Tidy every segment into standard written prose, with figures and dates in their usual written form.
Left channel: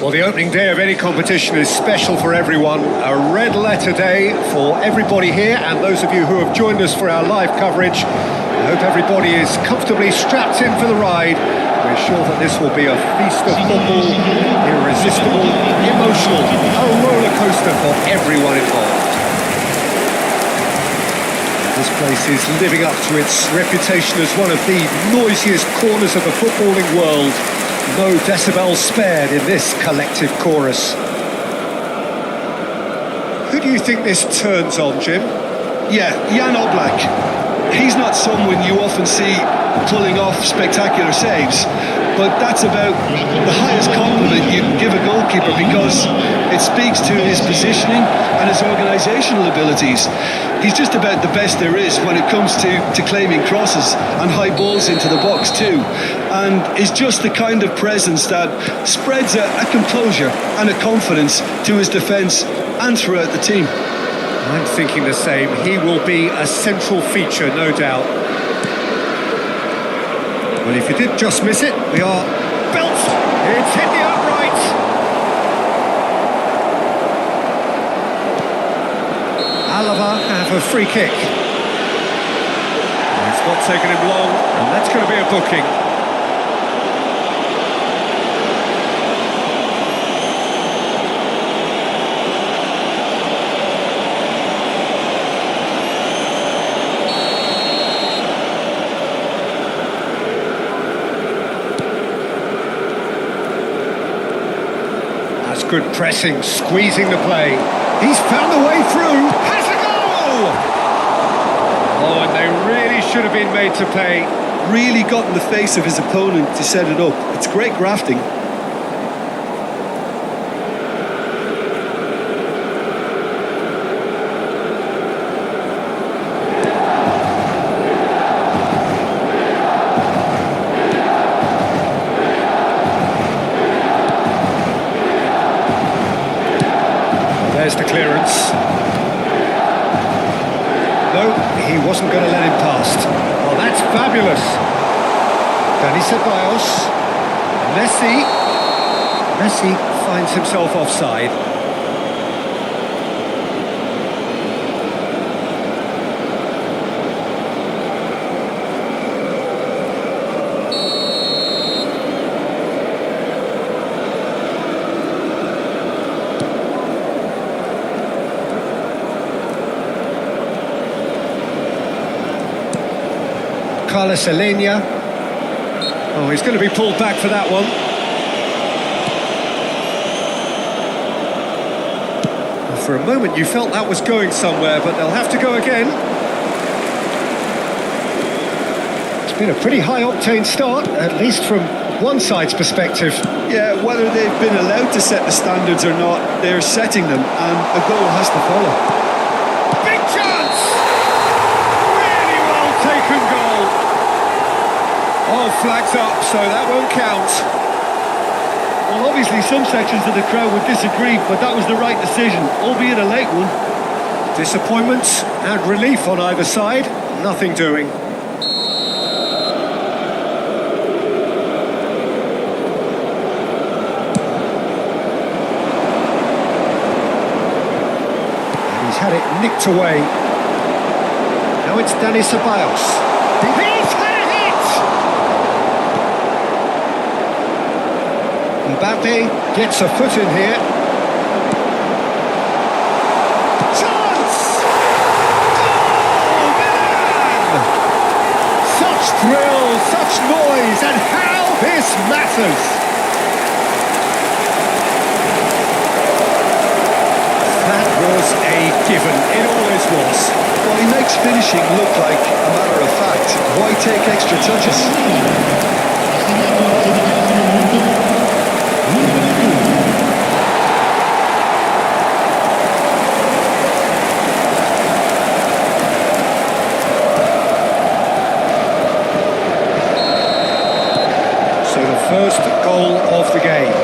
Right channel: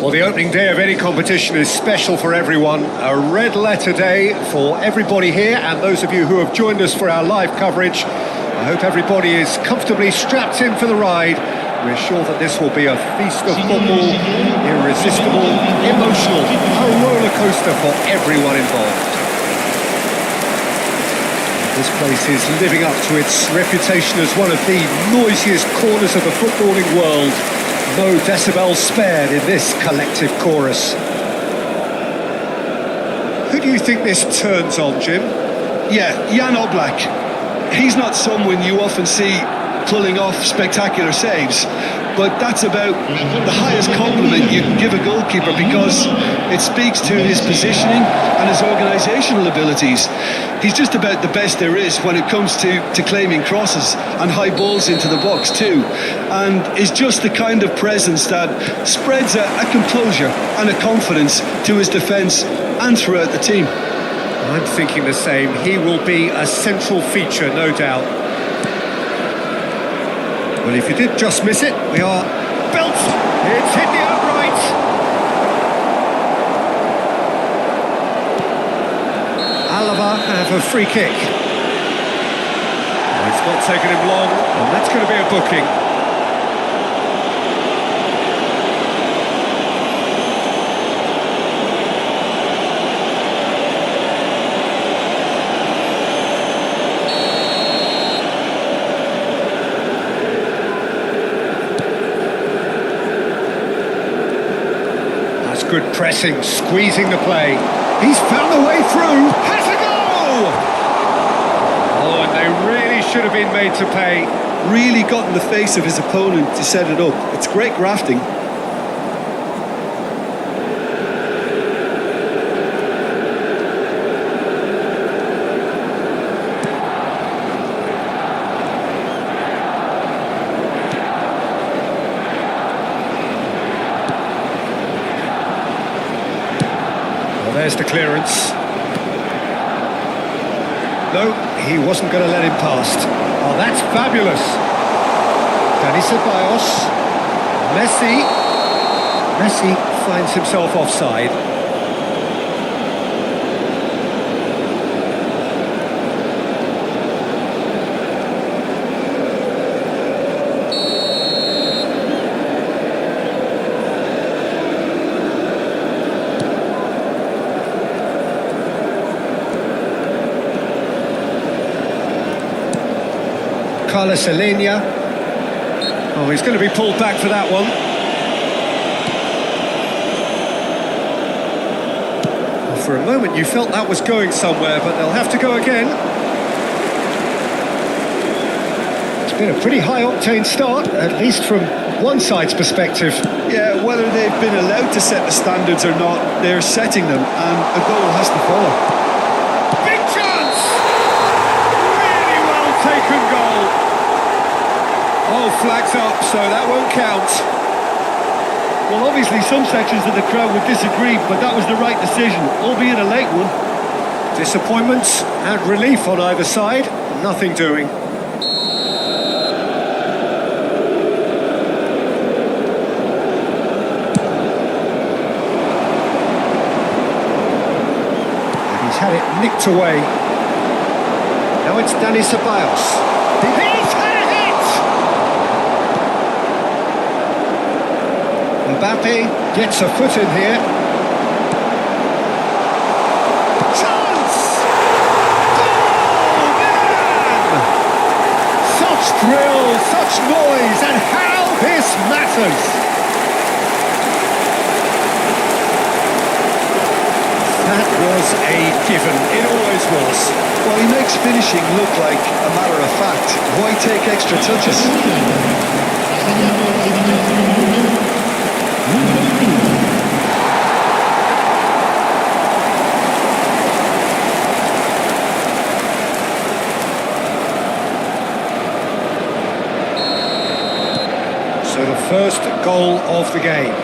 Well, the opening day of any competition is special for everyone. A red letter day for everybody here, and those of you who have joined us for our live coverage. I hope everybody is comfortably strapped in for the ride. We're sure that this will be a feast of football, irresistible, emotional, a roller coaster for everyone involved. This place is living up to its reputation as one of the noisiest corners of the footballing world. No decibels spared in this collective chorus. Who do you think this turns on, Jim? Yeah, Jan Oblak. He's not someone you often see pulling off spectacular saves, but that's about the highest compliment you can give a goalkeeper, because it speaks to his positioning and his organisational abilities. He's just about the best there is when it comes to claiming crosses and high balls into the box too, and is just the kind of presence that spreads a composure and a confidence to his defence and throughout the team. I'm thinking the same. He will be a central feature, no doubt. Well, if you did just miss it, we are built. It's hit the upright. Alaba have a free kick. It's not taken him long, and that's going to be a booking. That's good pressing, squeezing the play. He's found the way through. Has a goal! Oh, and they really should have been made to pay. Really got in the face of his opponent to set it up. It's great grafting. There's the clearance. No, he wasn't going to let him past. Oh, that's fabulous. Dani Ceballos. Messi finds himself offside. Carlos Alenia. Oh, he's going to be pulled back for that one. For a moment you felt that was going somewhere, but they'll have to go again. It's been a pretty high-octane start, at least from one side's perspective. Yeah, whether they've been allowed to set the standards or not, they're setting them, and a goal has to follow. Big chance! Really well taken goal. Oh, flags up, so that won't count. Well, obviously some sections of the crowd would disagree, but that was the right decision, albeit a late one. Disappointment and relief on either side, nothing doing. And he's had it nicked away. Now it's Dani Ceballos. He's had a hit! Mbappe gets a foot in here. Chance! Goal! Milan! Such thrill, such noise, and how this matters! That was a given, it always was. Well, he makes finishing look like a matter of fact. Why take extra touches? So the first goal of the game.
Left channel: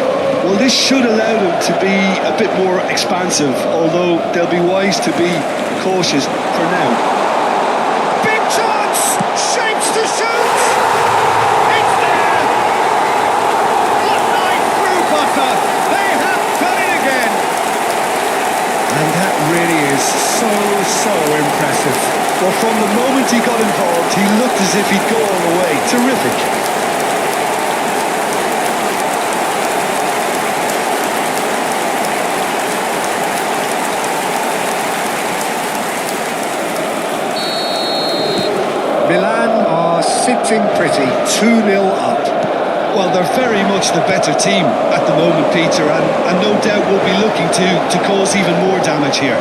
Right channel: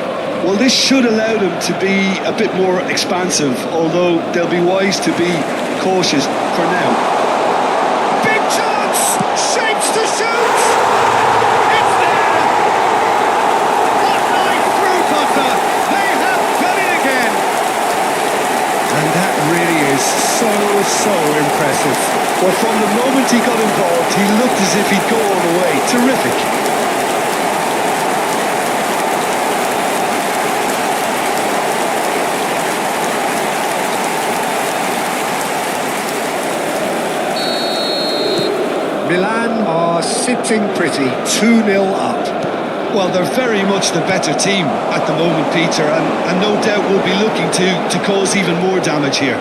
Well, this should allow them to be a bit more expansive, although they'll be wise to be cautious for now. Big chance! Shapes to shoot! It's there! Hot knife through butter. They have done it again. And that really is so impressive. Well, from the moment he got involved, he looked as if he'd go all the way. Terrific. Milan are sitting pretty, 2-0 up. Well, they're very much the better team at the moment, Peter, and no doubt will be looking to cause even more damage here.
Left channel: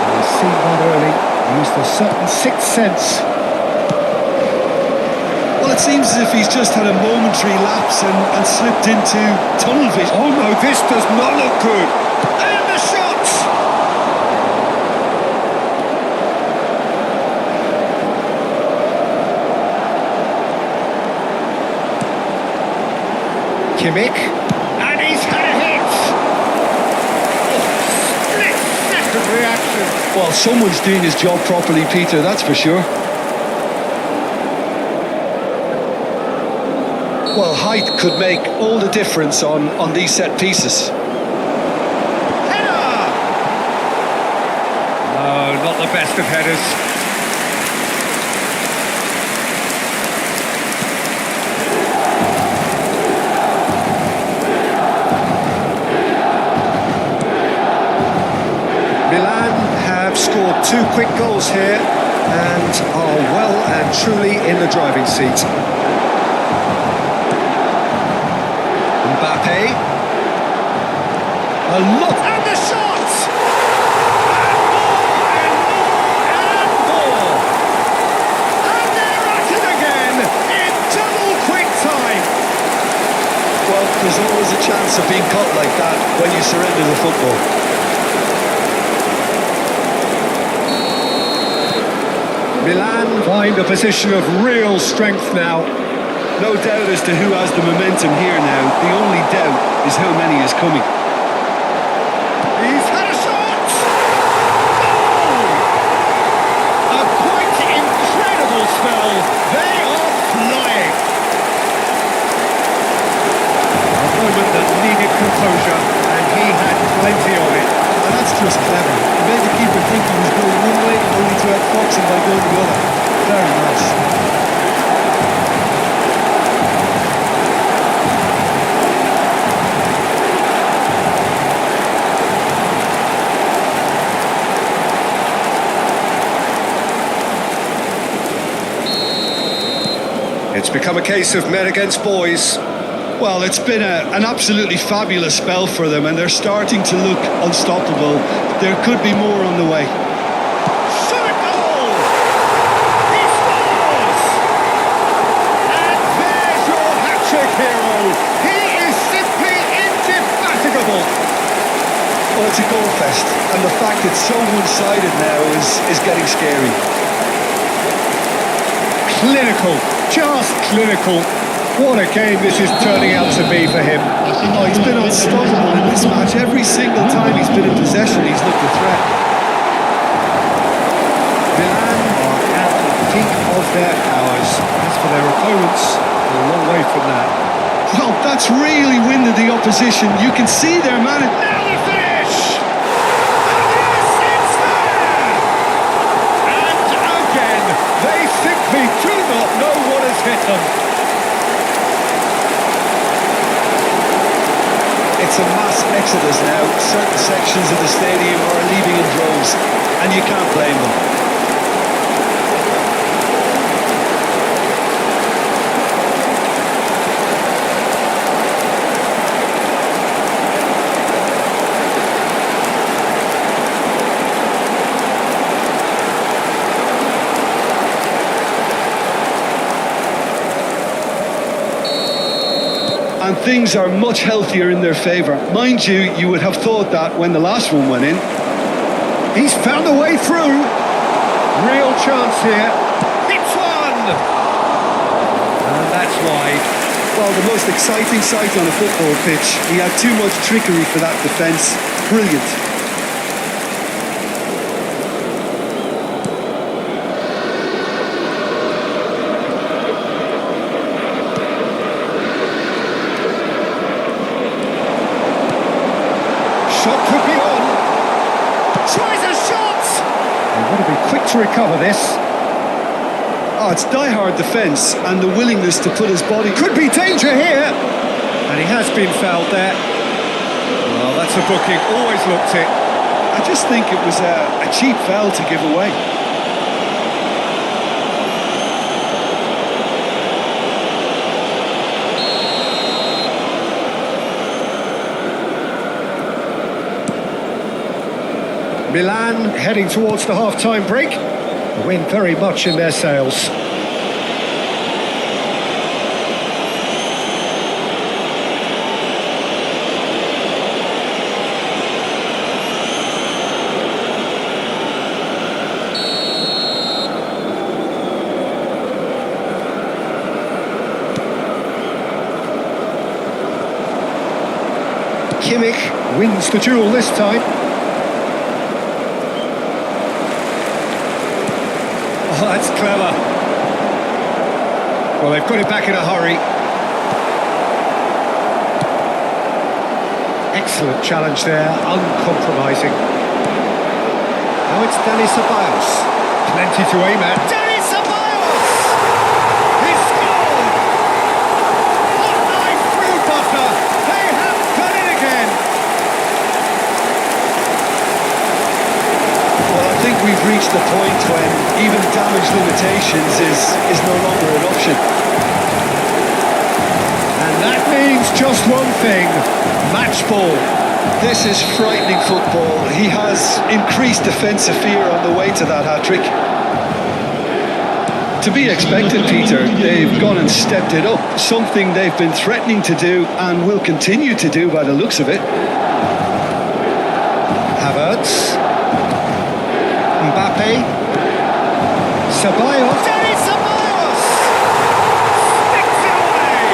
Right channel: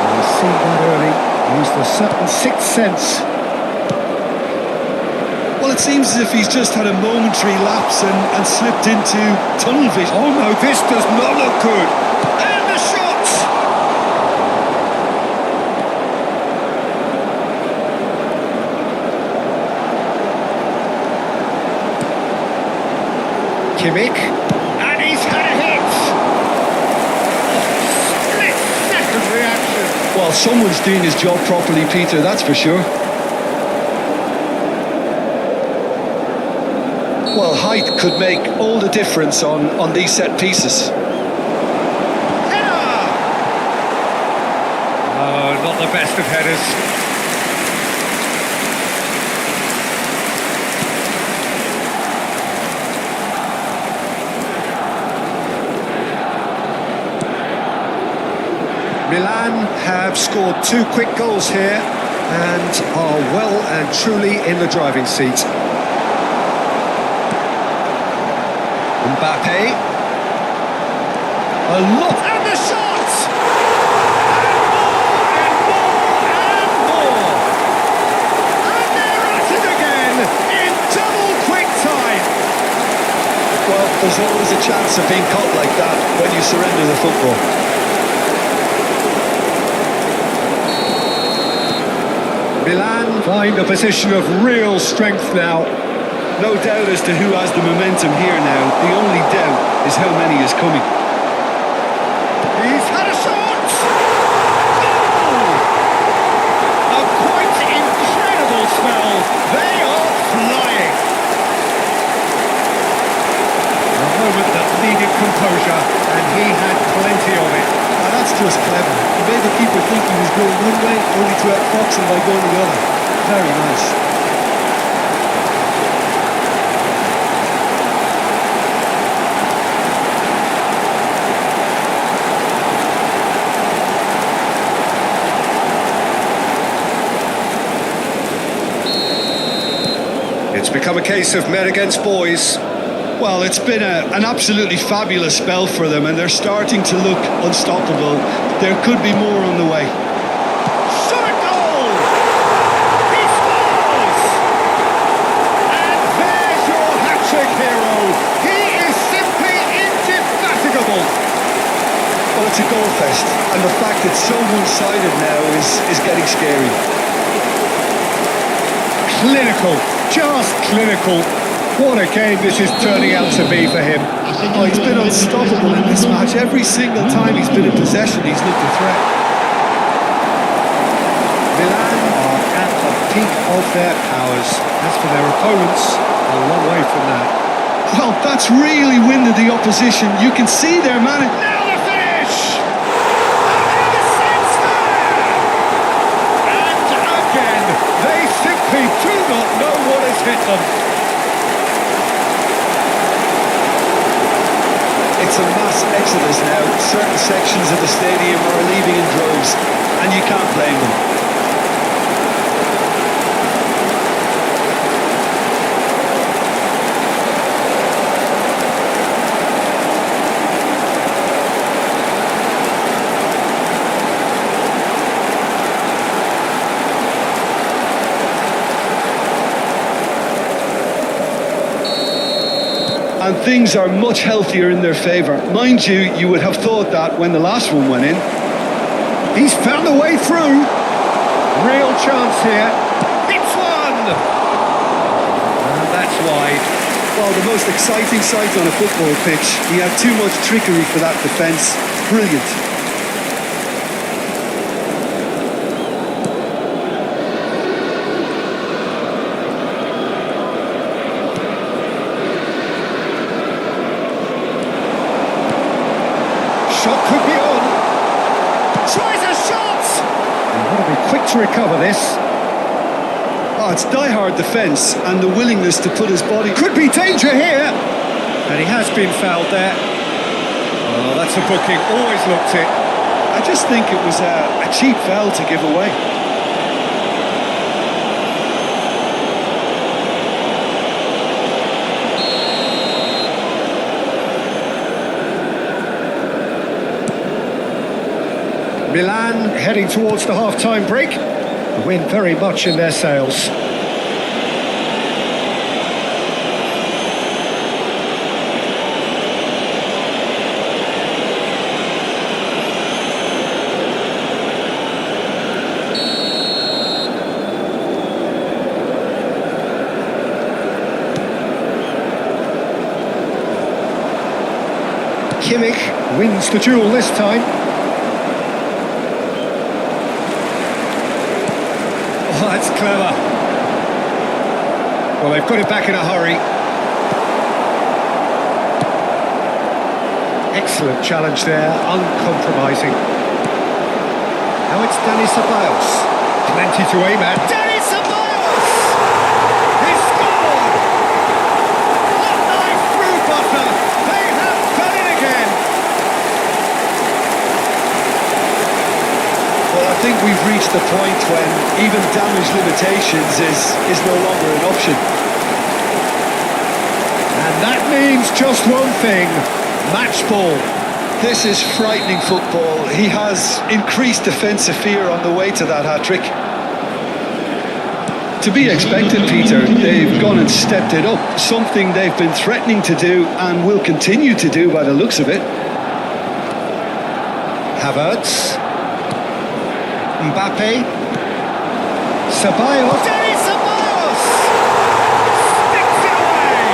Well, he's seen that early, used a certain sixth sense. Well, it seems as if he's just had a momentary lapse and slipped into tunnel vision. Oh no, this does not look good. And the shot! Kimmich, and he's had a hit! Oh, split-second reaction. Well, someone's doing his job properly, Peter, that's for sure. Well, height could make all the difference on these set pieces. Header! No, not the best of headers. Milan have scored 2 quick goals here and are well and truly in the driving seat. Mbappe. A lot. And the shot! And more and more and more. And they're at it again in double quick time. Well, there's always a chance of being caught like that when you surrender the football. Milan find a position of real strength now. No doubt as to who has the momentum here now. The only doubt is how many is coming. He's had a shot! Goal! A quite incredible spell. They are flying. A moment that needed composure, and he had plenty of it. Oh, that's just clever. He made the keeper think he was going one way, only to outfox him by going the other. Very nice. It's become a case of men against boys. Well, it's been an absolutely fabulous spell for them, and they're starting to look unstoppable. There could be more on the way. Shot a goal! He scores! And there's your hat-trick hero. He is simply indefatigable. Well, it's a goal fest, and the fact it's so one-sided now is getting scary. Clinical, just clinical. What a game this is turning out to be for him. Oh, he's been unstoppable in this match. Every single time he's been in possession, he's looked a threat. Milan are at the peak of their powers. As for their opponents, a long way from that. Well, that's really winded the opposition. You can see their man. Now the finish! And yes, it's there! And again, they simply do not know what has hit them. It's a mass exodus now. Certain sections of the stadium are leaving in droves, and you can't blame them. And things are much healthier in their favour. Mind you, you would have thought that when the last one went in. He's found a way through. Real chance here. Hits one! And that's wide. Well, the most exciting sight on a football pitch. He had too much trickery for that defence. Brilliant. shot could be on. Tries a shot! You've got to be quick to recover this. Oh, it's die-hard defence and the willingness to put his body... Could be danger here! And he has been fouled there. Well, that's a booking, always looked it. I just think it was a cheap foul to give away. Milan heading towards the half-time break. The wind very much in their sails. Kimmich wins the duel this time. Oh, that's clever. Well, they've got it back in a hurry. Excellent challenge there, uncompromising. Now it's Dani Ceballos. Plenty to aim at. Dani Ceballos! He scored! Hot knife through butter. They have done it again. Well, I think we've reached the point when even damage limitations is no longer an option. And that means just one thing, match ball. This is frightening football. He has increased defensive fear on the way to that hat-trick. To be expected, Peter, they've gone and stepped it up. Something they've been threatening to do and will continue to do by the looks of it. Havertz. Mbappe, Ceballos, Dani Ceballos sticks it away,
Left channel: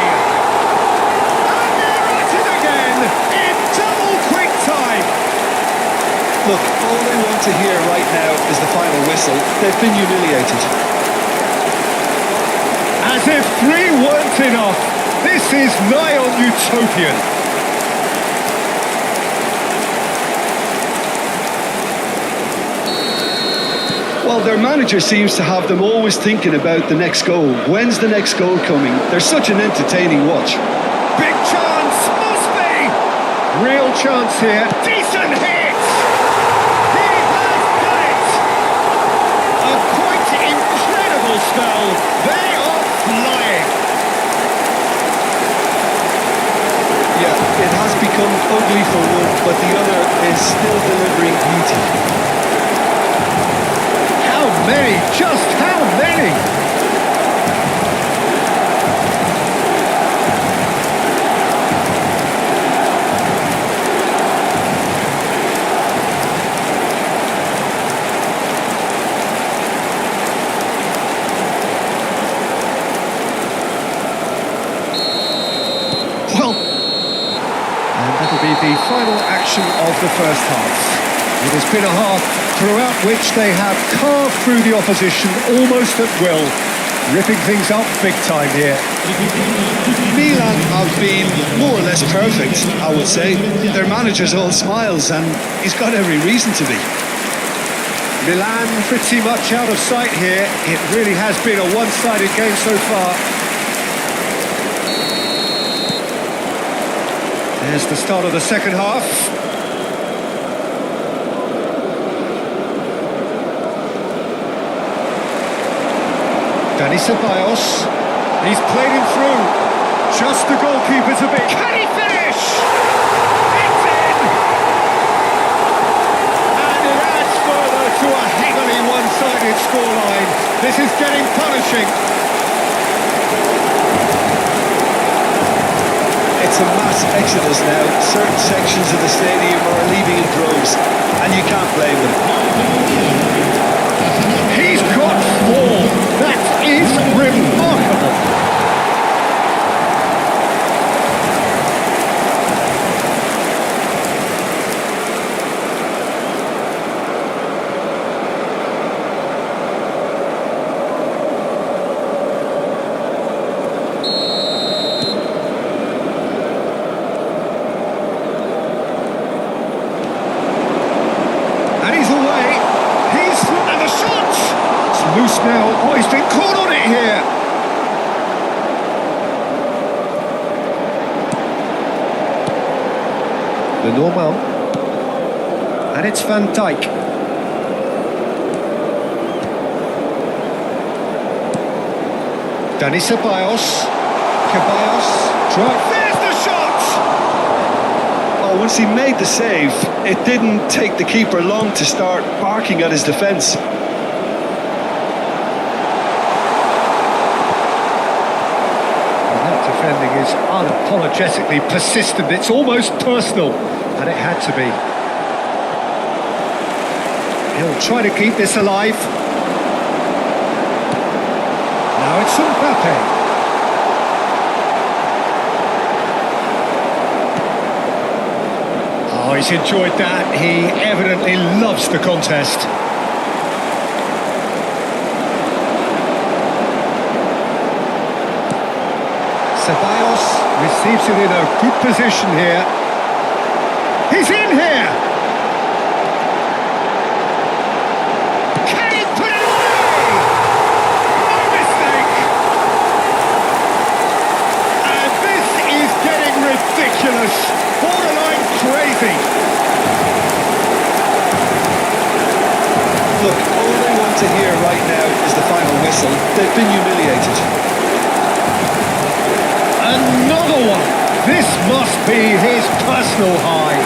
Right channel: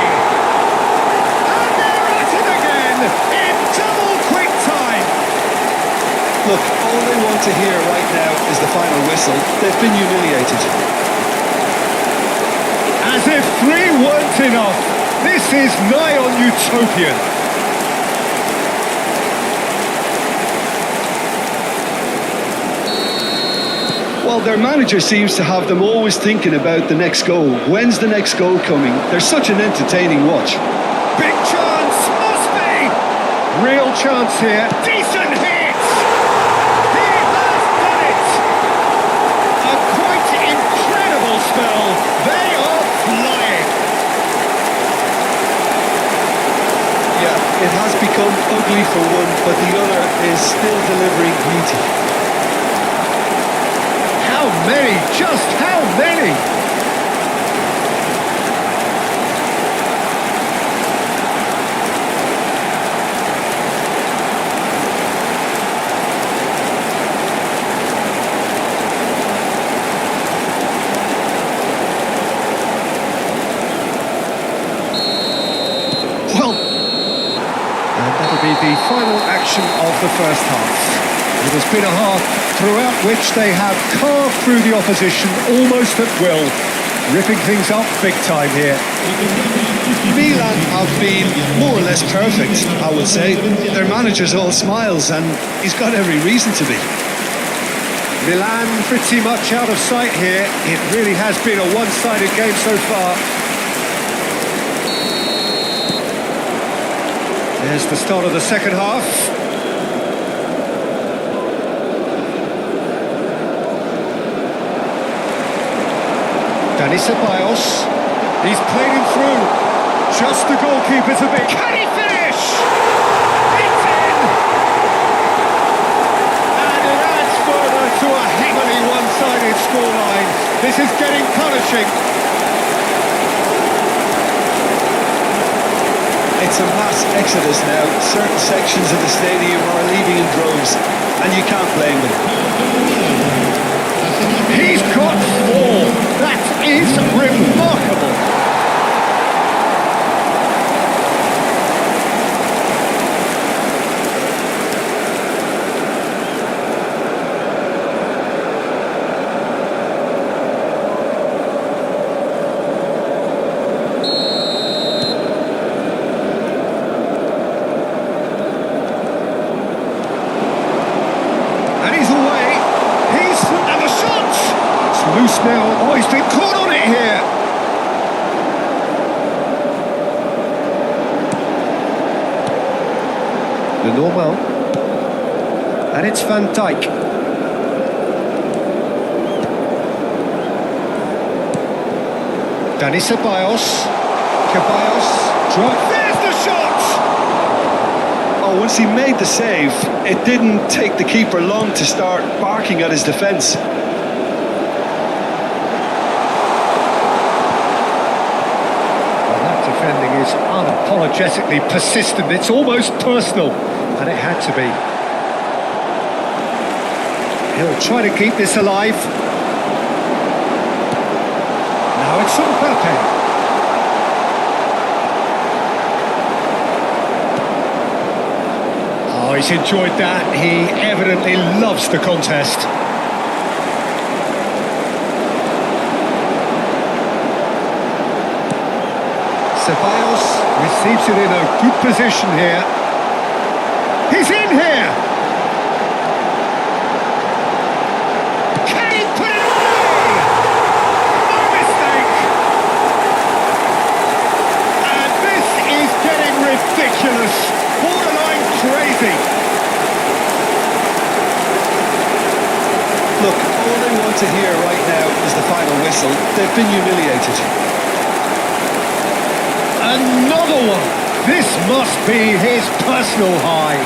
and they're at it again in double quick time. Look, all they want to hear right now is the final whistle. They've been humiliated. As if 3 weren't enough, this is nigh on utopian. Well, their manager seems to have them always thinking about the next goal. When's the next goal coming? They're such an entertaining watch. Big chance, must be! Real chance here, decent hit! He has done it! A quite incredible spell, they are flying! Yeah, it has become ugly for one, but the other is still delivering beauty. How many? Just how many? Well, and that'll be the final action of the first half. It has been a half throughout which they have carved through the opposition almost at will, ripping things up big time here. Milan have been more or less perfect, I would say. Their manager's all smiles and he's got every reason to be. Milan pretty much out of sight here. It really has been a one-sided game so far. There's the start of the second half. Dani Ceballos, he's played him through, just the goalkeeper to beat. Can he finish? It's in! And it adds further to a heavily one-sided scoreline. This is getting punishing. It's a mass exodus now. Certain sections of the stadium are leaving in droves, and you can't blame them. He's got 4. That is remarkable. And he's away. And the shot! It's loose now. Oh, he's been caught on it here. The normal. And it's Van Dijk. Dani Ceballos. There's the shot! Oh, once he made the save, it didn't take the keeper long to start barking at his defence. Well, that defending is unapologetically persistent. It's almost personal, and it had to be. He'll try to keep this alive. Now it's Mbappe. Oh, he's enjoyed that. He evidently loves the contest. Ceballos receives it in a good position here. He's in here! Can he put it away? No mistake! And this is getting ridiculous. Borderline crazy. Look, all they want to hear right now is the final whistle. They've been humiliated. Another one. This must be his personal high.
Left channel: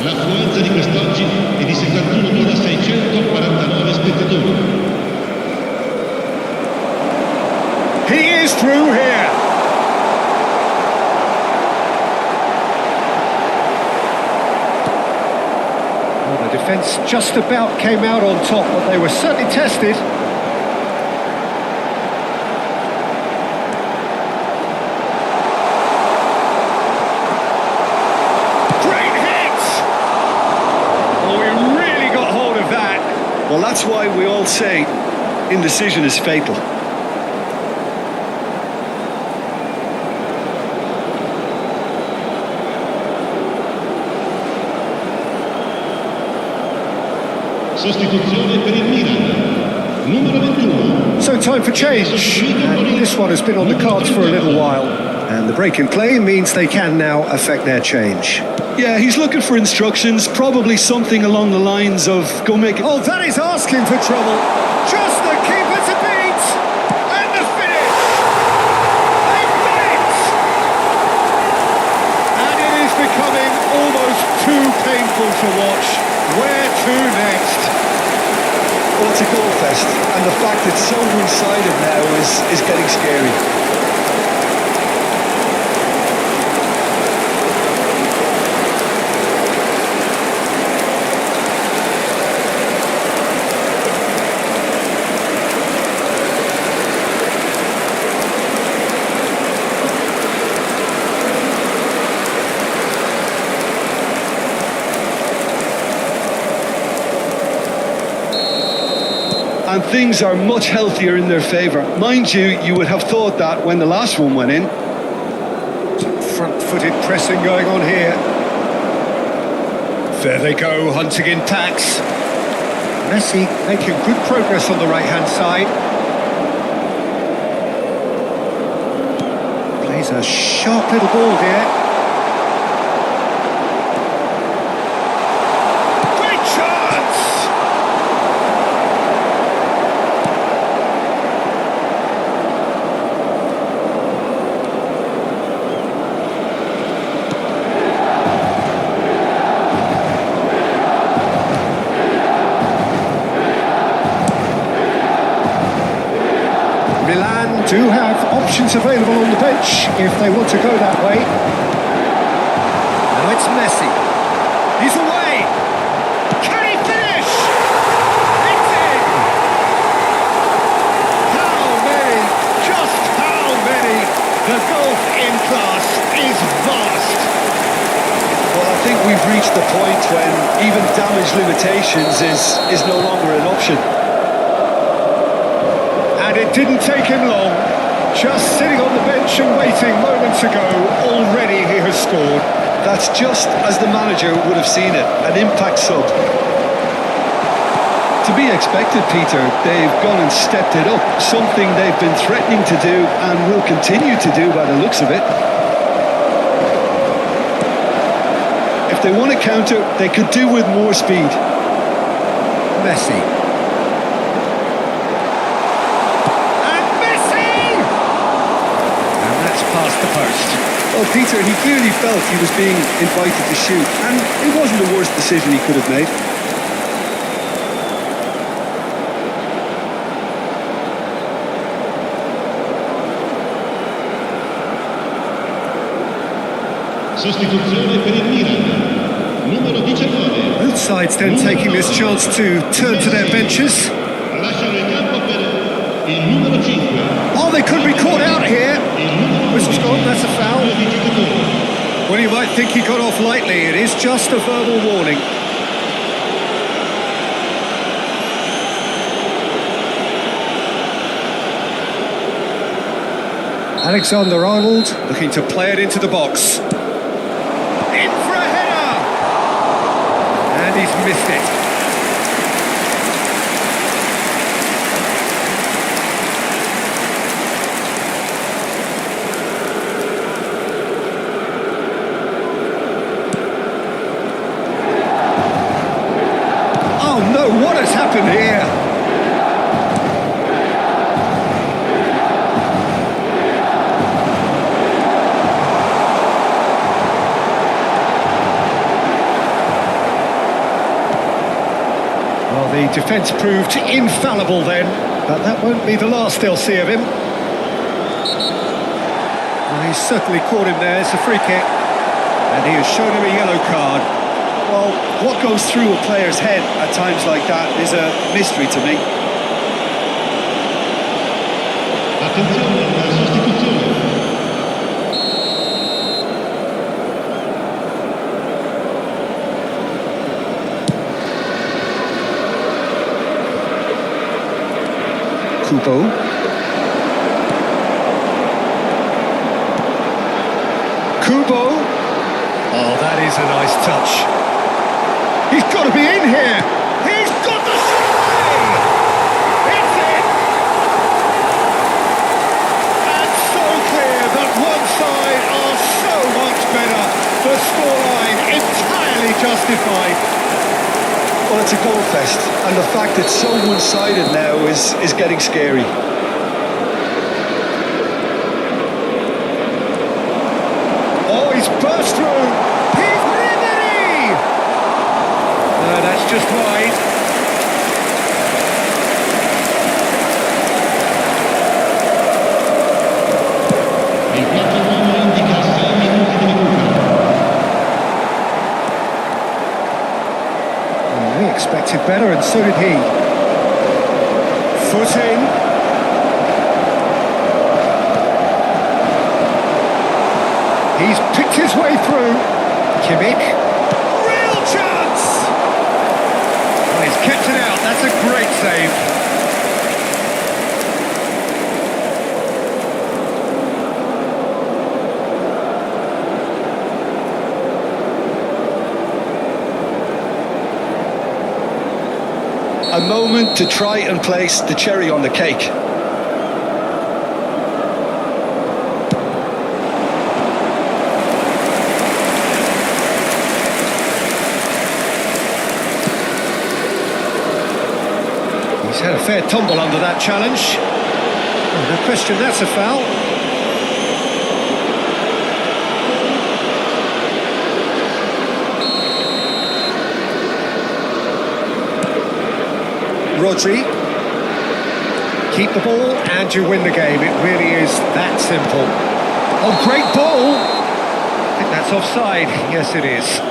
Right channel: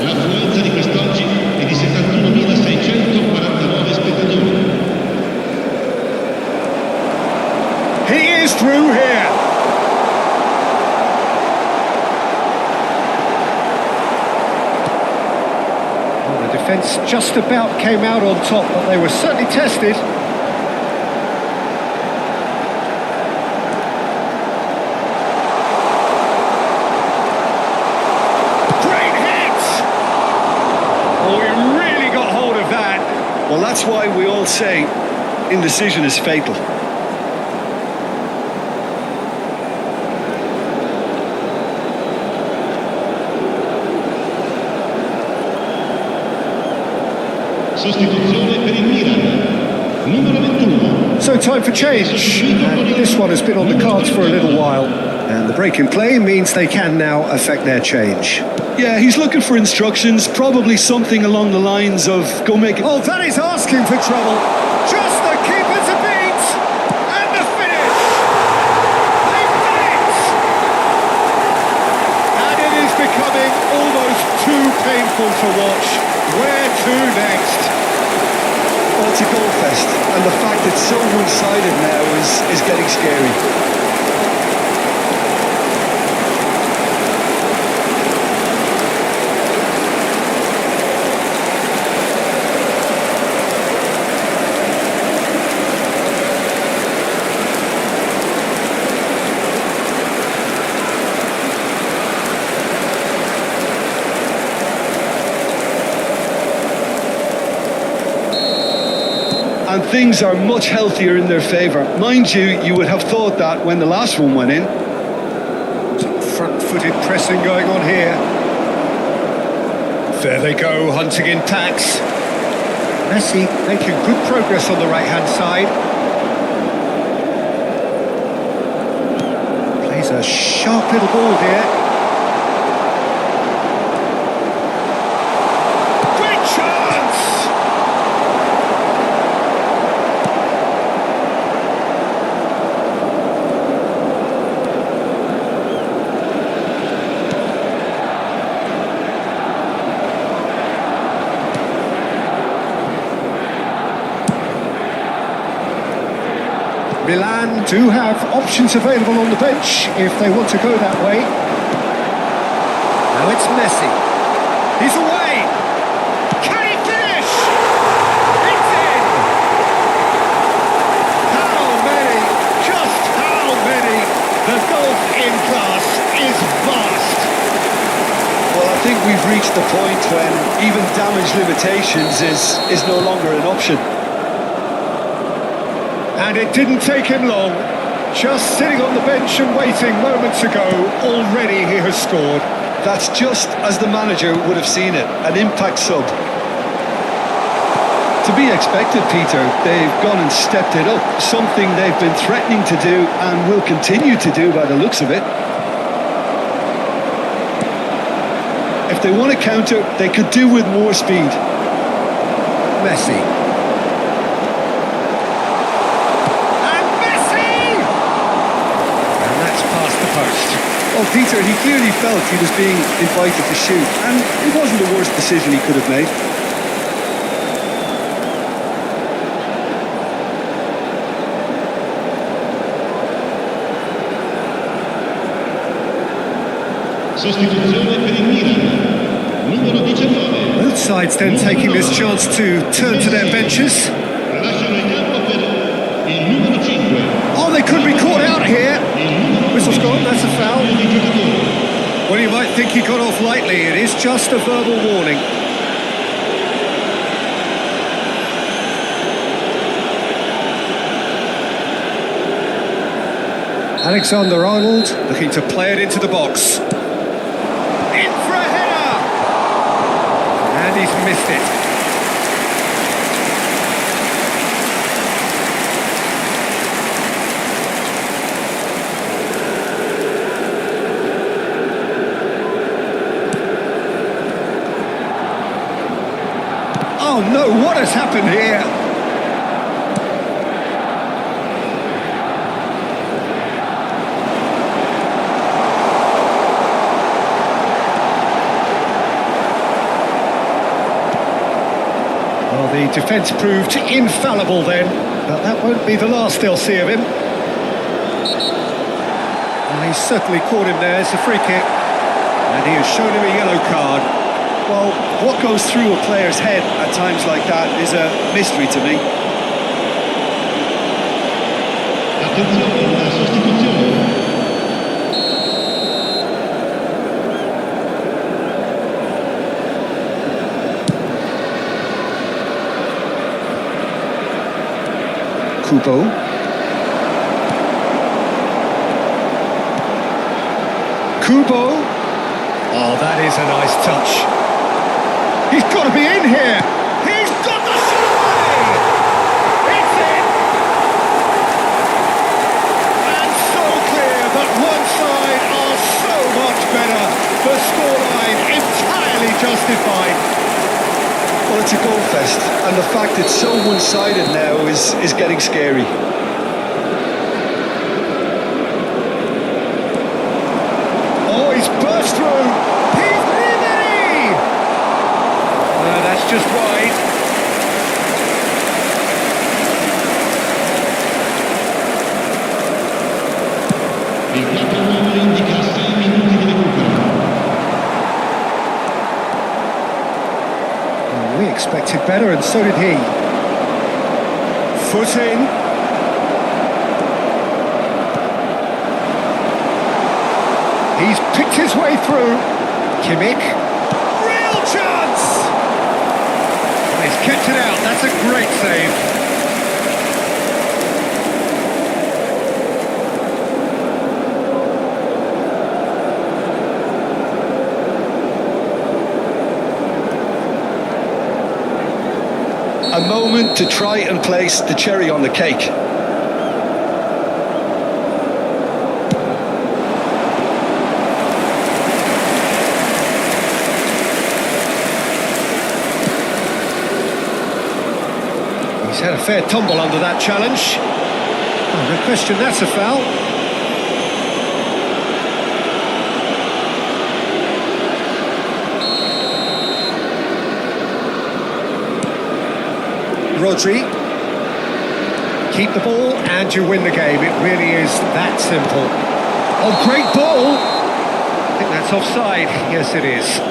L'affluenza di quest'oggi è di 71.649 spettatori. He is through here. Well, the defence just about came out on top, but they were certainly tested. Great hit! Oh, he really got hold of that. Well, that's why we all say indecision is fatal. Sostituzione per il Milan, numero 21. So time for change, and this one has been on the cards for a little while. And the break in play means they can now affect their change. Yeah, he's looking for instructions, probably something along the lines of, go make it... Oh, that is asking for trouble. Just the keeper to beat. And the finish. They've done it. And it is becoming almost too painful to watch. Where to next? Well, it's a goal fest, and the fact it's so one-sided now is getting scary. And things are much healthier in their favour. Mind you, you would have thought that when the last one went in. Front-footed pressing going on here. There they go, hunting in packs. Messi making good progress on the right-hand side. Plays a sharp little ball here. Great chance! Milan do have options available on the bench if they want to go that way. Now it's Messi. He's away. Can he finish? It's in. How many? Just how many? The gulf in class is vast. Well, I think we've reached the point when even damage limitations is no longer an option. And it didn't take him long. Just sitting on the bench and waiting moments ago, already he has scored. That's just as the manager would have seen it, an impact sub. To be expected, Peter. They've gone and stepped it up, something they've been threatening to do and will continue to do by the looks of it. If they want to counter, they could do with more speed. Messi. And Messi! And that's past the post. Well, Peter, he clearly felt he was being invited to shoot, and it wasn't the worst decision he could have made. Sostituzione per il Milan, numero 19. Both sides then taking this chance to turn to their benches. Lasciano il campo per il numero 5. Oh, they could be caught out here. Il numero Whistle's 11. gone, that's a foul. Cambio di giocatori. Well, you might think he got off lightly. It is just a verbal warning. Alexander-Arnold looking to play it into the box. In for a header! And he's missed it. Oh no, what has happened here? Well, the defence proved infallible then, but that won't be the last they'll see of him. Well, he's certainly caught him there. It's a free kick, and he has shown him a yellow card. Well, what goes through a player's head at times like that is a mystery to me. Attenzione, una sostituzione. Kubo. Kubo. Oh, that is a nice touch. He's got to be in here. He's got the shot away. It's in. And so clear that one side are so much better. The scoreline entirely justified. Well, it's a goal fest, and the fact it's so one-sided now is getting scary. Oh, he's burst through. He's Ribery. That's just wide. Il 4-1 indica 6 minuti di recupero. Oh, we expected better, and so did he. Foot in. He's picked his way through. Kimmich. Real chance! Oh, he's kept it out. That's a great save. A moment to try and place the cherry on the cake. He's had a fair tumble under that challenge. Oh, no question, that's a foul. Rodri. Keep the ball and you win the game. It really is that simple. Oh, great ball! I think that's offside. Yes, it is.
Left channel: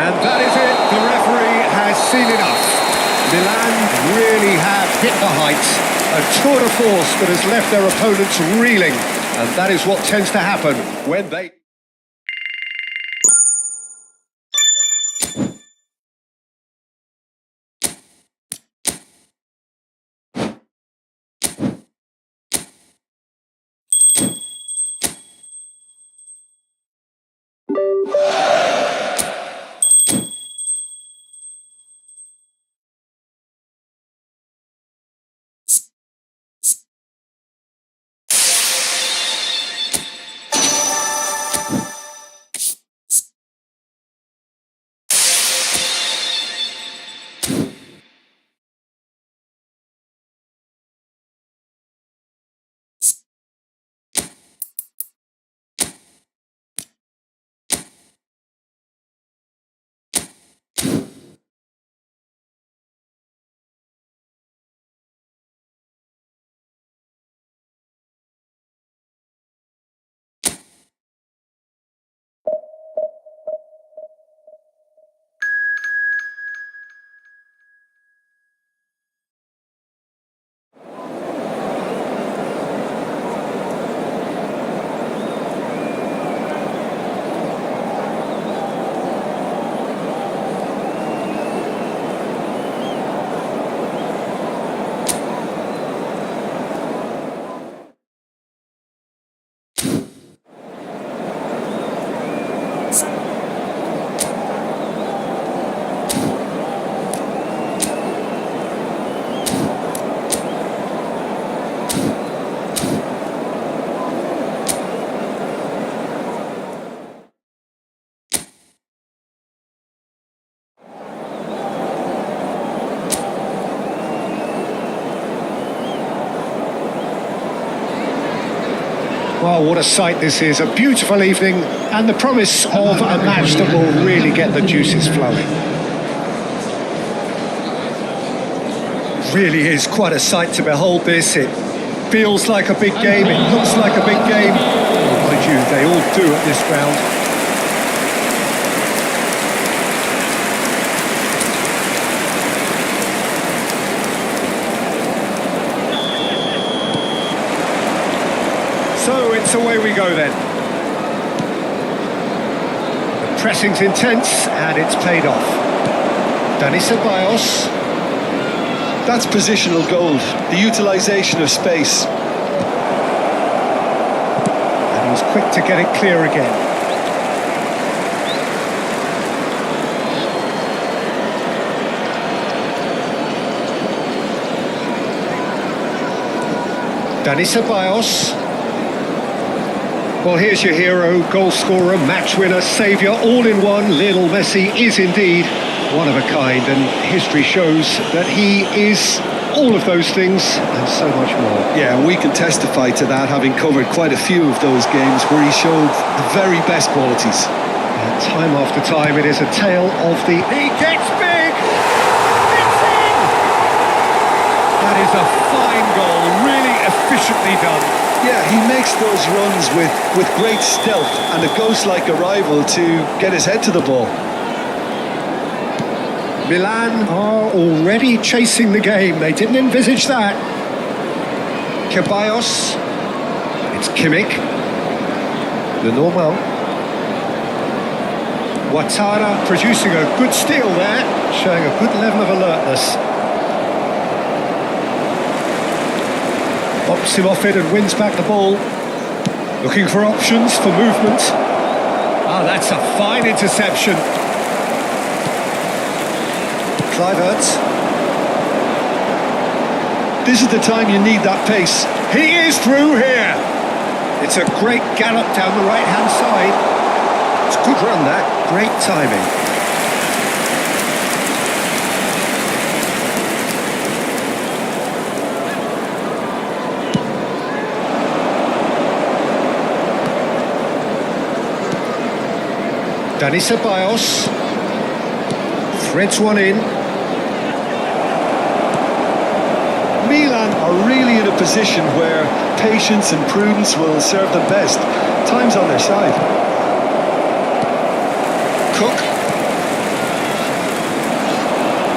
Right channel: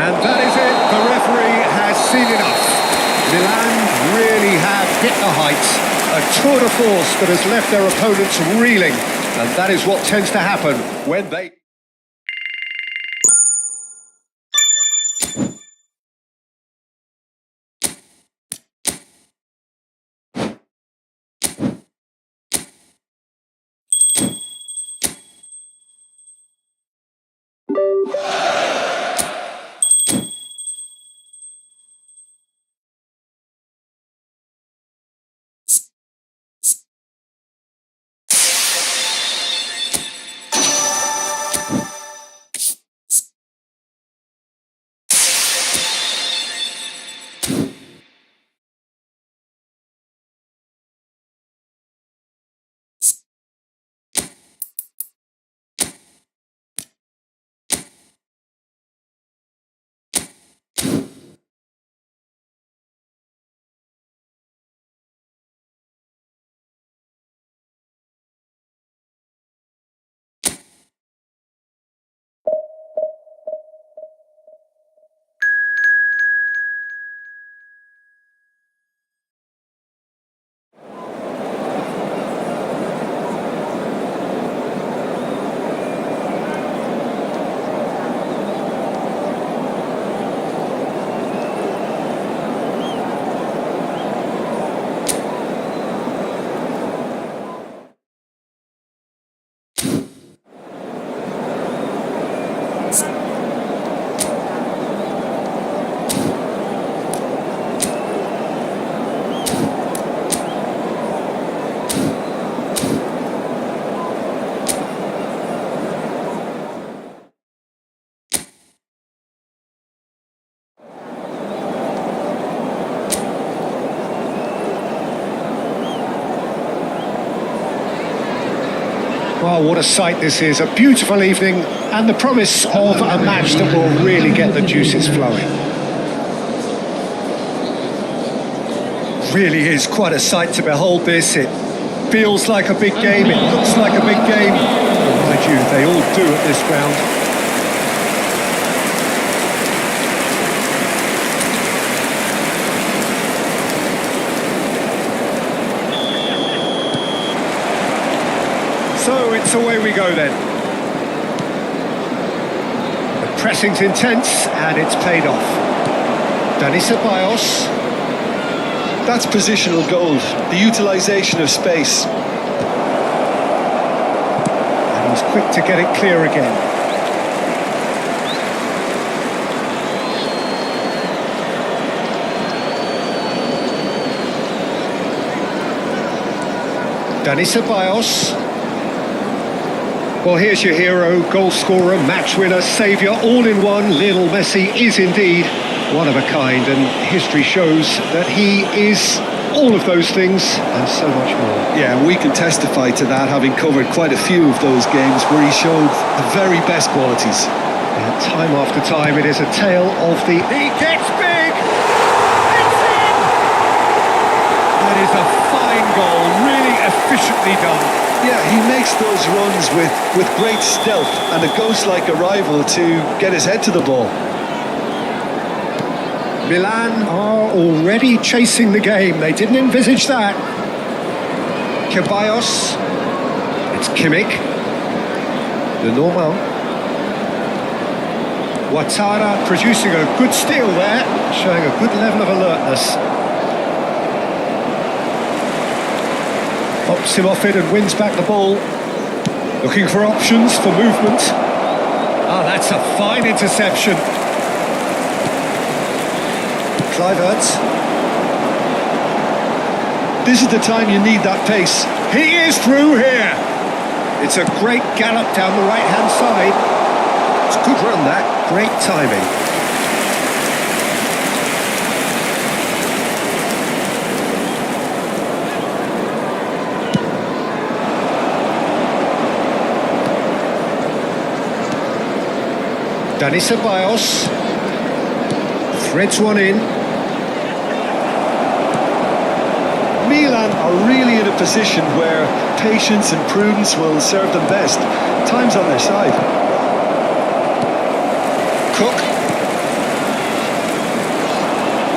And that is it. The referee has seen enough. Milan really have hit the heights. A tour de force that has left their opponents reeling. And that is what tends to happen when they... Well, what a sight this is. A beautiful evening and the promise of a match that will really get the juices flowing. Really is quite a sight to behold this. It feels like a big game. It looks like a big game. Mind you, they all do at this ground. So it's away we go then. The pressing's intense and it's paid off. Dani Ceballos. That's positional gold, the utilisation of space. And he's quick to get it clear again. Dani Ceballos. Well, here's your hero, goal scorer, match winner, saviour, all in one. Lionel Messi is indeed one of a kind, and history shows that he is all of those things and so much more. Yeah, and we can testify to that, having covered quite a few of those games where he showed the very best qualities. Yeah, time after time, it is a tale of the... He gets big! It's in! That is a fine goal, really efficiently done. Yeah, he makes those runs with great stealth and a ghost-like arrival to get his head to the ball. Milan are already chasing the game. They didn't envisage that. Ceballos. It's Kimmich. The normal. Ouattara producing a good steal there, showing a good level of alertness. Pops him off it and wins back the ball. Looking for options for movement. Ah, that's a fine interception. Kluivert. This is the time you need that pace. He is through here. It's a great gallop down the right-hand side. It's a good run, that. Great timing. Dani Ceballos threads one in. Milan are really in a position where patience and prudence will serve them best. Time's on their side. Cook.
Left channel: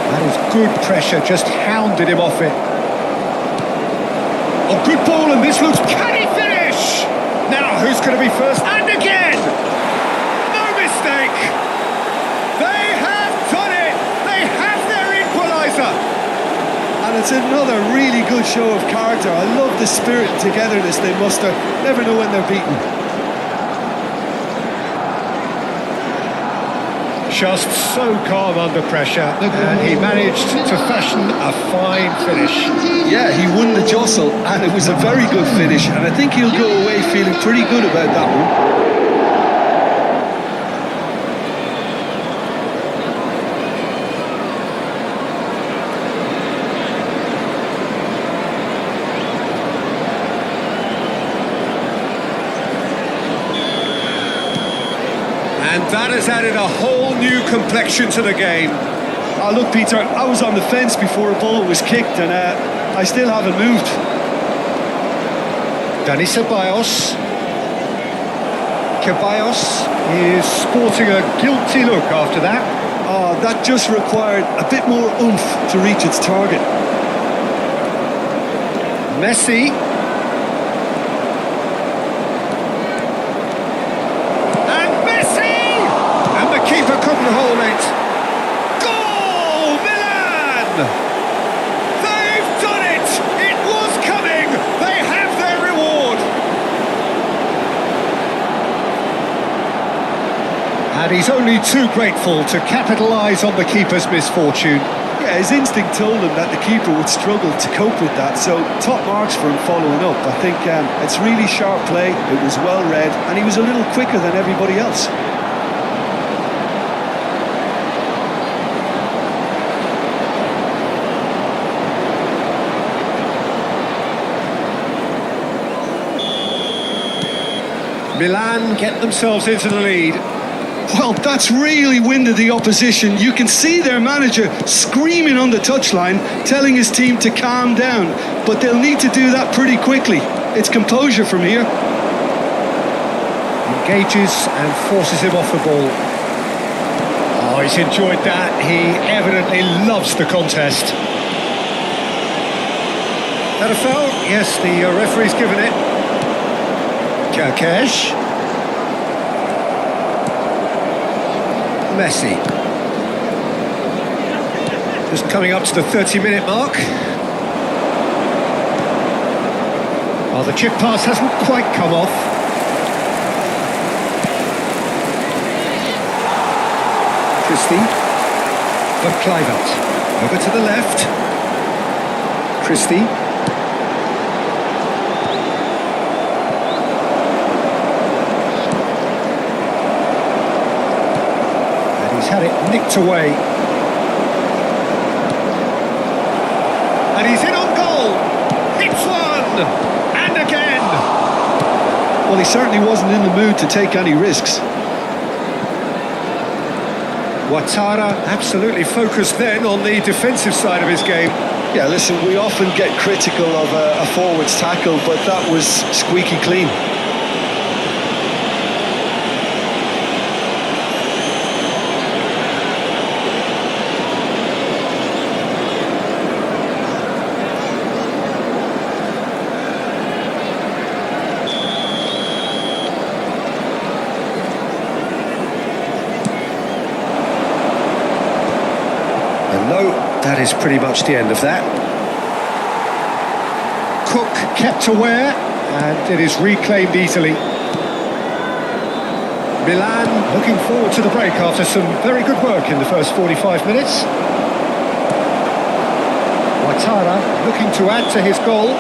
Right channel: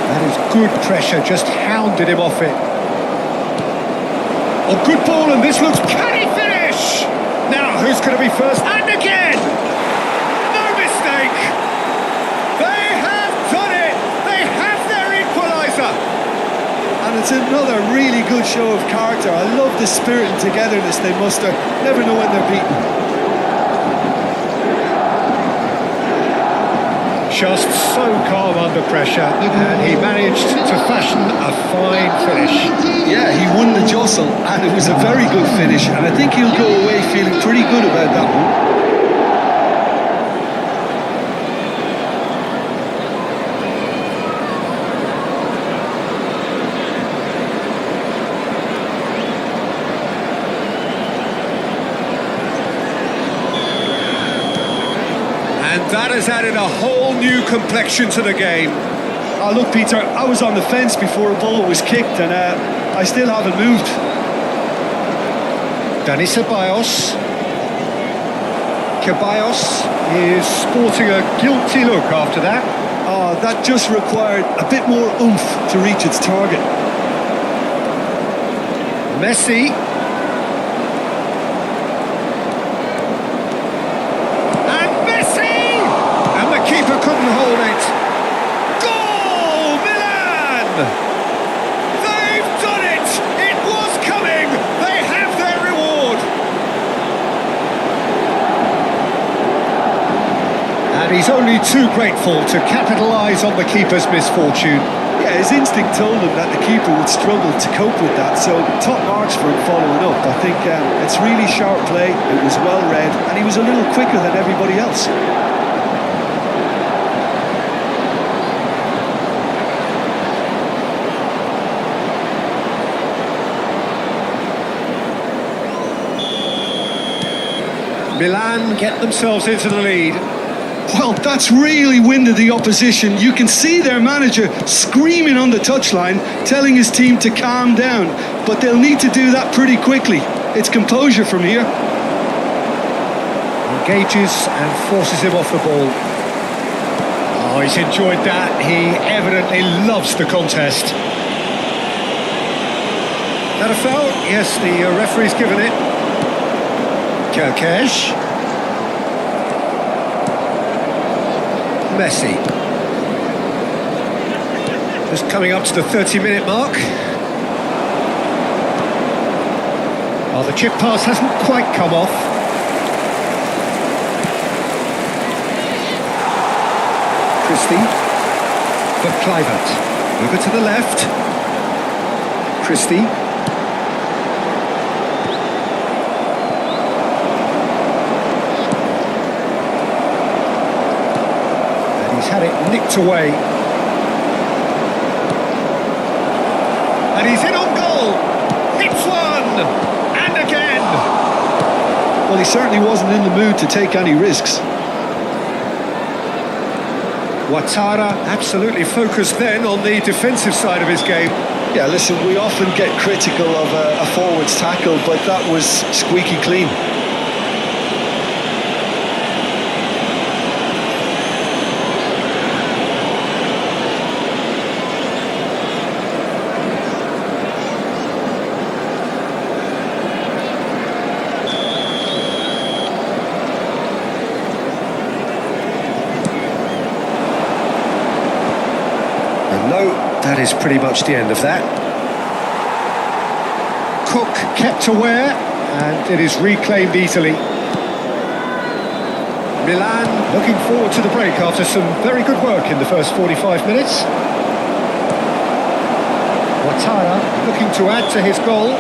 That is good pressure, just hounded him off it. Oh, good ball, and this looks... Can he finish? Now, who's going to be first? And again! No mistake! They have done it! They have their equaliser! And it's another really good show of character. I love the spirit and togetherness they muster. Never know when they're beaten. Just so calm under pressure, and he managed to fashion a fine finish. Yeah, he won the jostle, and it was a very good finish, and I think he'll go away feeling pretty good about that one. And that has added a whole new complexion to the game. Oh, look, Peter, I was on the fence before a ball was kicked, and I still haven't moved. Dani Ceballos. Ceballos is sporting a guilty look after that. Oh, that just required a bit more oomph to reach its target. Messi. And the keeper couldn't hold it. Goal, Milan! They've done it! It was coming! They have their reward! And he's only too grateful to capitalise on the keeper's misfortune. Yeah, his instinct told him that the keeper would struggle to cope with that, so top marks for him following up. I think it's really sharp play, it was well read, and he was a little quicker than everybody else. Milan get themselves into the lead. Well, that's really winded the opposition. You can see their manager screaming on the touchline, telling his team to calm down. But they'll need to do that pretty quickly. It's composure from here. Engages and forces him off the ball. Oh, he's enjoyed that. He evidently loves the contest. That a foul? Yes, the referee's given it. Kerkesh. Messi. Just coming up to the 30-minute mark. Oh, the chip pass hasn't quite come off. Christie for Kluivert. Over to the left. Christie. He's had it nicked away. And he's in on goal. Hits one. And again. Well, he certainly wasn't in the mood to take any risks. Ouattara absolutely focused then on the defensive side of his game. Yeah, listen, we often get critical of a forward's tackle, but that was squeaky clean. And no, that is pretty much the end of that. Cook kept aware, and it is reclaimed easily. Milan looking forward to the break after some very good work in the first 45 minutes. Ouattara looking to add to his goal.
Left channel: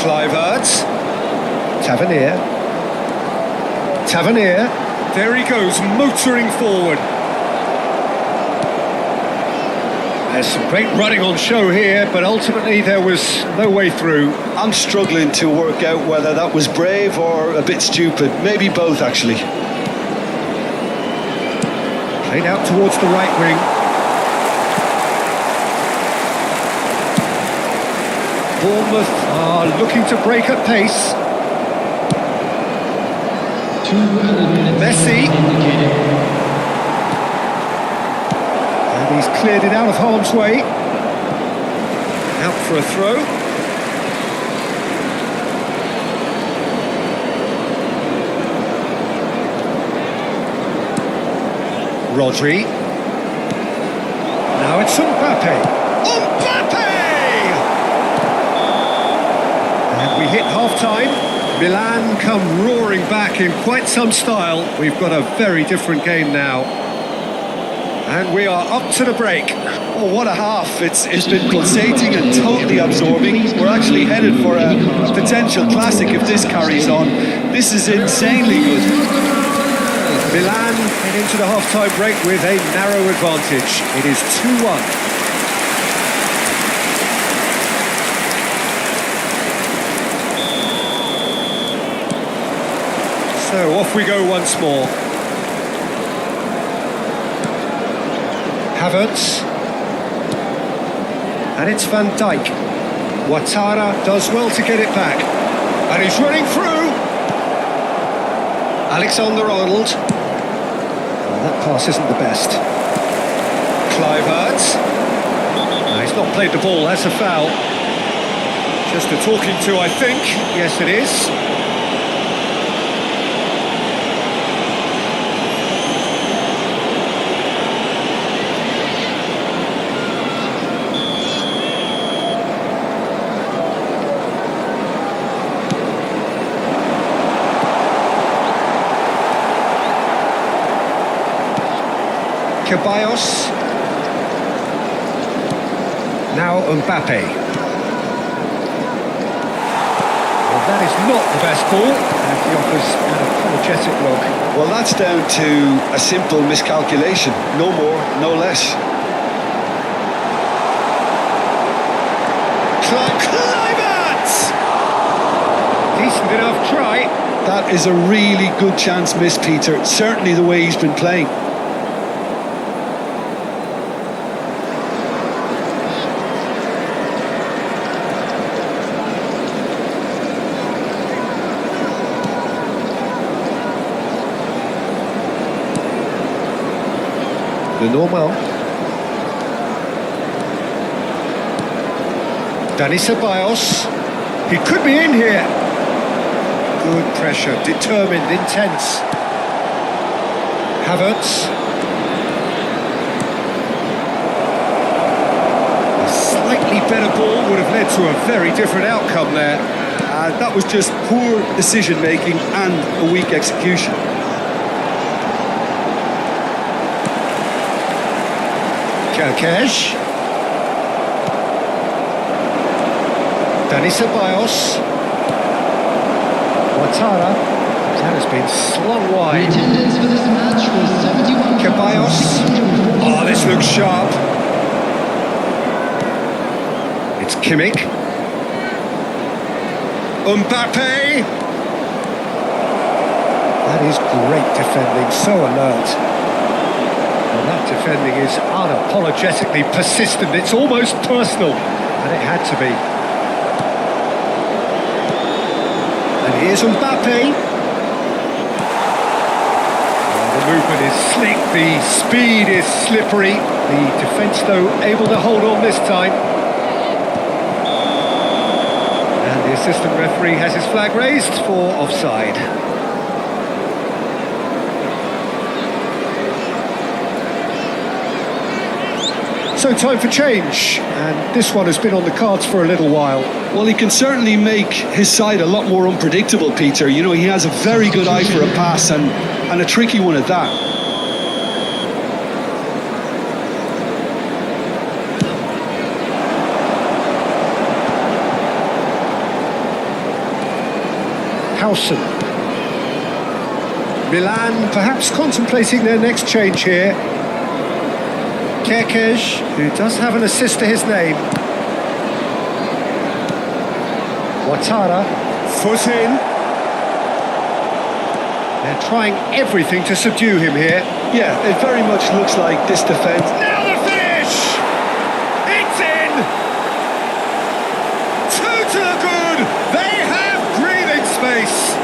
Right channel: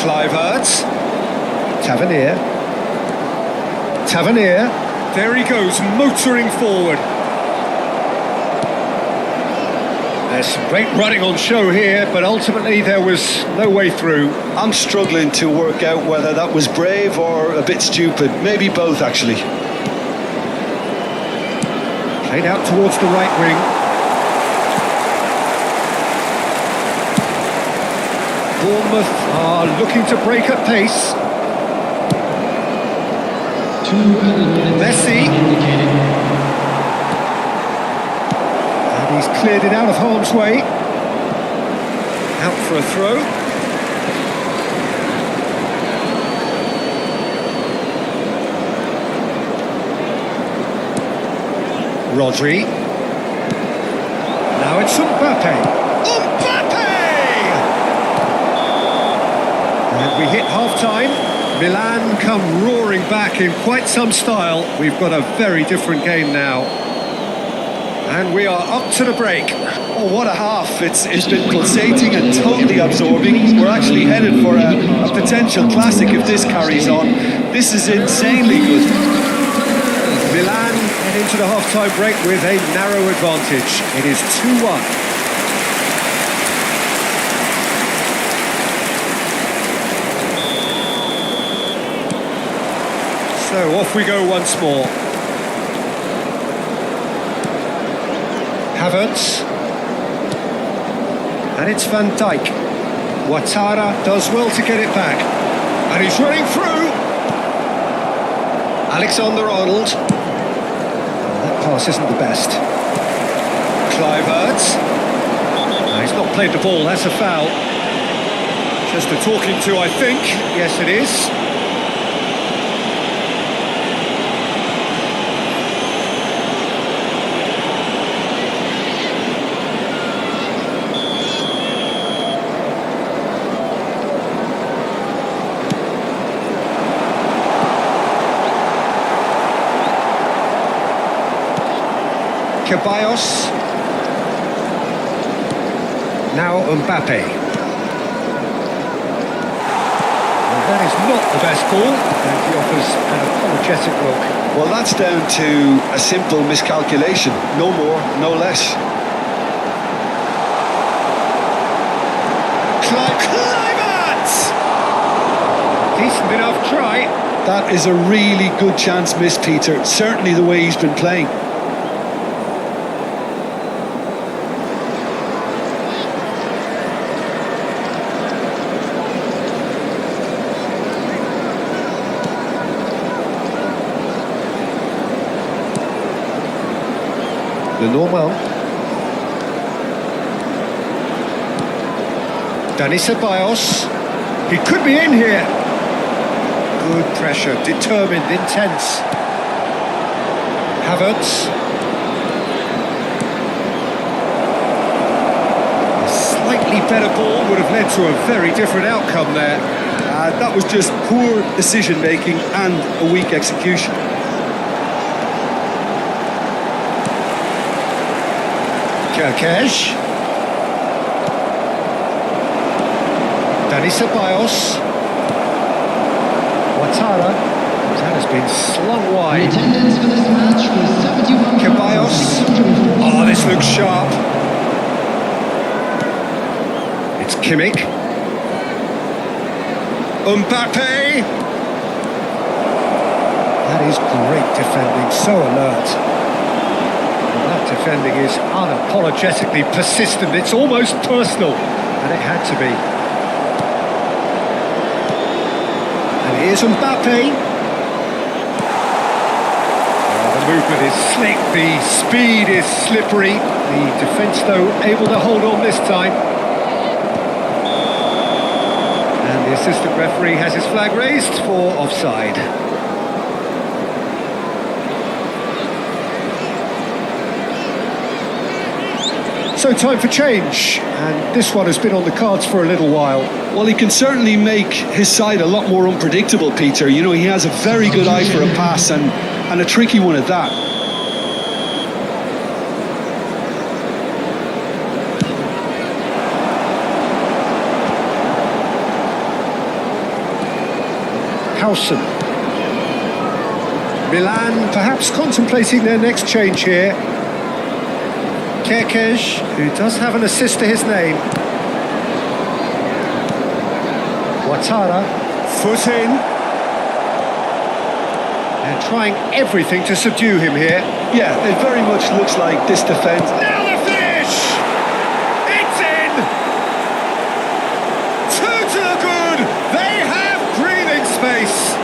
Kluivert. Tavernier. There he goes, motoring forward. There's some great running on show here, but ultimately there was no way through. I'm struggling to work out whether that was brave or a bit stupid. Maybe both, actually. Played out towards the right wing. Bournemouth are looking to break at pace. 2 added minutes Messi. have been indicated. And he's cleared it out of harm's way. Out for a throw. Rodri. Now it's Mbappe. Mbappe! And we hit half-time. Milan come roaring back in quite some style. We've got a very different game now. And we are up to the break. Oh, what a half. It's been pulsating and totally absorbing. We're actually headed for a potential classic if this carries on. This is insanely good. Milan head into the half-time break with a narrow advantage. It is 2-1. So off we go once more. Havertz. And it's Van Dijk. Ouattara does well to get it back. And he's running through. Alexander-Arnold. Well, that pass isn't the best. Kluivert. No, he's not played the ball, that's a foul. Just a talking to, I think. Yes, it is. Ceballos. Now Mbappe. Well, that is not the best ball, and he offers an apologetic look. Well, that's down to a simple miscalculation. No more, no less. Kluivert! Decent enough try. That is a really good chance missed, Peter. Certainly the way he's been playing. Lenormand. Dani Ceballos. He could be in here. Good pressure, determined, intense. Havertz. A slightly better ball would have led to a very different outcome there. That was just poor decision-making and a weak execution. Kerkesh. Dani Ceballos. Ouattara. That has been slung The wide. attendance for this match was Ceballos. 71,640. Oh, this looks sharp. It's Kimmich. Mbappe. That is great defending, so alert. Well, that defending is unapologetically persistent. It's almost personal, and it had to be. And here's Mbappe. Oh, the movement is slick, the speed is slippery. The defence, though, able to hold on this time. And the assistant referee has his flag raised for offside. So time for change, and this one has been on the cards for a little while. Well, he can certainly make his side a lot more unpredictable, Peter. You know, he has a very good eye for a pass and a tricky one at that. Howson. Milan perhaps contemplating their next change here. Kekej, who does have an assist to his name. Ouattara, foot in. They're trying everything to subdue him here. Yeah, it very much looks like this defence. Now the finish! It's in! Two to the good! They have breathing space!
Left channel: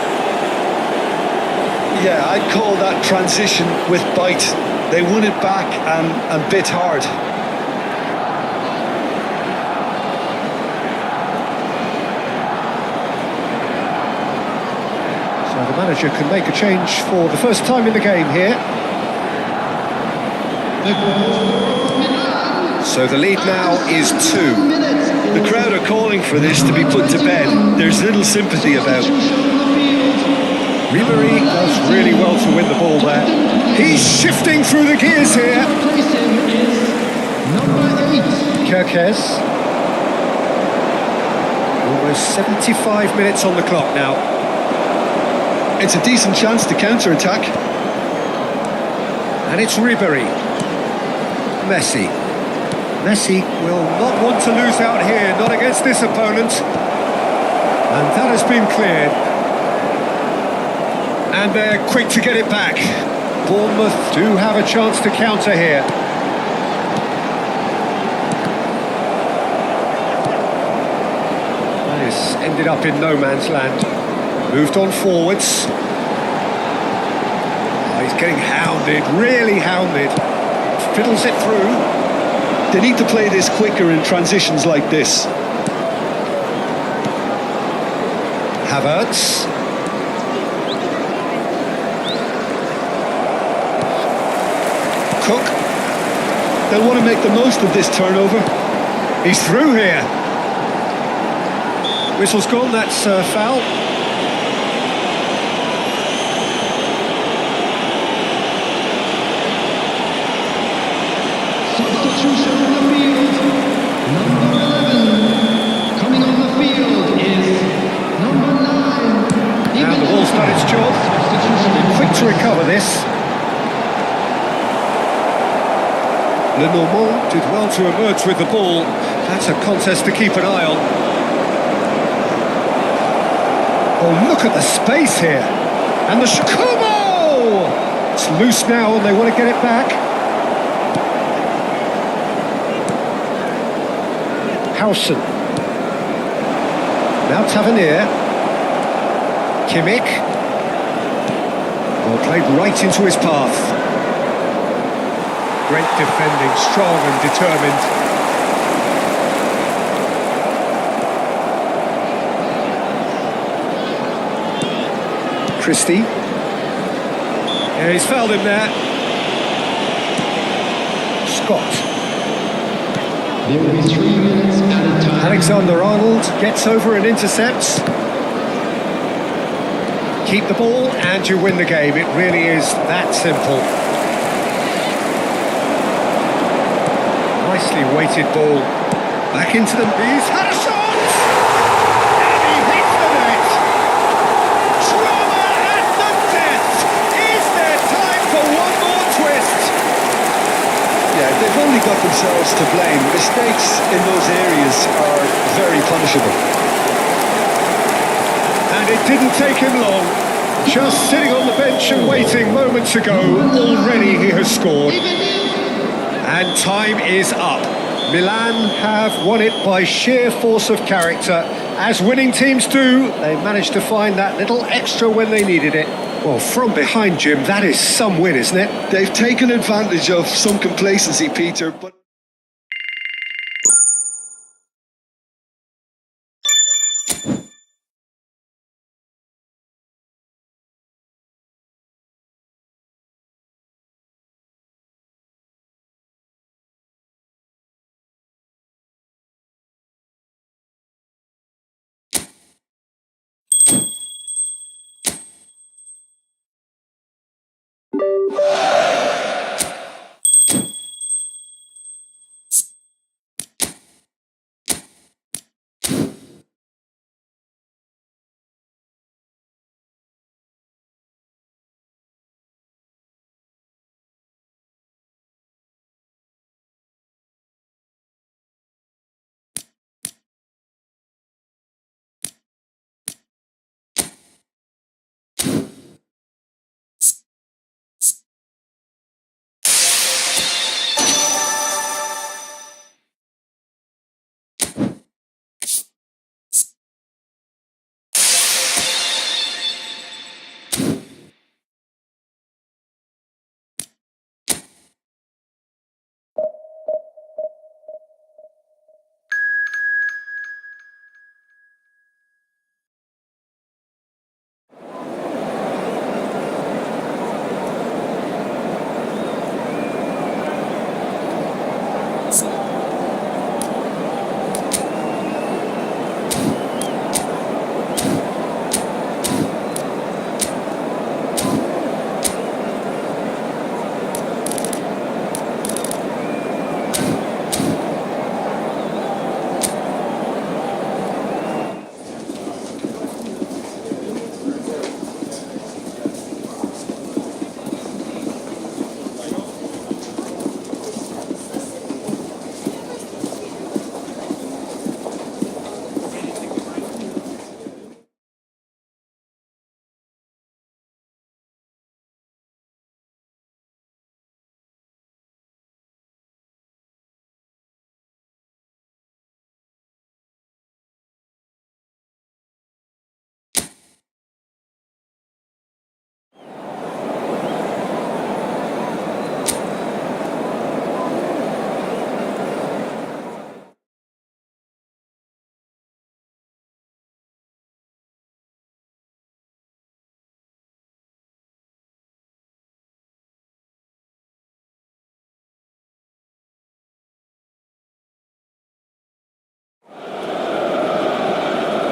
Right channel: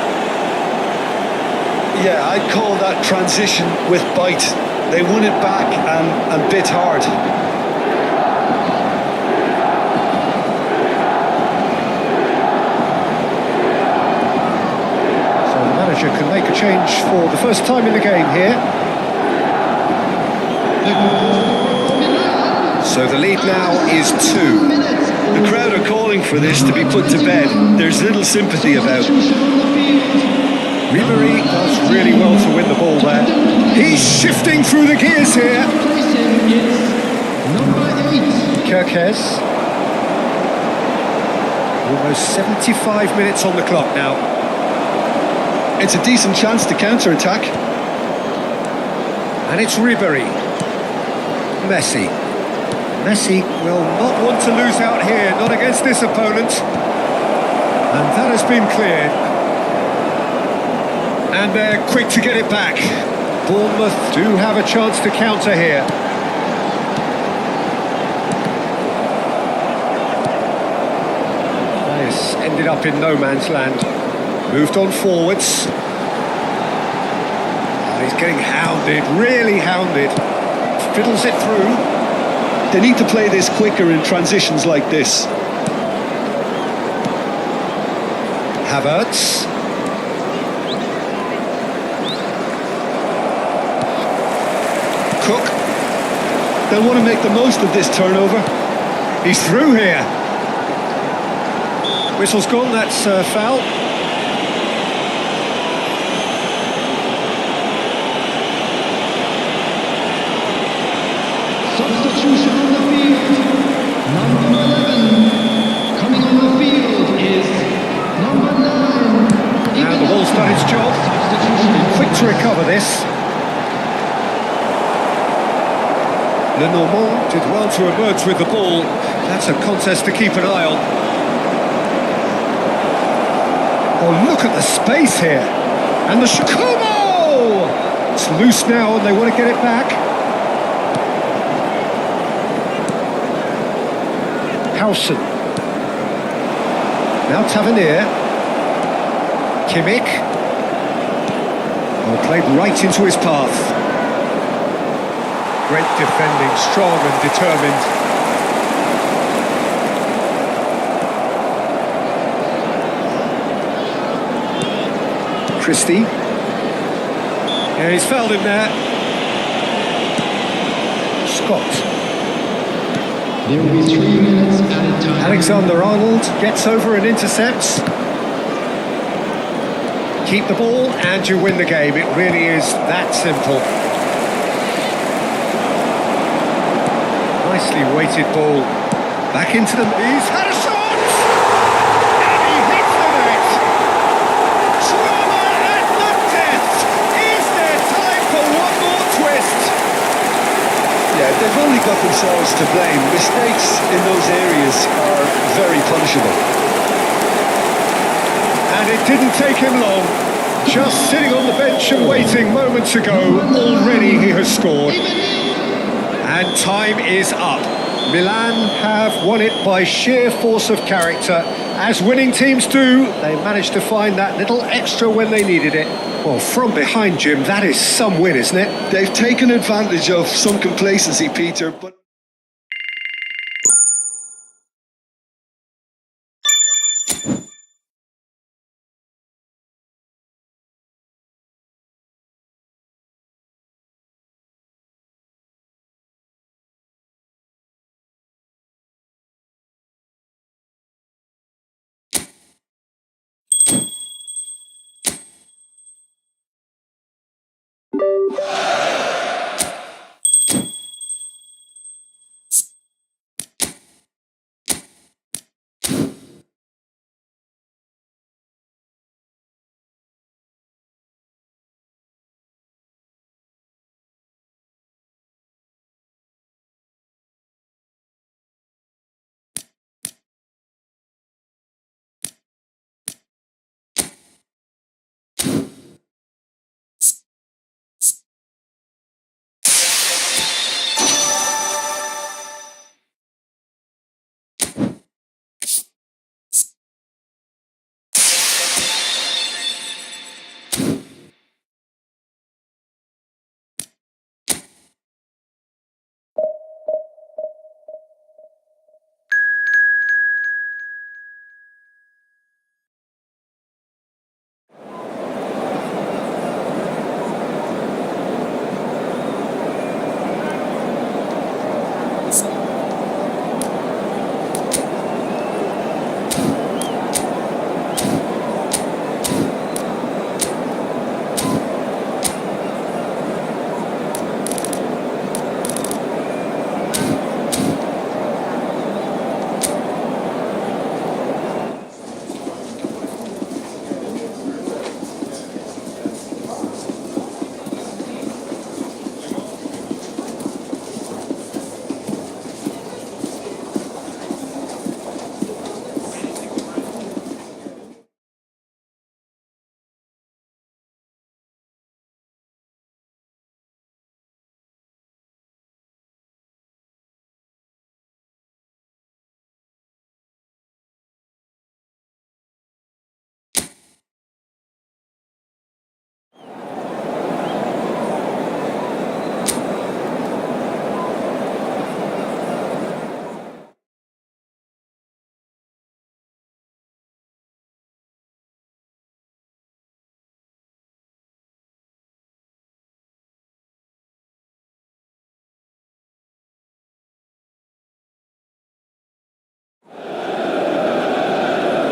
Yeah, I'd call that transition with bite. They won it back and bit hard. So the manager can make a change for the first time in the game here. The goal scorer for Milan. So the lead now is 2. The crowd are calling for this to be put to bed. There's little sympathy about. Substitution on the field. Ribéry does really well to win the ball there. He's shifting through the gears here. To replace him is number 8. Kekej. Almost 75 minutes on the clock now. It's a decent chance to counter-attack. And it's Ribéry. Messi. Messi will not want to lose out here, not against this opponent. And that has been cleared. And they're quick to get it back. Bournemouth do have a chance to counter here. That is ended up in no man's land. Moved on forwards. Oh, he's getting hounded, really hounded. Fiddles it through. They need to play this quicker in transitions like this. Havertz. Cook. They'll want to make the most of this turnover. He's through here. Whistle's gone, that's foul. Substitution on the field. Number 11. Coming on the field is number 9. And the ball's done its job. Substitution. Been quick to recover this. Lenormand did well to emerge with the ball. That's a contest to keep an eye on. Oh, look at the space here. And the Kumo! It's loose now and they want to get it back. Howson. Now Tavernier. Kimmich. Oh, played right into his path. Great defending, strong and determined. Christie. Yeah, he's fouled him there. Scott. There will be 3 minutes at a time. Alexander-Arnold gets over and intercepts. Keep the ball and you win the game. It really is that simple. Nicely weighted ball. Back into the... He's had a shot! And he hits the net! Drama at the death! Is there time for one more twist? Yeah, they've only got themselves to blame. Mistakes in those areas are very punishable. And it didn't take him long. Just sitting on the bench and waiting moments ago, already he has scored. And time is up. Milan have won it by sheer force of character. As winning teams do, they managed to find that little extra when they needed it. Well, from behind, Jim, that is some win, isn't it? They've taken advantage of some complacency, Peter, but...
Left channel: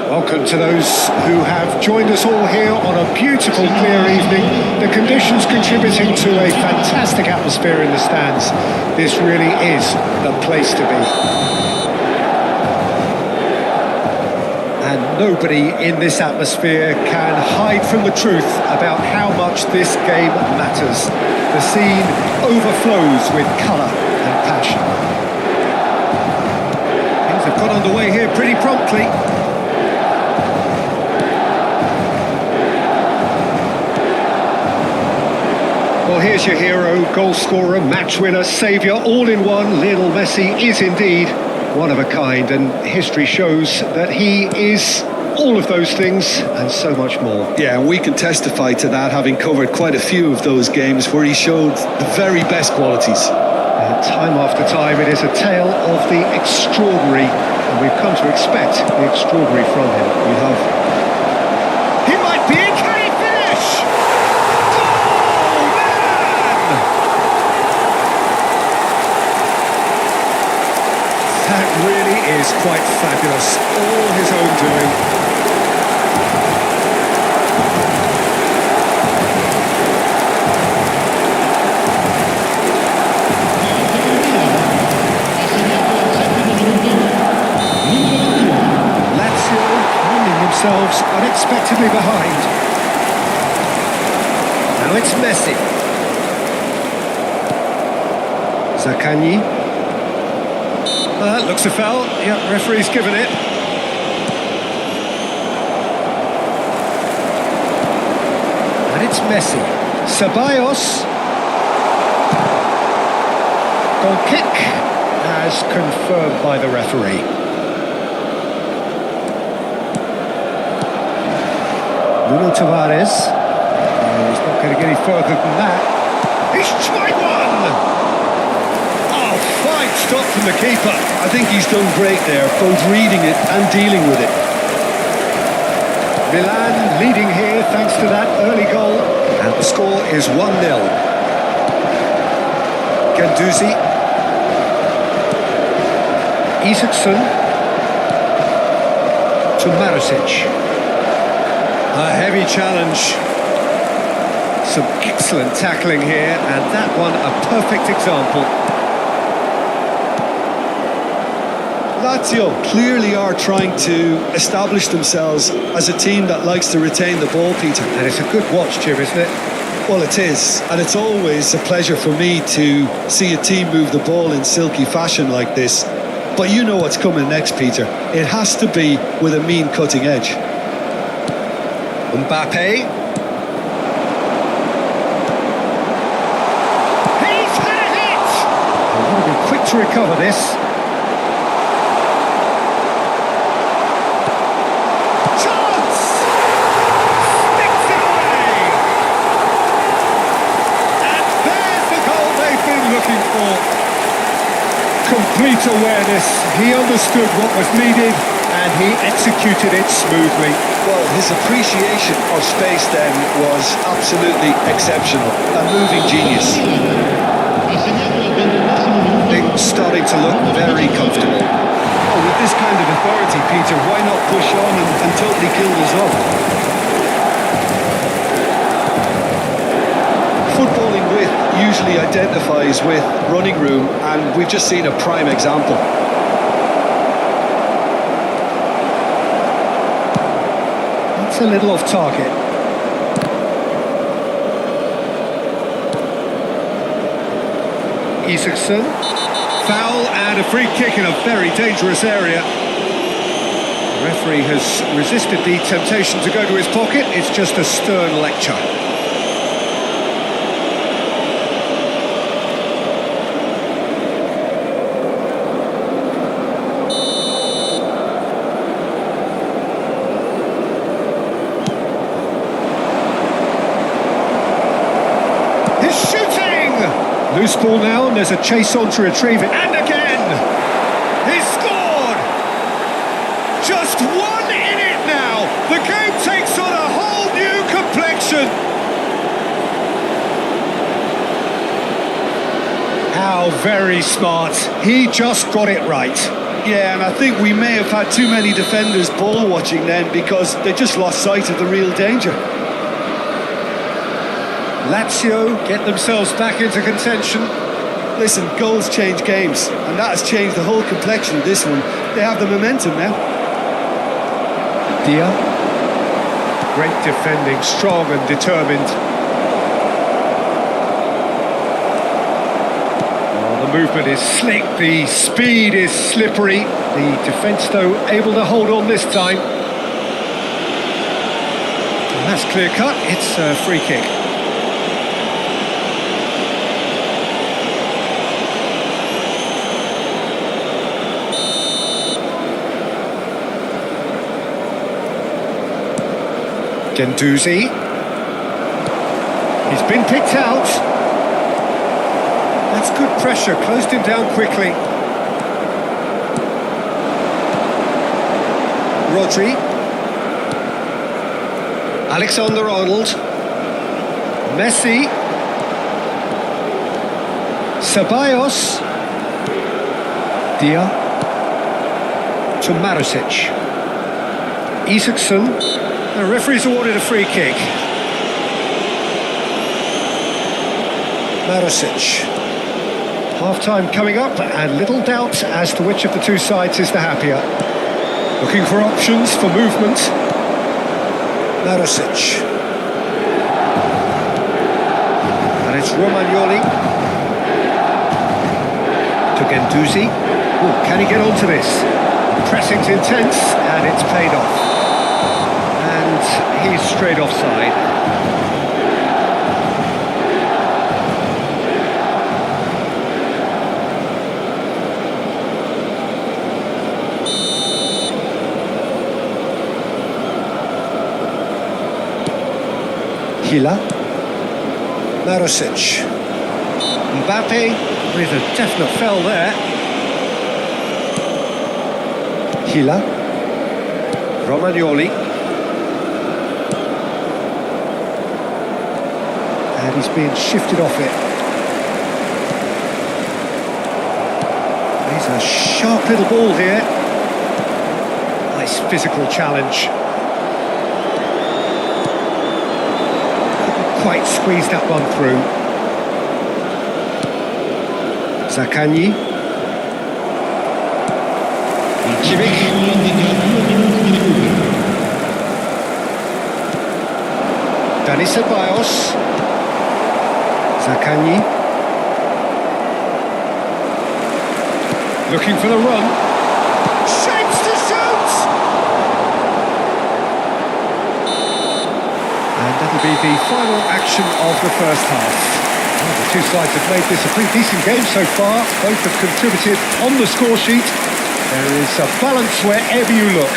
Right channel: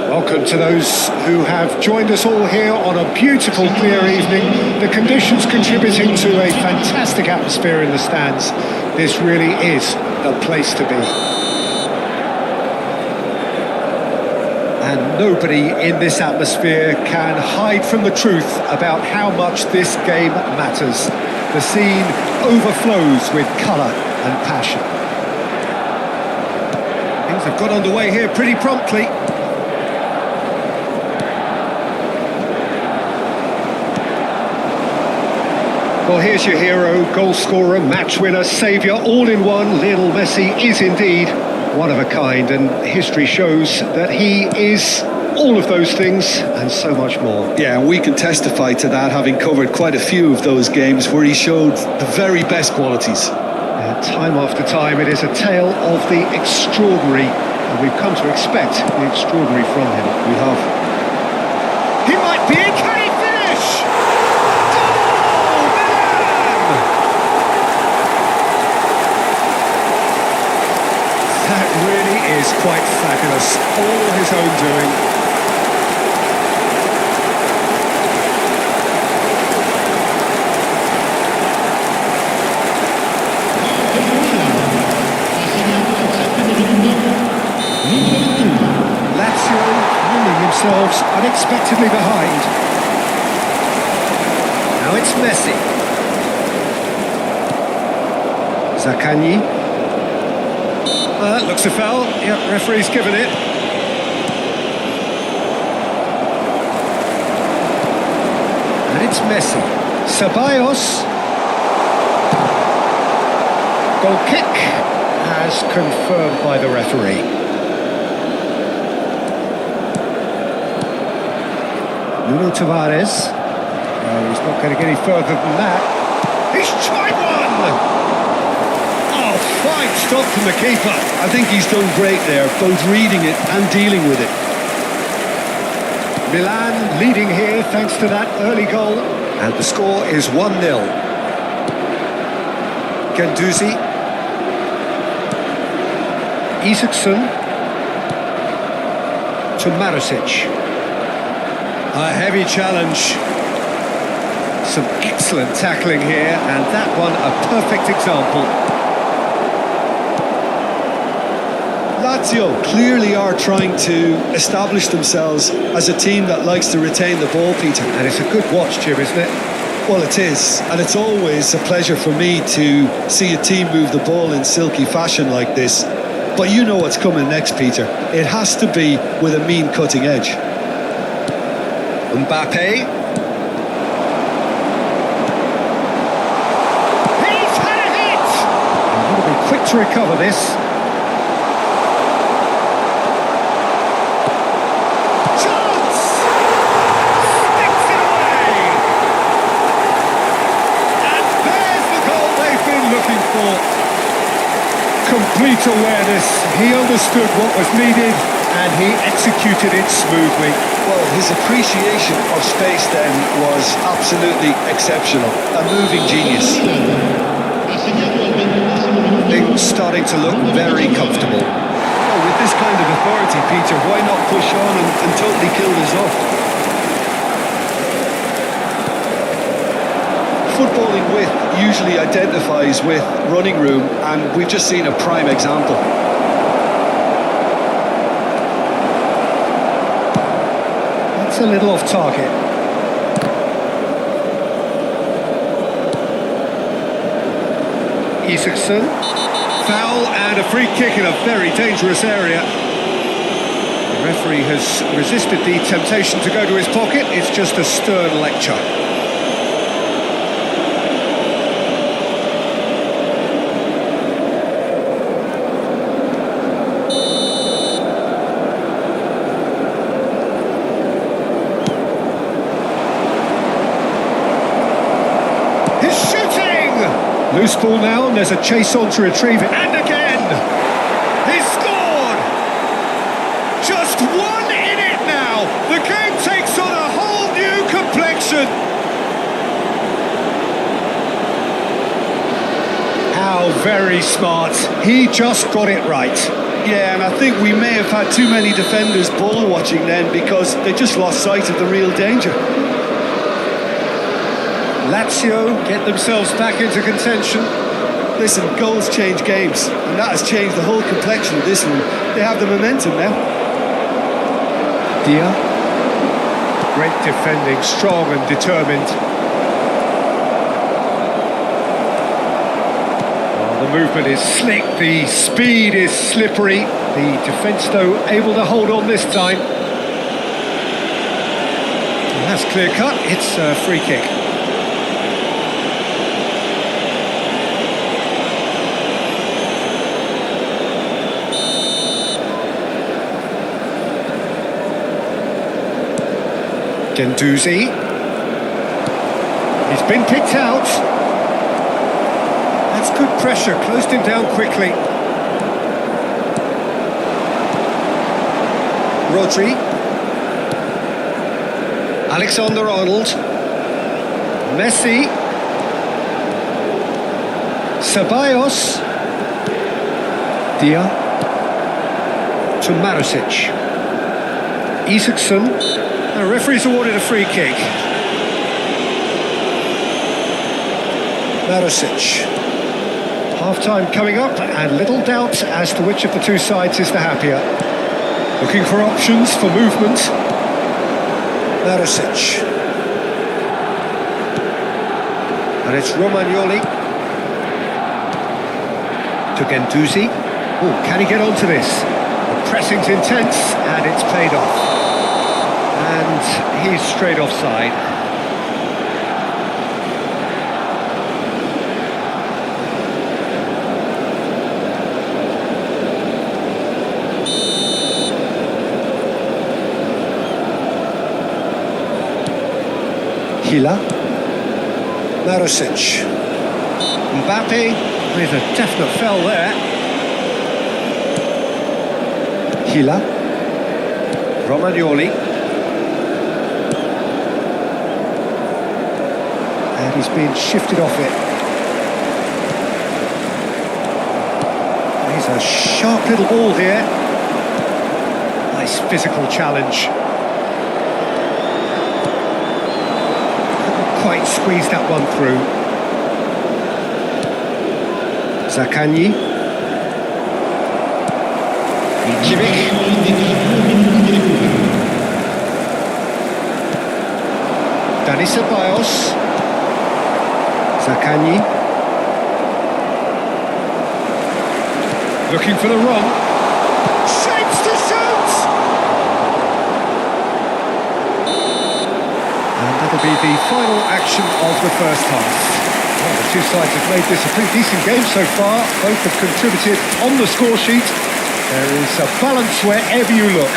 Welcome to those who have joined us all here on a beautiful, clear evening. The conditions contributing to a fantastic atmosphere in the stands. This really is the place to be. And nobody in this atmosphere can hide from the truth about how much this game matters. The scene overflows with colour and passion. Things have got underway here pretty promptly. Well, here's your hero, goal scorer, match winner, saviour, all in one. Lionel Messi is indeed one of a kind, and history shows that he is all of those things and so much more. Yeah, and we can testify to that, having covered quite a few of those games where he showed the very best qualities. Time after time, it is a tale of the extraordinary, and we've come to expect the extraordinary from him. We have. He might be in, can he finish? Goal, Milan! That really is quite fabulous, all his own doing. Lazio finding themselves unexpectedly behind. Now it's Messi. Zaccagni. Looks a foul. Yep, referee's given it. And it's Messi. Ceballos. Goal kick as confirmed by the referee. Nuno Tavares. No, he's not going to get any further than that. He's tried one! Oh, fine stop from the keeper. I think he's done great there, both reading it and dealing with it. Milan leading here thanks to that early goal. And the score is 1-0. Guendouzi. Isaacson. To Maricic. A heavy challenge. Some excellent tackling here, and that one a perfect example. Lazio clearly are trying to establish themselves as a team that likes to retain the ball, Peter. And it's a good watch, Jim, isn't it? Well, it is, and it's always a pleasure for me to see a team move the ball in silky fashion like this. But you know what's coming next, Peter. It has to be with a mean cutting edge. Mbappe. He's had a hit! They've got to be quick to recover this. They've been looking for complete awareness. He understood what was needed and he executed it smoothly. Well, his appreciation of space then was absolutely exceptional. A moving genius. Things starting to look very comfortable. Well, with this kind of authority, Peter, why not push on and totally kill this off? Footballing width usually identifies with running room, and we've just seen a prime example. That's a little off target. Isaacson. Foul and a free kick in a very dangerous area. The referee has resisted the temptation to go to his pocket. It's just a stern lecture. He's shooting! Loose ball now, and there's a chase on to retrieve it. And again! He's scored! Just one in it now! The game takes on a whole new complexion! How very smart. He just got it right. Yeah, and I think we may have had too many defenders ball watching then because they just lost sight of the real danger. Lazio get themselves back into contention. Listen, goals change games, and that has changed the whole complexion of this one. They have the momentum now. Dia. Great defending, strong and determined. Oh, the movement is slick, the speed is slippery. The defence, though, able to hold on this time. And that's clear cut, it's a free kick. Gendouzi. He's been picked out. That's good pressure, closed him down quickly. Rodri. Alexander-Arnold. Messi. Ceballos. Dia. To Maricic. Isaacson. The referee's awarded a free kick. Maricic. Half-time coming up, and little doubt as to which of the two sides is the happier. Looking for options for movement. Maricic. And it's Romagnoli. To Gendouzi. Oh, can he get onto this? The pressing's intense, and it's paid off. And he's straight offside. Hila. Maricic. Mbappe with a definite foul there. Hila. Romagnoli. And he's been shifted off it. He's a sharp little ball here. Nice physical challenge. Couldn't quite squeeze that one through. Zaccagni. Kimmich. Dani Ceballos. Zaccagni. Looking for the run. Shapes to shoot! And that'll be the final action of the first half. Well, the two sides have made this a pretty decent game so far. Both have contributed on the score sheet. There is a balance wherever you look.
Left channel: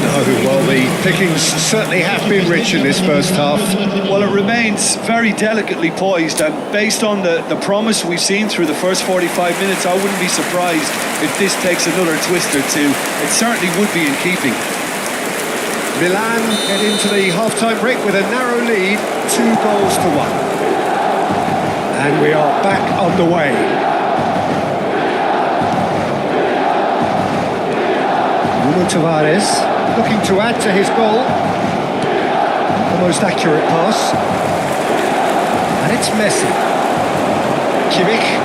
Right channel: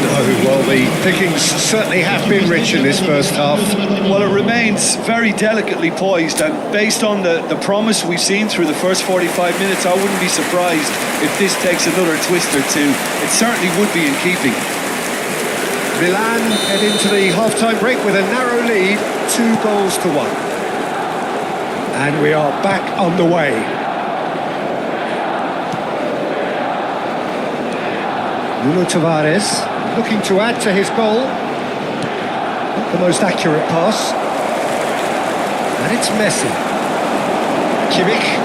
No, well, the pickings certainly have been rich in this first half. Well, it remains very delicately poised, and based on the promise we've seen through the first 45 minutes, I wouldn't be surprised if this takes another twist or two. It certainly would be in keeping. Milan head into the half-time break with a narrow lead, 2-1. And we are back underway. Nuno Tavares looking to add to his goal. Not the most accurate pass. And it's Messi. Kimmich.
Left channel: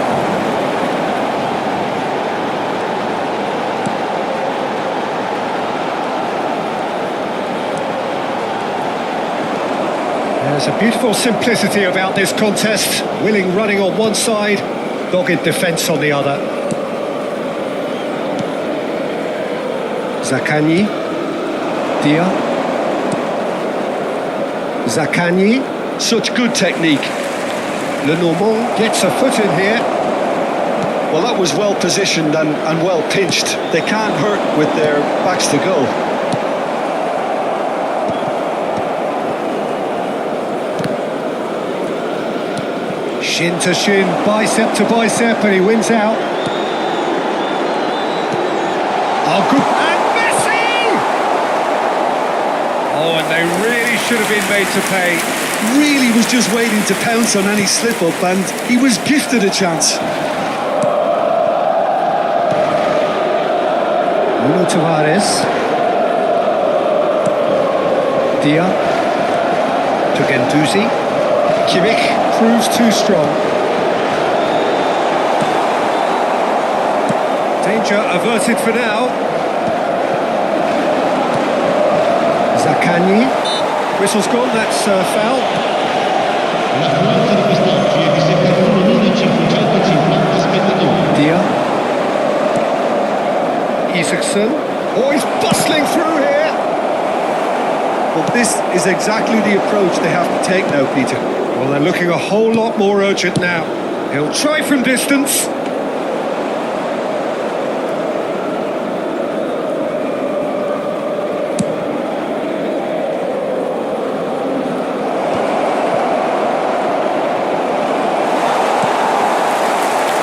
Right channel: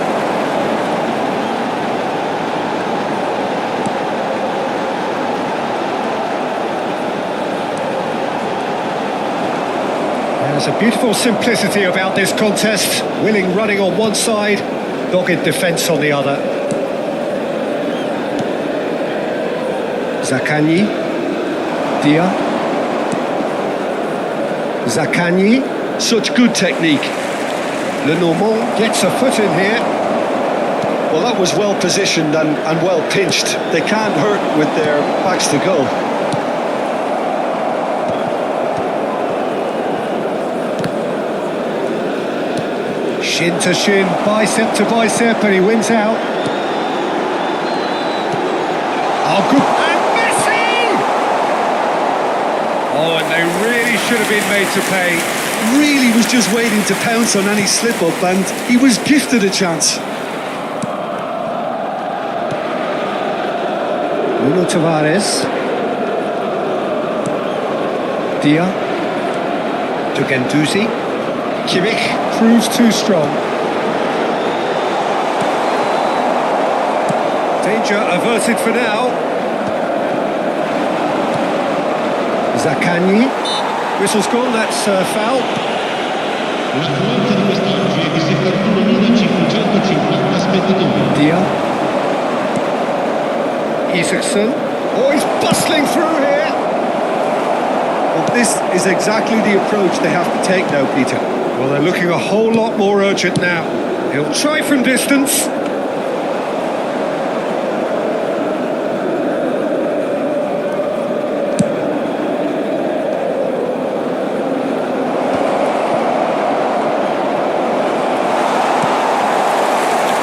There's a beautiful simplicity about this contest. Willing running on one side, dogged defence on the other. Zaccagni. Dia. Zaccagni. Such good technique. Lenormand gets a foot in here. Well, that was well positioned and well pinched. They can't hurt with their backs to goal. Shin to shin, bicep to bicep, and he wins out. Oh, good. And Messi! Oh, and they really should have been made to pay. Really was just waiting to pounce on any slip-up, and he was gifted a chance. Nuno Tavares. Dia. To Gendouzi. Kimmich proves too strong. Danger averted for now. Zaccagni. Whistle's gone, that's foul. L'affluenza di quest'oggi è di 71.550 spettatori. Dia. Isaacson. Oh, he's bustling through here. Well, this is exactly the approach they have to take now, Peter. Well, they're looking a whole lot more urgent now. He'll try from distance.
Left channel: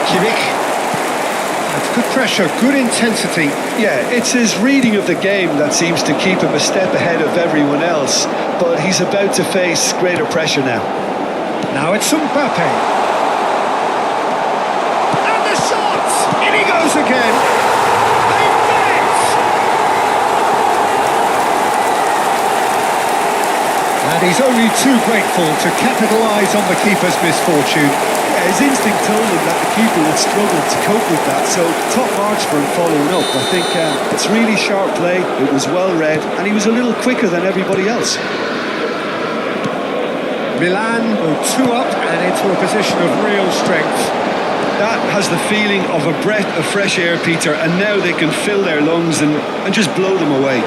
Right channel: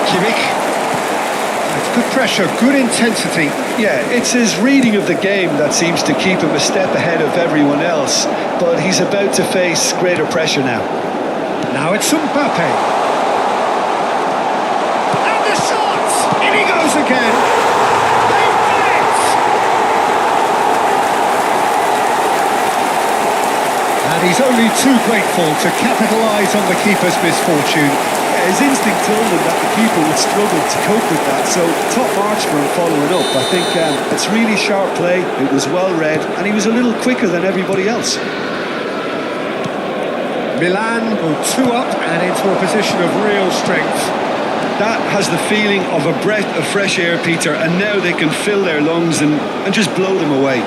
Kimmich. It's good pressure, good intensity. Yeah, it's his reading of the game that seems to keep him a step ahead of everyone else, but he's about to face greater pressure now. Now it's Mbappe. And the shot! In he goes again. They bet! And he's only too grateful to capitalise on the keeper's misfortune. Yeah, his instinct told him that the keeper would struggle to cope with that, so top marks for him following up. I think it's really sharp play, it was well read, and he was a little quicker than everybody else. Milan go 2 up and into a position of real strength. That has the feeling of a breath of fresh air, Peter, and now they can fill their lungs and just blow them away.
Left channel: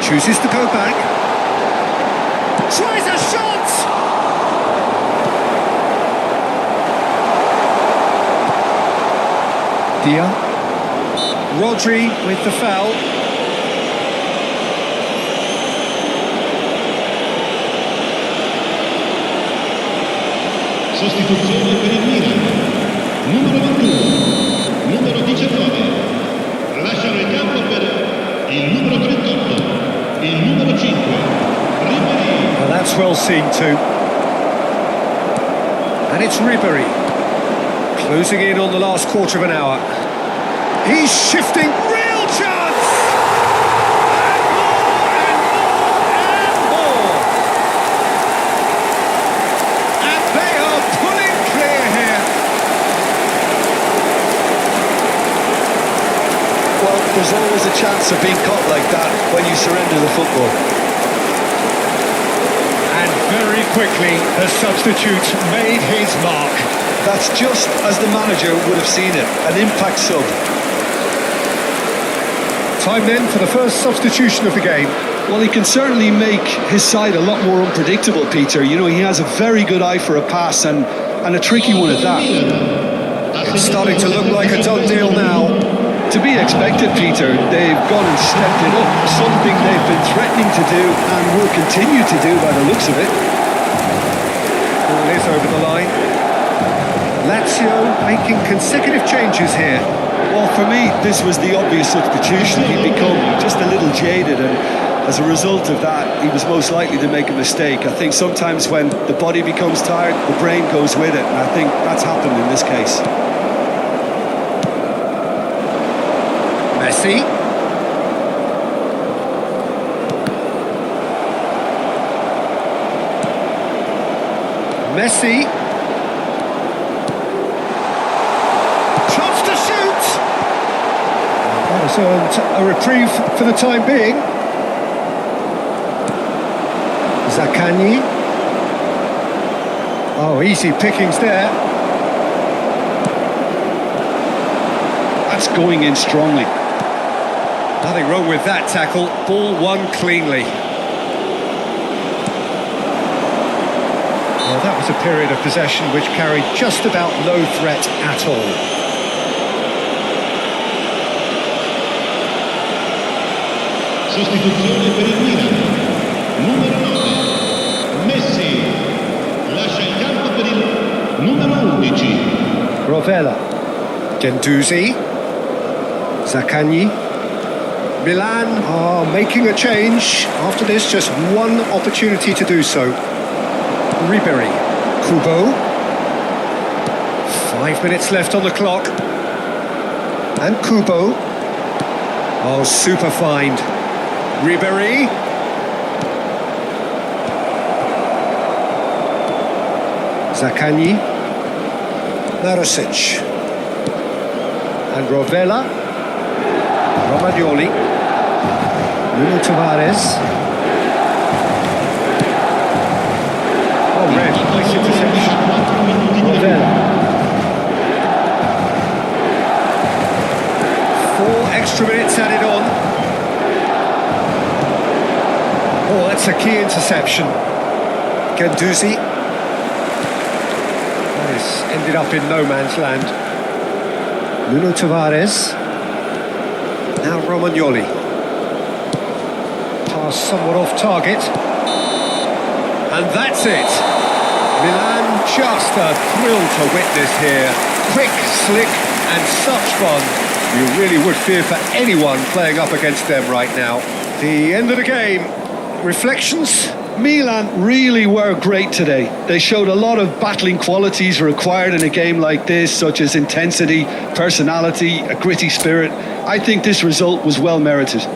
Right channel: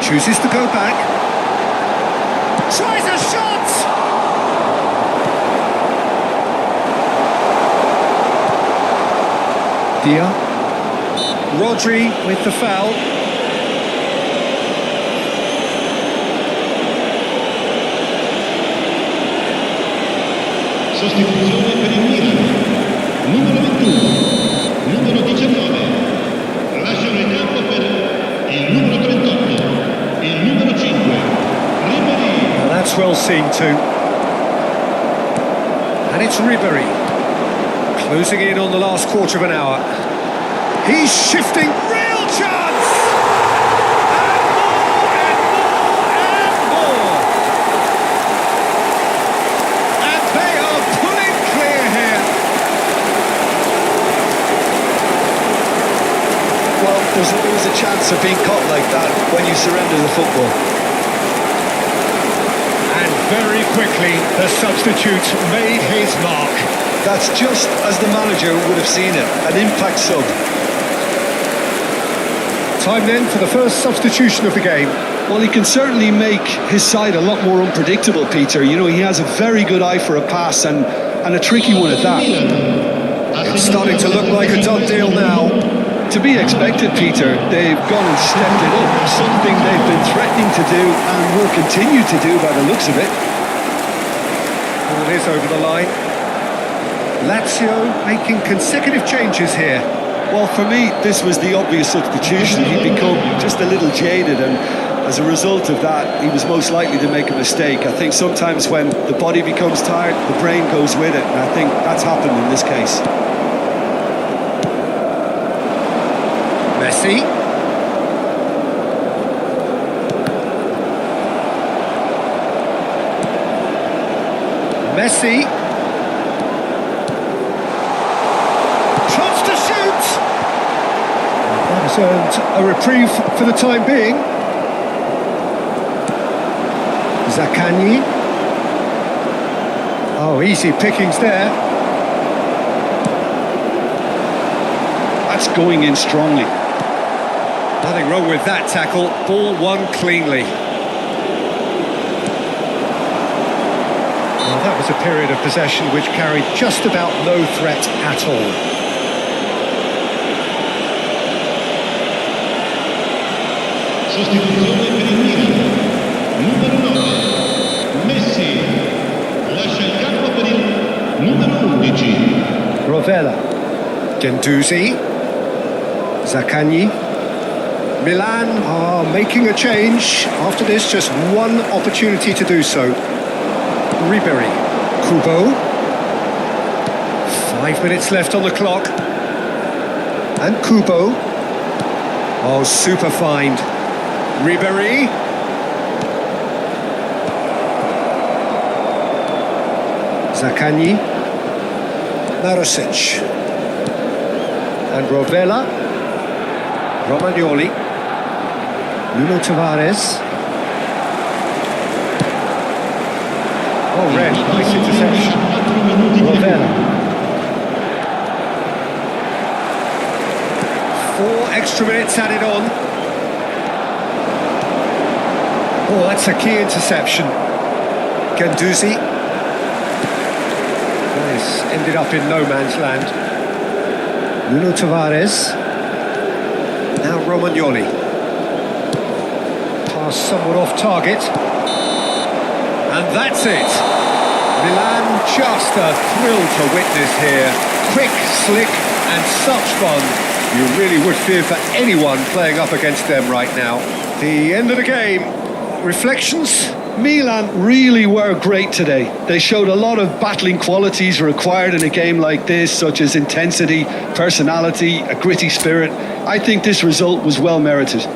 Chooses to go back. Tries a shot! Dia. Rodri with the foul. Sostituzione per il Milan. Numero 21, numero 19. Lasciano il campo per il numero 38, il numero 5. Ribery. Now that's well seen too. And it's Ribery. Closing in on the last quarter of an hour. He's shifting, real chance! And more, and more, and more! And they are pulling clear here. Well, there's always a chance of being caught like that when you surrender the football. And very quickly, the substitute made his mark. That's just as the manager would have seen it, an impact sub. Time then for the first substitution of the game. Well, he can certainly make his side a lot more unpredictable, Peter. You know, he has a very good eye for a pass and a tricky one at that. It's starting to look like a done deal now. To be expected, Peter. They've gone and stepped it up, something they've been threatening to do and will continue to do by the looks of it. Ball is over the line. Lazio making consecutive changes here. Well, for me, this was the obvious substitution. He'd become just a little jaded, and as a result of that, he was most likely to make a mistake. I think sometimes when the body becomes tired, the brain goes with it, and I think that's happened in this case. Messi. Messi. Shots to shoot. And that has earned a reprieve for the time being. Zaccagni. Oh, easy pickings there. That's going in strongly. Nothing wrong with that tackle. Ball won cleanly. Well, that was a period of possession which carried just about no threat at all. Sostituzione per il Milan. Numero 9. Messi. Lascia il campo per il numero 11. Rovella. Gendouzi. Zaccagni. Milan are making a change. After this, just one opportunity to do so. Ribery. Kubo. 5 minutes left on the clock. And Kubo. Oh, super find. Ribéry. Zaccagni. Marusic. And Rovella. Romagnoli. Nuno Tavares. Oh, red. Nice interception. Rovella. 4 extra minutes added on. Oh, that's a key interception. Guendouzi. That is ended up in no man's land. Nuno Tavares. Now Romagnoli. Pass somewhat off target. And that's it. Milan, just a thrill to witness here. Quick, slick, and such fun. You really would fear for anyone playing up against them right now. The end of the game. Reflections? Milan really were great today. They showed a lot of battling qualities required in a game like this, such as intensity, personality, a gritty spirit. I think this result was well merited.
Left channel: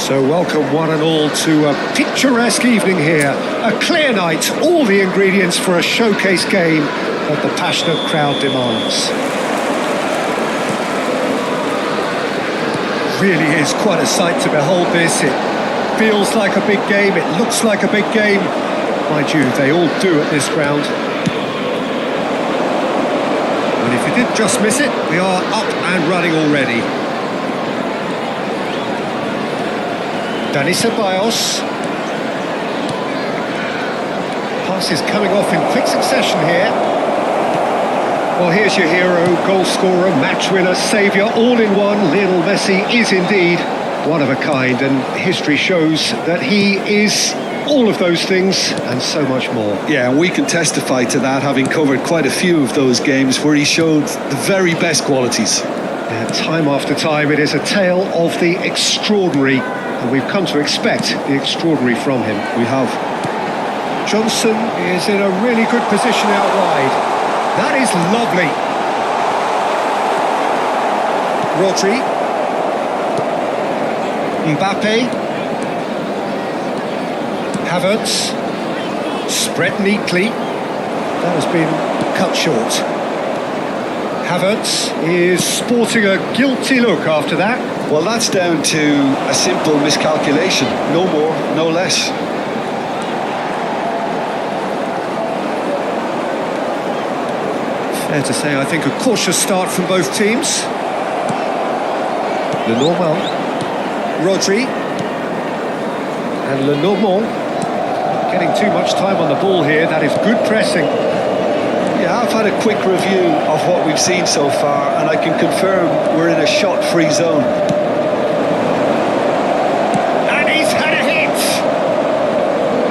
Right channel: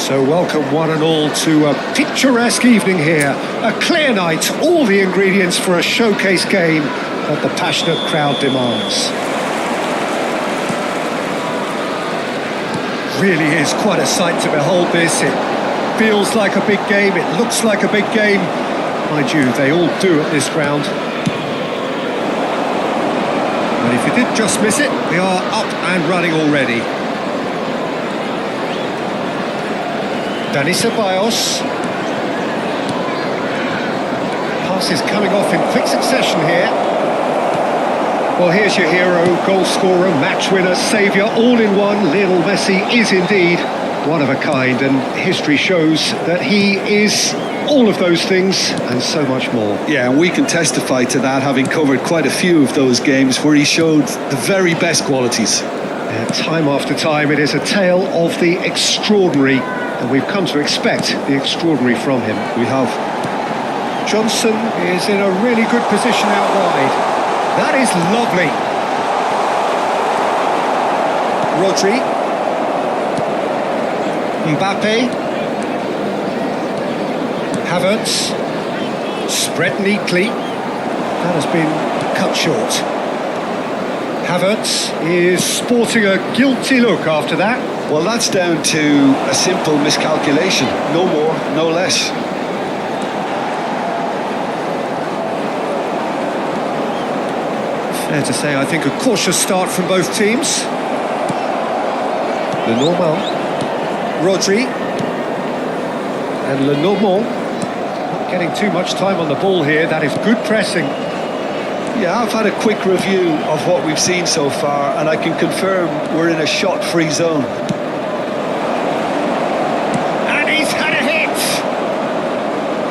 So welcome one and all to a picturesque evening here. A clear night, all the ingredients for a showcase game that the passionate crowd demands. Really is quite a sight to behold this. It feels like a big game, it looks like a big game. Mind you, they all do at this ground. And if you did just miss it, we are up and running already. Dani Ceballos. Passes coming off in quick succession here. Well, here's your hero, goal scorer, match winner, saviour, all in one. Lionel Messi is indeed one of a kind, and history shows that he is all of those things and so much more. Yeah, and we can testify to that, having covered quite a few of those games where he showed the very best qualities. Yeah, time after time, it is a tale of the extraordinary, and we've come to expect the extraordinary from him. We have. Johnson is in a really good position out wide. That is lovely. Rodri. Mbappe. Havertz. Spread neatly. That has been cut short. Havertz is sporting a guilty look after that. Well, that's down to a simple miscalculation. No more, no less. Fair to say, I think, a cautious start from both teams. Lenormand, Rodri, and Lenormand. Not getting too much time on the ball here. That is good pressing. Yeah, I've had a quick review of what we've seen so far, and I can confirm we're in a shot-free zone. And he's had a hit!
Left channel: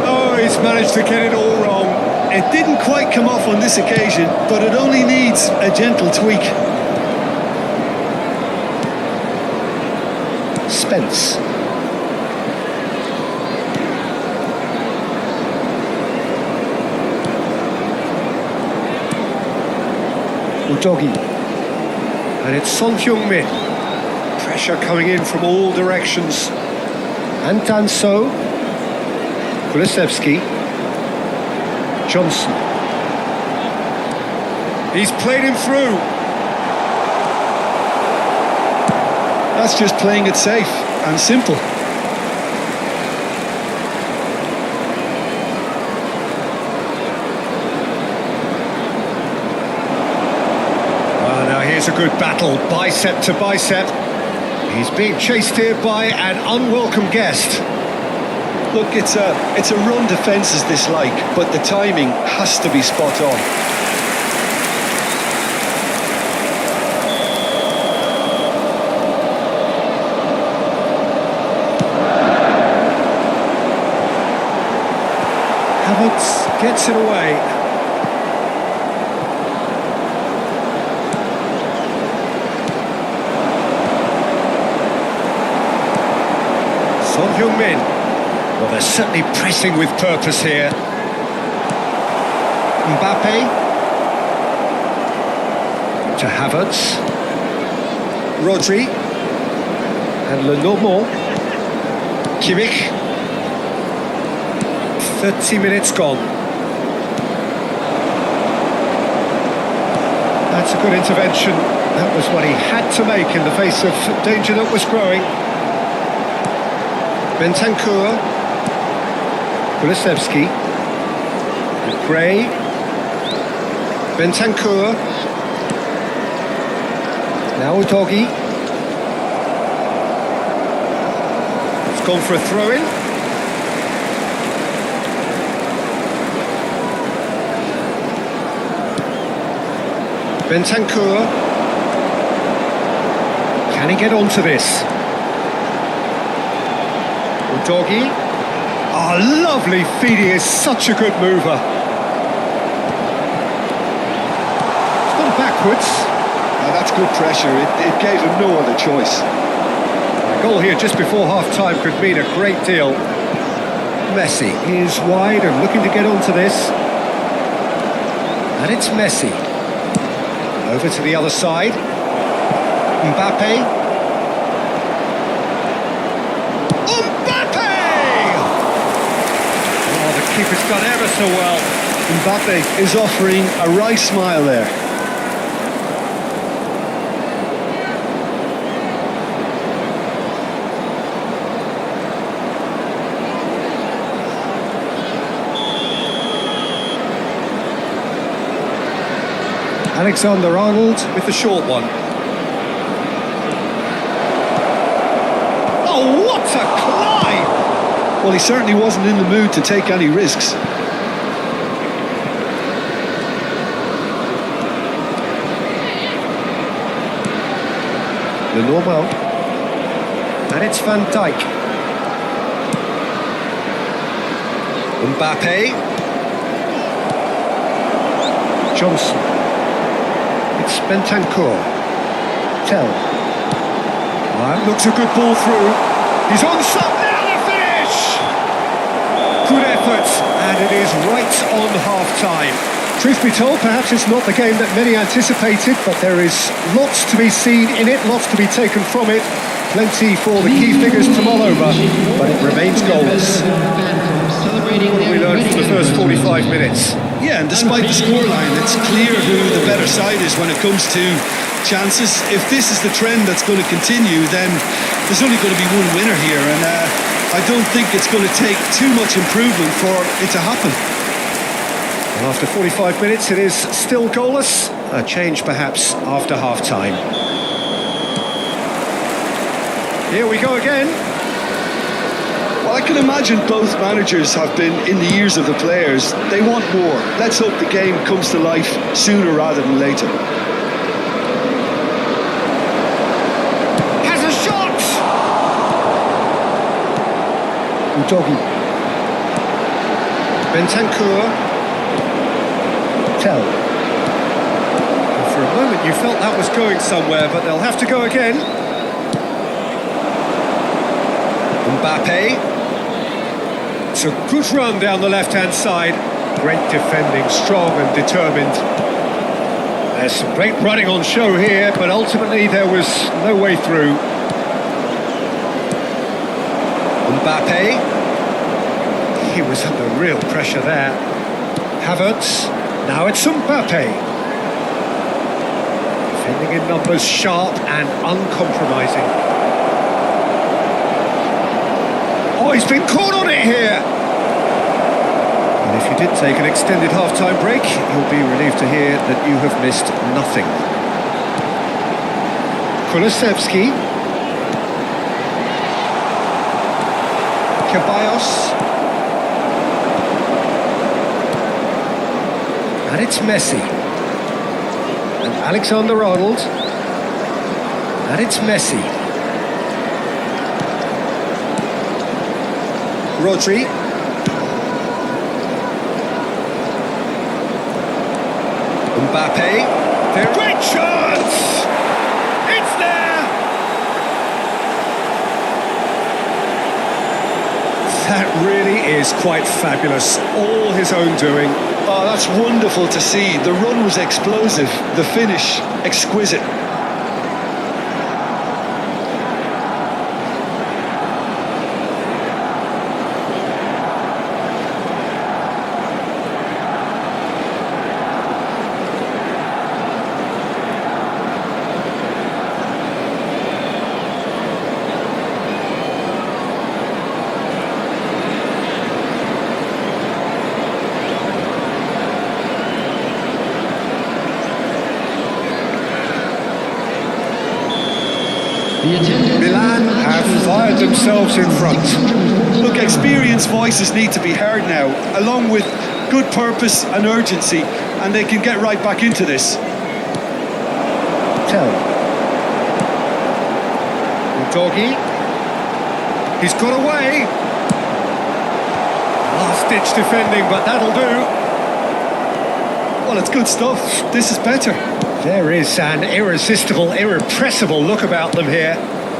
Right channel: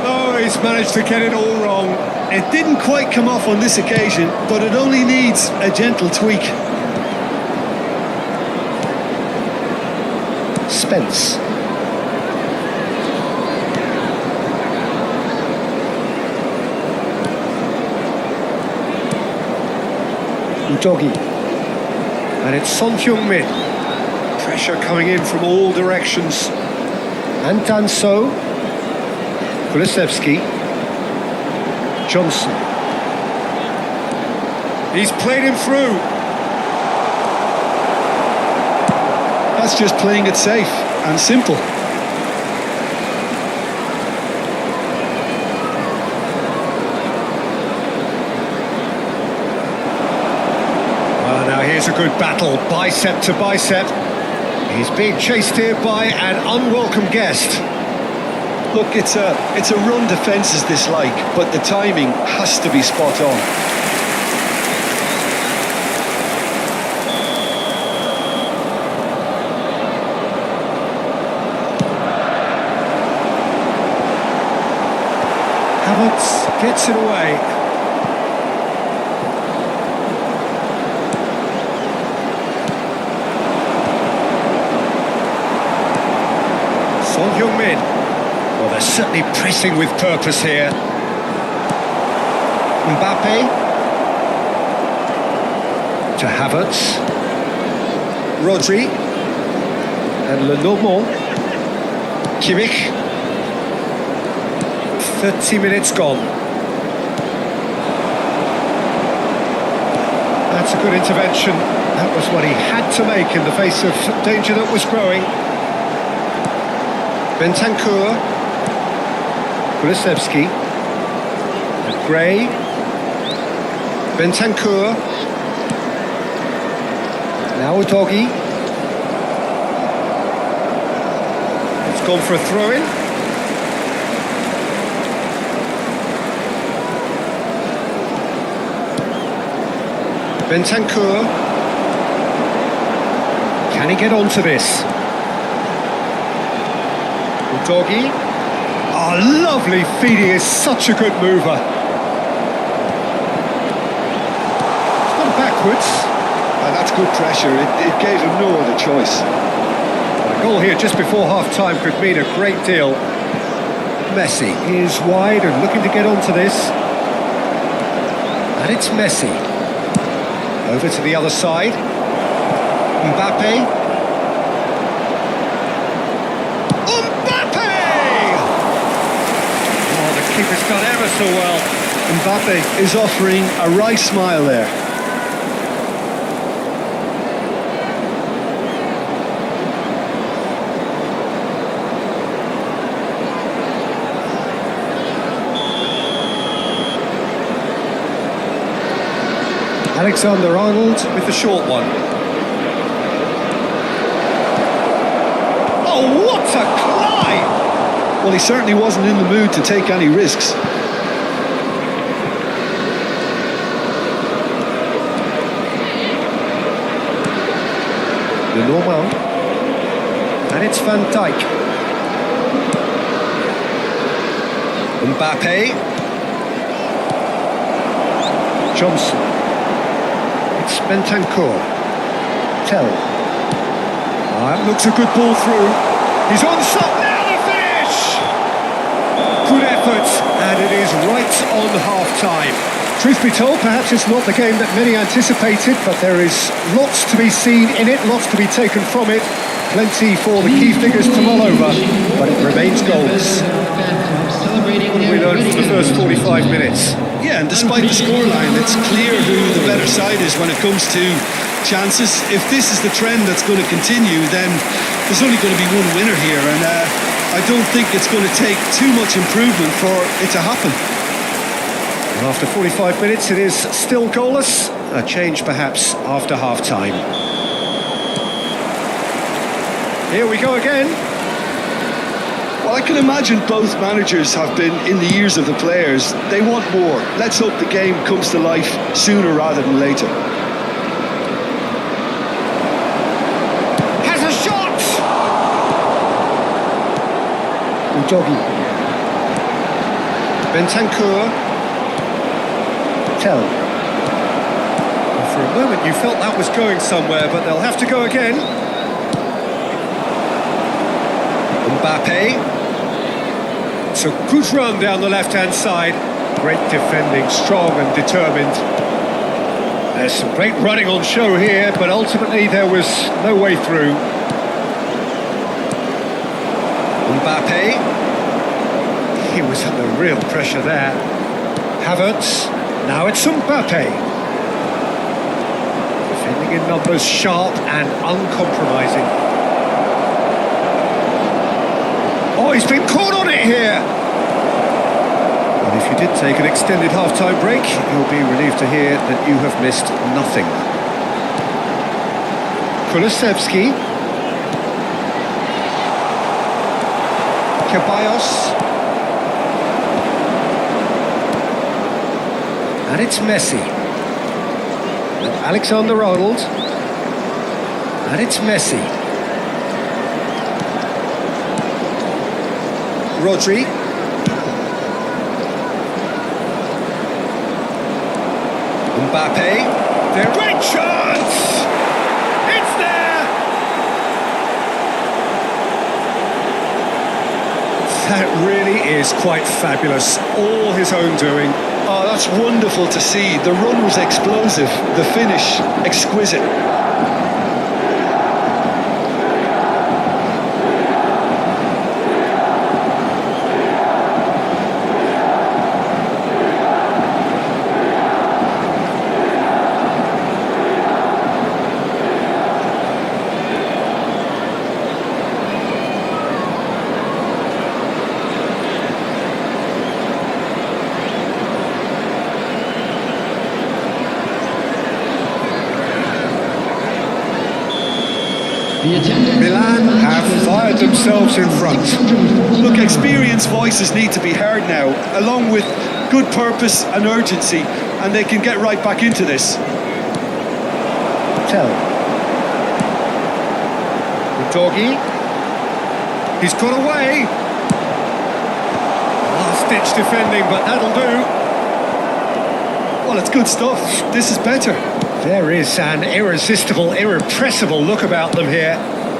Oh, he's managed to get it all wrong. It didn't quite come off on this occasion, but it only needs a gentle tweak. Spence. Udogi. And it's Son Heung-min. Pressure coming in from all directions. And Danso. Kulusevski. Johnson. He's played him through. That's just playing it safe and simple. Well, now here's a good battle, bicep to bicep. He's being chased here by an unwelcome guest. Look, it's a run defence is dislike, but the timing has to be spot on. Havertz gets it away. Son Heung-min. Well, they're certainly pressing with purpose here. Mbappe. To Havertz. Rodri. And Lenormand. Kimmich. 30 minutes gone. That's a good intervention. That was what he had to make in the face of danger that was growing. Bentancur. Kulusevski. And Gray. Bentancur. Now Udogi. It's gone for a throw-in. Bentancur. Can he get onto this? Udogi. Oh, lovely feed. He is such a good mover. It's gone backwards. That's good pressure. It gave him no other choice. And a goal here just before half-time could mean a great deal. Messi is wide and looking to get onto this. And it's Messi. Over to the other side. Mbappe. Oh, Oh, the keeper's done ever so well. Mbappe is offering a wry smile there. Alexander-Arnold with the short one. Oh, what a climb! Well, he certainly wasn't in the mood to take any risks. Le Normand. And it's Van Dijk. Mbappe. Johnson. It's Bentancur. Tell. That looks a good ball through. He's on top now, the finish! Good effort, and it is right on half-time. Truth be told, perhaps it's not the game that many anticipated, but there is lots to be seen in it, lots to be taken from it. Plenty for the key figures to mull over, but it remains goalless. What have we learned from the first 45 minutes? Yeah, and despite the scoreline, it's clear who the better side is when it comes to chances. If this is the trend that's going to continue, then there's only going to be one winner here, and I don't think it's going to take too much improvement for it to happen. Well, after 45 minutes, it is still goalless. A change perhaps after half-time. Here we go again. Well, I can imagine both managers have been in the ears of the players. They want more. Let's hope the game comes to life sooner rather than later. Has a shot! Udogi. Bentancur. Tell. For a moment you felt that was going somewhere, but they'll have to go again. Mbappe. It's a good run down the left-hand side. Great defending, strong and determined. There's some great running on show here, but ultimately there was no way through. Mbappe. He was under real pressure there. Havertz. Now it's Mbappe. Defending in numbers, sharp and uncompromising. Oh, he's been caught on it here! And if you did take an extended half-time break, you'll be relieved to hear that you have missed nothing. Kulusevski. Ceballos. And it's Messi. And Alexander-Arnold. And it's Messi. Rodri. Mbappe. There. Great chance! It's there! That really is quite fabulous. All his own doing. Oh, that's wonderful to see. The run was explosive, the finish exquisite. Milan have fired themselves in front. Look, experienced voices need to be heard now, along with good purpose and urgency, and they can get right back into this. Tell. Udogi. He's got away. Last-ditch defending, but that'll do. Well, it's good stuff. This is better. There is an irresistible, irrepressible look about them here.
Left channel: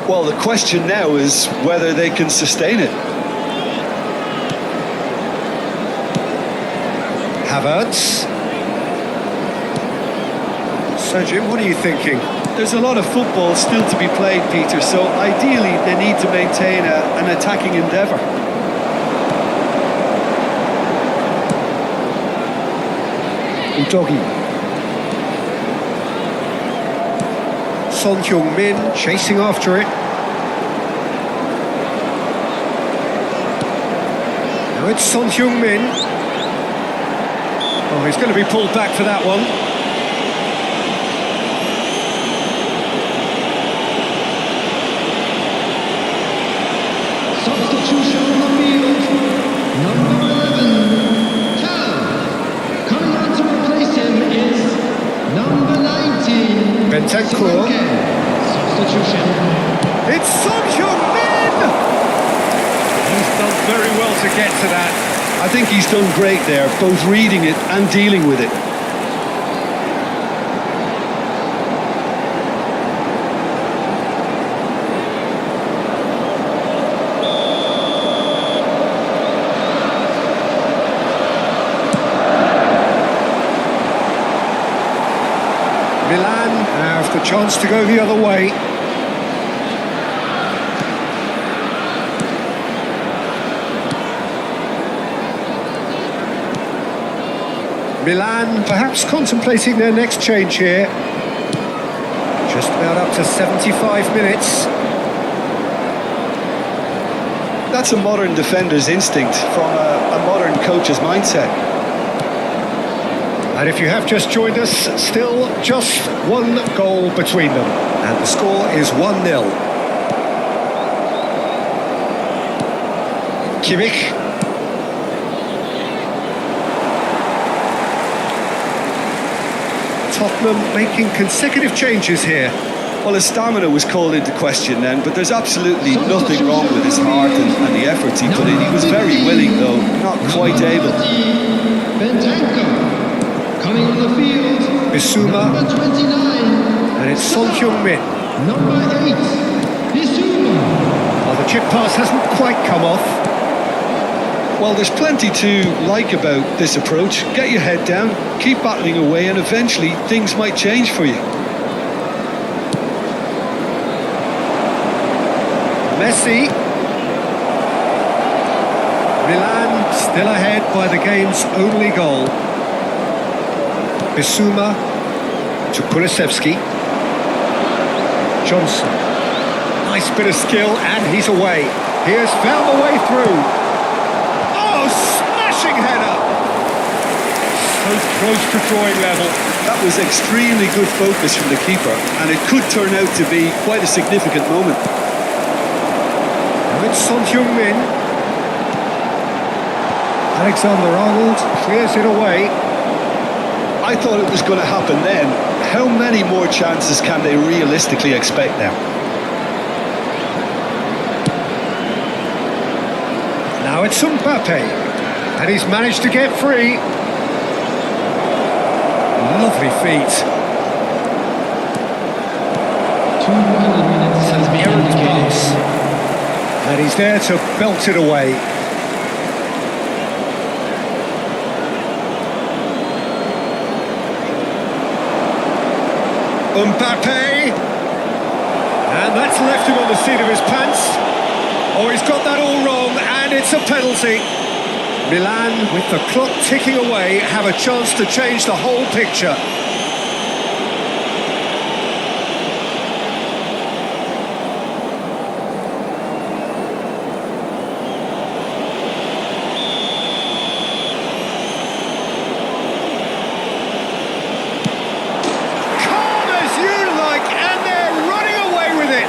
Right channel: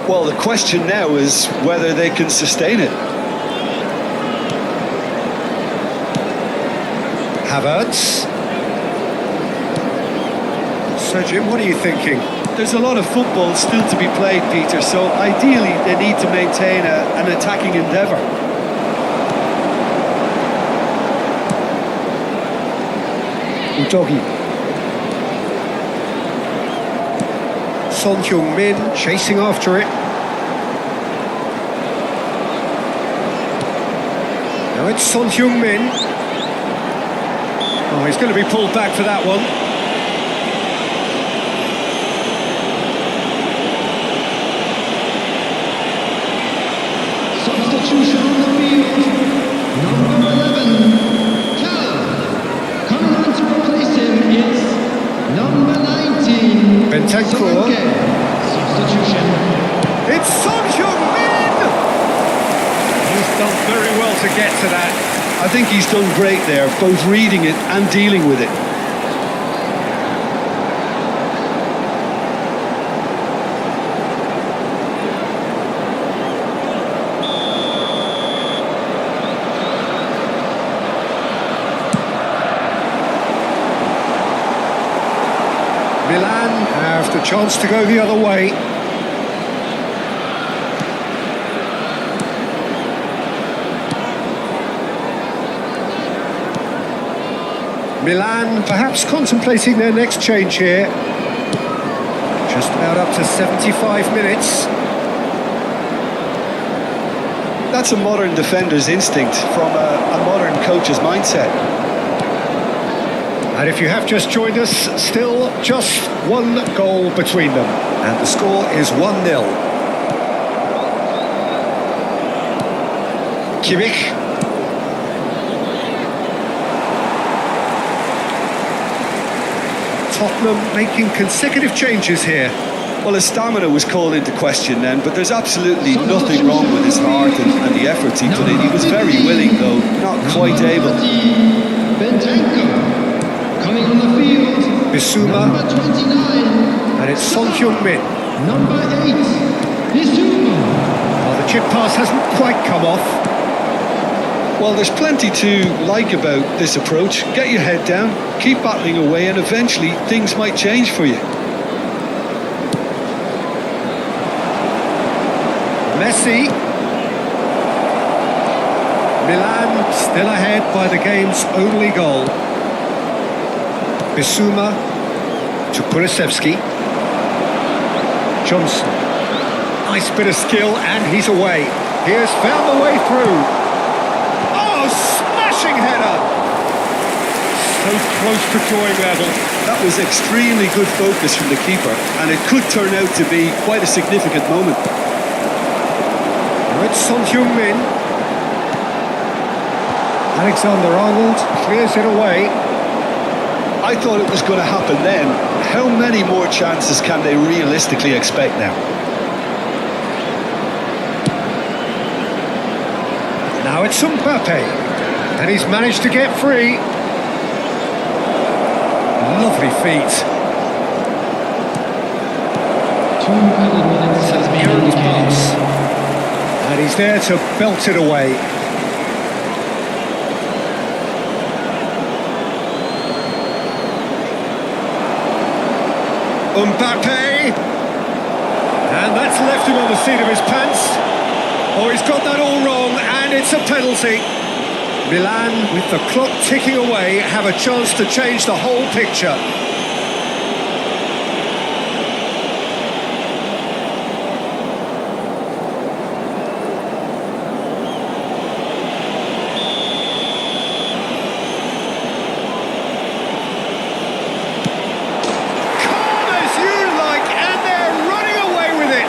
Well, the question now is whether they can sustain it. Havertz. So, Jim, what are you thinking? There's a lot of football still to be played, Peter, so ideally they need to maintain an attacking endeavour. Udogi. Son Heung-min chasing after it. Now it's Son Heung-min. Oh, he's going to be pulled back for that one. Substitution on the field, number 11, Cal. Coming on to replace him is number 19, Bentancur. Solanke. Substitution. It's Son Heung-min! He's done very well to get to that. I think he's done great there, both reading it and dealing with it. Milan have the chance to go the other way. Milan perhaps contemplating their next change here. Just about up to 75 minutes. That's a modern defender's instinct from a modern coach's mindset. And if you have just joined us, still just one goal between them. And the score is 1-0. Kimmich. Tottenham making consecutive changes here. Well, his stamina was called into question then, but there's absolutely nothing wrong with his heart and the efforts he put in. He was very willing, though, not quite able. Bentancur. Coming on the field, Bissouma. number 29, And it's Son Heung-min. number 8, Bissouma. Oh, the chip pass hasn't quite come off. Well, there's plenty to like about this approach. Get your head down, keep battling away, and eventually things might change for you. Messi. Milan still ahead by the game's only goal. Bissouma to Kulusevski. Johnson. Nice bit of skill, and he's away. He has found the way through. Oh, smashing header! So close to drawing level. That was extremely good focus from the keeper, and it could turn out to be quite a significant moment. Now it's Son Heung-min. Alexander-Arnold clears it away. I thought it was going to happen then. How many more chances can they realistically expect now? Now it's Mbappe, and he's managed to get free. Lovely feet. 2 added minutes has been Errant indicated. pass. And he's there to belt it away. Mbappe. And that's left him on the seat of his pants. Oh, he's got that all wrong, and it's a penalty. Milan, with the clock ticking away, have a chance to change the whole picture. Calm as you like, and they're running away with it.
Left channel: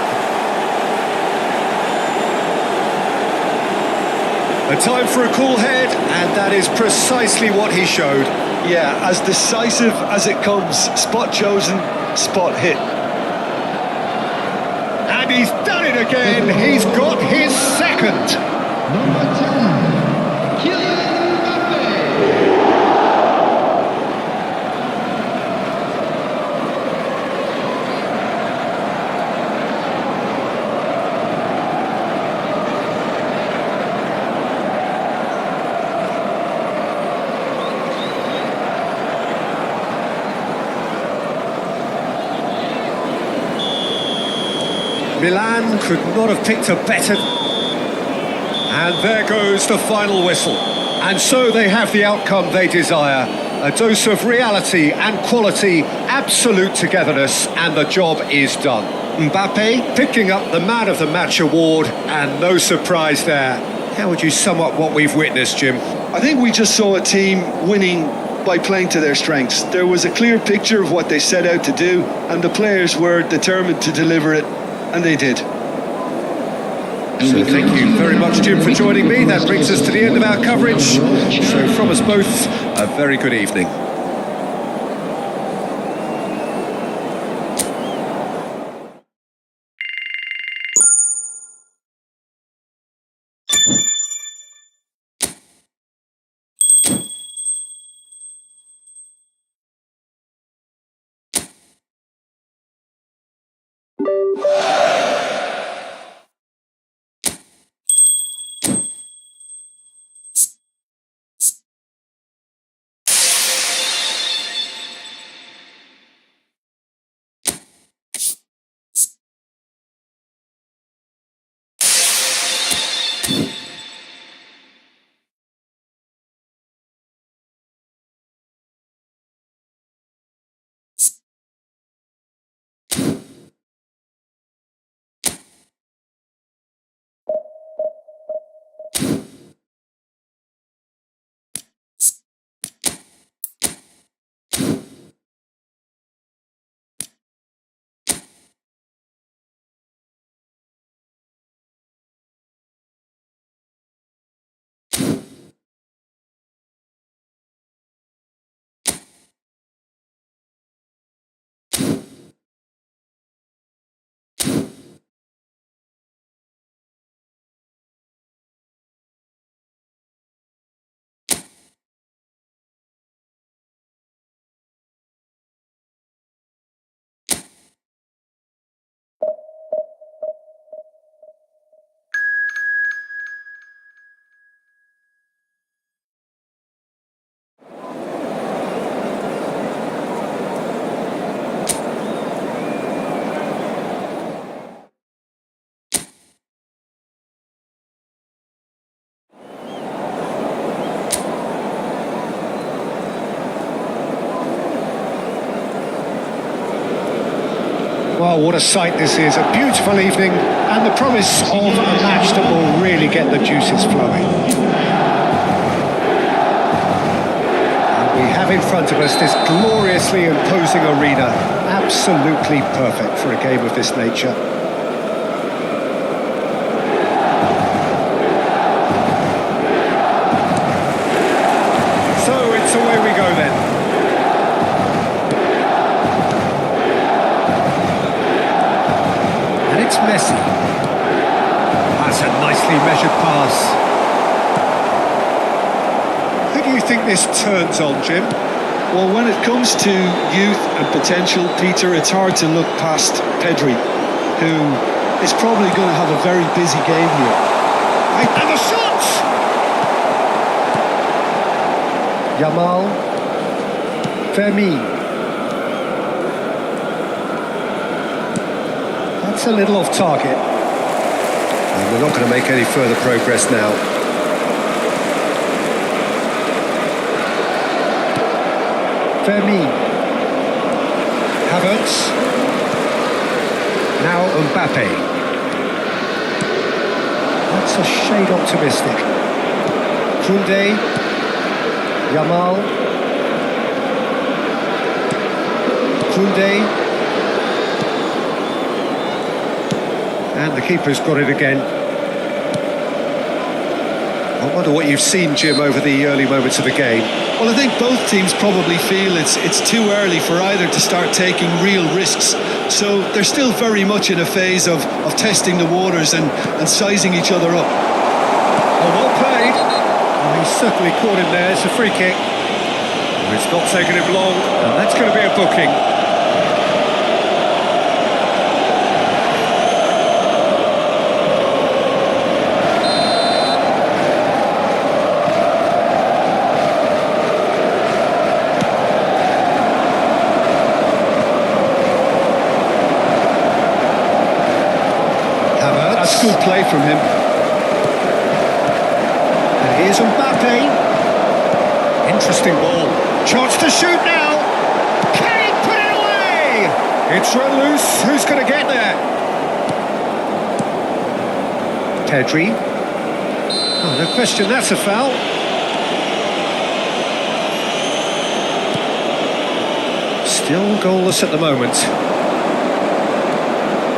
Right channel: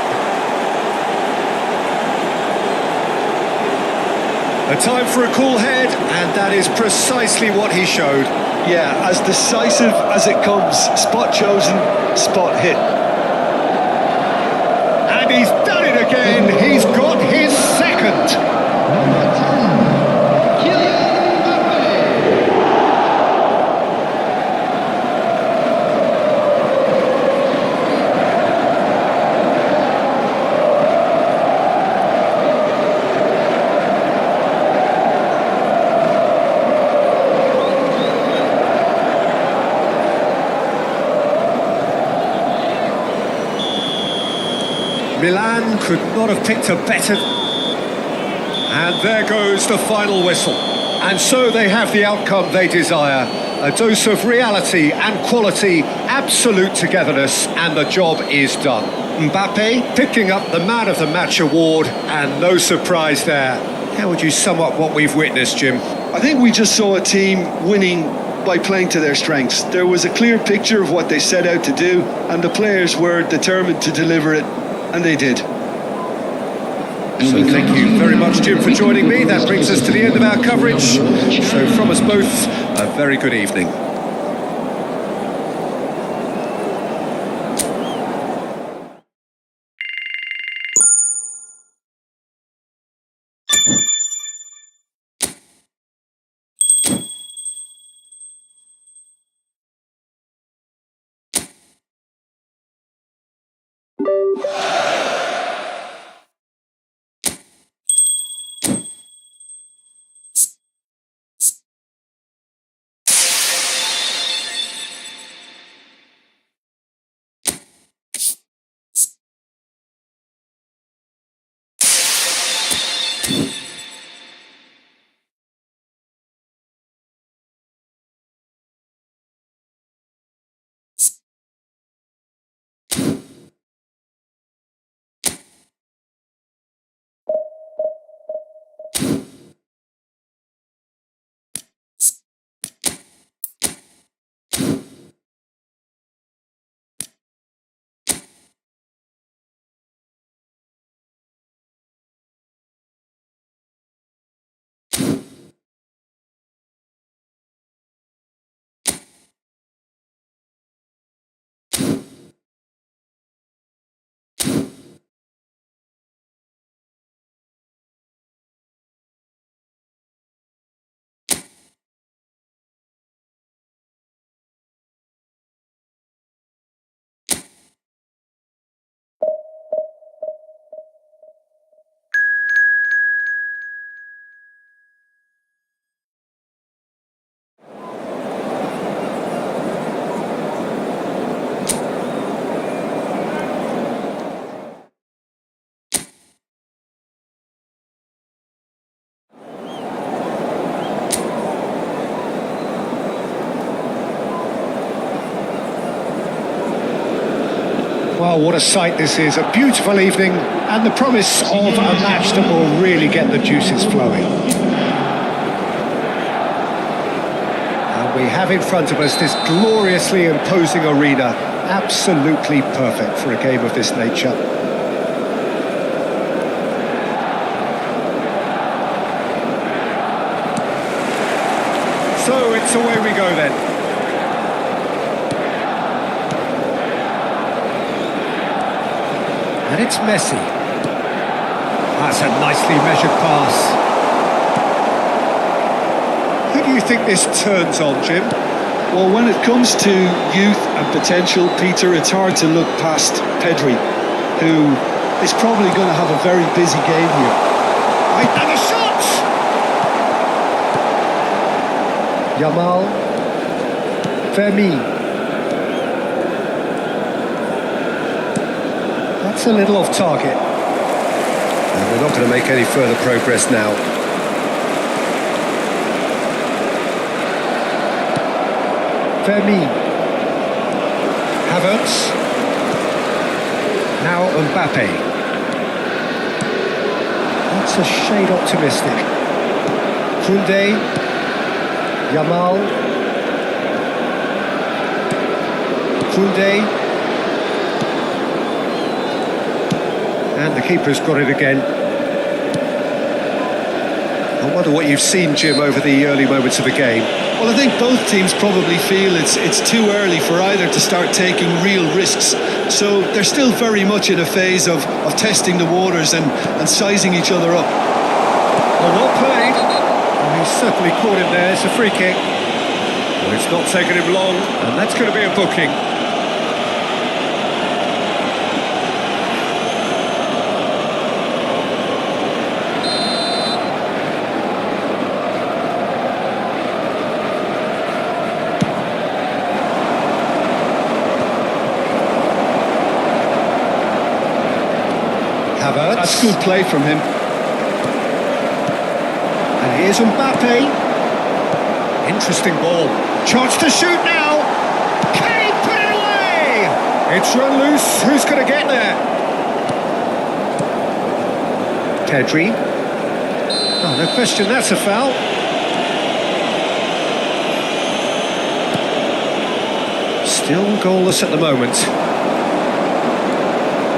A time for a cool head, and that is precisely what he showed. Yeah, as decisive as it comes. Spot chosen, spot hit. And he's done it again. He's got his second. Number 10, Kylian Mbappe. Milan could not have picked a better... And there goes the final whistle. And so they have the outcome they desire. A dose of reality and quality, absolute togetherness, and the job is done. Mbappe picking up the Man of the Match award, and no surprise there. How would you sum up what we've witnessed, Jim? I think we just saw a team winning by playing to their strengths. There was a clear picture of what they set out to do, and the players were determined to deliver it, and they did. So thank you very much, Jim, for joining me. That brings us to the end of our coverage. So from us both, a very good evening. Well, what a sight this is. A beautiful evening and the promise of a match that will really get the juices flowing. And we have in front of us this gloriously imposing arena. Absolutely perfect for a game of this nature. So it's away we go then. And it's Messi. That's a nicely measured pass. Who do you think this turns on, Jim? Well, when it comes to youth and potential, Peter, it's hard to look past Pedri, who is probably going to have a very busy game here. And the shot! Yamal. Fermin. That's a little off target. And we're not going to make any further progress now. Fermin. Havertz. Now Mbappe. That's a shade optimistic. Koundé. Yamal. Koundé. And the keeper's got it again. I wonder what you've seen, Jim, over the early moments of the game. Well, I think both teams probably feel it's too early for either to start taking real risks. So they're still very much in a phase of testing the waters and sizing each other up. Oh, well played. Well, he's certainly caught him there. It's a free kick. Well, it's not taken him long, and that's going to be a booking. Havertz. That's good play from him. And here's Mbappe. Interesting ball. Chance to shoot now. Can he put it away? It's run loose. Who's going to get there? Pedri. Oh, no question, that's a foul. Still goalless at the moment.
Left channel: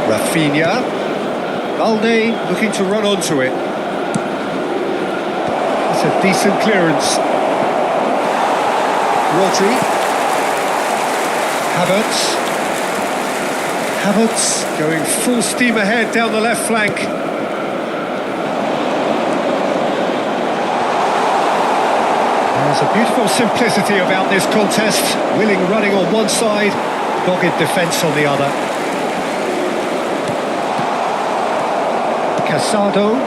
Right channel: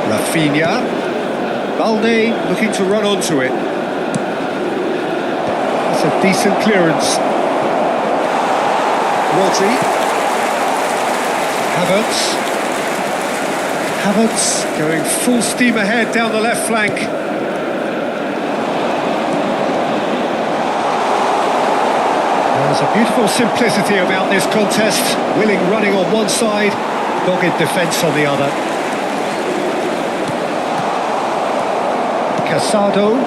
Rafinha. Balde looking to run onto it. That's a decent clearance. Rodri. Havertz going full steam ahead down the left flank. There's a beautiful simplicity about this contest. Willing running on one side, dogged defence on the other. Casado.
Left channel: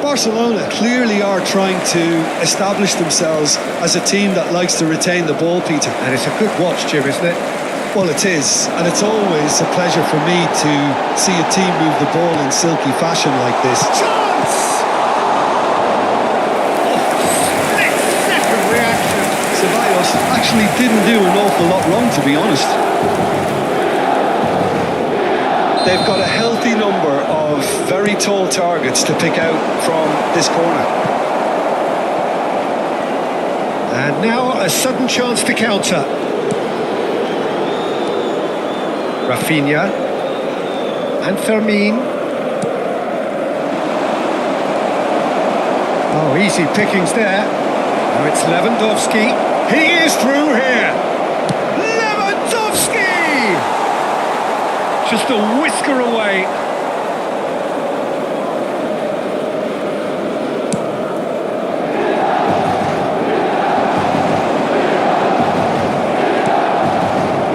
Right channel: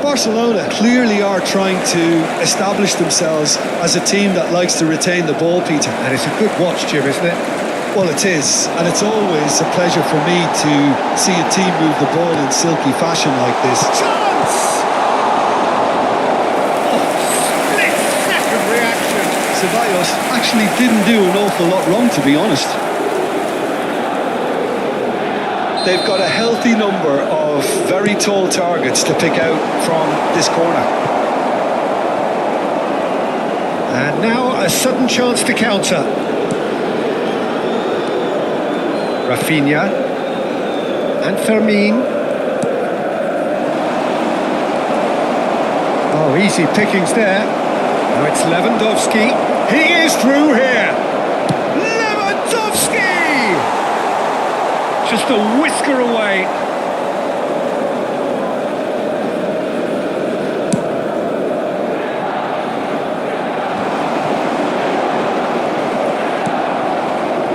Barcelona clearly are trying to establish themselves as a team that likes to retain the ball, Peter. And it's a good watch, Jim, isn't it? Well, it is, and it's always a pleasure for me to see a team move the ball in silky fashion like this. Chance! Oh, split-second reaction. Ceballos actually didn't do an awful lot wrong, to be honest. They've got a healthy number of very tall targets to pick out from this corner. And now a sudden chance to counter. Rafinha and Fermin. Oh, easy pickings there. Now it's Lewandowski. He is through here. Lewandowski! Just a whisker away.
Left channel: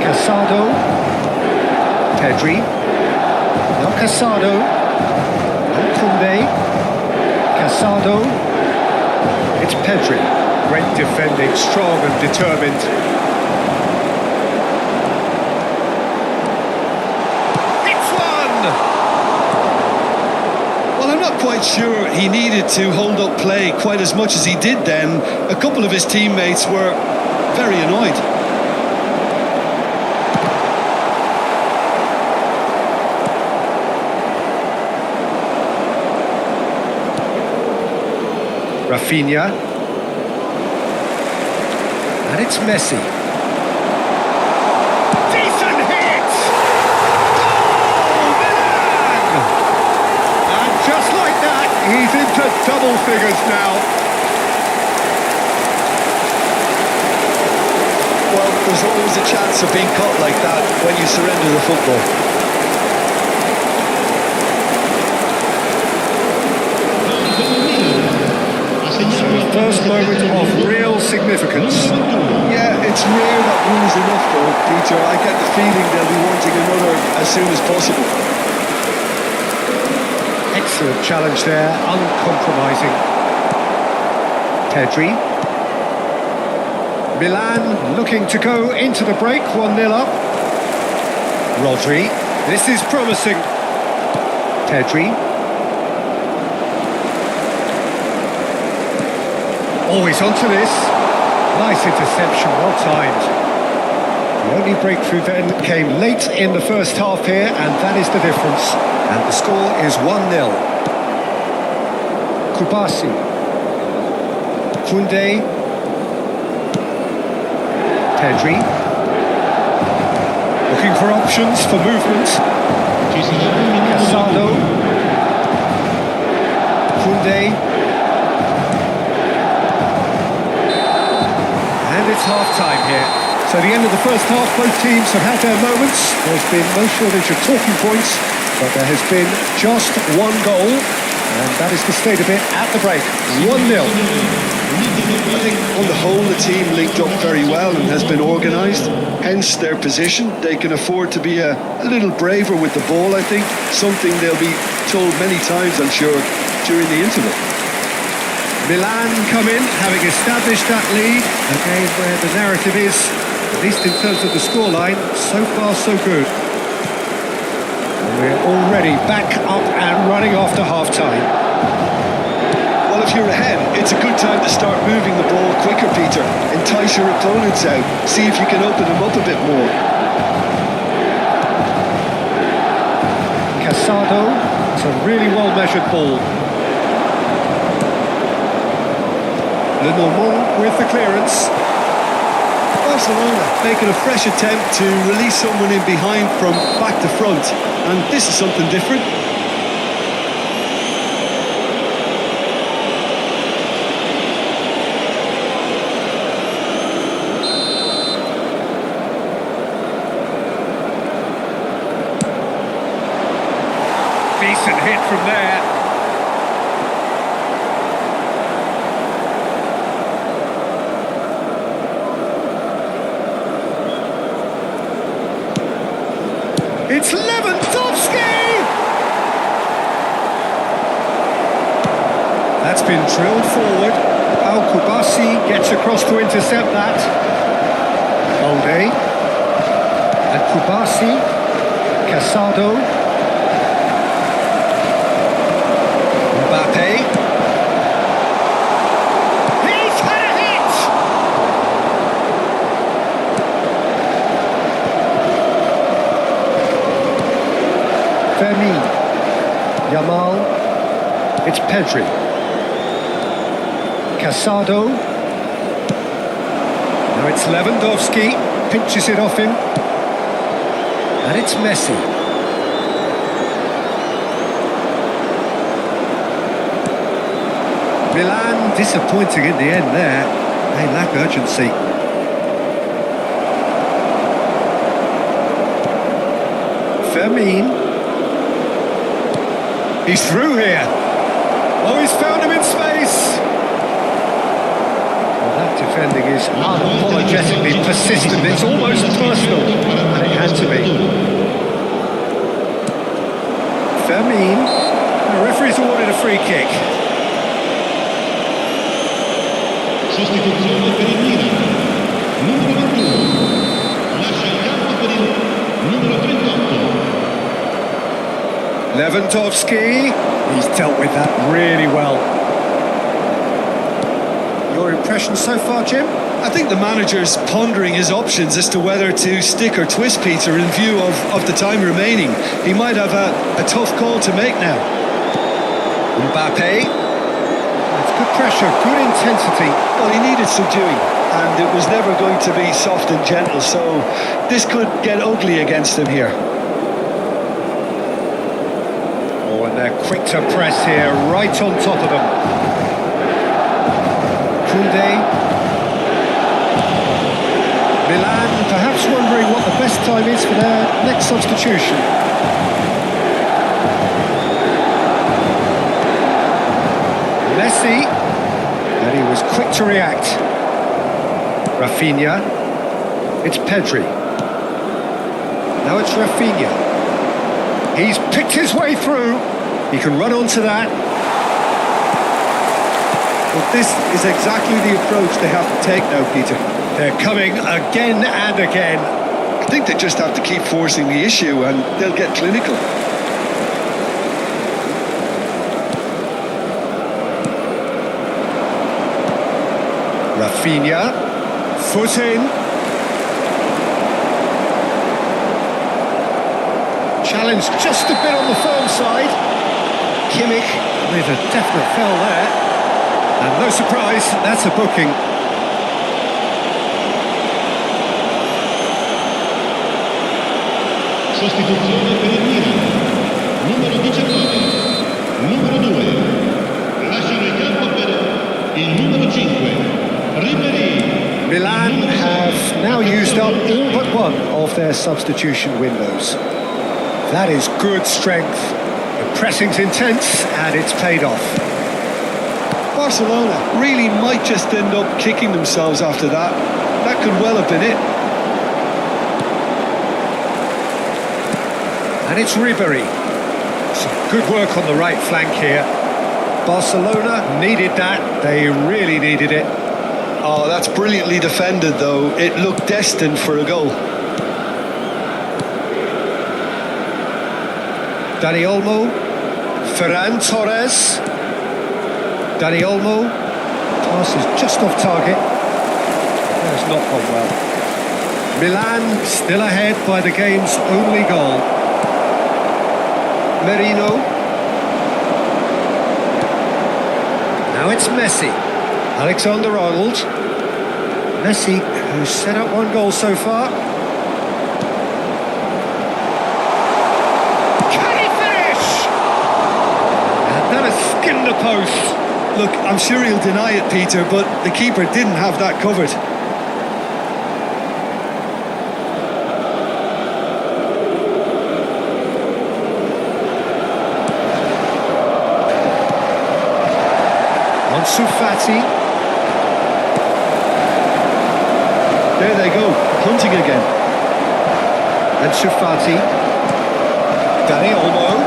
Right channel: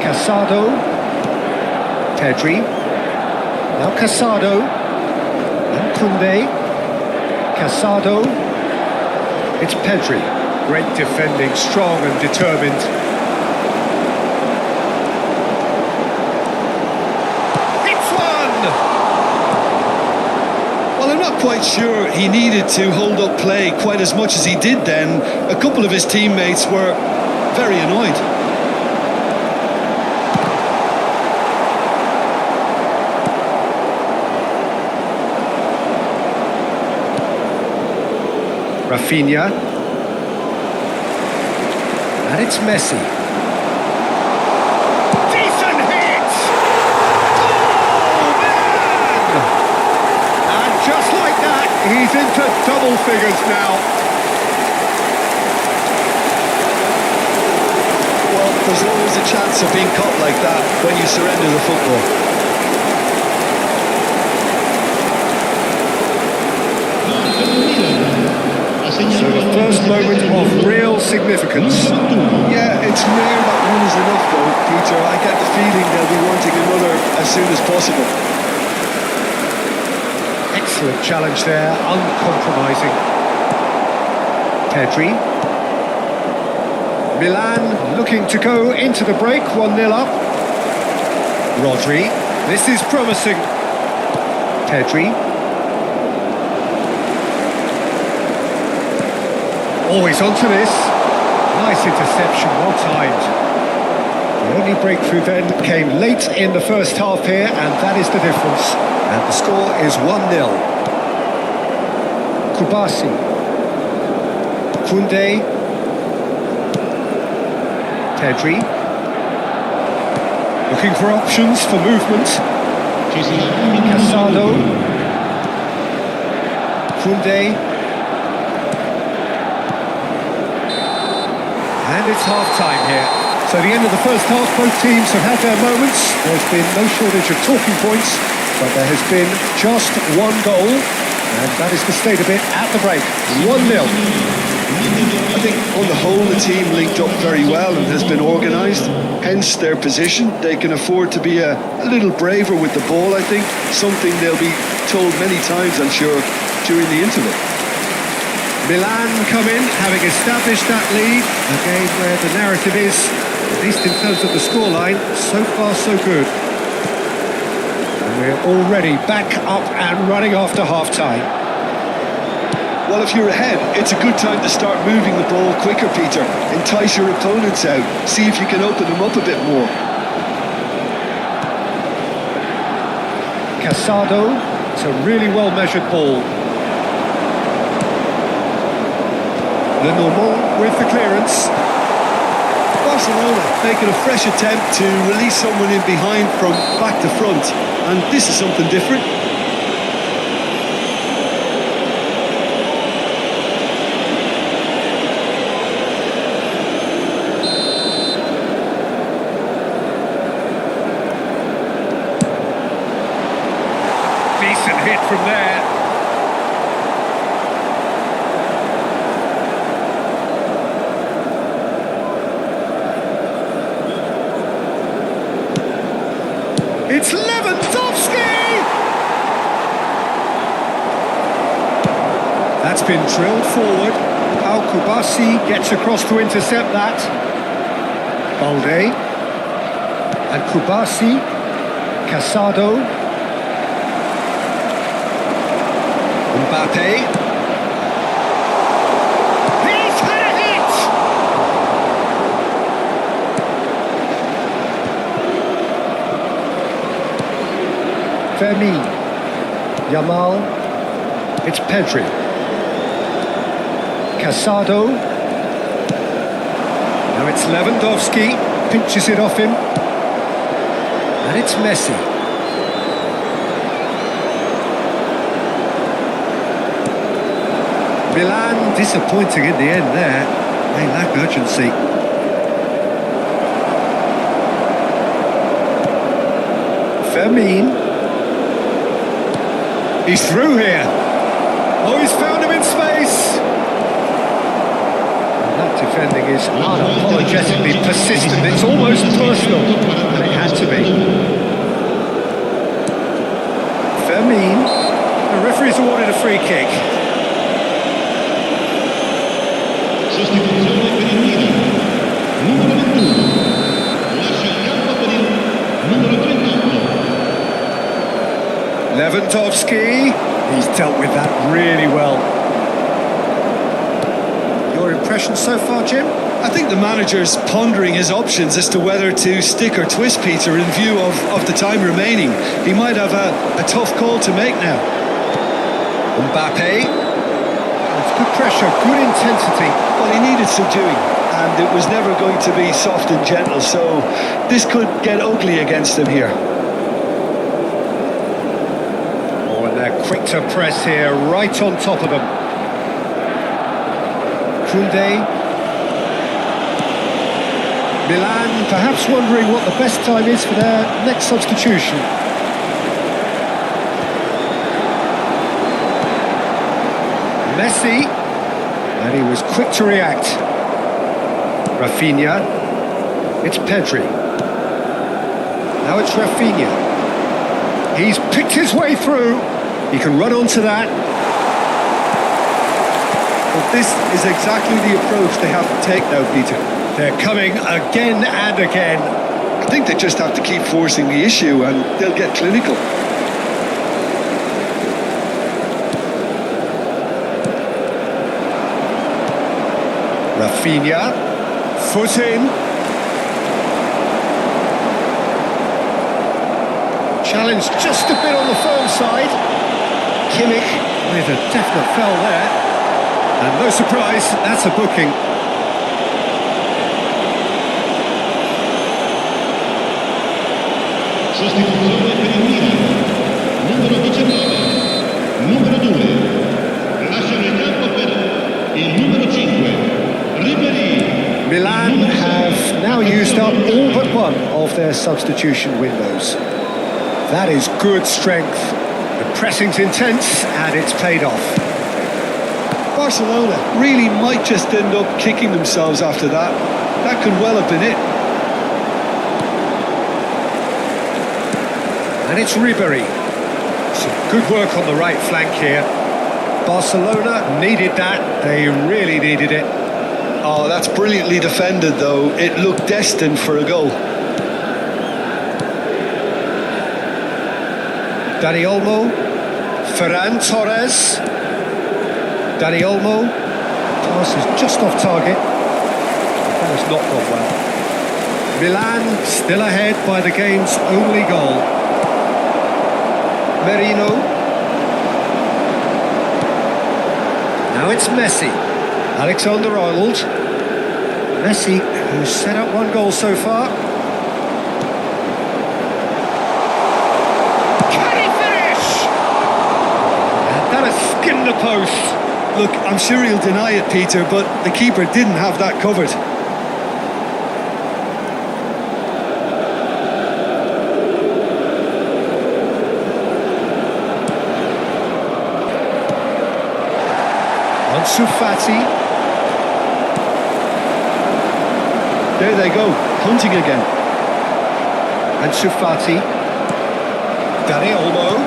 Casado. Pedri. Now Casado. And Koundé. Casado. It's Pedri. Great defending, strong and determined. Well, I'm not quite sure he needed to hold up play quite as much as he did then. A couple of his teammates were very annoyed. Rafinha. And it's Messi. Decent hit! Goal! Milan! And just like that, he's into double figures now. Well, there's always a chance of being cut like that when you surrender the football. So the first moment of real significance. Yeah, it's rare that one is enough though, Peter. I get the feeling they'll be wanting another as soon as possible. Excellent challenge there, uncompromising. Pedri. Milan looking to go into the break, 1-0 up. Rodri. This is promising. Pedri. Always onto this. Nice interception, well timed. The only breakthrough then came late in the first half here, and that is the difference. And the score is 1-0. Kubasi. Koundé. Pedri. Looking for options for movement. Casado. Koundé. And it's half-time here. So the end of the first half, both teams have had their moments. There's been no shortage of talking points, but there has been just one goal, and that is the state of it at the break. 1-0. I think on the whole the team linked up very well and has been organised, hence their position. They can afford to be a little braver with the ball, I think, something they'll be told many times, I'm sure, during the interval. Milan come in, having established that lead, a game where the narrative is, at least in terms of the scoreline, so far so good. And we're already back up and running after half-time. Well, if you're ahead, it's a good time to start moving the ball quicker, Peter. Entice your opponents out. See if you can open them up a bit more. Casado, it's a really well-measured ball. Lenormand with the clearance. Barcelona making a fresh attempt to release someone in behind from back to front. And this is something different. Decent hit from there. It's Lewandowski! That's been drilled forward. Al Kubasi gets across to intercept that. Balde. And Kubasi. Casado. Mbappe. He's had a hit! Fermin. Yamal. It's Pedri. Casado. Now it's Lewandowski. Pinches it off him. And it's Messi. Milan disappointing in the end there. They lack urgency. Fermin. He's through here. Oh, he's found him in space. Well, that defending is unapologetically persistent. It's almost personal, and it had to be. Fermin. The referee's awarded a free kick. Sostituzione per il Milan, numero 21, lascia il campo per il numero 38. Lewandowski, he's dealt with that really well. Your impression so far, Jim? I think the manager's pondering his options as to whether to stick or twist Peter in view of the time remaining. He might have a tough call to make now. Mbappe. That's good pressure, good intensity. Well, he needed subduing, and it was never going to be soft and gentle, so this could get ugly against him here. Oh, and they're quick to press here, right on top of them. Koundé. Milan perhaps wondering what the best time is for their next substitution. Messi, and he was quick to react. Rafinha, it's Pedri. Now it's Rafinha. He's picked his way through. He can run onto that. Well, this is exactly the approach they have to take now, Peter. They're coming again and again. I think they just have to keep forcing the issue and they'll get clinical. Rafinha, foot in. Challenge just a bit on the firm side. Kimmich with a definite foul there. And no surprise, that's a booking. Sostituzione per il Milan, numero 19, numero 2. Lasciano il campo per il numero 5. Milan have now used up all but one of their substitution windows. That is good strength. The pressing's intense and it's paid off. Barcelona really might just end up kicking themselves after that. That could well have been it. And it's Ribery. Some good work on the right flank here. Barcelona needed that. They really needed it. Oh, that's brilliantly defended, though. It looked destined for a goal. Dani Olmo, Ferran Torres. Dani Olmo. Pass is just off target. That has not gone well. Milan still ahead by the game's only goal. Merino. Now it's Messi. Alexander-Arnold. Messi, who's set up one goal so far. Can he finish? And that has skimmed the post. Look, I'm sure he'll deny it, Peter, but the keeper didn't have that covered. Ansu Fati. There they go, hunting again. Ansu Fati. Dani Olmo.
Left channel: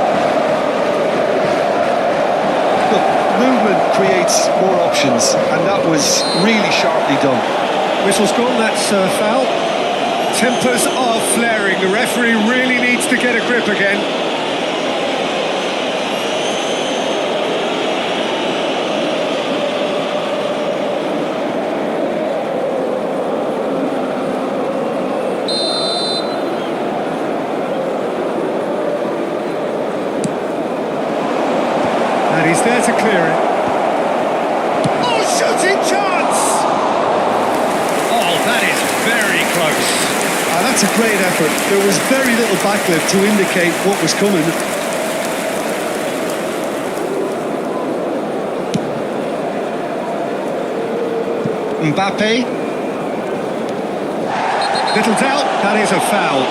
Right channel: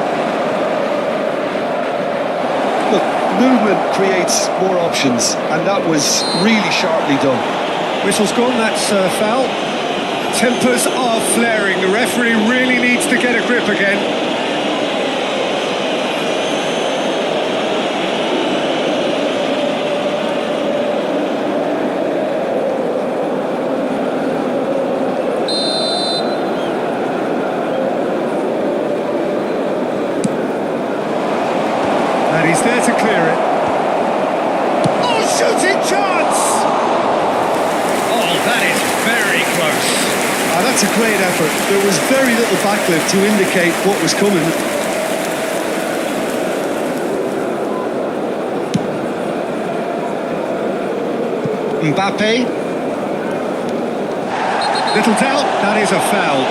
Look, movement creates more options, and that was really sharply done. Whistle's gone, that's a foul. Tempers are flaring. The referee really needs to get a grip again. And he's there to clear it. Oh, shooting chance! Oh, that is very close. Ah, that's a great effort. There was very little backlift to indicate what was coming. Mbappe. Little doubt, that is a foul.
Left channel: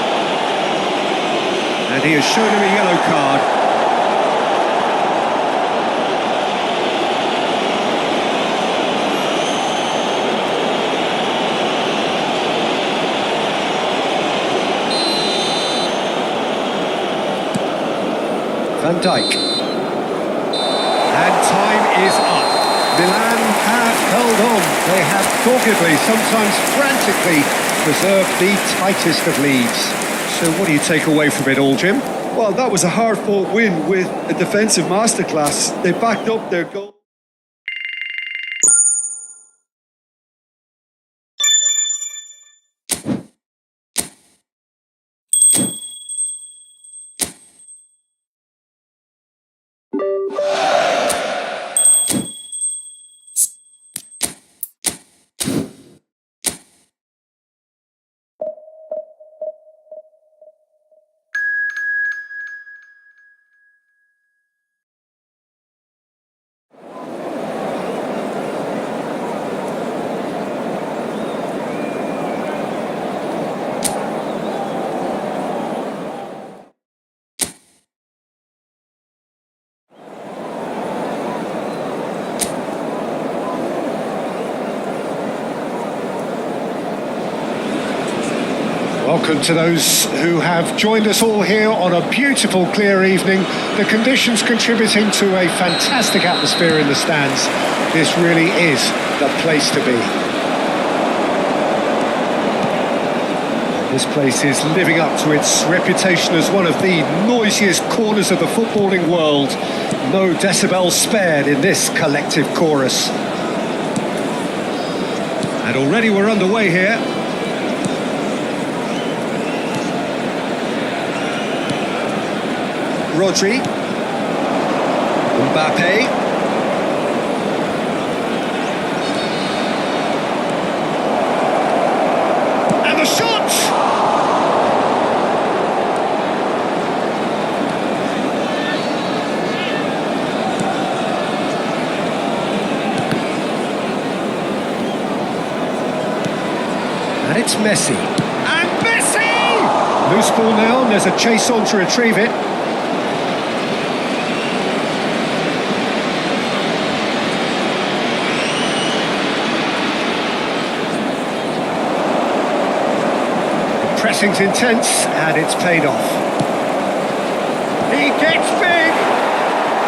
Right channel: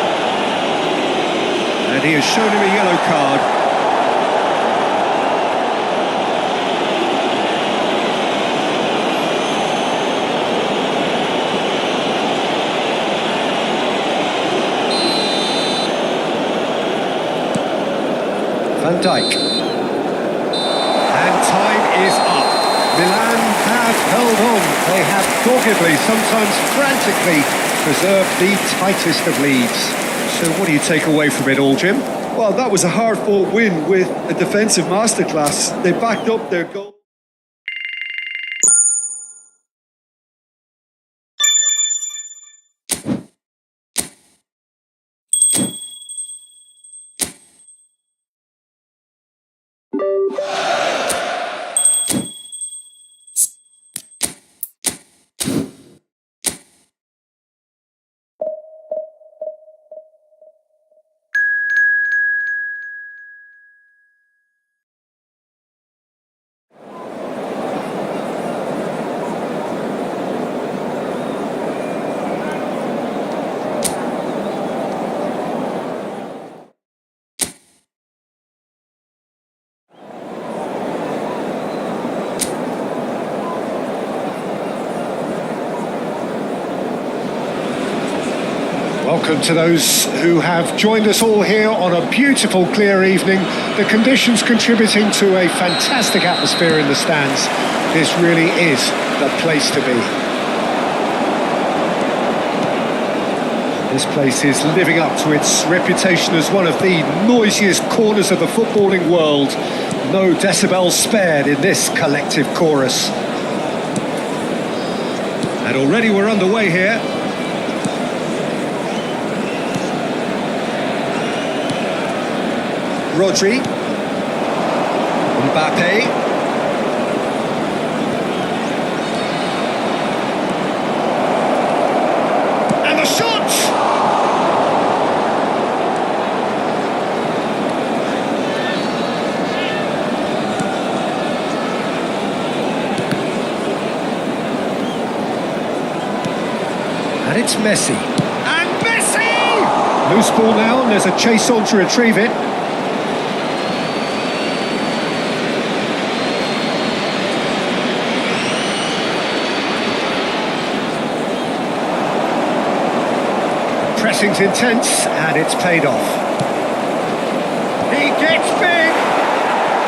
And he has shown him a yellow card. Van Dijk. And time is up. Milan have held on. They have doggedly, sometimes frantically, preserved the tightest of leads. So what do you take away from it all, Jim? Well, that was a hard-fought win with a defensive masterclass. They backed up their goal. Welcome to those who have joined us all here on a beautiful, clear evening. The conditions contributing to a fantastic atmosphere in the stands. This really is the place to be. And this place is living up to its reputation as one of the noisiest corners of the footballing world. No decibels spared in this collective chorus. And already we're underway here. Rodri, Mbappe, and the shot! And it's Messi. And Messi! Loose ball now, and there's a chase on to retrieve it. Pressing's intense, and it's paid off. He gets big!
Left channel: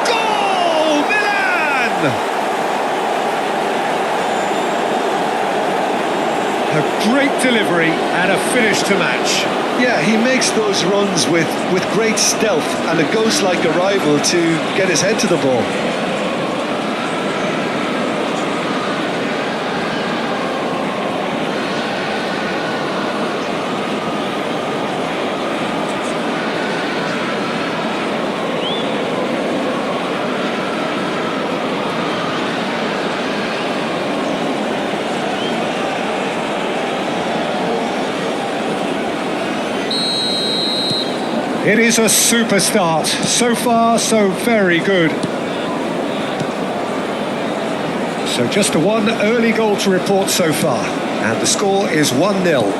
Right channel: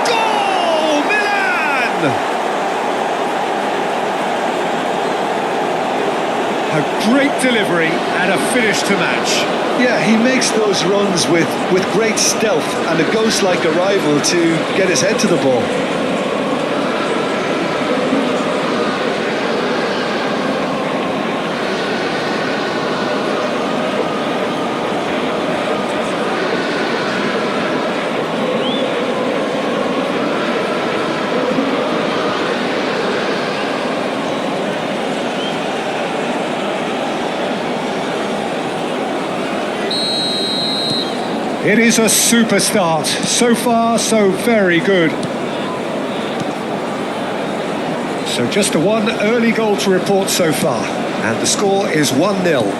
Goal! Milan! A great delivery and a finish to match. Yeah, he makes those runs with great stealth and a ghost-like arrival to get his head to the ball. It is a super start. So far, so very good. So just a one early goal to report so far. And the score is 1-0.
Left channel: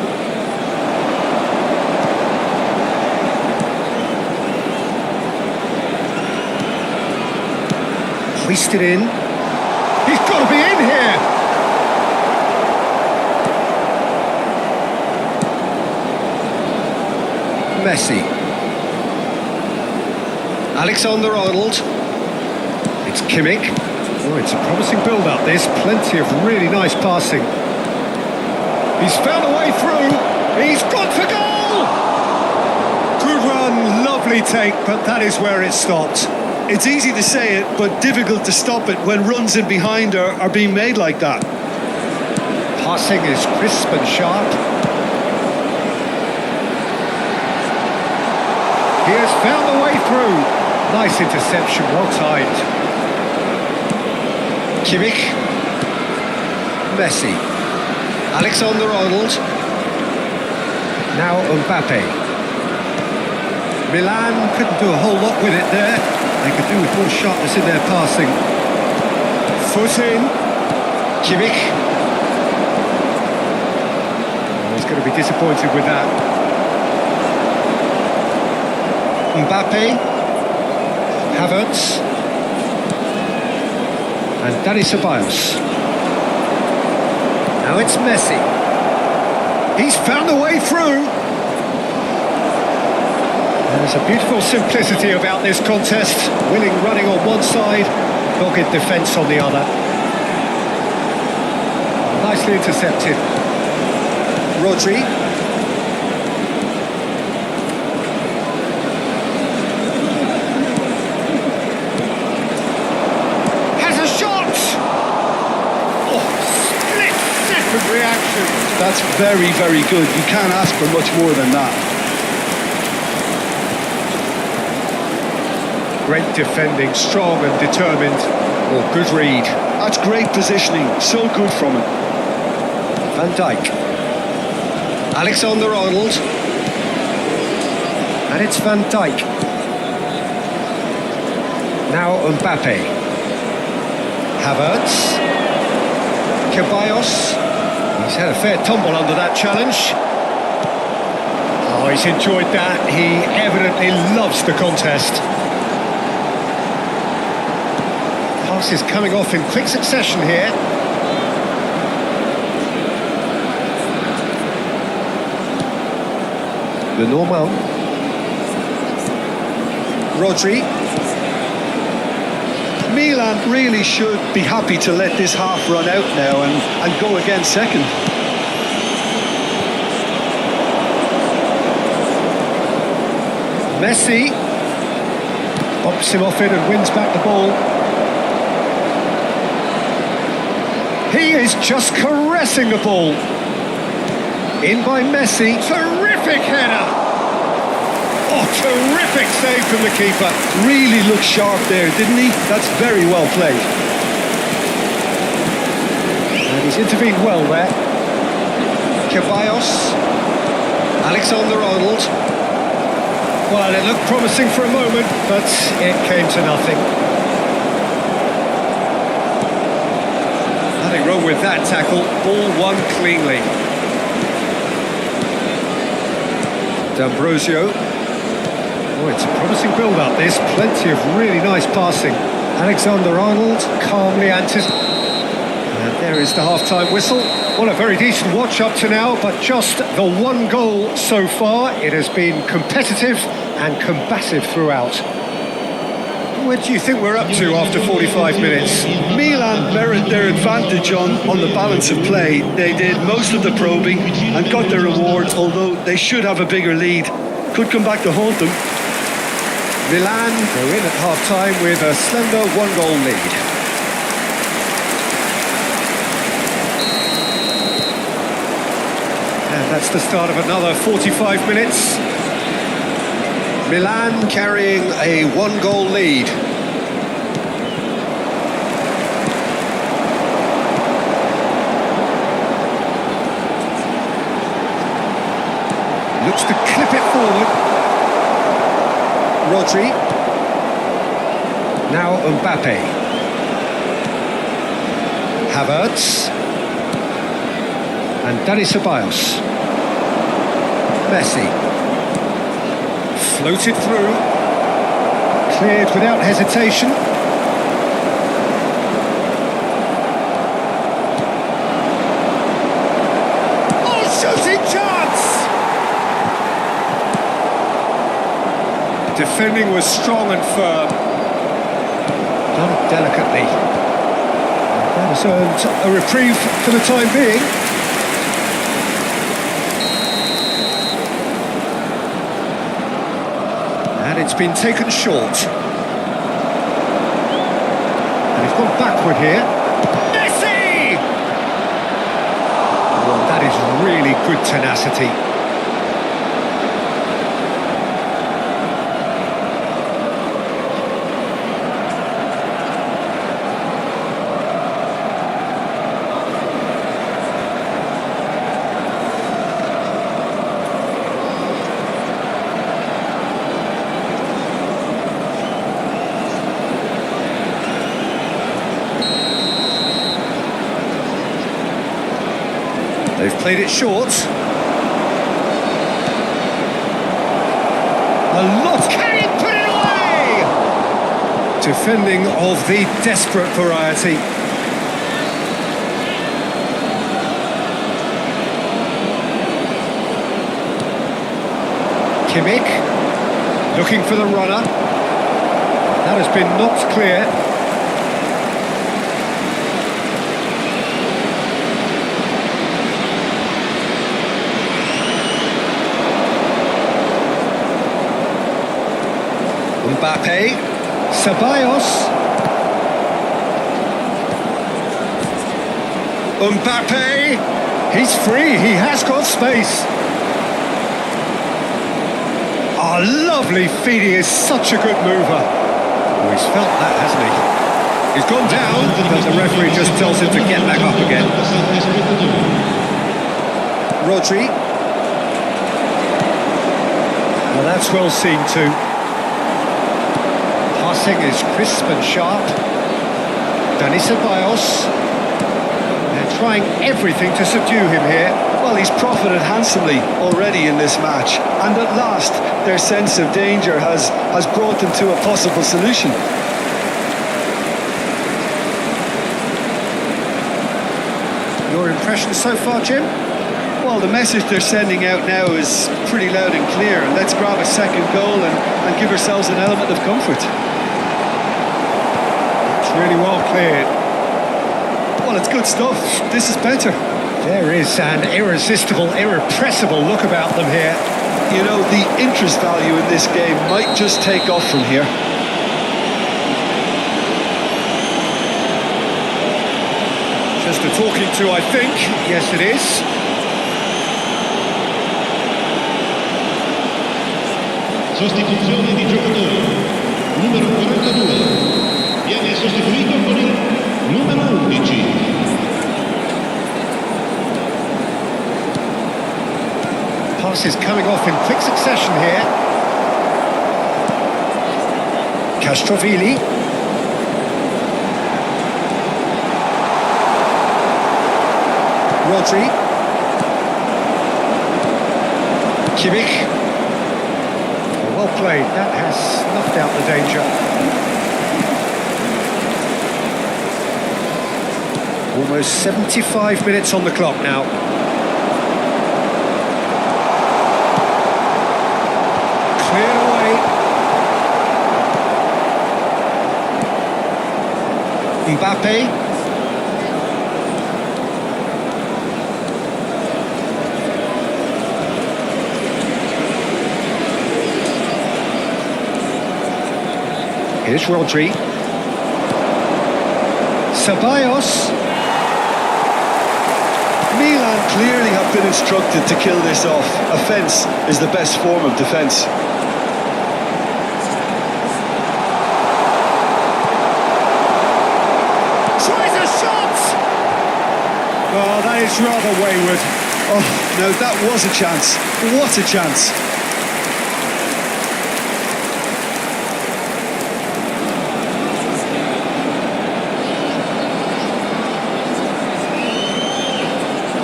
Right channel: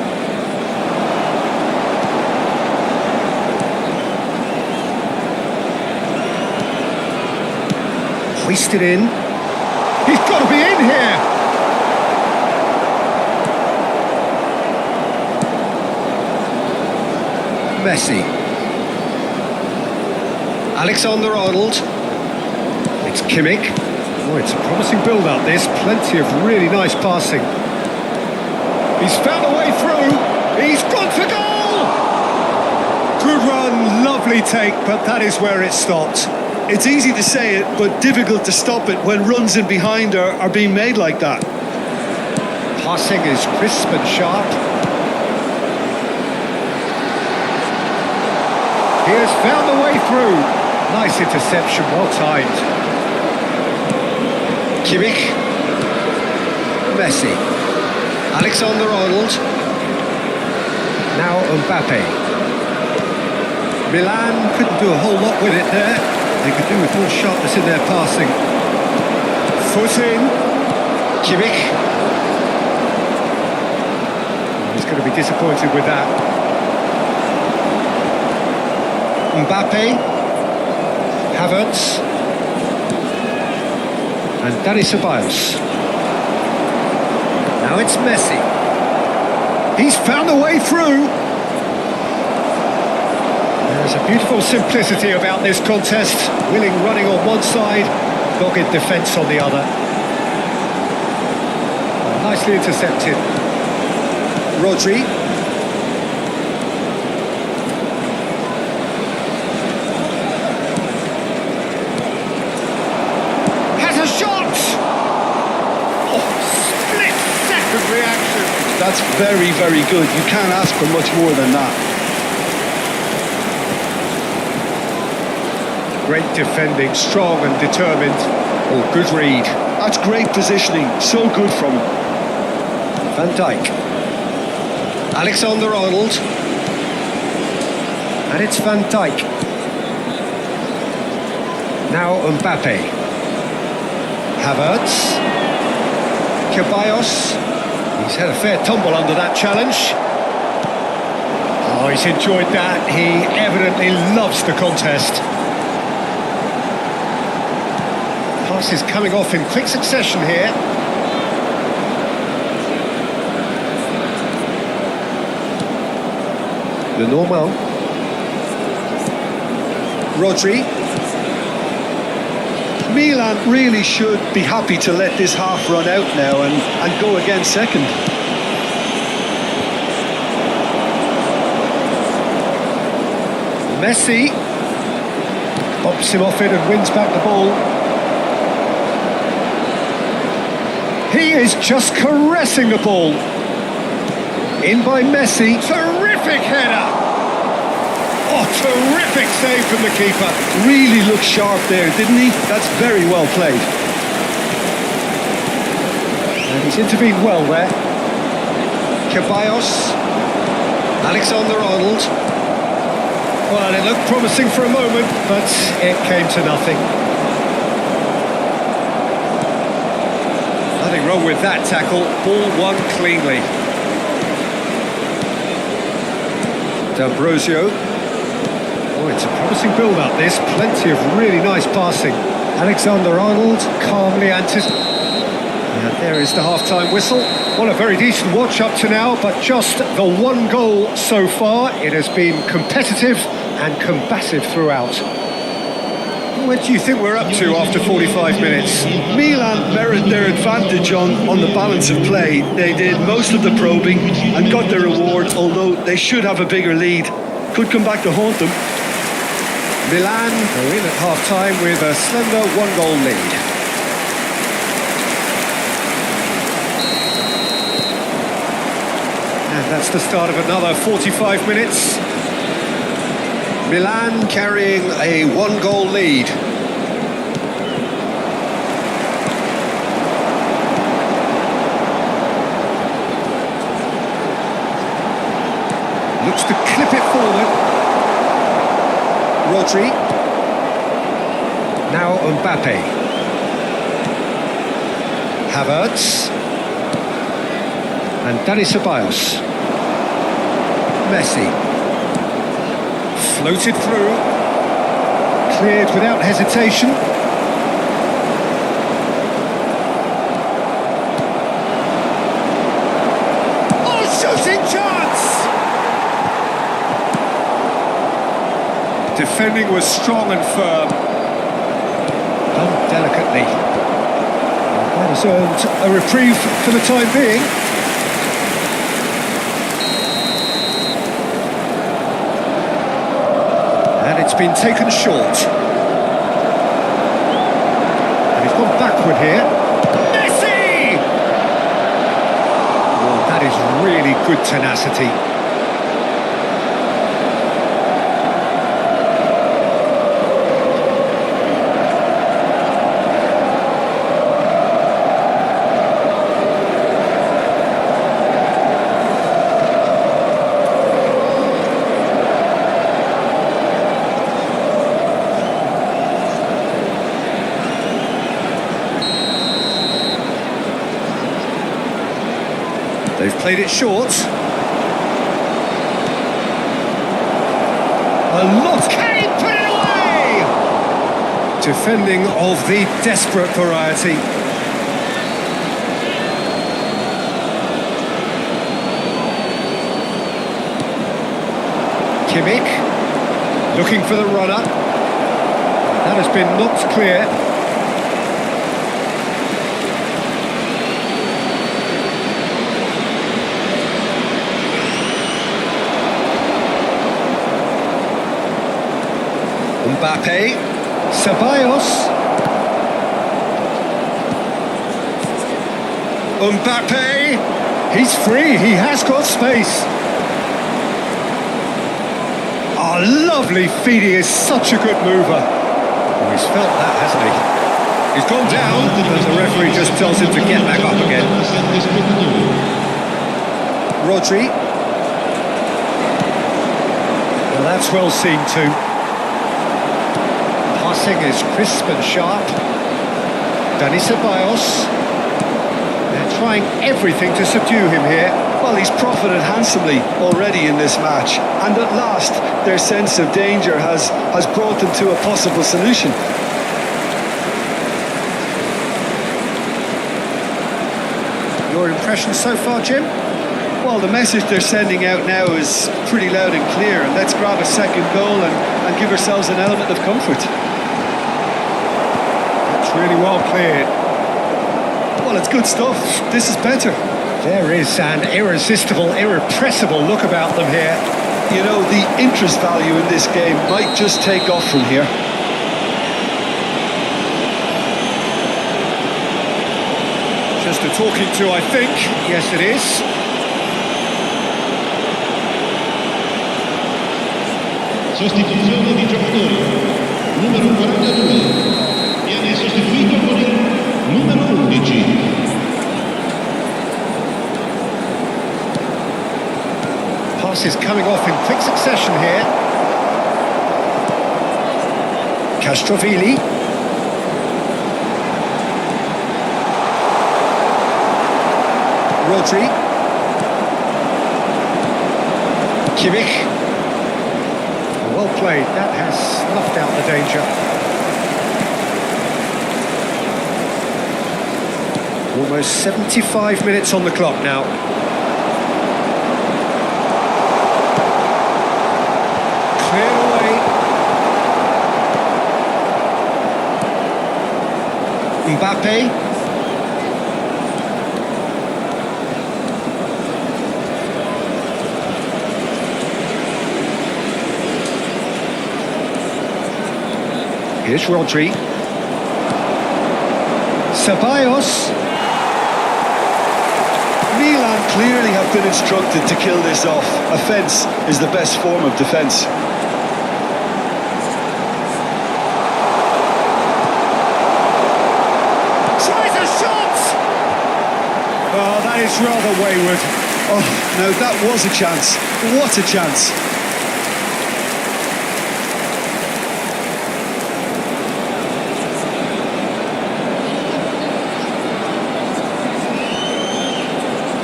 Hoisted in. He's got to be in here. Messi. Alexander-Arnold. It's Kimmich. Oh, it's a promising build-up, this. Plenty of really nice passing. He's found a way through. He's gone for goal! Good run, lovely take, but that is where it stopped. It's easy to say it, but difficult to stop it when runs in behind are being made like that. Passing is crisp and sharp. He has found the way through. Nice interception, well timed. Kimmich. Messi. Alexander-Arnold. Now Mbappe. Milan couldn't do a whole lot with it there. They could do with more sharpness in their passing. Foot in. Kimmich. Oh, he's going to be disappointed with that. Mbappe. Havertz. And Dani Ceballos. Now it's Messi. He's found a way through. There's a beautiful simplicity about this contest. Willing running on one side, dogged defence on the other. Oh, nicely intercepted. Rodri. Has a shot! Oh, split-second reaction. That's very, very good. You can't ask for much more than that. Great defending, strong and determined. Oh, good read. That's great positioning. So good from him. Van Dijk. Alexander-Arnold. And it's Van Dijk. Now Mbappe. Havertz. Ceballos. He's had a fair tumble under that challenge. Oh, he's enjoyed that. He evidently loves the contest. Passes coming off in quick succession here. Lenormand. Rodri. Milan really should be happy to let this half run out now and go again second. Messi bumps him off it and wins back the ball. He is just caressing the ball. In by Messi. Terrific header. Oh, terrific save from the keeper. Really looked sharp there, didn't he? That's very well played. And he's intervened well there. Ceballos. Alexander-Arnold. Well, it looked promising for a moment, but it came to nothing. Nothing wrong with that tackle. Ball won cleanly. D'Ambrosio. Oh, it's a promising build-up, this. Plenty of really nice passing. Alexander-Arnold calmly anticipating. And there is the half-time whistle. Well, a very decent watch up to now, but just the one goal so far. It has been competitive and combative throughout. Where do you think we're up to after 45 minutes? Milan merit their advantage on the balance of play. They did most of the probing and got their reward, although they should have a bigger lead. Could come back to haunt them. Milan go in at half-time with a slender one-goal lead. And that's the start of another 45 minutes. Milan carrying a one-goal lead. Looks to clip it forward. Rodri. Now Mbappe. Havertz. And Dani Ceballos. Messi. Floated through. Cleared without hesitation. Oh, shooting chance! Defending was strong and firm. Done delicately. And that has earned a reprieve for the time being. And it's been taken short. And he's gone backward here. Messi! Oh, that is really good tenacity. They've played it short. A lot. Can he put it away? Defending of the desperate variety. Kimmich looking for the runner. That has been knocked clear. Mbappe, Ceballos, Mbappe, he's free, he has got space. Oh, lovely feed, he is such a good mover. Oh, he's felt that, hasn't he? He's gone down, but the referee just tells him to get back up again. Rodri. Well, that's well seen too. Passing is crisp and sharp. Dani Ceballos. They're trying everything to subdue him here. Well, he's profited handsomely already in this match, and at last their sense of danger has brought them to a possible solution. Your impression so far, Jim? Well, the message they're sending out now is pretty loud and clear, and let's grab a second goal and give ourselves an element of comfort. That's really well cleared. Well, it's good stuff. This is better. There is an irresistible, irrepressible look about them here. You know, the interest value in this game might just take off from here. Just a talking to, I think. Yes, it is. Sostituzione di giocatori. Numero 42 viene sostituito con il numero 11. Passes coming off in quick succession here. Castrovilli. Rodri. Kimmich. Oh, well played. That has snuffed out the danger. Almost 75 minutes on the clock now. Cleared away. Mbappe. Here's Rodri. Ceballos. Milan clearly have been instructed to kill this off. Offence is the best form of defence. Tries a shot! Oh, that is rather wayward. Oh, no, that was a chance. What a chance.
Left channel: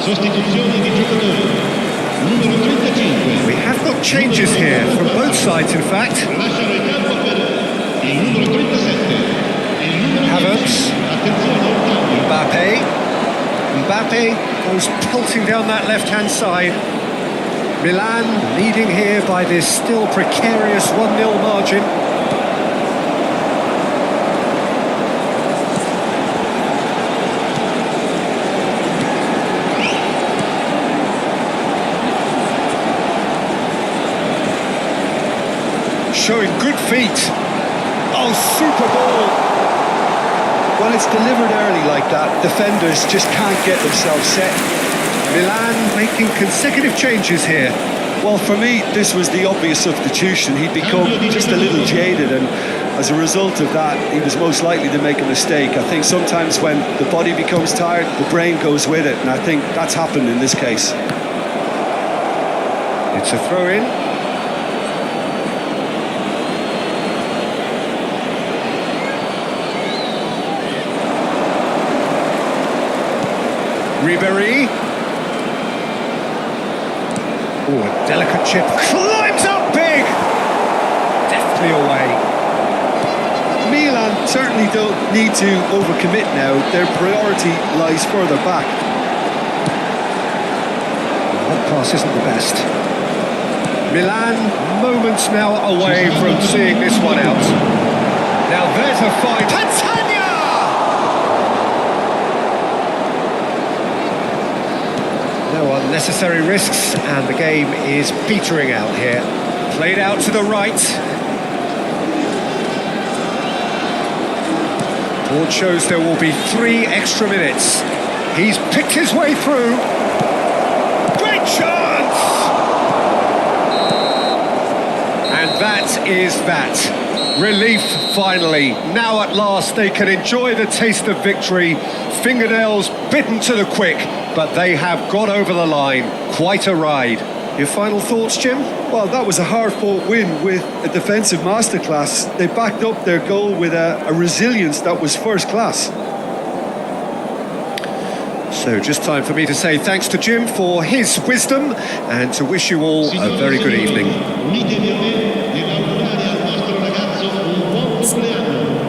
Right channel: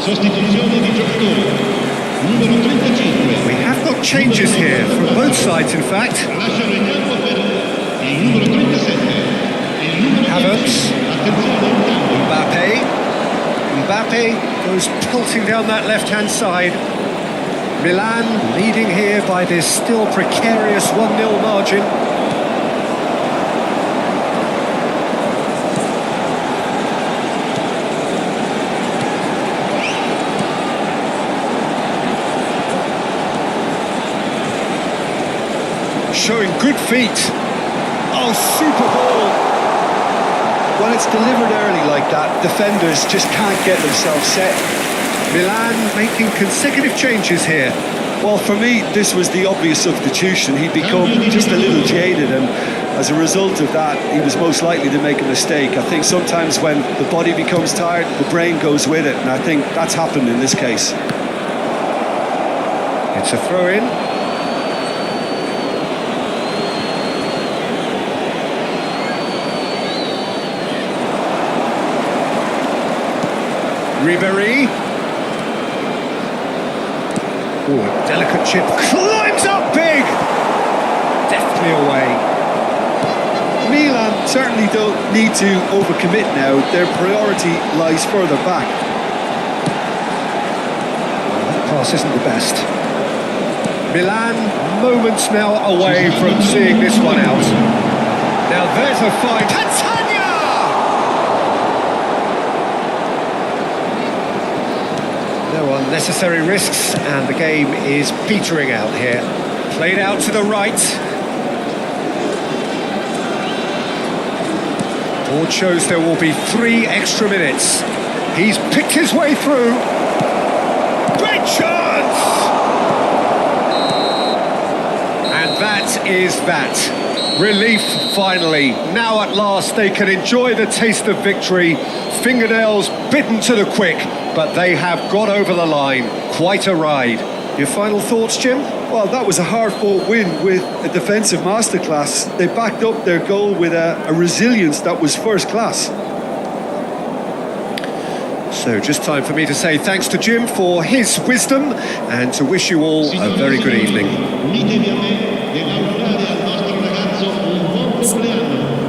Sostituzione di giocatori. Numero 35. We have got changes here from both sides, in fact. Lasciano il campo per il numero 37. Il numero Havertz. 10. Attenzione, un cambio. Mbappe goes pelting down that left-hand side. Milan leading here by this still precarious 1-0 margin. Showing good feet. Oh, super ball. When it's delivered early like that, defenders just can't get themselves set. Milan making consecutive changes here. Well, for me, this was the obvious substitution. He'd become just a little jaded, and as a result of that, he was most likely to make a mistake. I think sometimes when the body becomes tired, the brain goes with it, and I think that's happened in this case. It's a throw-in. Ribéry. Oh, a delicate chip. Climbs up big! Deftly away. Milan certainly don't need to overcommit now. Their priority lies further back. Well, that pass isn't the best. Milan moments now away from seeing this one out. Now there's a fight. Catania! No unnecessary risks, and the game is petering out here. Played out to the right. Board shows there will be 3 extra minutes. He's picked his way through. Great chance! And that is that. Relief finally. Now at last they can enjoy the taste of victory. Fingernails bitten to the quick, but they have got over the line. Quite a ride. Your final thoughts, Jim? Well, that was a hard-fought win with a defensive masterclass. They backed up their goal with a resilience that was first class. So just time for me to say thanks to Jim for his wisdom and to wish you all a very good evening. Unitevi a me nell'augurare al nostro ragazzo un buon compleanno.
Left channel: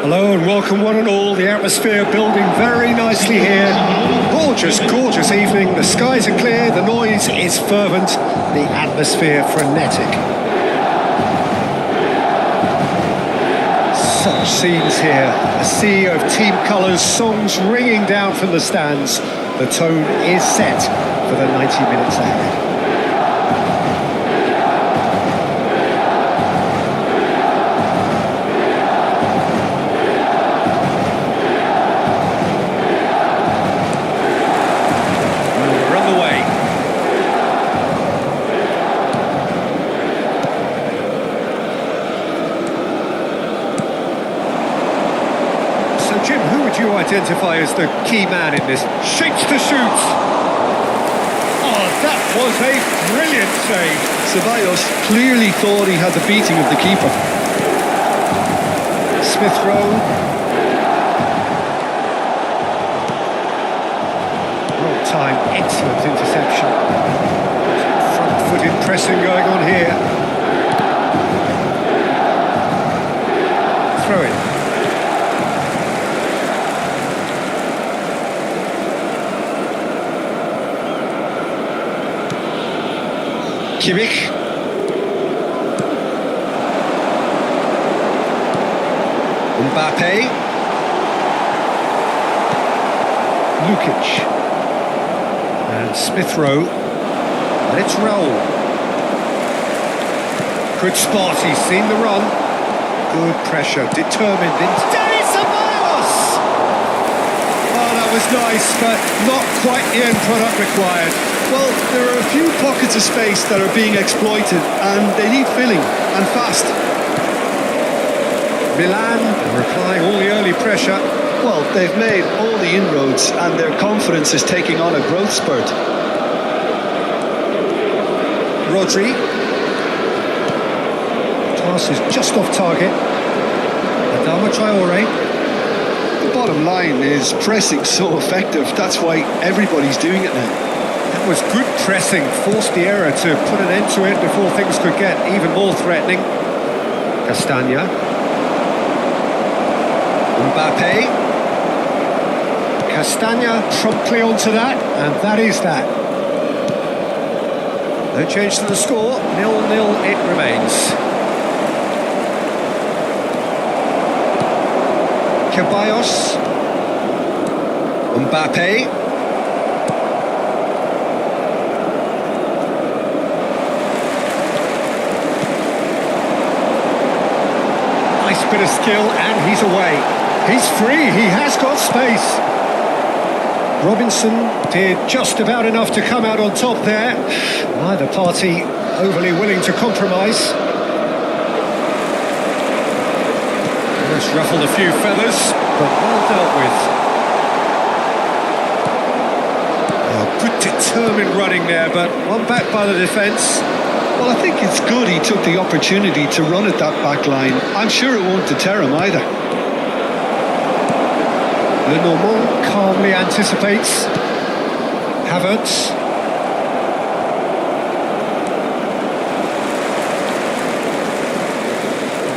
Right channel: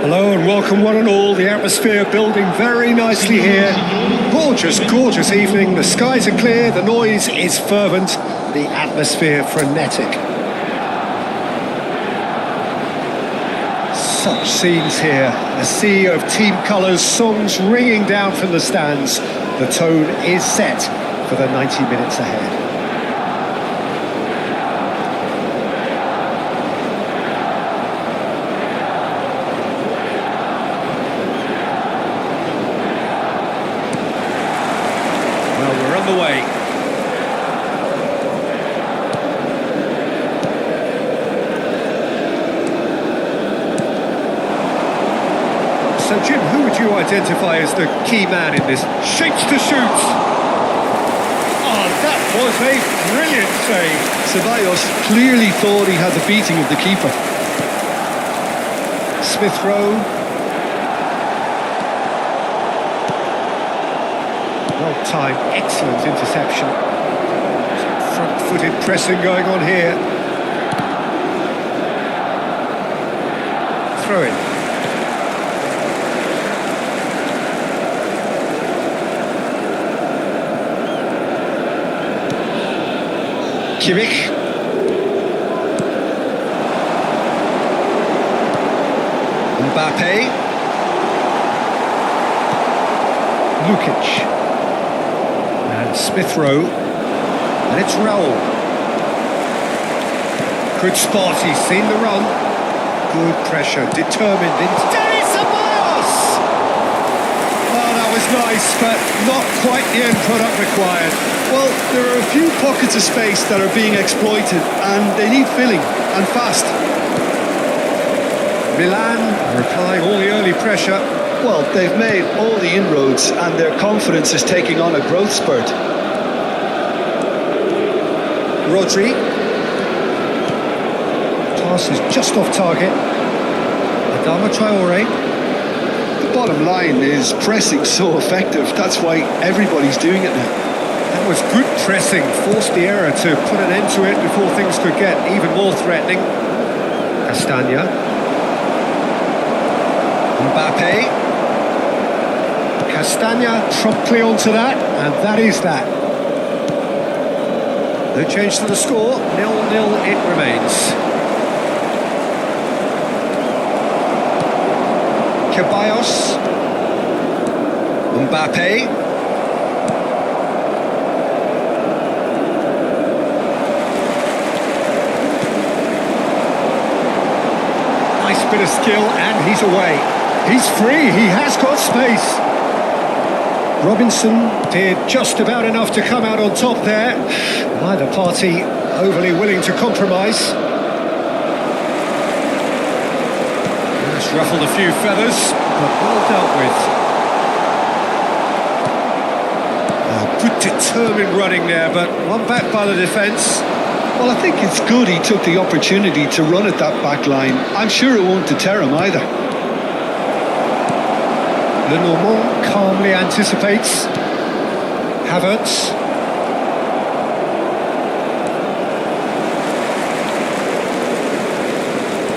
Hello and welcome one and all. The atmosphere building very nicely here. Gorgeous, gorgeous evening. The skies are clear, the noise is fervent, the atmosphere frenetic. Such scenes here. A sea of team colours, songs ringing down from the stands. The tone is set for the 90 minutes ahead. Well, we're on the way. So, Jim, who would you identify as the key man in this? Shapes to shoot. Oh, that was a brilliant save. Ceballos clearly thought he had the beating of the keeper. Smith Rowe. Well timed, excellent interception. Front-footed pressing going on here. Throw in. Kimmich. Mbappe. Lukic. And Smith Rowe. And it's Raul. Good spot, he's seen the run. Good pressure, determined. Danny Ceballos! Well, that was nice, but not quite the end product required. Well, there are a few pockets of space that are being exploited, and they need filling, and fast. Milan replying all the early pressure. Well, they've made all the inroads, and their confidence is taking on a growth spurt. Rodri. Pass is just off target. Adama Traore. bottom line is pressing so effective. That's why everybody's doing it now. That was good pressing, forced the error to put an end to it before things could get even more threatening. Castagna. Mbappe. Castagna promptly onto that, and that is that. No change to the score, 0-0 it remains. Ceballos. Mbappe. Nice bit of skill, and he's away. He's free, he has got space. Robinson did just about enough to come out on top there. Neither party overly willing to compromise. That's ruffled a few feathers, but well dealt with. Oh, good determined running there, but one back by the defence. Well, I think it's good he took the opportunity to run at that back line. I'm sure it won't deter him either. Lenormand calmly anticipates. Havertz.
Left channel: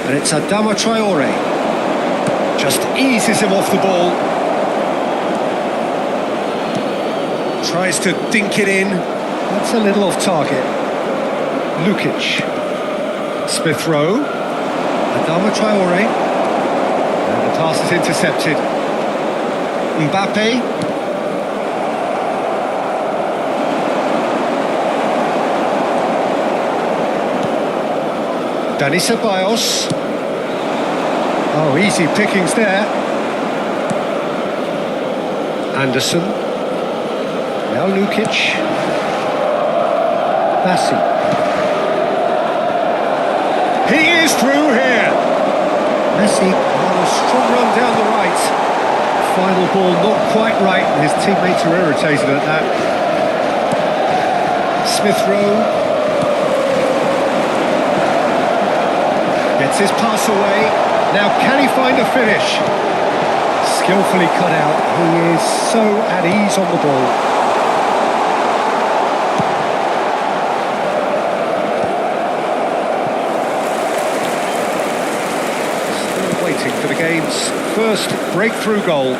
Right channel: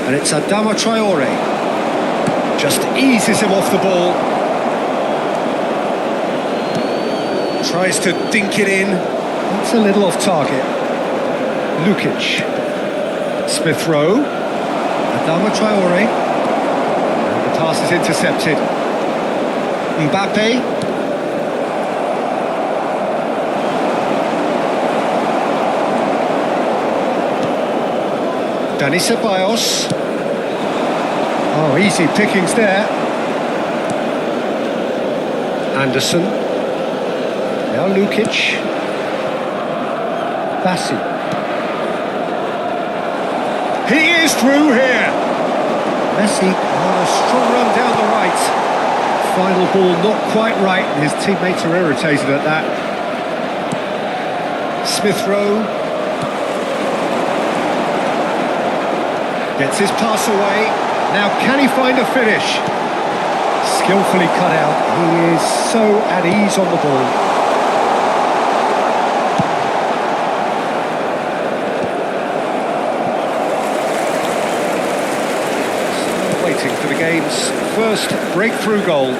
And it's Adama Traore. Just eases him off the ball. Tries to dink it in. That's a little off target. Lukic. Smith Rowe. Adama Traore. And the pass is intercepted. Mbappe. Dani Ceballos. Oh, easy pickings there. Anderson. Now Lukic. Bassi. He is through here. Messi on a strong run down the right. Final ball not quite right, and his teammates are irritated at that. Smith Rowe gets his pass away. Now can he find a finish? Skillfully cut out. He is so at ease on the ball. Still waiting for the game's first breakthrough goal.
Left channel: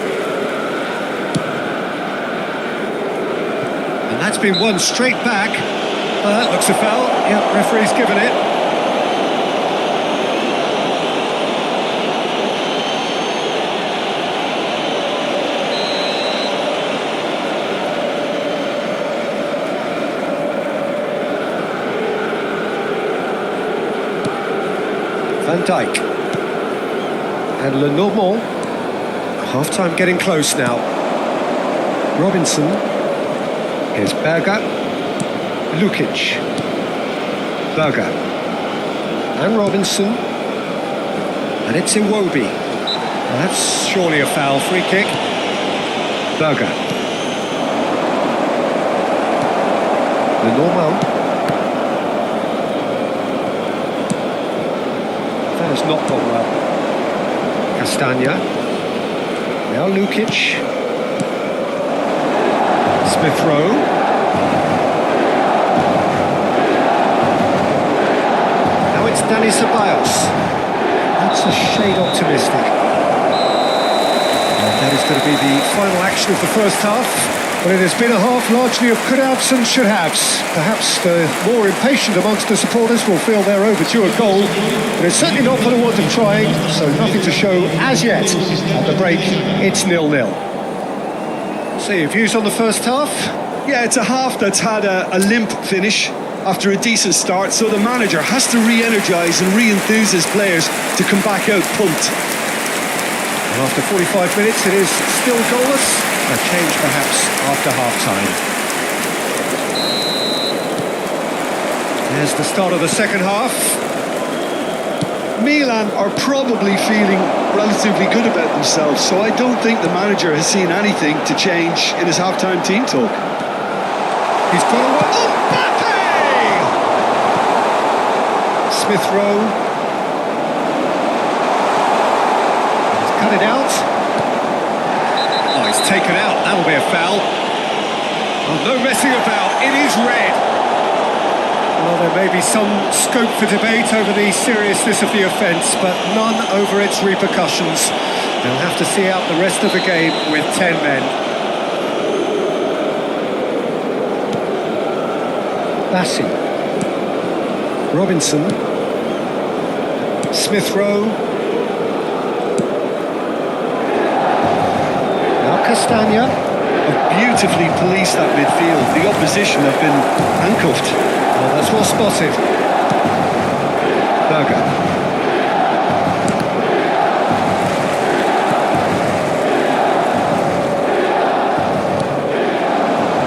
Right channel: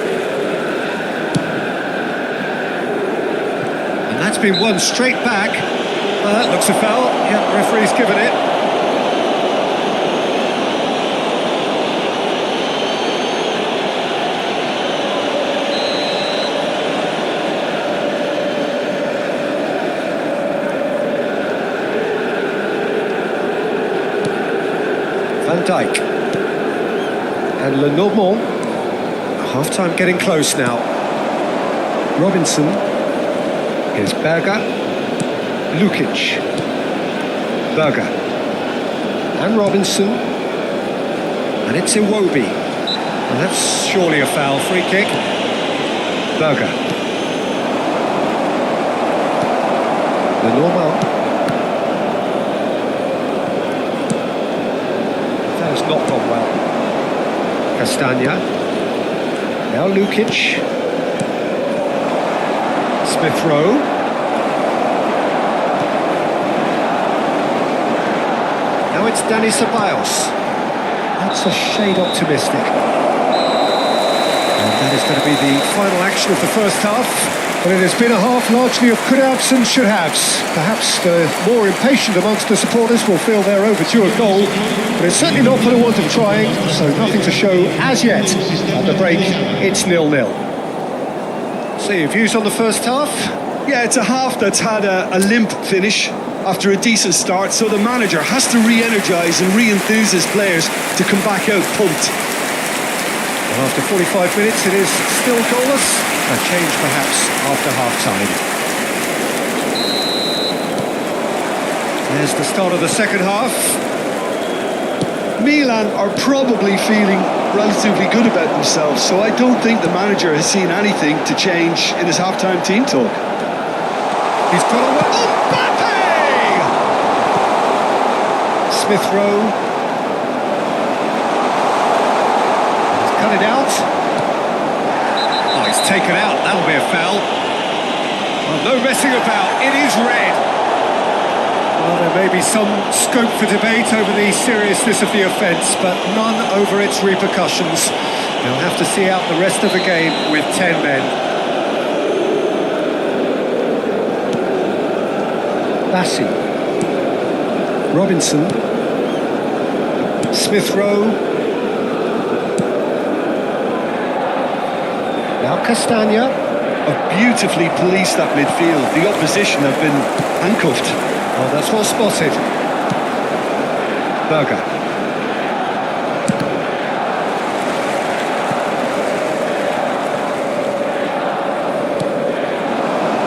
And that's been won straight back. That looks a foul. Yep, referee's given it. Van Dijk. And Lenormand. Half-time getting close now. Robinson. Here's Berger. Lukic. Berger. And Robinson. And it's Iwobi. Well, that's surely a foul. Free kick. Berger. Lenormand. That has not gone well. Castagna. Now Lukic. Smith Rowe. Now it's Dani Ceballos. That's a shade optimistic. And that is going to be the final action of the first half. Well, it has been a half largely of could-haves and should-haves. Perhaps the more impatient amongst the supporters will feel they're overdue a goal, but it's certainly not for the want of trying, so nothing to show as yet. At the break, it's 0-0. So your views on the first half? Yeah, it's a half that's had a limp finish after a decent start, so the manager has to re-energise and re-enthuse his players to come back out pumped. Well, after 45 minutes, it is still goalless. A change perhaps after half-time. There's the start of the second half. Milan are probably feeling relatively good about themselves, so I don't think the manager has seen anything to change in his half-time team talk. He's got away. Mbappe! Smith Rowe. He's cut it out. Oh, he's taken out. That'll be a foul. Oh, no messing about. It is red. Well, there may be some scope for debate over the seriousness of the offence, but none over its repercussions. They'll have to see out the rest of the game with 10 men. Bassi. Robinson. Smith Rowe. Now Castagna. Have beautifully policed that midfield. The opposition have been handcuffed. Oh, that's well spotted. Berger.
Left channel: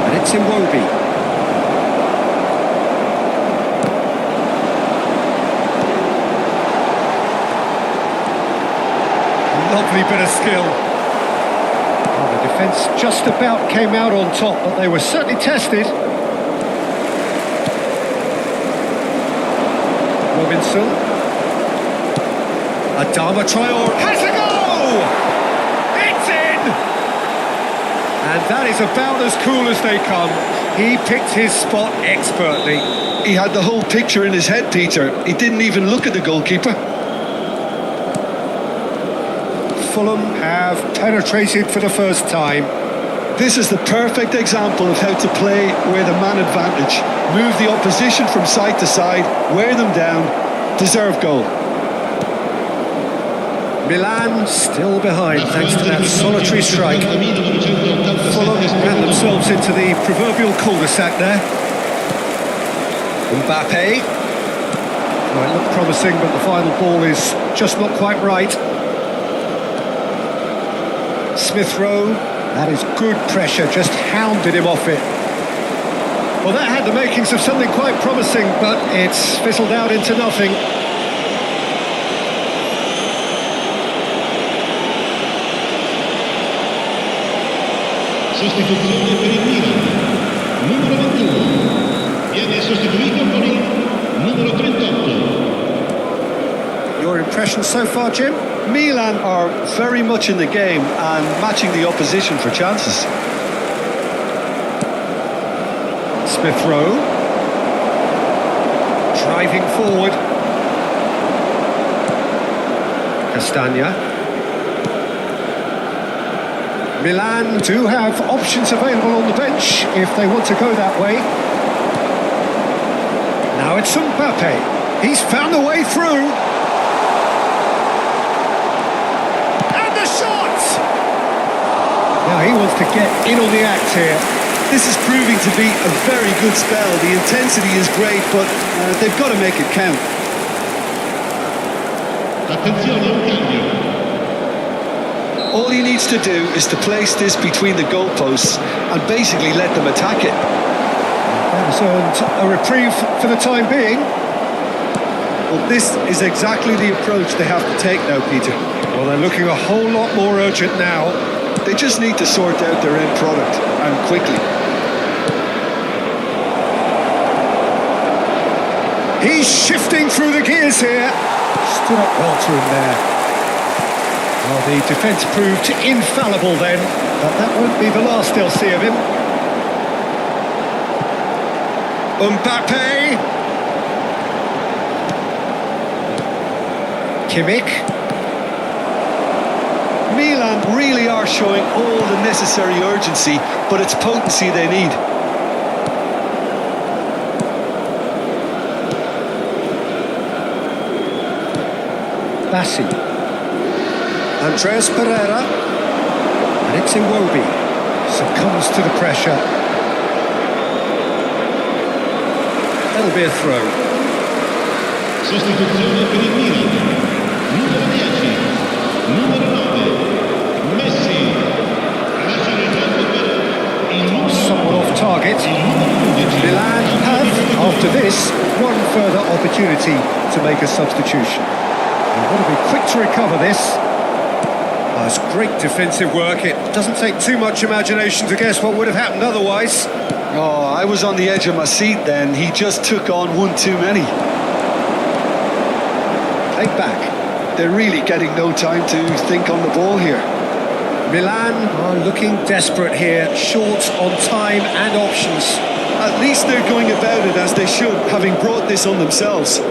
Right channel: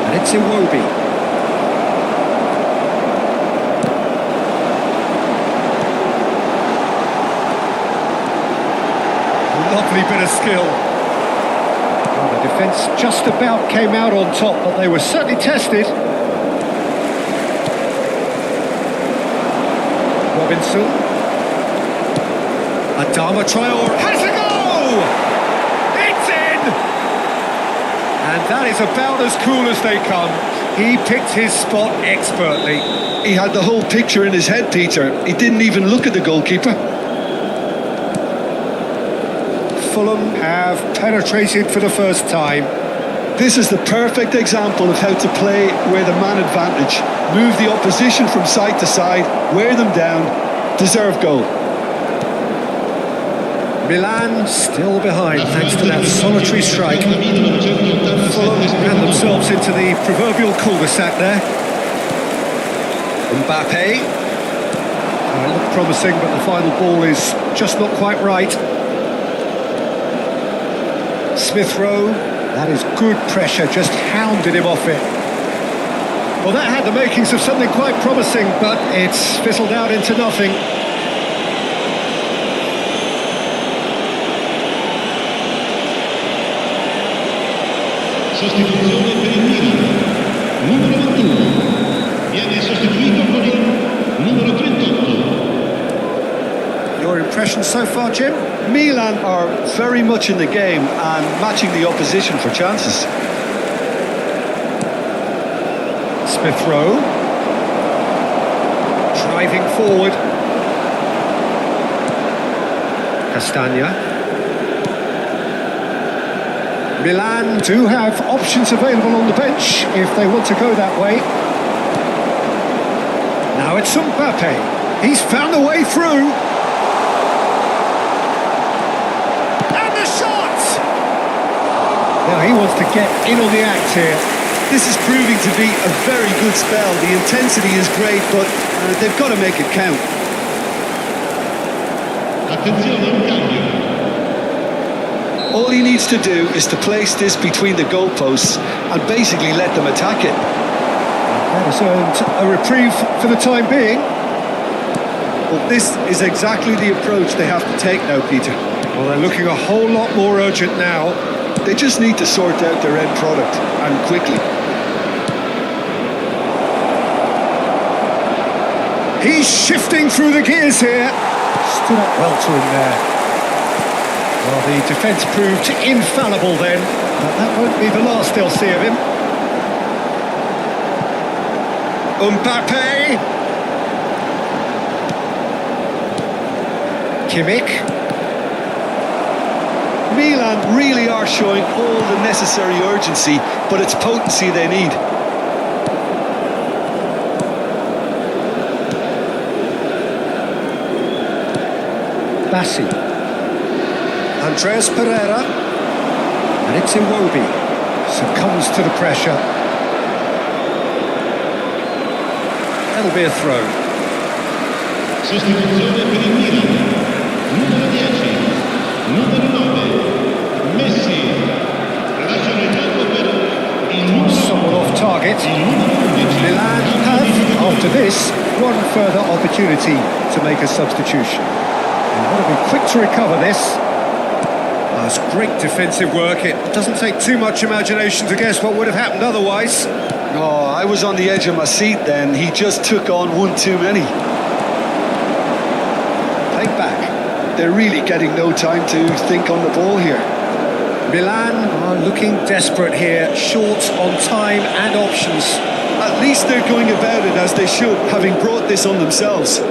And it's Iwobi. Lovely bit of skill. Well, the defence just about came out on top, but they were certainly tested. Robinson. Adama Traore has a goal! It's in! And that is about as cool as they come. He picked his spot expertly. He had the whole picture in his head, Peter. He didn't even look at the goalkeeper. Fulham have penetrated for the first time. This is the perfect example of how to play with a man advantage. Move the opposition from side to side, wear them down, deserve goal. Milan still behind thanks to that solitary strike. Fulham ran themselves into the proverbial cul-de-sac there. Mbappe. Well, it looked promising, but the final ball is just not quite right. Smith Rowe, that is good pressure, just hounded him off it. Well, that had the makings of something quite promising, but it's fizzled out into nothing. Sostituzione per il Milan. Numero 21. Viene sostituito con il numero 38. Your impression so far, Jim? Milan are very much in the game and matching the opposition for chances. Smith Rowe. Driving forward. Castagna. Milan do have options available on the bench if they want to go that way. Now it's Mbappe. He's found a way through. And the shot! Now he wants to get in on the act here. This is proving to be a very good spell. The intensity is great, but they've got to make it count. Attenzione, un cambio. All he needs to do is to place this between the goalposts and basically let them attack it. That has earned a reprieve for the time being. Well, this is exactly the approach they have to take now, Peter. Well, they're looking a whole lot more urgent now. They just need to sort out their end product, and quickly. He's shifting through the gears here. Stood up well to him there. Well, the defence proved infallible then, but that won't be the last they'll see of him. Mbappe. Kimmich. Milan really are showing all the necessary urgency, but it's potency they need. Bassi. Andreas Pereira. And it's Iwobi. Succumbs to the pressure. That'll be a throw. Sostituzione per il Milan. Numero 10. Numero 9. Messi. Lasciano il campo per il numero 8. Somewhat off target. Il numero 11. Milan have, after this, one further opportunity to make a substitution. They've got to be quick to recover this. It's great defensive work. It doesn't take too much imagination to guess what would have happened otherwise. Oh, I was on the edge of my seat then. He just took on one too many. Played back. They're really getting no time to think on the ball here. Milan are looking desperate here, short on time and options. At least they're going about it as they should, having brought this on themselves.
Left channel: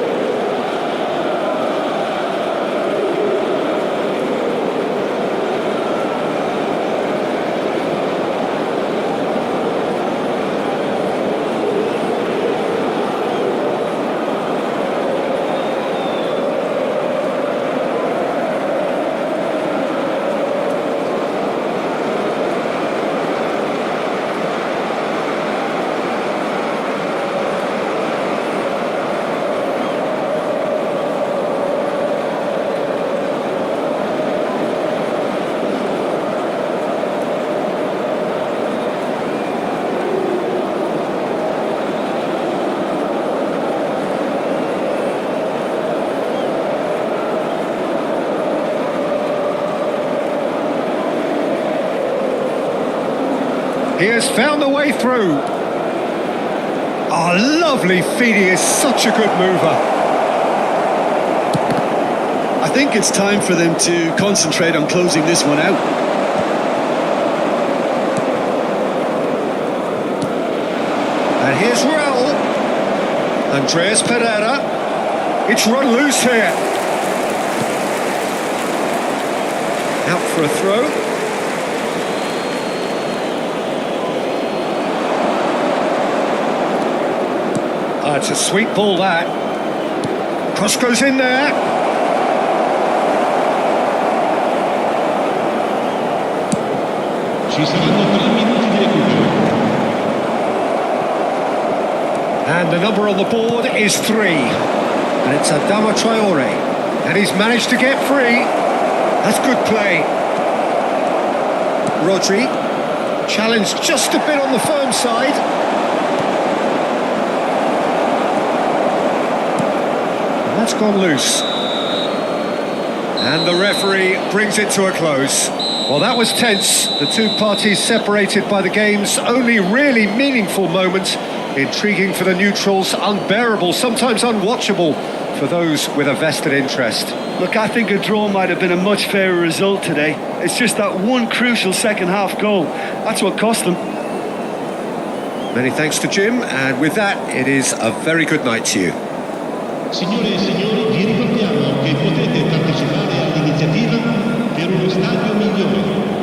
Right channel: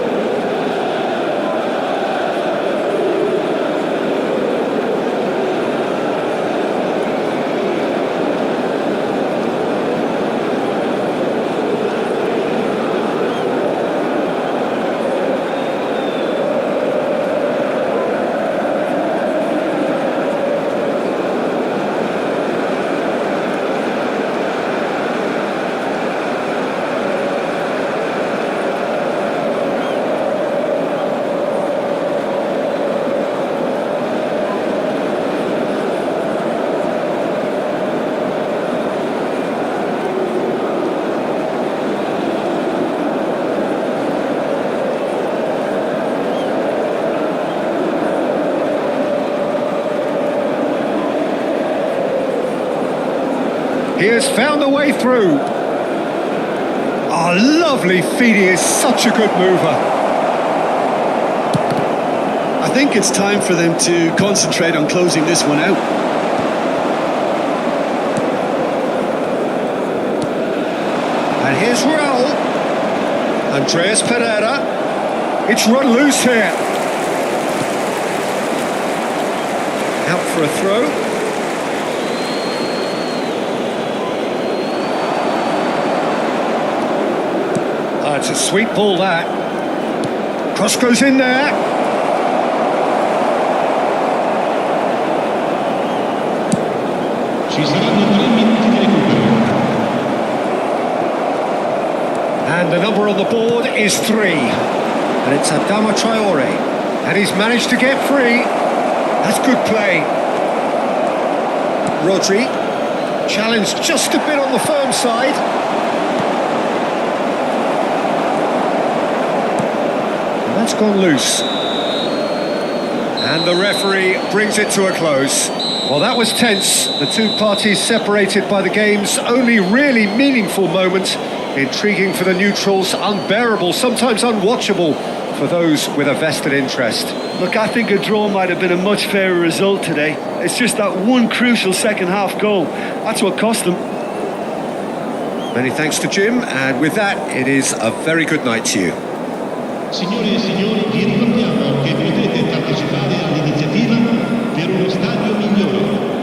He has found the way through. Lovely feed. He is such a good mover. I think it's time for them to concentrate on closing this one out. And here's Raul. Andreas Pereira. It's run loose here. Out for a throw. It's a sweet ball, that. Cross goes in there. Ci saranno 3 minuti di recupero. And the number on the board is 3. And it's Adama Traore. And he's managed to get free. That's good play. Rodri. Challenged just a bit on the firm side. And that's gone loose. And the referee brings it to a close. Well, that was tense. The two parties separated by the game's only really meaningful moment. Intriguing for the neutrals, unbearable, sometimes unwatchable for those with a vested interest. Look, I think a draw might have been a much fairer result today. It's just that one crucial second half goal. That's what cost them. Many thanks to Jim, and with that, it is a very good night to you. Signore e signori, vi ricordiamo che potete partecipare all'iniziativa per uno stadio migliore.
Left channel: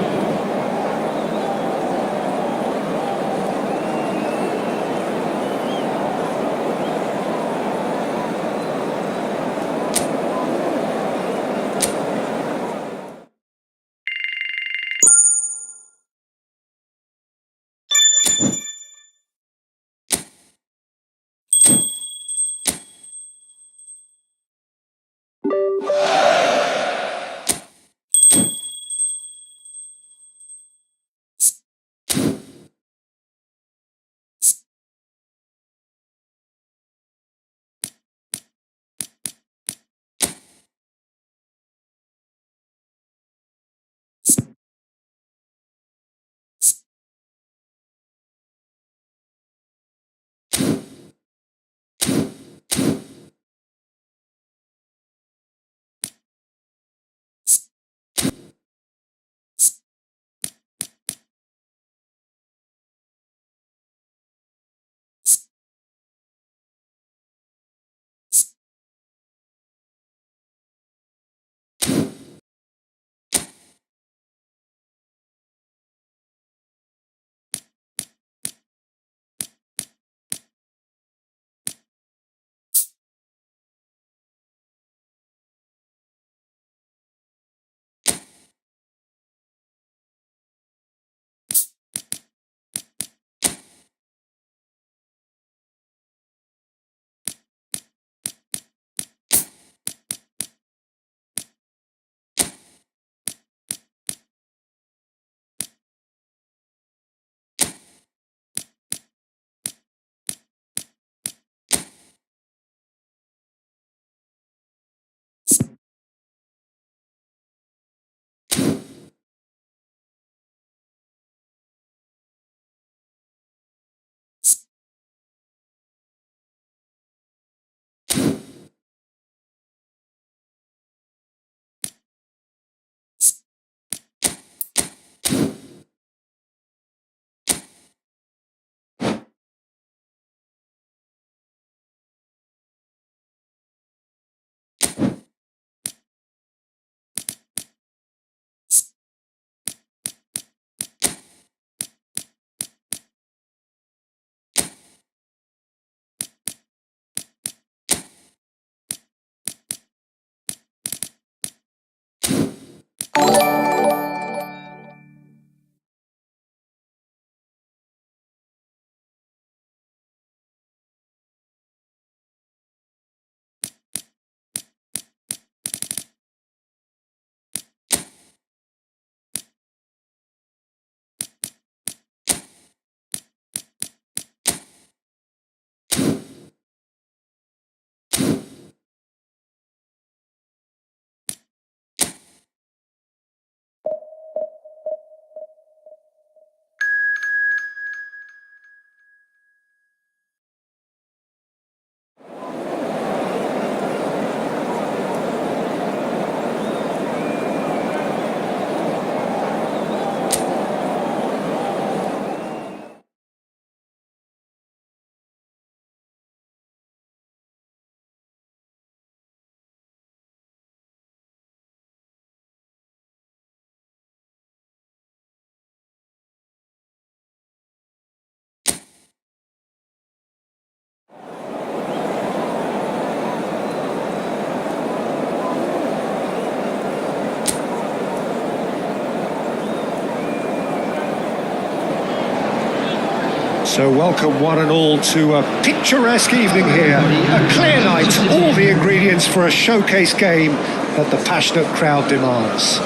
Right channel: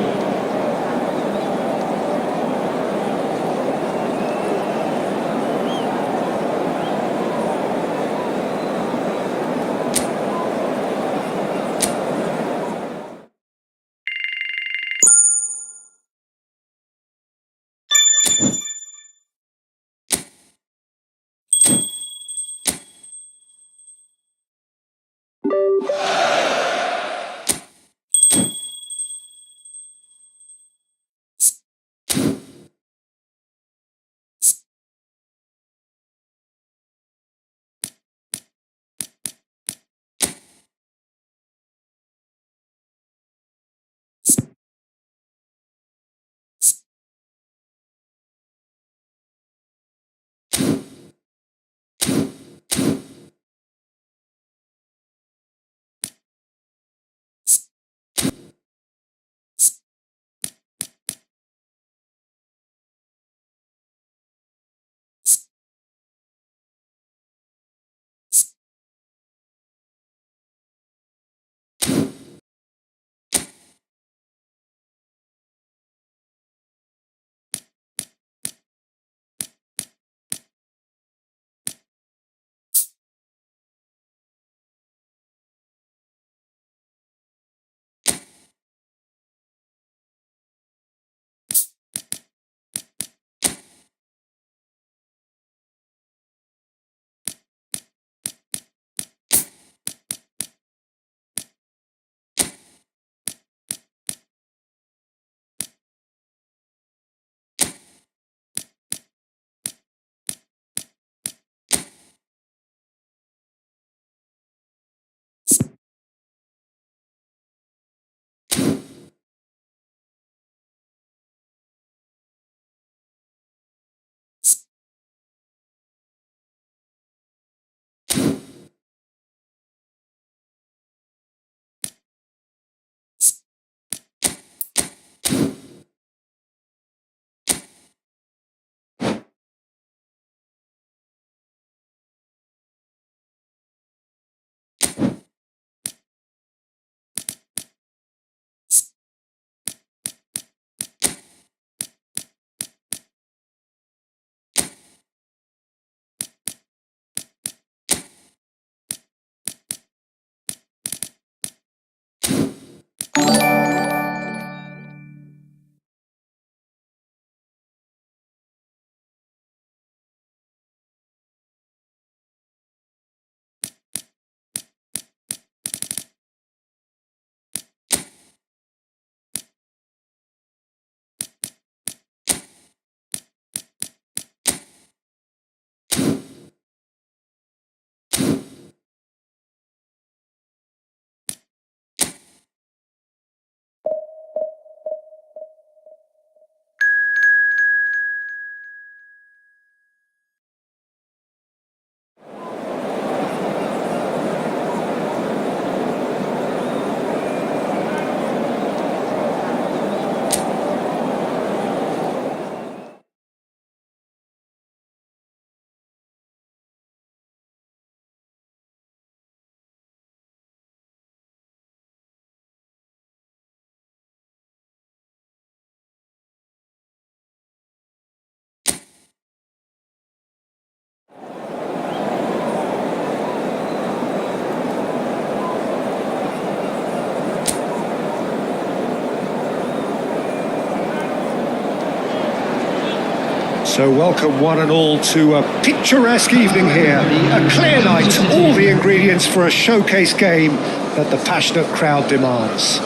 So welcome one and all to a picturesque evening here, a clear night, all the ingredients for a showcase game that the passionate crowd demands.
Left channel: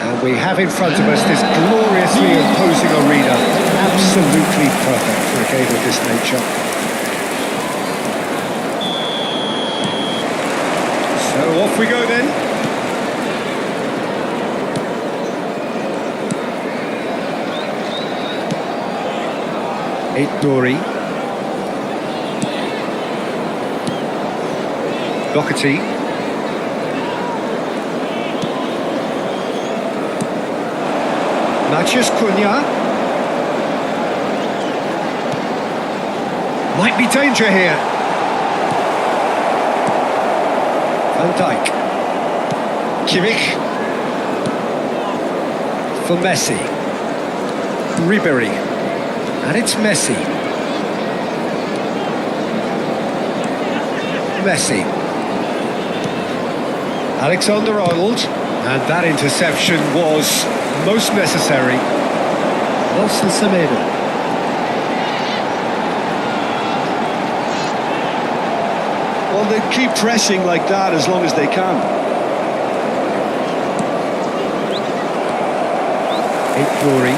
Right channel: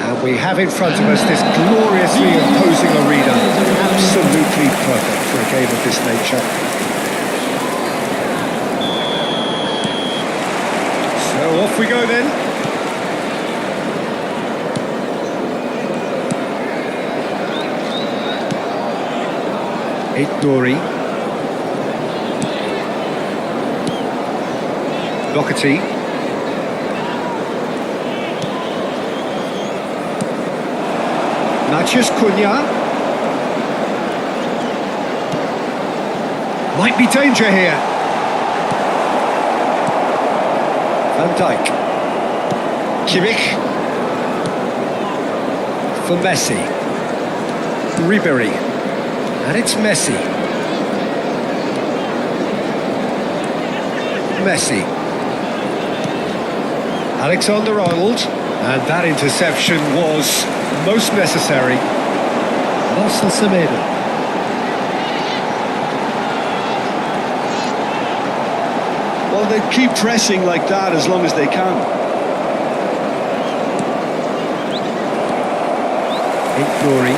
And we have in front of us this gloriously imposing arena, absolutely perfect for a game of this nature. So off we go then. Dory. Doherty. Matheus Cunha. Might be danger here. Van Dijk. Kimmich. For Messi. Ribery. And it's Messi. Messi. Alexander-Arnold. And that interception was most necessary. Nelson Semedo. Well, they keep pressing like that as long as they can. Dory.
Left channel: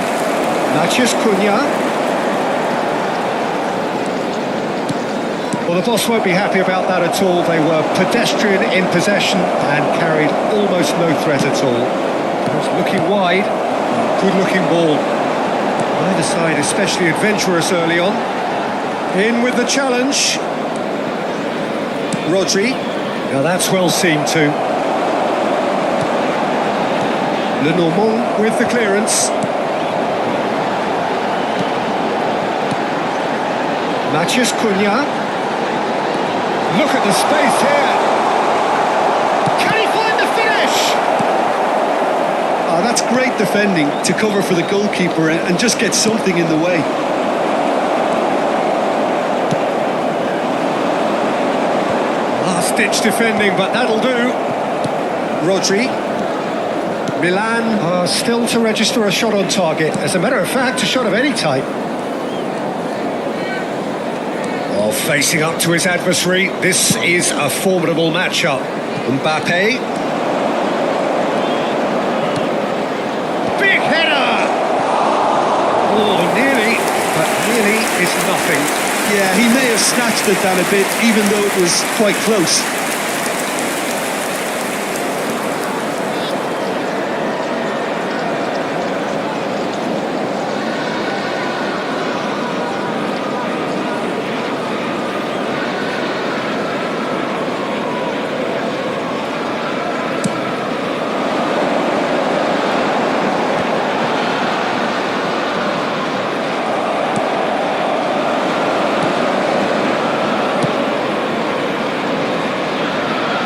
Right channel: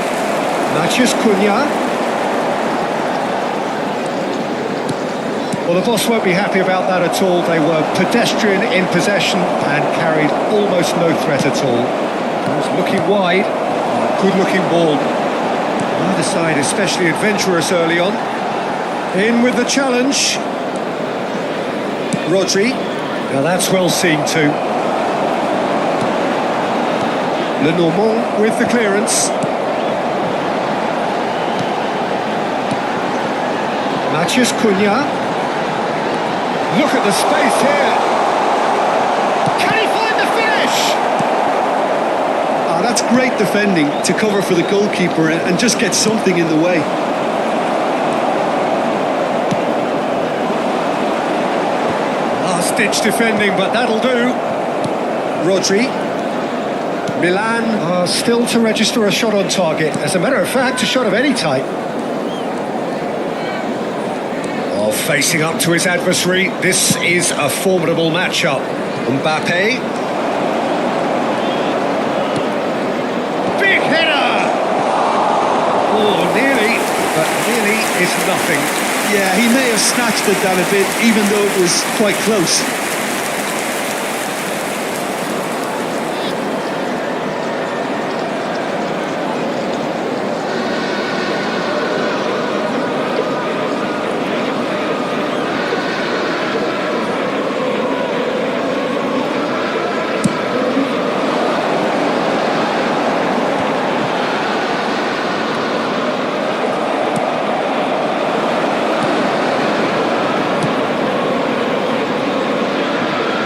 Matheus Cunha. Well, the boss won't be happy about that at all. They were pedestrian in possession and carried almost no threat at all. It was looking wide. Oh, good-looking ball. Neither side especially adventurous early on. In with the challenge. Rodri. Now that's well seen too. Lenormand with the clearance. Matheus Cunha. Look at the space here. Can he find the finish? That's great defending to cover for the goalkeeper and just get something in the way. Last-ditch defending, but that'll do. Rodri. Milan are still to register a shot on target. As a matter of fact, a shot of any type. Oh, facing up to his adversary, this is a formidable matchup. Mbappe. Big header! Oh, nearly, but nearly is nothing. Yeah, he may have snatched at that a bit, even though it was quite close.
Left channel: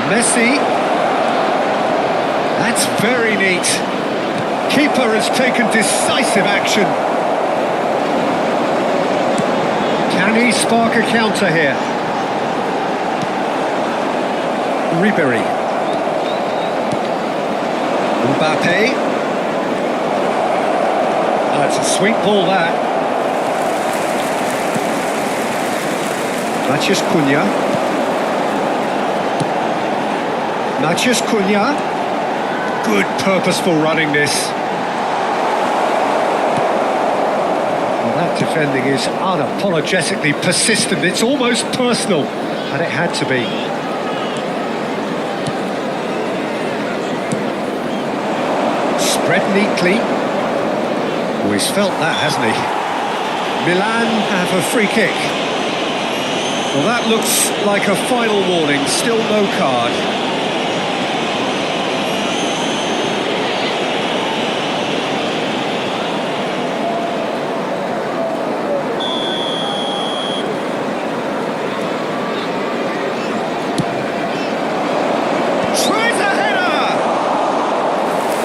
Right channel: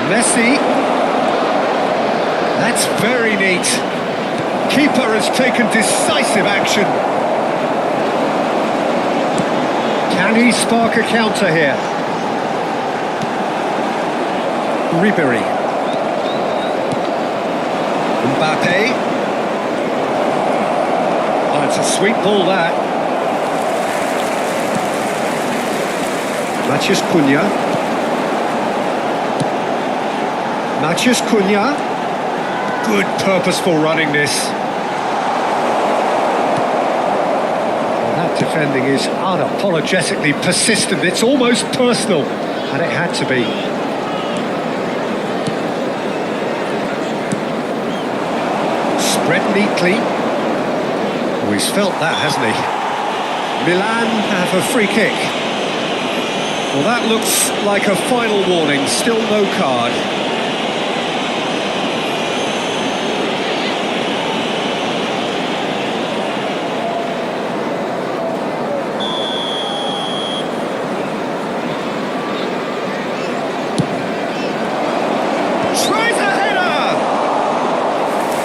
Messi. That's very neat. Keeper has taken decisive action. Can he spark a counter here? Ribery. Mbappe. Ah, it's a sweet ball, that. Matheus Cunha. Matheus Cunha. Good purposeful running this. Well, that defending is unapologetically persistent. It's almost personal, and it had to be. Spread neatly. Oh, he's felt that, hasn't he? Milan have a free kick. Well, that looks like a final warning. Still no card. Tries a header!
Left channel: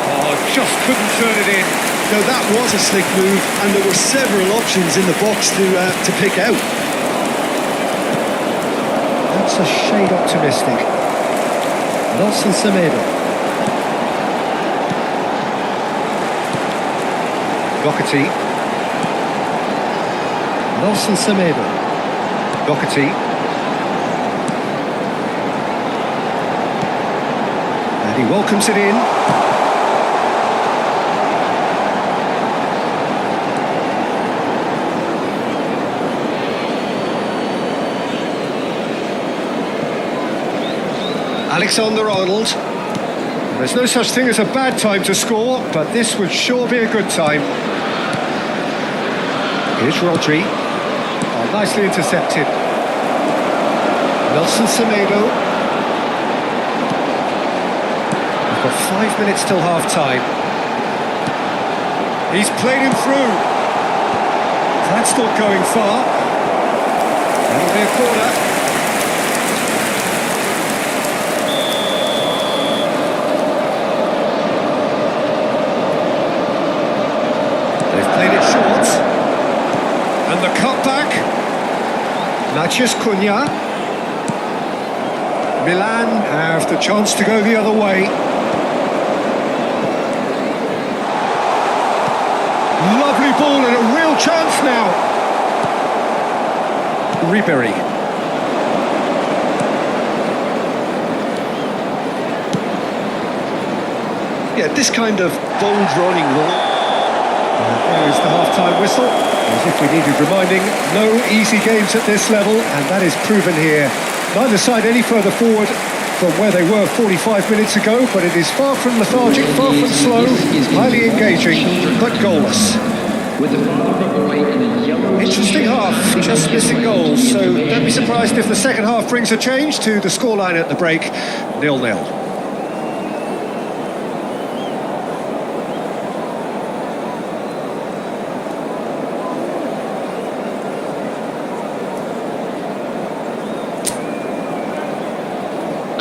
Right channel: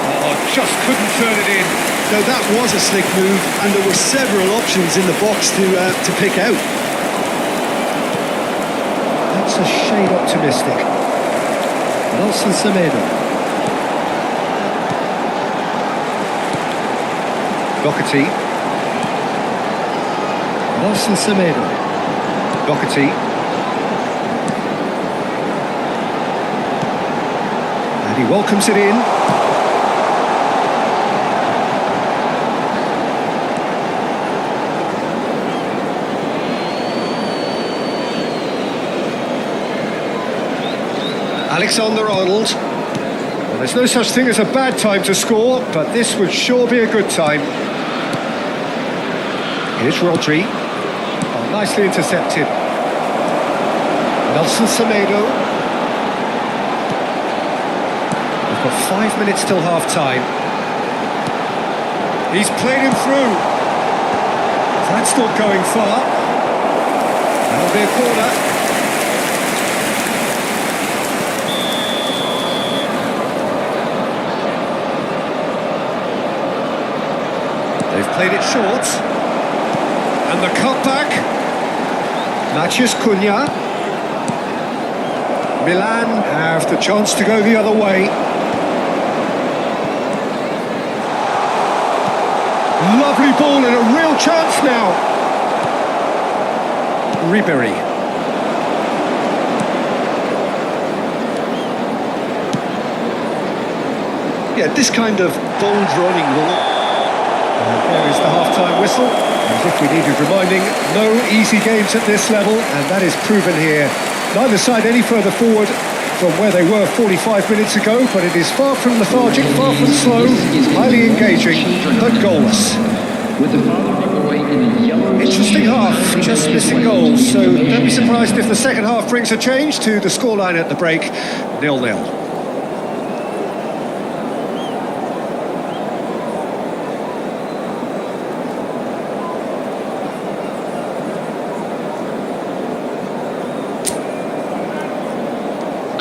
Oh, just couldn't turn it in. Now that was a slick move, and there were several options in the box to pick out. That's a shade optimistic. Nelson Semedo. Doherty. Nelson Semedo. Doherty. And he welcomes it in. Alexander-Arnold. Well, there's no such thing as a bad time to score, but this would sure be a good time. Here's Rodri. Oh, nicely intercepted. Nelson Semedo. We've got 5 minutes till half-time. He's played him through. That's not going far. That'll be a corner. They've played it short. And the cutback. Matheus Cunha. Milan have the chance to go the other way. Lovely ball and a real chance now. Ribery. Yeah, this kind of bold running will... And there is the half-time whistle. As if we needed reminding, no easy games at this level, and that is proven here. Neither side any further forward from where they were 45 minutes ago, but it is far from lethargic, far from slow, highly engaging, but goalless. With the father of a boy in a yellow Interesting half, just missing goals, so don't be surprised if the second half brings a change to the scoreline at the break, 0-0.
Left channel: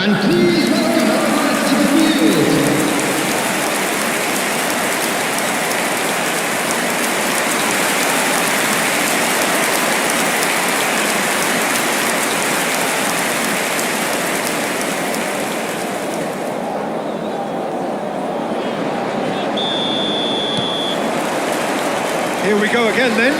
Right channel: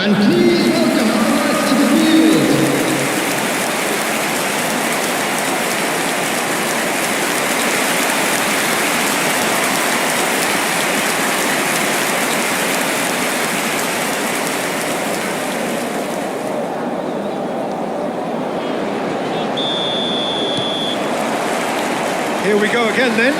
And please welcome our lads to the field. Here we go again then.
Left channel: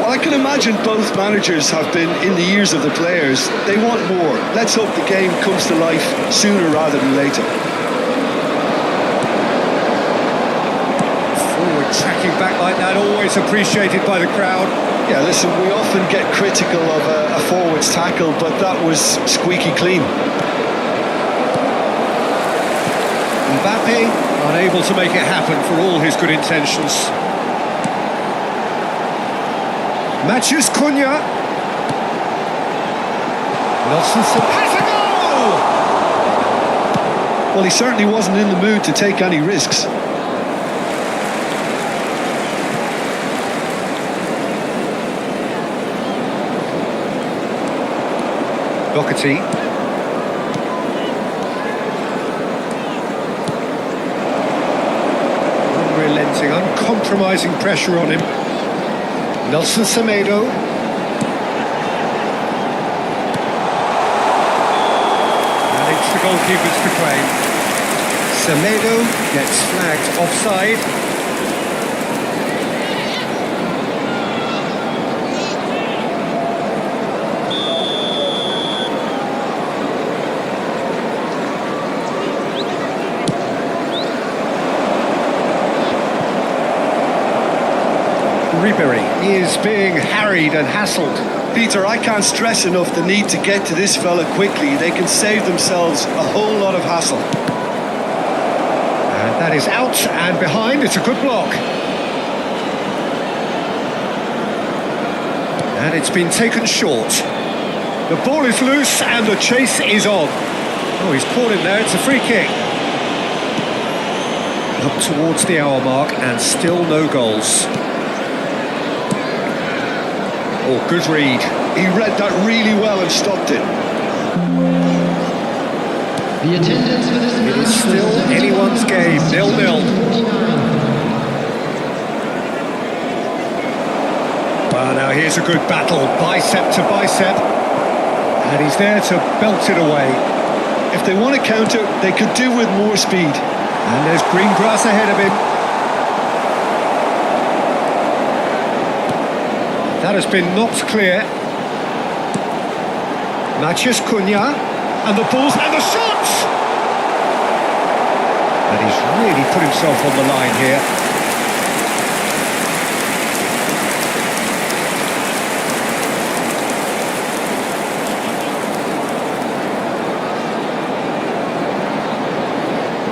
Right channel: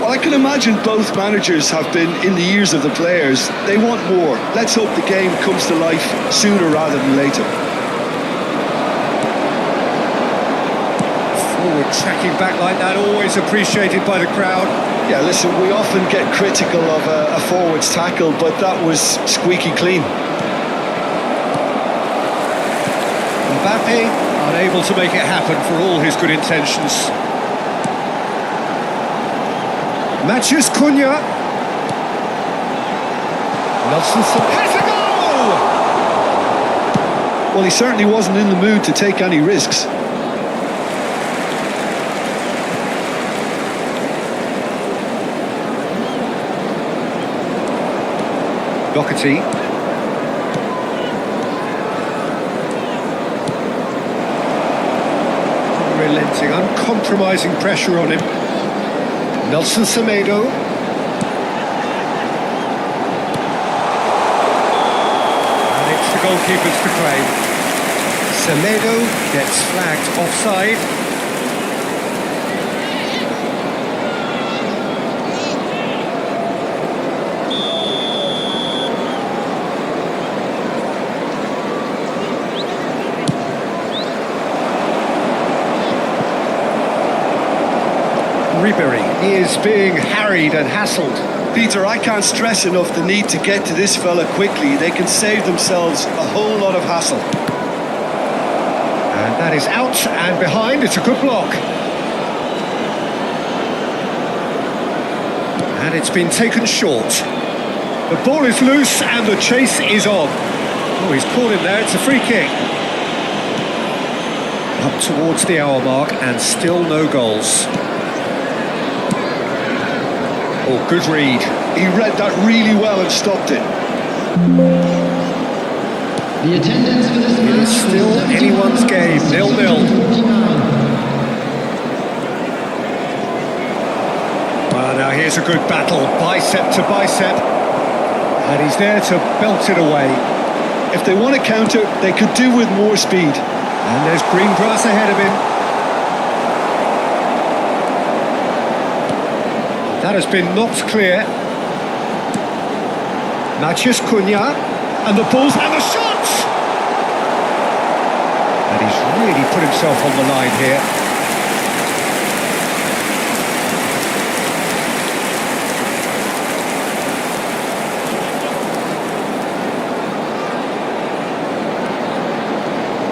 Well, I can imagine both managers have been in the ears of the players. They want more. Let's hope the game comes to life sooner rather than later. Forward tracking back like that, always appreciated by the crowd. Yeah, listen, we often get critical of a forward's tackle, but that was squeaky clean. Mbappe unable to make it happen for all his good intentions. Matheus Cunha. Nelson has a goal! Well, he certainly wasn't in the mood to take any risks. Doherty. Unrelenting, uncompromising pressure on him. Nelson Semedo. And it's the goalkeeper's to claim. Semedo gets flagged offside. Ribery is being harried and hassled. Peter, I can't stress enough the need to get to this fella quickly. They can save themselves a whole lot of hassle. And that is out and behind. It's a good block. And it's been taken short. The ball is loose and the chase is on. Oh, he's caught him there. It's a free kick. Up towards the hour mark and still no goals. Oh, good read. He read that really well and stopped it. The attendance for this match It is still anyone's game, 0-0. Well, now here's a good battle, bicep to bicep. And he's there to belt it away. If they want to counter, they could do with more speed. And there's green grass ahead of him. That has been knocked clear. Matheus Cunha, and the balls, and the shots! And he's really put himself on the line here.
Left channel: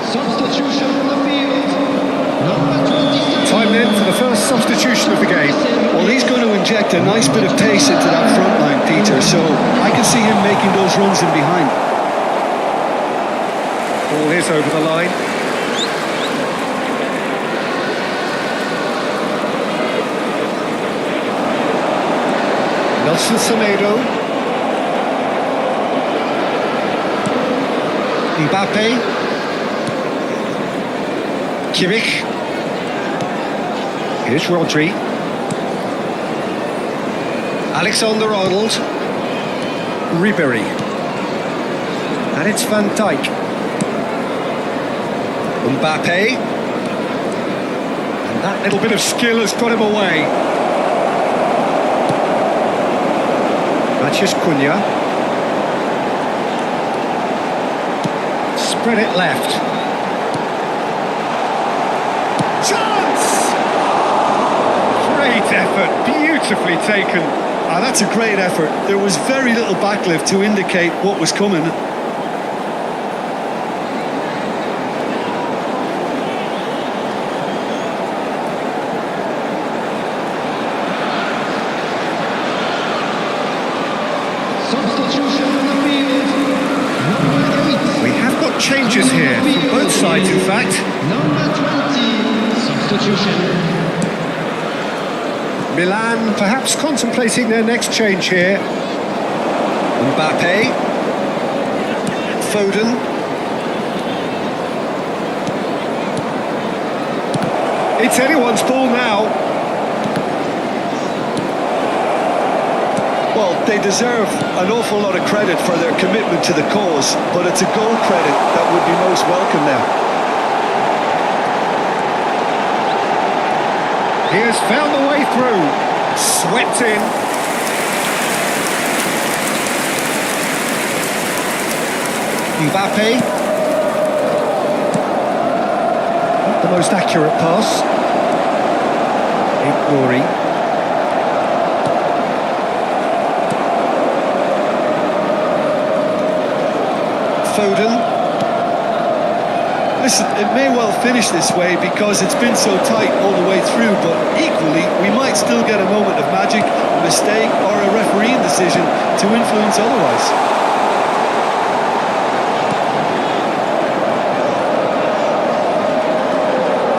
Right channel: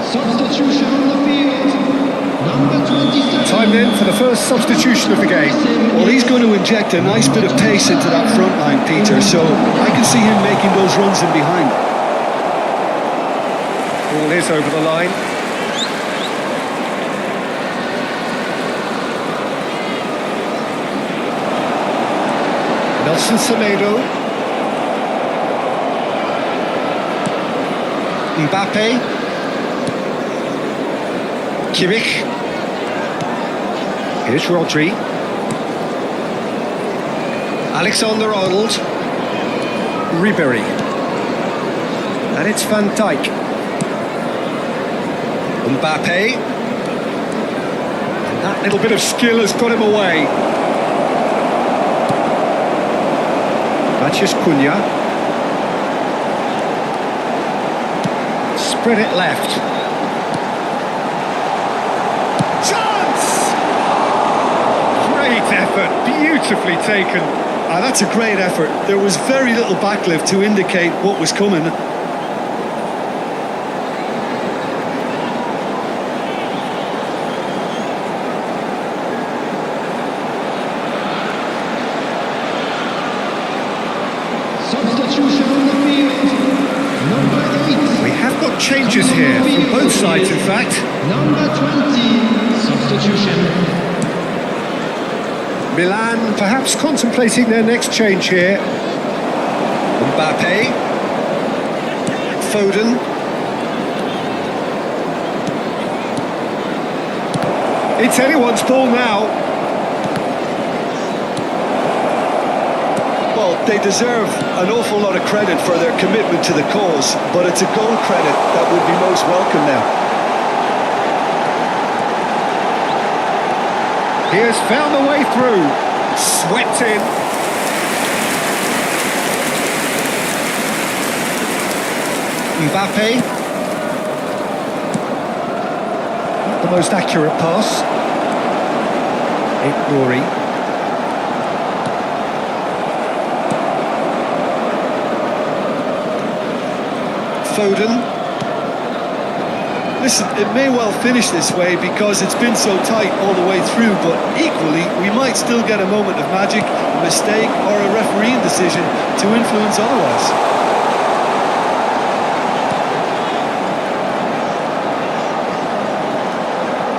Substitution on the field. Number 27. Time then for the first substitution of the game. Well, he's going to inject a nice bit of pace into that front line, Peter, so I can see him making those runs in behind. Ball is over the line. Nelson Semedo. Mbappe. Kimmich. Here's Rodri. Alexander-Arnold. Ribery. And it's Van Dijk. Mbappe. And that little bit of skill has got him away. Matheus Cunha. Spread it left. Chance! Great effort, beautifully taken. That's a great effort. There was very little backlift to indicate what was coming. Substitution on the field. Number 8. We have got changes here from both sides, in fact. Number 20. Substitution. Milan perhaps contemplating their next change here. Mbappe. Foden. It's anyone's ball now. Well, they deserve an awful lot of credit for their commitment to the cause, but it's a goal credit that would be most welcome now. He has found the way through. Swept in. Mbappe. Not the most accurate pass. Nouri. Foden. Listen, it may well finish this way because it's been so tight all the way through, but equally, we might still get a moment of magic, a mistake, or a refereeing decision to influence otherwise.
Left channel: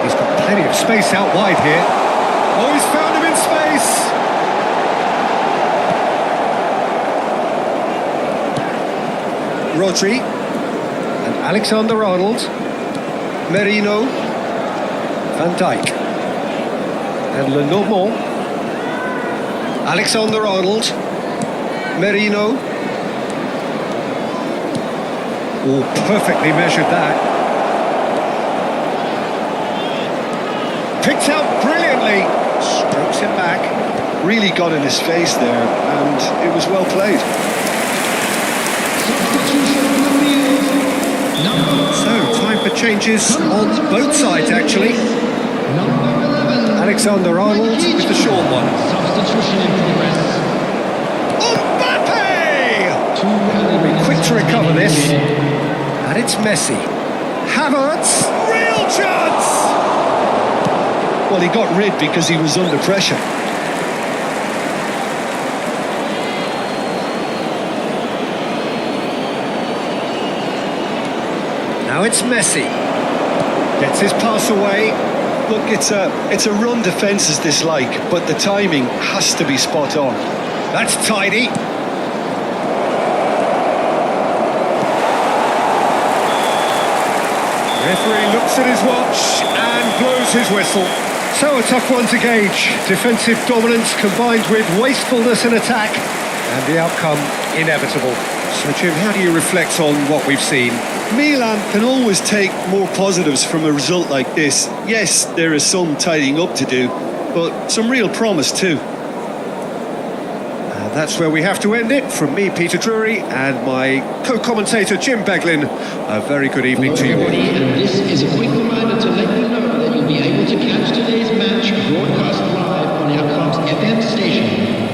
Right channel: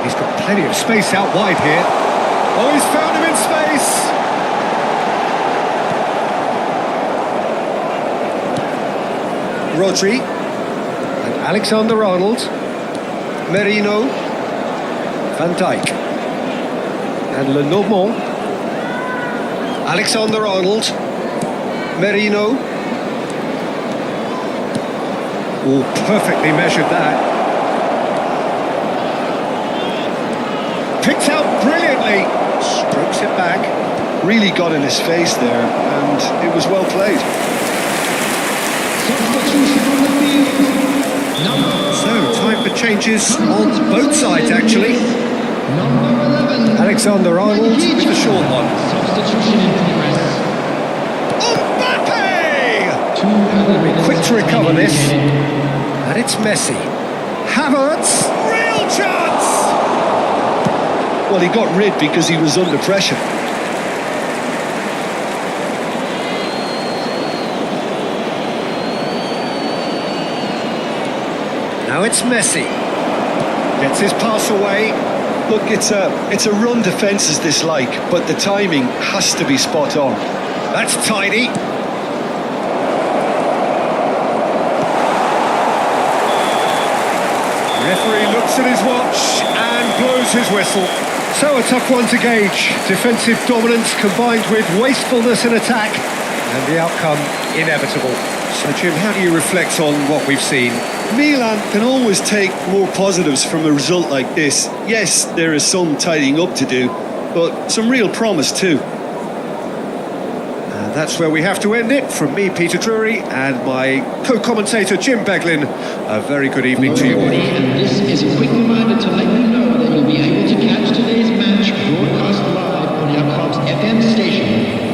He's got plenty of space out wide here. Oh, he's found him in space! Rodri. And Alexander-Arnold. Merino. Van Dijk. And Lenormand. Alexander-Arnold. Merino. Oh, perfectly measured that. Picked out brilliantly. Strokes it back. Really got in his face there, and it was well played. Substitution on the field. Number 5. So, time for changes Coming on to both replace sides, him actually. is Number 11. Alexander Arnold with the short one. Substitution in progress. Mbappe! Going to be quick to recover this. And it's Messi. Havertz, real chance! Well, he got rid because he was under pressure. Now it's Messi. Gets his pass away. Look, it's a run defence is dislike, but the timing has to be spot on. That's tidy. Referee looks at his watch and blows his whistle. So a tough one to gauge. Defensive dominance combined with wastefulness in attack, and the outcome inevitable. So Jim, how do you reflect on what we've seen? Milan can always take more positives from a result like this. Yes, there is some tidying up to do, but some real promise too. And that's where we have to end it. From me, Peter Drury, and my co-commentator, Jim Beglin, a very good evening Hello to you all. everybody, and this is a quick reminder to let you know that you'll be able to catch today's match broadcast live on our club's FM station.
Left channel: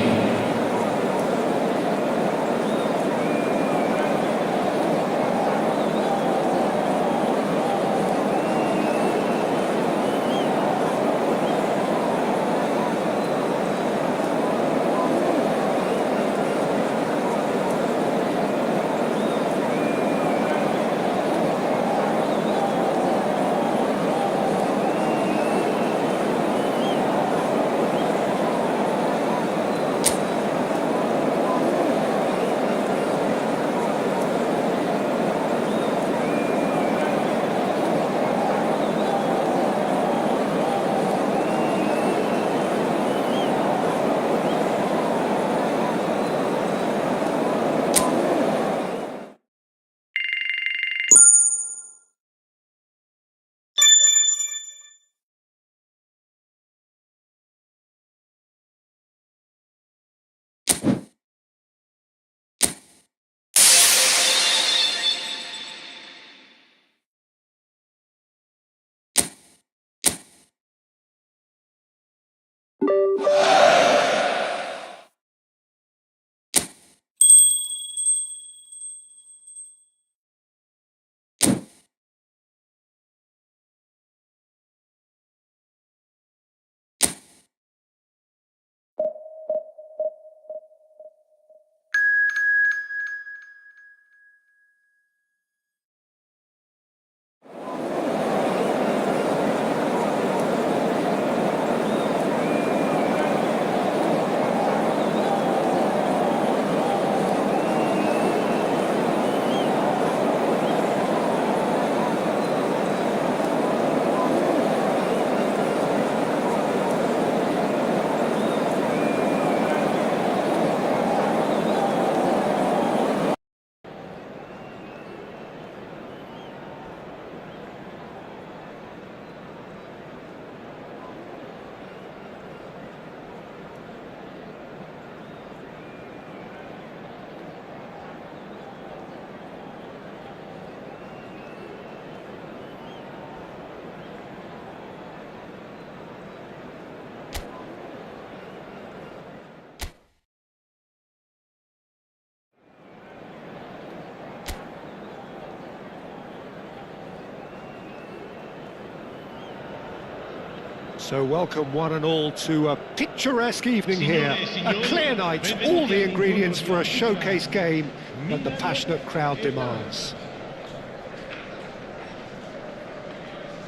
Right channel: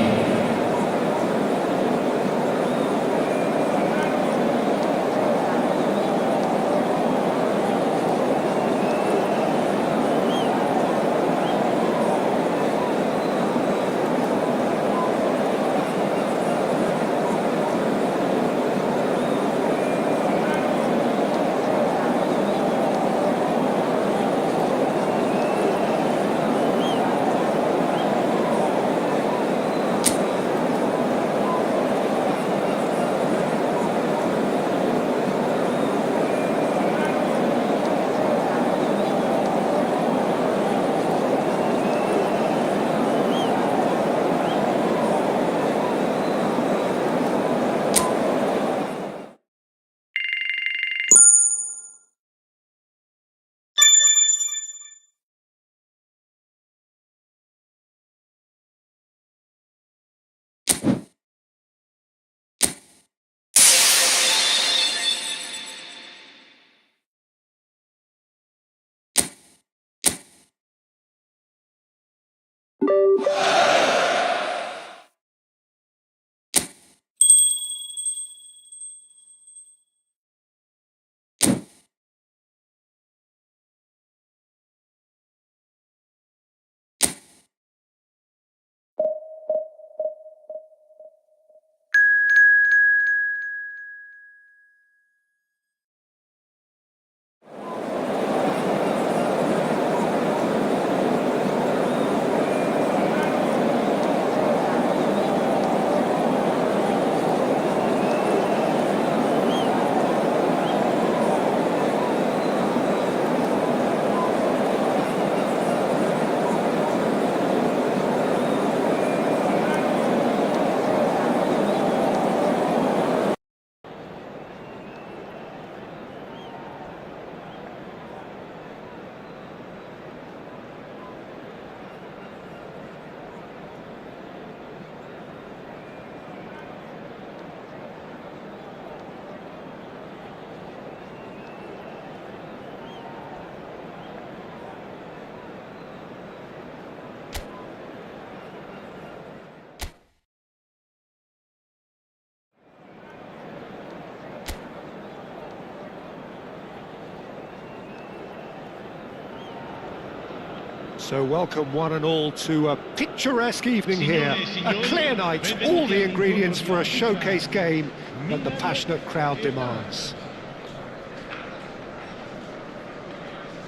So welcome one and all to a picturesque evening here, a clear night, all the ingredients for a showcase game that the passionate crowd demands.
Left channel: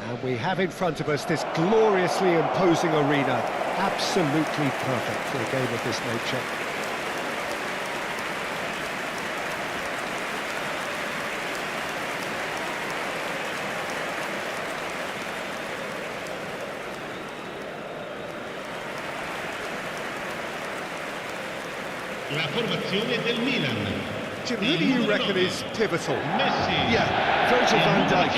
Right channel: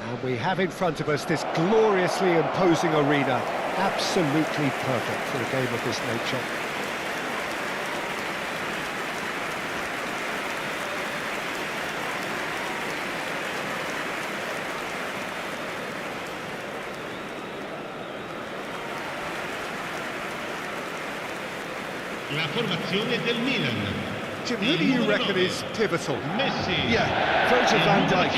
And we have in front of us this gloriously imposing arena, absolutely perfect for a game of this nature. La formazione del Milan. Jim, who do you reckon is pivotal? Messi. Yeah, Virgil van Dijk.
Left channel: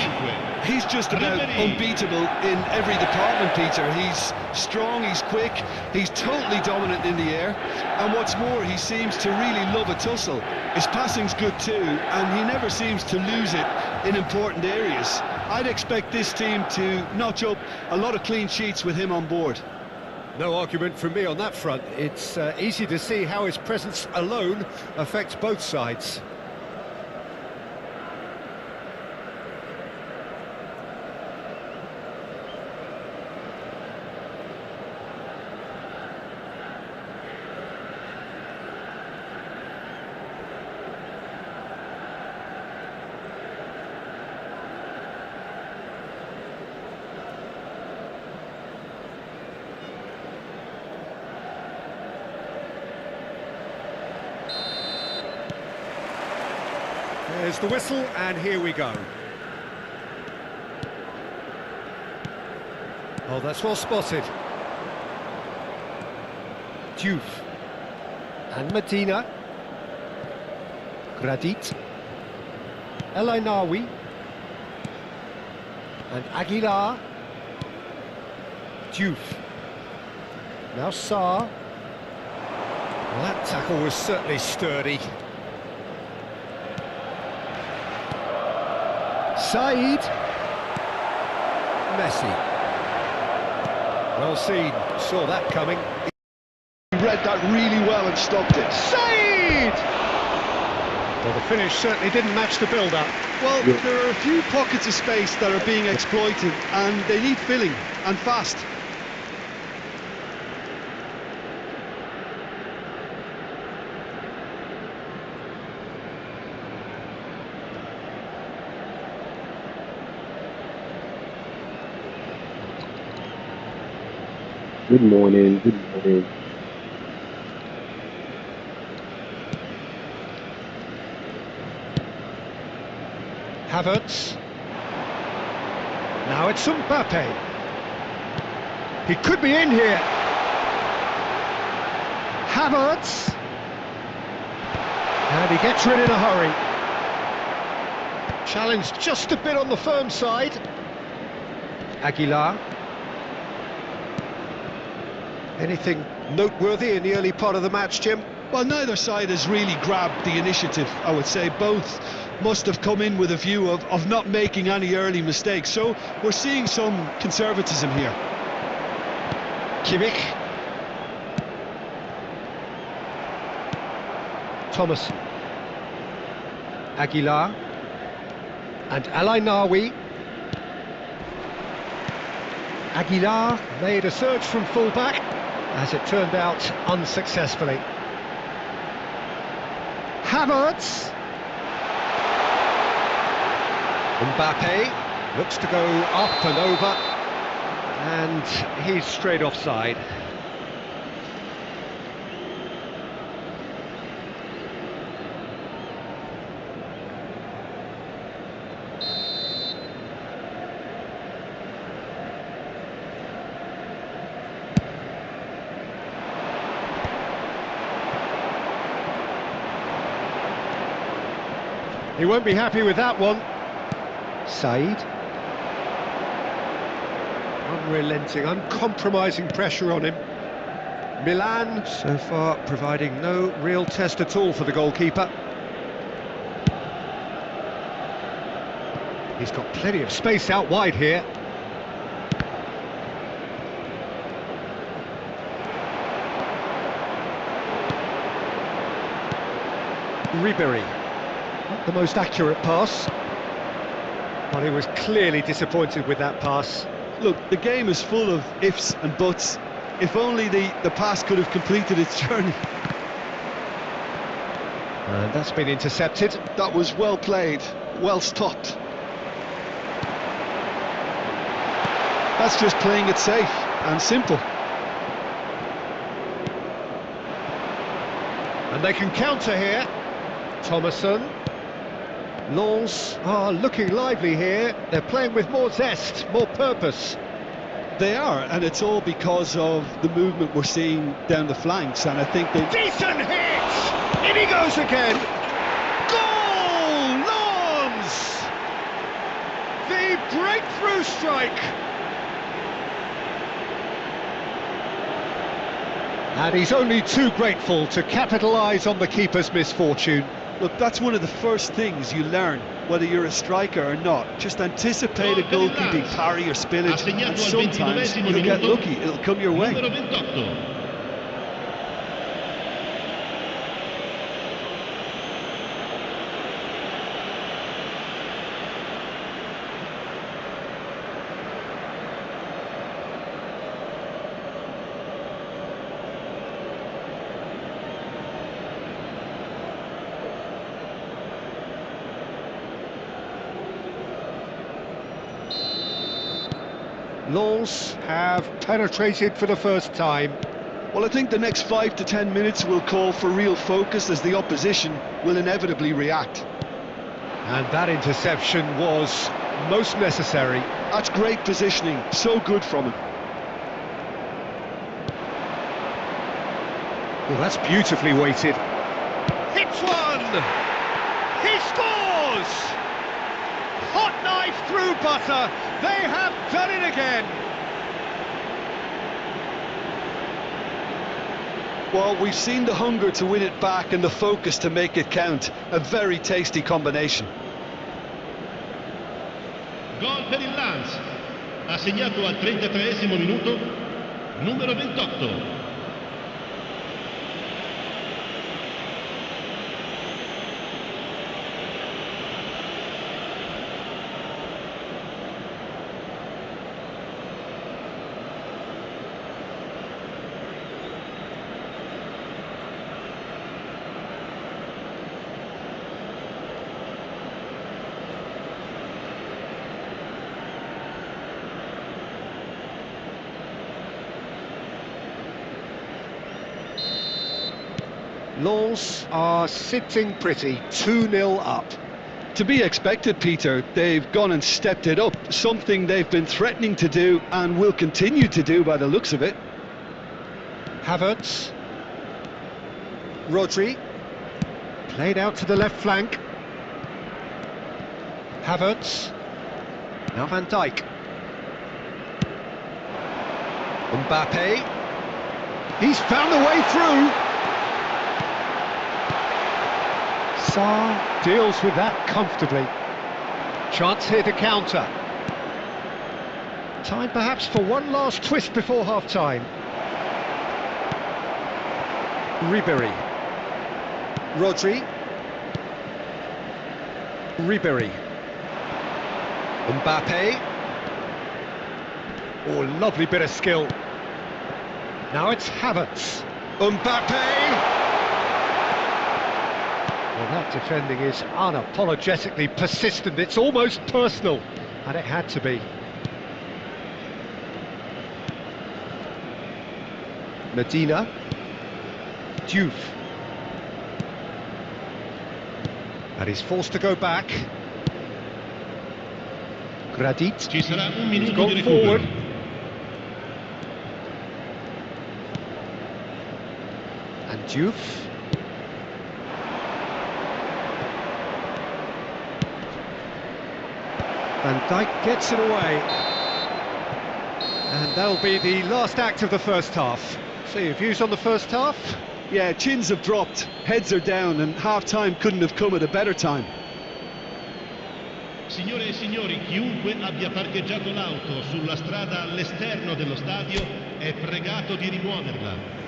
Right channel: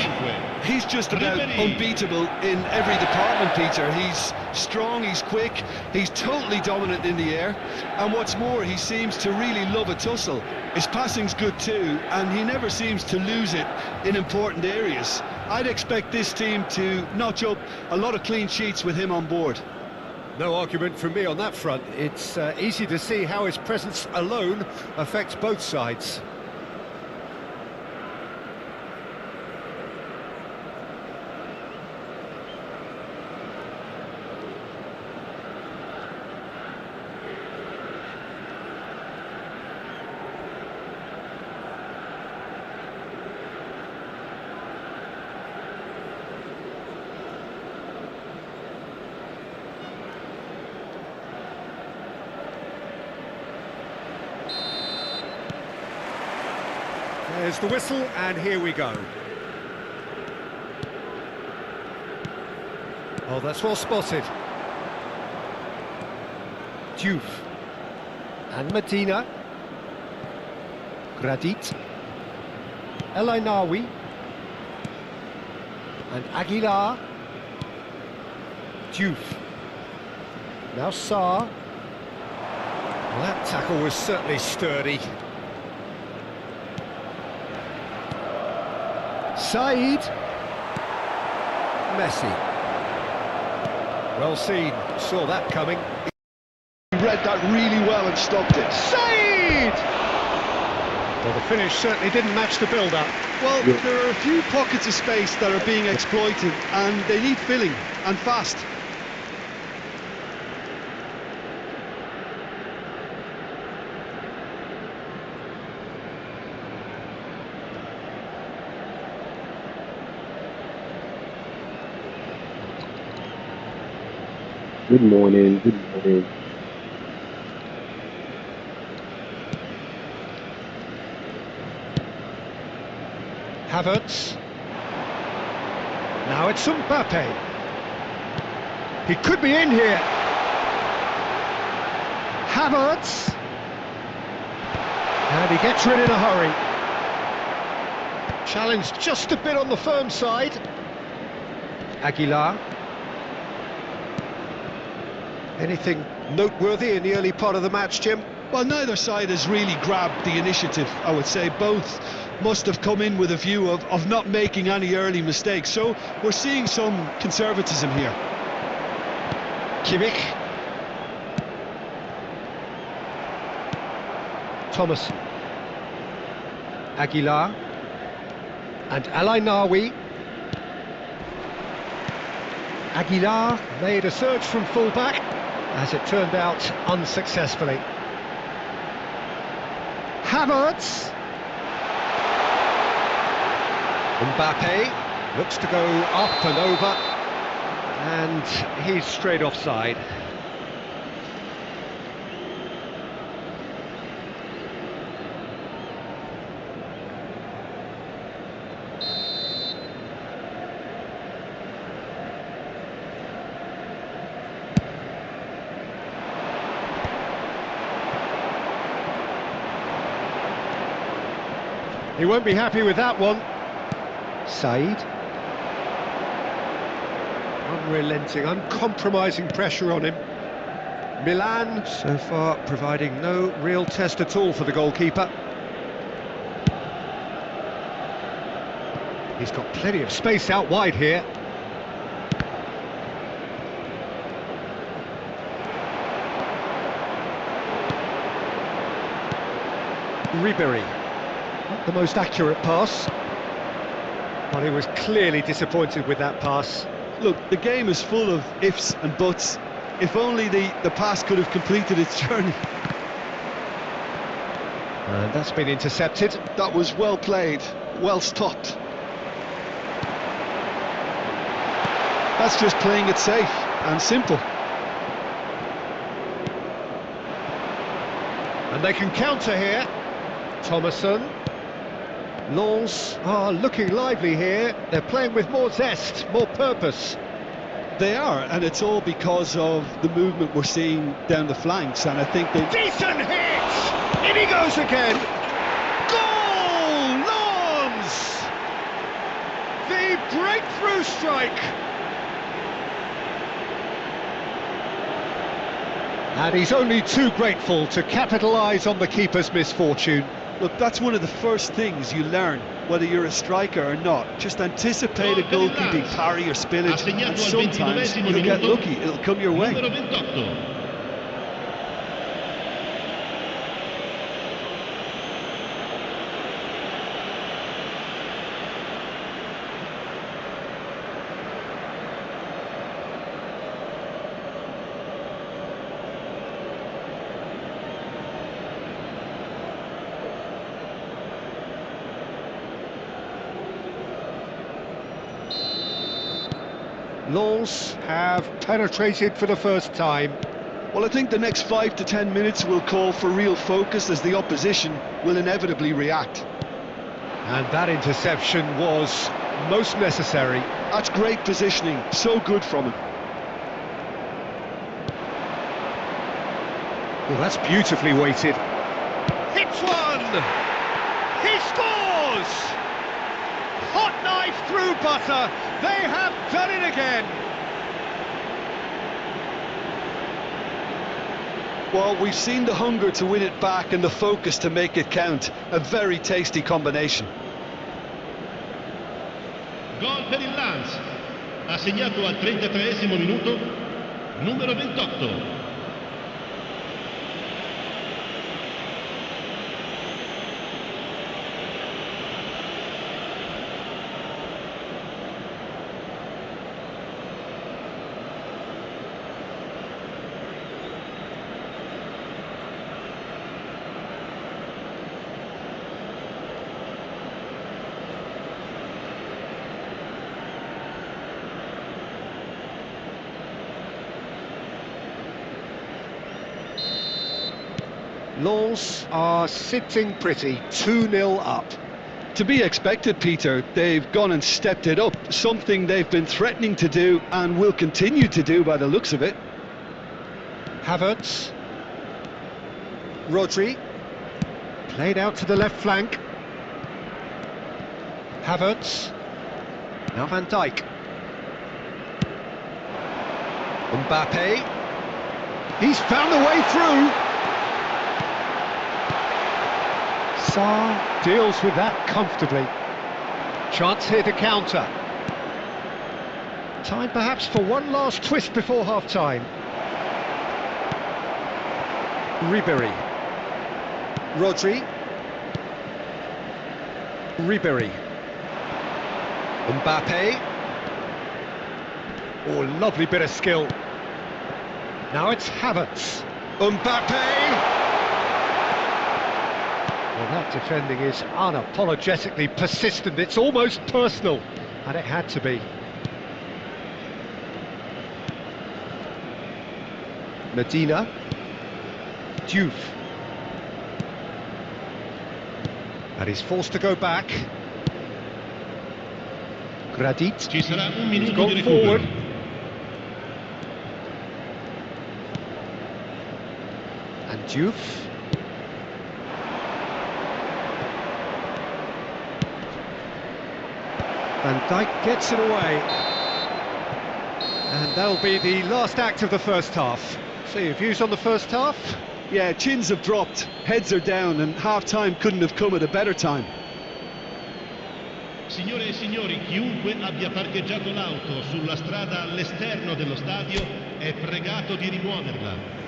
5. He's just about unbeatable in every department, Peter. He's strong, he's quick, he's totally dominant in the air, and what's more, he seems to really love a tussle. His passing's good too, and he never seems to lose it in important areas. I'd expect this team to notch up a lot of clean sheets with him on board. No argument from me on that front. It's easy to see how his presence alone affects both sides. There's the whistle, and here we go. Oh, that's well spotted. Diouf. And Medina. Gradit. El Ainaoui. And Aguilar. Diouf. Now Sarr. Well, that tackle was certainly sturdy. Said. Messi. Well seen, saw that coming. He read that really well and stopped it. Said! Well, the finish certainly didn't match the build-up. Well, there are a few pockets of space that are being exploited, and they need filling, and fast. Good morning, good morning. Havertz. Now it's Mbappe. He could be in here. Havertz. And he gets rid in a hurry. Challenged just a bit on the firm side. Aguilar. Anything noteworthy in the early part of the match, Jim? Well, neither side has really grabbed the initiative, I would say. Both must have come in with a view of not making any early mistakes. So we're seeing some conservatism here. Kimmich. Thomas. Aguilar. And El Ainaoui. Aguilar made a surge from full-back, as it turned out unsuccessfully. Havertz. Mbappe looks to go up and over, and he's straight offside. He won't be happy with that one. Said. Unrelenting, uncompromising pressure on him. Milan, so far, providing no real test at all for the goalkeeper. He's got plenty of space out wide here. Ribery. Not the most accurate pass, but he was clearly disappointed with that pass. Look, the game is full of ifs and buts. If only the pass could have completed its journey. And that's been intercepted. That was well played, well stopped. That's just playing it safe and simple. And they can counter here. Thomason. Lens are looking lively here. They're playing with more zest, more purpose. They are, and it's all because of the movement we're seeing down the flanks, and I think they... Decent hit! In he goes again! Goal! Lens! The breakthrough strike! And he's only too grateful to capitalise on the keeper's misfortune. Look, that's one of the first things you learn, whether you're a striker or not. Just anticipate a goalkeeping parry or spillage, and sometimes you'll get lucky, it'll come your way. Numero 28. Lens have penetrated for the first time. Well, I think the next 5 to 10 minutes will call for real focus as the opposition will inevitably react. And that interception was most necessary. That's great positioning, so good from him. Well, that's beautifully weighted. Hits one! He scores! Hot knife through butter. They have done it again. Well, we've seen the hunger to win it back and the focus to make it count. A very tasty combination. Gol per il Lens. Ha segnato al 33esimo minuto numero 28. Lens are sitting pretty, 2-0 up. To be expected, Peter. They've gone and stepped it up, something they've been threatening to do and will continue to do by the looks of it. Havertz. Rodri. Played out to the left flank. Havertz. Now Van Dijk. Mbappe. He's found the way through. Sarr deals with that comfortably. Chance here to counter. Time perhaps for one last twist before half-time. Ribéry. Rodri. Ribéry. Mbappe. Oh, lovely bit of skill. Now it's Havertz. Mbappe! Well, that defending is unapologetically persistent. It's almost personal, and it had to be. Medina. Diouf. And he's forced to go back. Gradit. Ci sarà un He's minuto di gone forward. recupero. And Diouf. Van Dijk gets it away. And that'll be the last act of the first half. So your views on the first half? Yeah, chins have dropped, heads are down, and half-time couldn't have come at a better time. Signore e signori, chiunque abbia parcheggiato l'auto sulla strada all'esterno dello stadio è pregato di rimuoverla.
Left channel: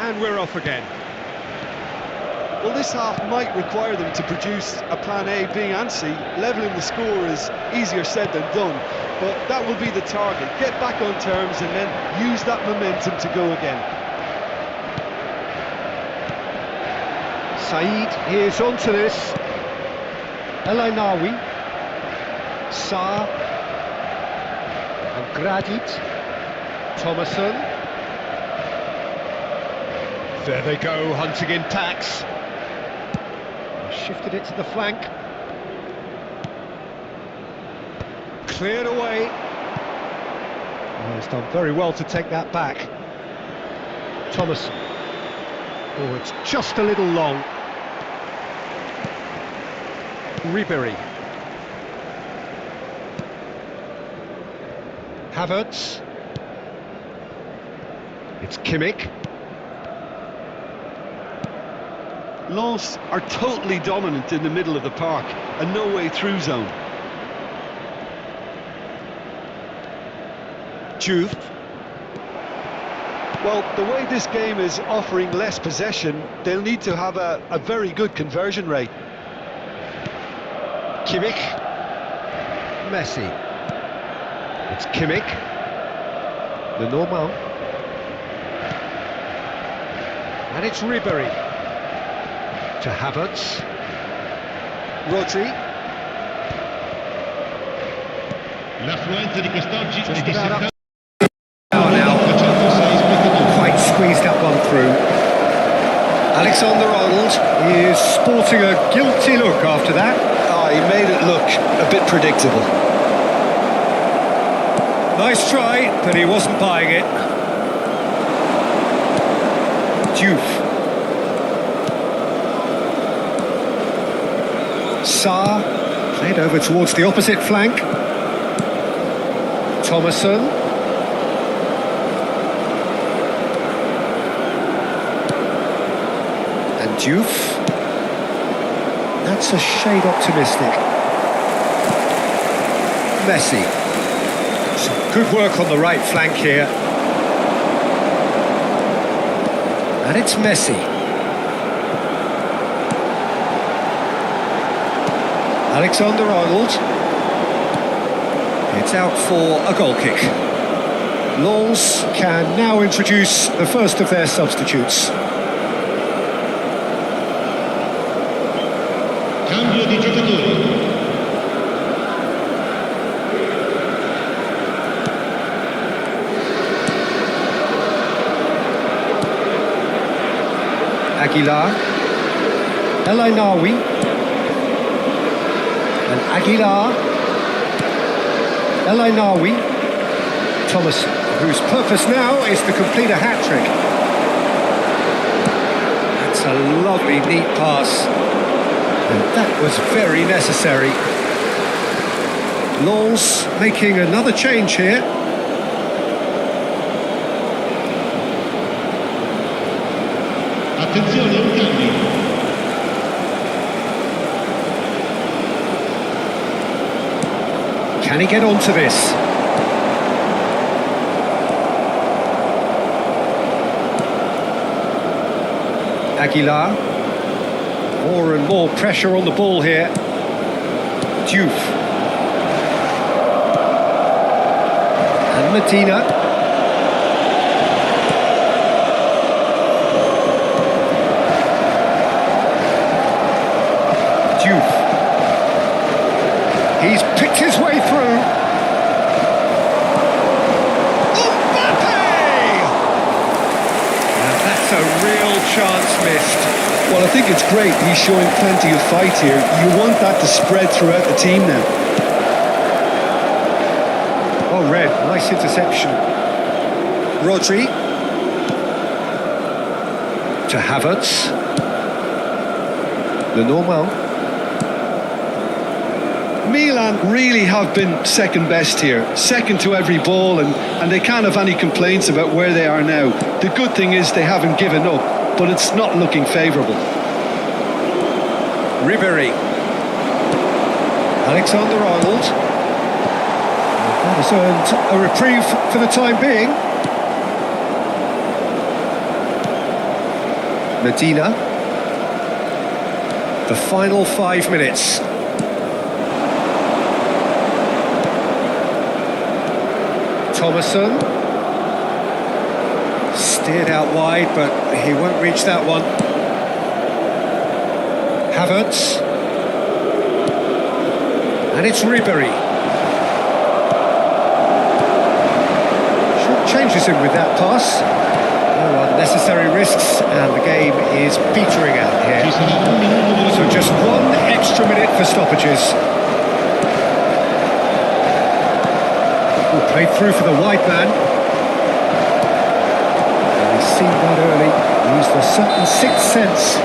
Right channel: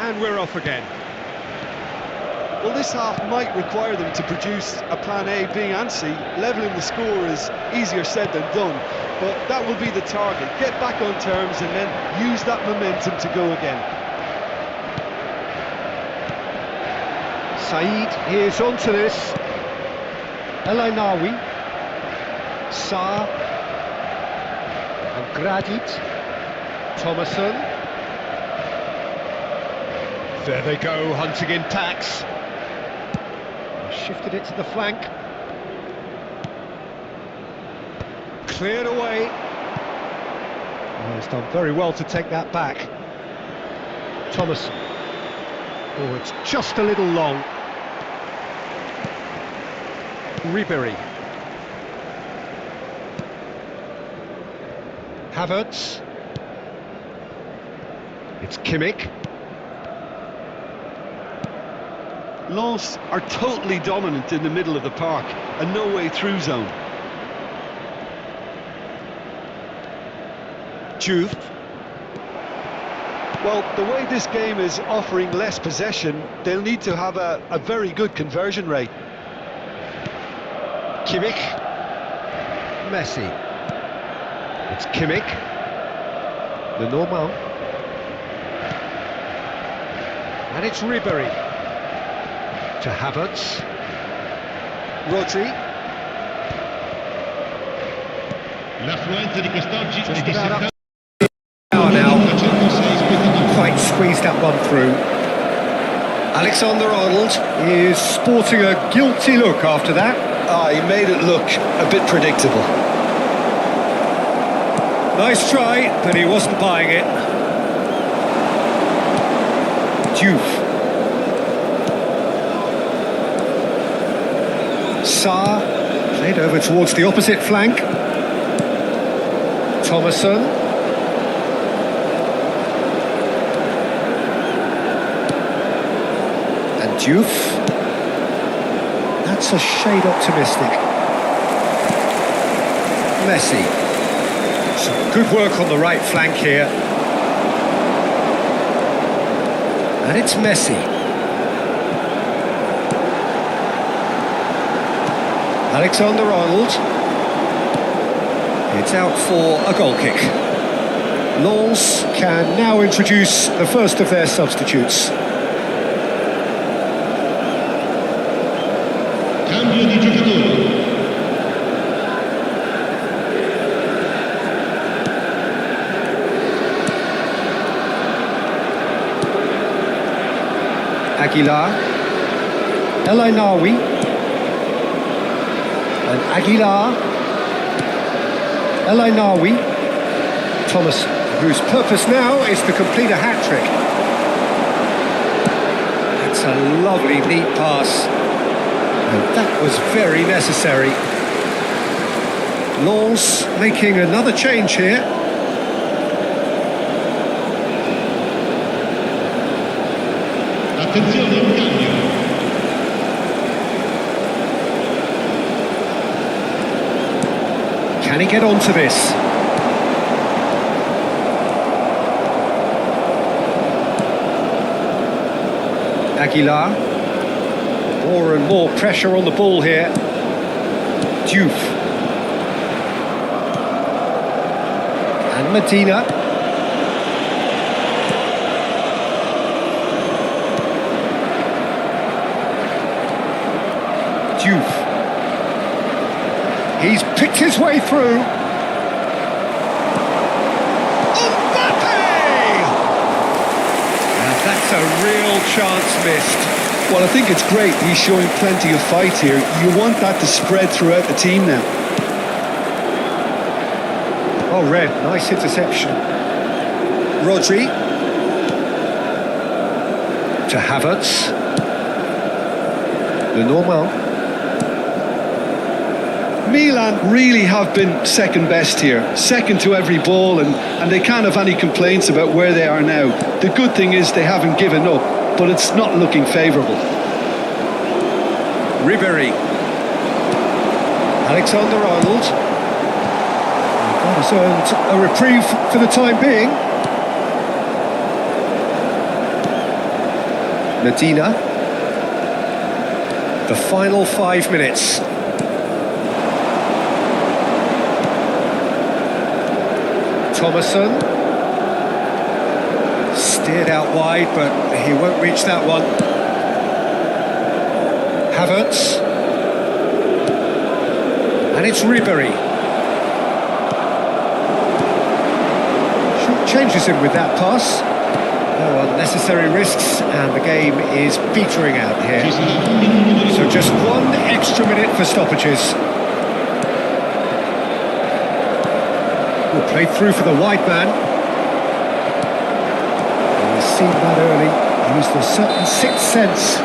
And we're off again. Well, this half might require them to produce a plan A, B and C. Levelling the score is easier said than done, but that will be the target. Get back on terms and then use that momentum to go again. Said is onto this. El Ainaoui. Sarr. And Gradit. Thomason. There they go, hunting in packs. Shifted it to the flank. Cleared away. Oh, he's done very well to take that back. Thomas. Oh, it's just a little long. Ribery. Havertz. It's Kimmich. Lens are totally dominant in the middle of the park, a no-way through zone. Juve. Well, the way this game is offering less possession, they'll need to have a very good conversion rate. Kimmich. Messi. It's Kimmich. The normal. And it's Ribery. To Havertz. Rodri. L'affluenza di quest'oggi è di about up. 70.306 Now, spettatori. quite squeezed that one through. Alexander-Arnold is sporting a guilty look after that. He made it look a bit predictable. Nice try, but he wasn't buying it. Juve. Sarr played over towards the opposite flank. Thomason. And Juve. That's a shade optimistic. Messi. Some good work on the right flank here. And it's Messi. Alexander-Arnold. It's out for a goal kick. Lens can now introduce the first of their substitutes. Cambio di giocatori. Aguilar. El Ainaoui. And Aguilar. El Ainaoui. Thomason, whose purpose now is to complete a hat-trick. That's a lovely, neat pass. And that was very necessary. Lens making another change here. Attenzione, un cambio. Can he get onto this? Aguilar. More and more pressure on the ball here. Juve. And Medina. Juve. He's picked his way through. Mbappe! And that's a real chance missed. Well, I think it's great. He's showing plenty of fight here. You want that to spread throughout the team now. Oh, Red, nice interception. Rodri. To Havertz. Le Normal. Milan really have been second best here, second to every ball, and they can't have any complaints about where they are now. The good thing is they haven't given up, but it's not looking favourable. Ribery. Alexander-Arnold. That has earned a reprieve for the time being. Medina. The final 5 minutes. Thomason. Steered out wide, but he won't reach that one. Havertz. And it's Ribery. Short changes him with that pass. No unnecessary risks, and the game is petering out here. Ci sarà un minuto di So recupero. just 1 extra minute for stoppages. Oh, played through for the wide man. Well, he's seen that early, used a certain sixth sense.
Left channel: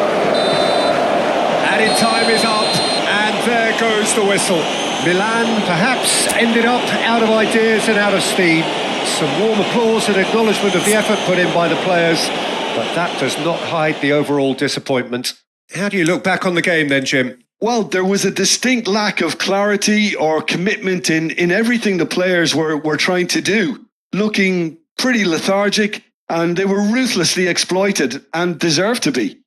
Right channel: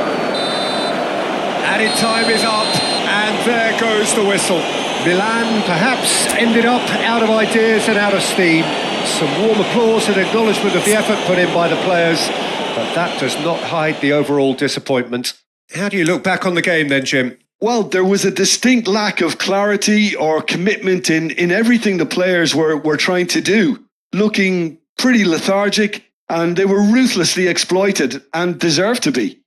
Added time is up, and there goes the whistle. Milan perhaps ended up out of ideas and out of steam. Some warm applause and acknowledgement of the effort put in by the players, but that does not hide the overall disappointment. How do you look back on the game then, Jim? Well, there was a distinct lack of clarity or commitment in everything the players were trying to do. Looking pretty lethargic, and they were ruthlessly exploited and deserved to be.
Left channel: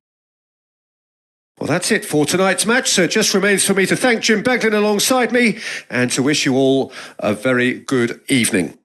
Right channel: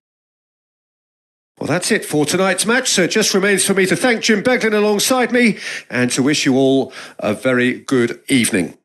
Well, that's it for tonight's match, so it just remains for me to thank Jim Beglin alongside me and to wish you all a very good evening.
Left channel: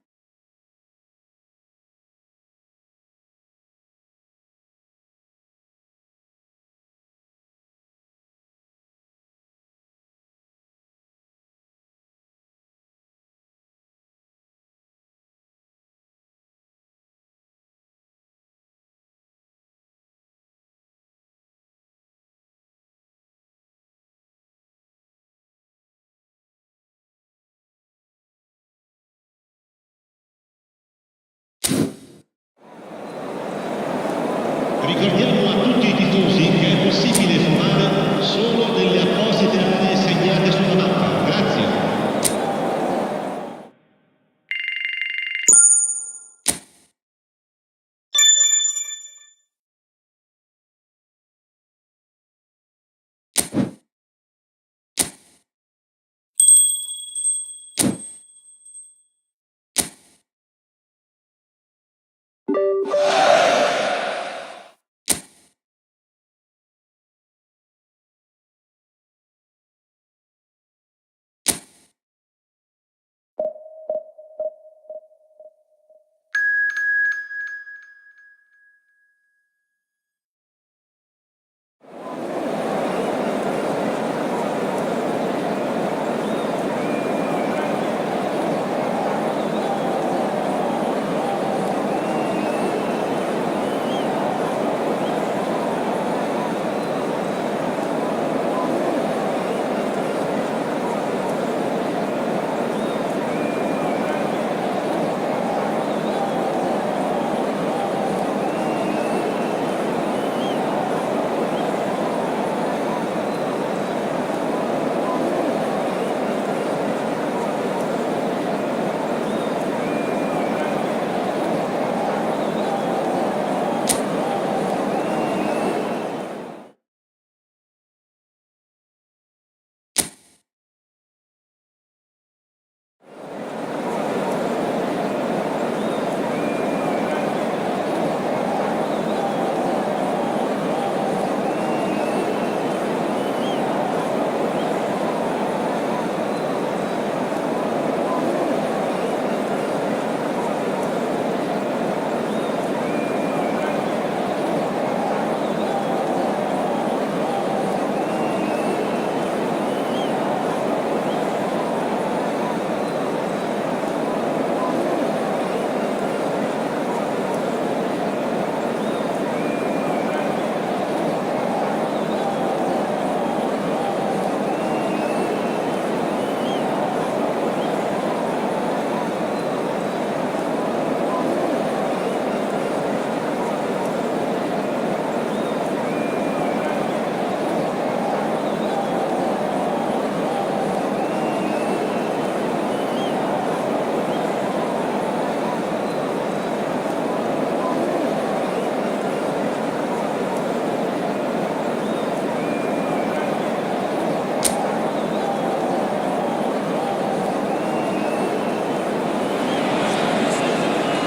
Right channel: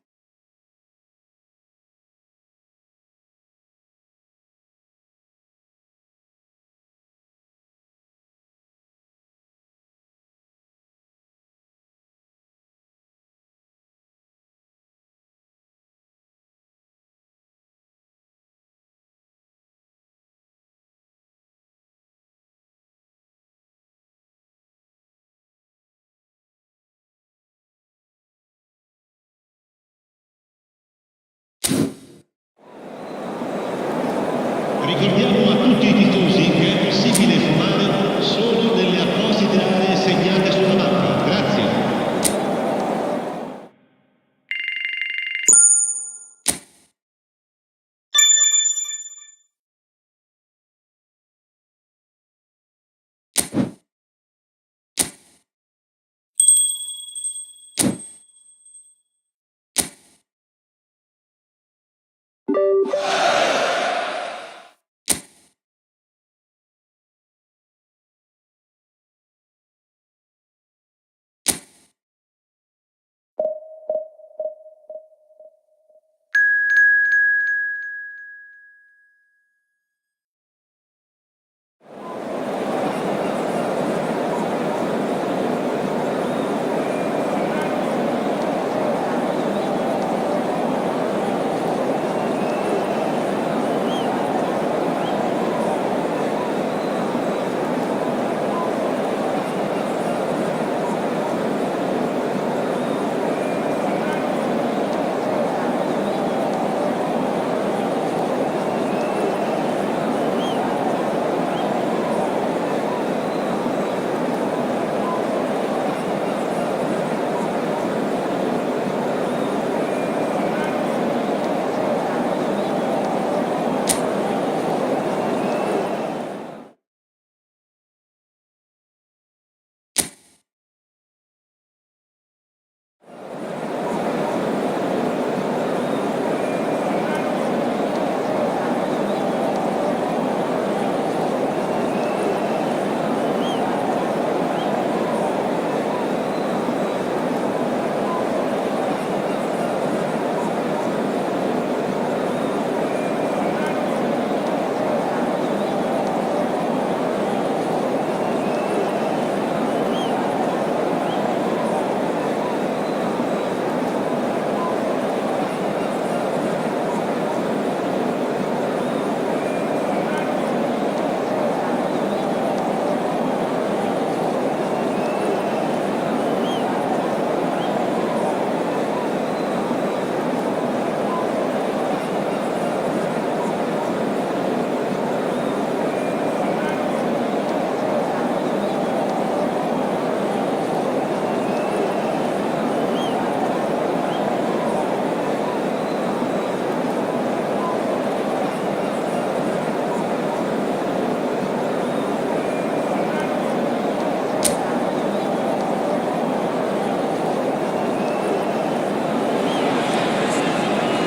Ricordiamo a tutti i tifosi che è possibile fumare solo nelle apposite aree segnate sulla mappa. Grazie.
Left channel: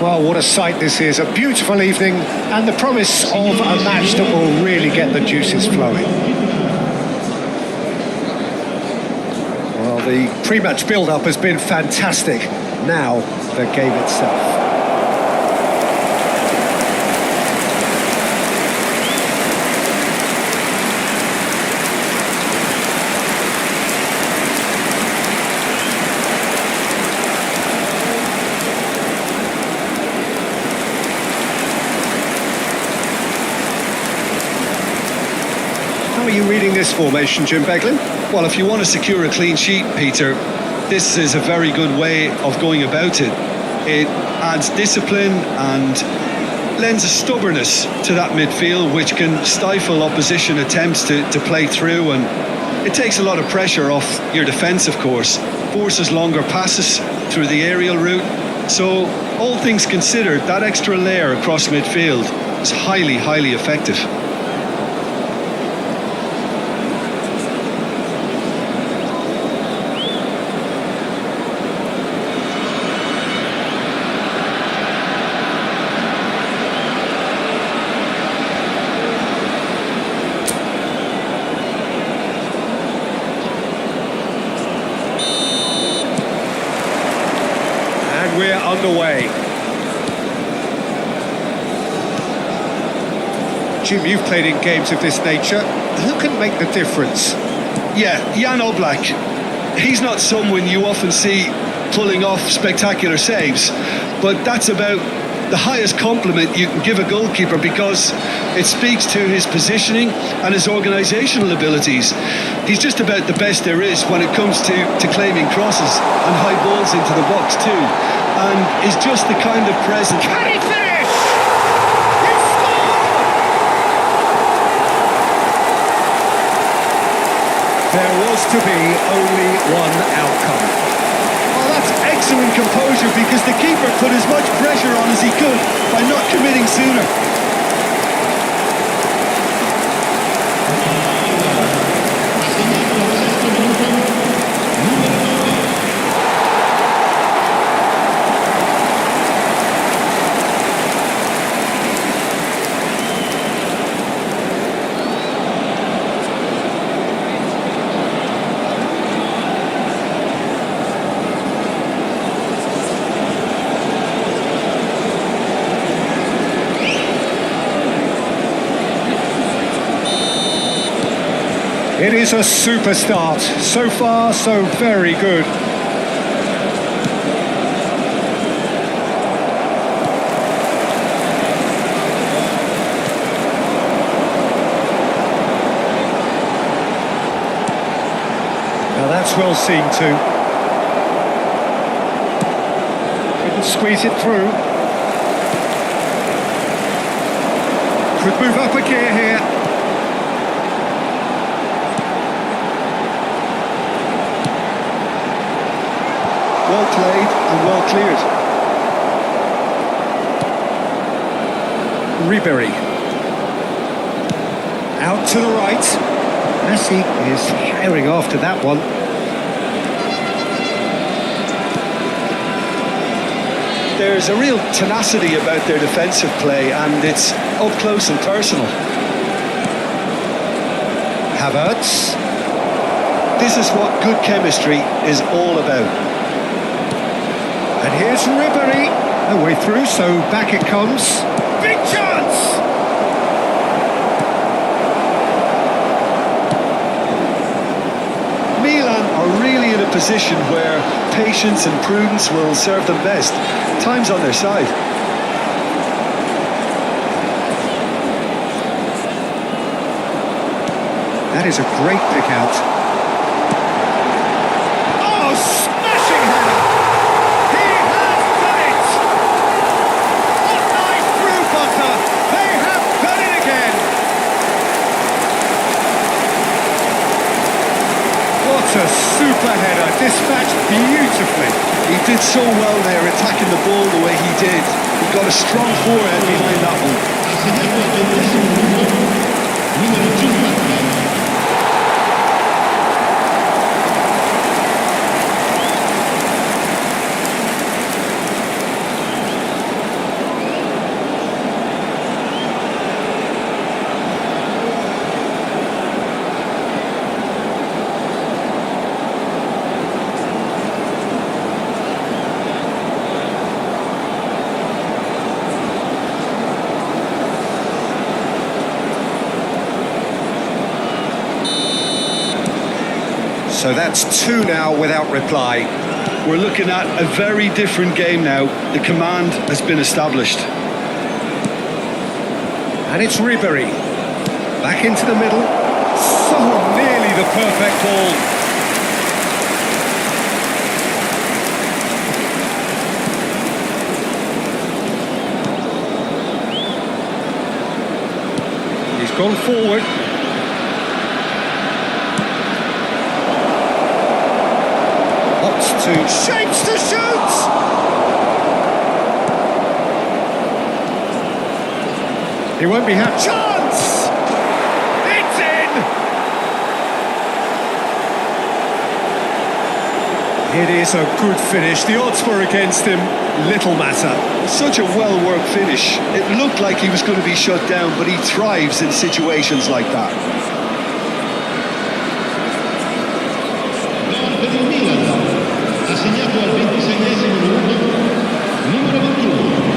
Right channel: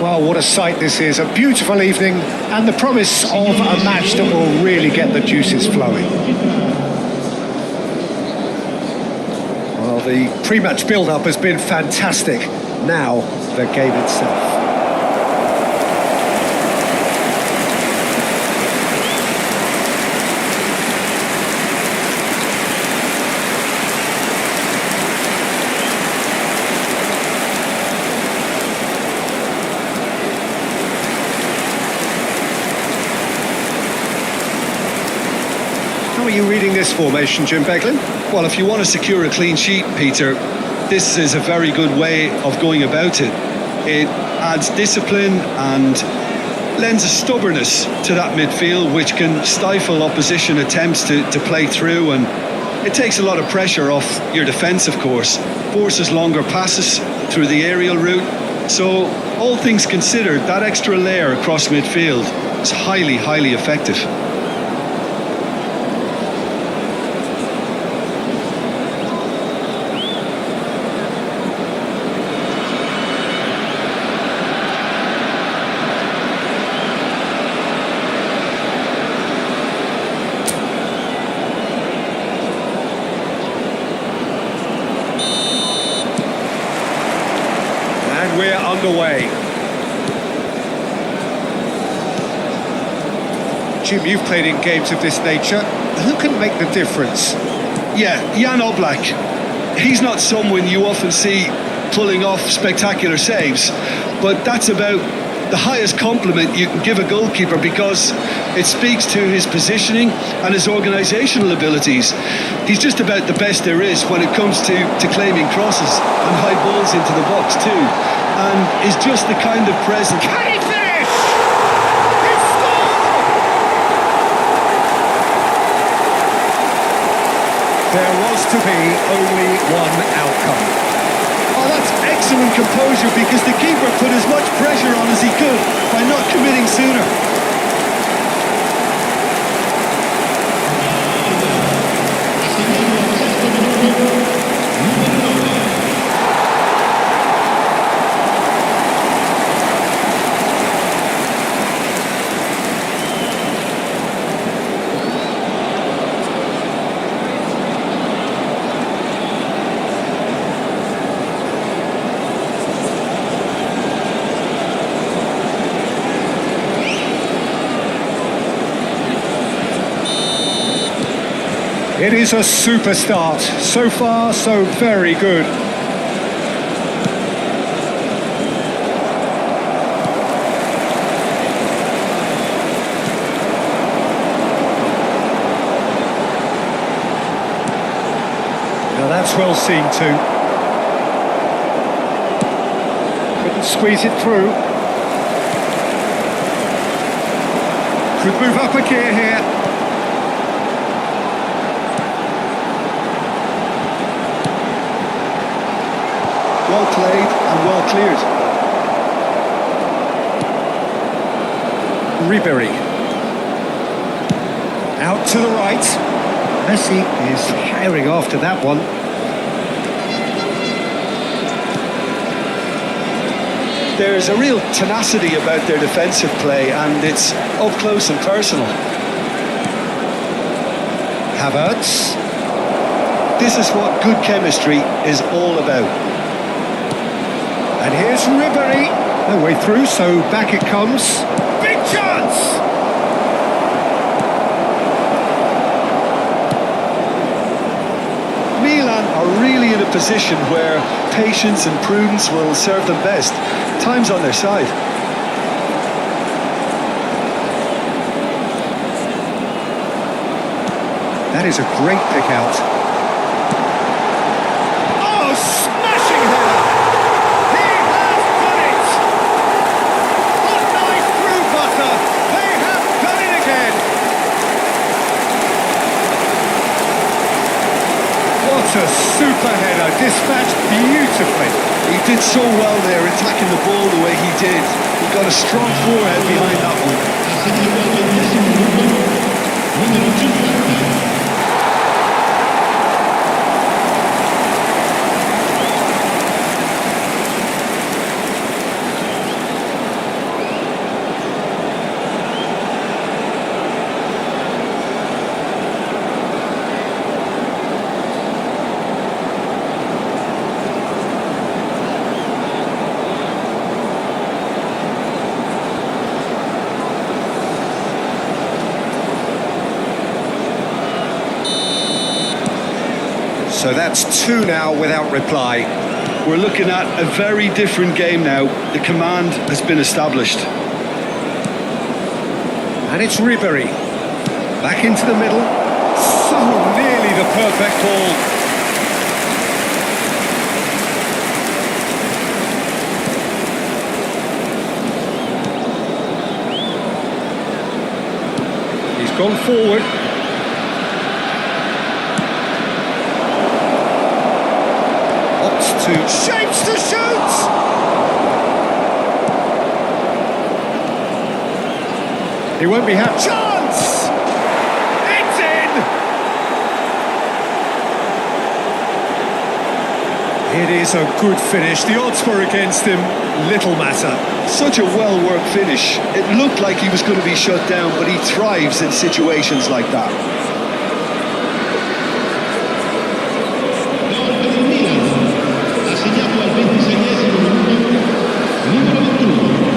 Well, what a sight this is. A beautiful evening and the promise of a match that will really get the juices flowing. Well, the pre-match build-up has been fantastic. Now, the game itself. are you reading this formation, Jim Beglin? Well, if you want to secure a clean sheet, Peter, this is a very good way of going about it. It adds discipline and lends a stubbornness to that midfield, which can stifle opposition attempts to play through, and it takes a lot of pressure off your defence, of course, forces longer passes through the aerial route. So, all things considered, that extra layer across midfield is highly, highly effective. And we're underway. Jim, you've played in games of this nature. Who can make the difference? Yeah, Jan Oblak. He's not someone you often see pulling off spectacular saves, but that's about the highest compliment you can give a goalkeeper, because it speaks to his positioning and his organisational abilities. He's just about the best there is when it comes to claiming crosses and high balls into the box too, and is just the kind of presence. Can he finish? He scored! There was to be only one outcome. Oh, that's excellent composure, because the keeper put as much pressure on as he could by not committing sooner. Ha segnato al sesto minuto numero 9. It is a super start. So far, so very good. Now that's well seen too. Couldn't squeeze it through. Could move up a gear here. Well played and well cleared. Ribery. Out to the right. Messi is herring after that one. There's a real tenacity about their defensive play, and it's up close and personal. Havertz. This is what good chemistry is all about. And here's Ribery. No way through, so back it comes. Big chance! Milan are really in a position where patience and prudence will serve them best. Time's on their side. That is a great pick out. Oh, smashing header! He has done it! Hot knife through butter. They have done it again. What a super header, dispatched beautifully. He did so well there, attacking the ball the way he did. He got a strong forehead behind that one. Ha segnato al 20° minuto numero 50. So that's two now without reply. We're looking at a very different game now. The command has been established. And it's Ribery. Back into the middle. So nearly the perfect ball. He's gone forward. Opts to shapes to shoot. He won't be happy. Chance! It's in! It is a good finish. The odds were against him. Little matter. Such a well-worked finish. It looked like he was going to be shut down, but he thrives in situations like that. Gol per il Milan. Ha segnato al 26esimo minuto numero 21.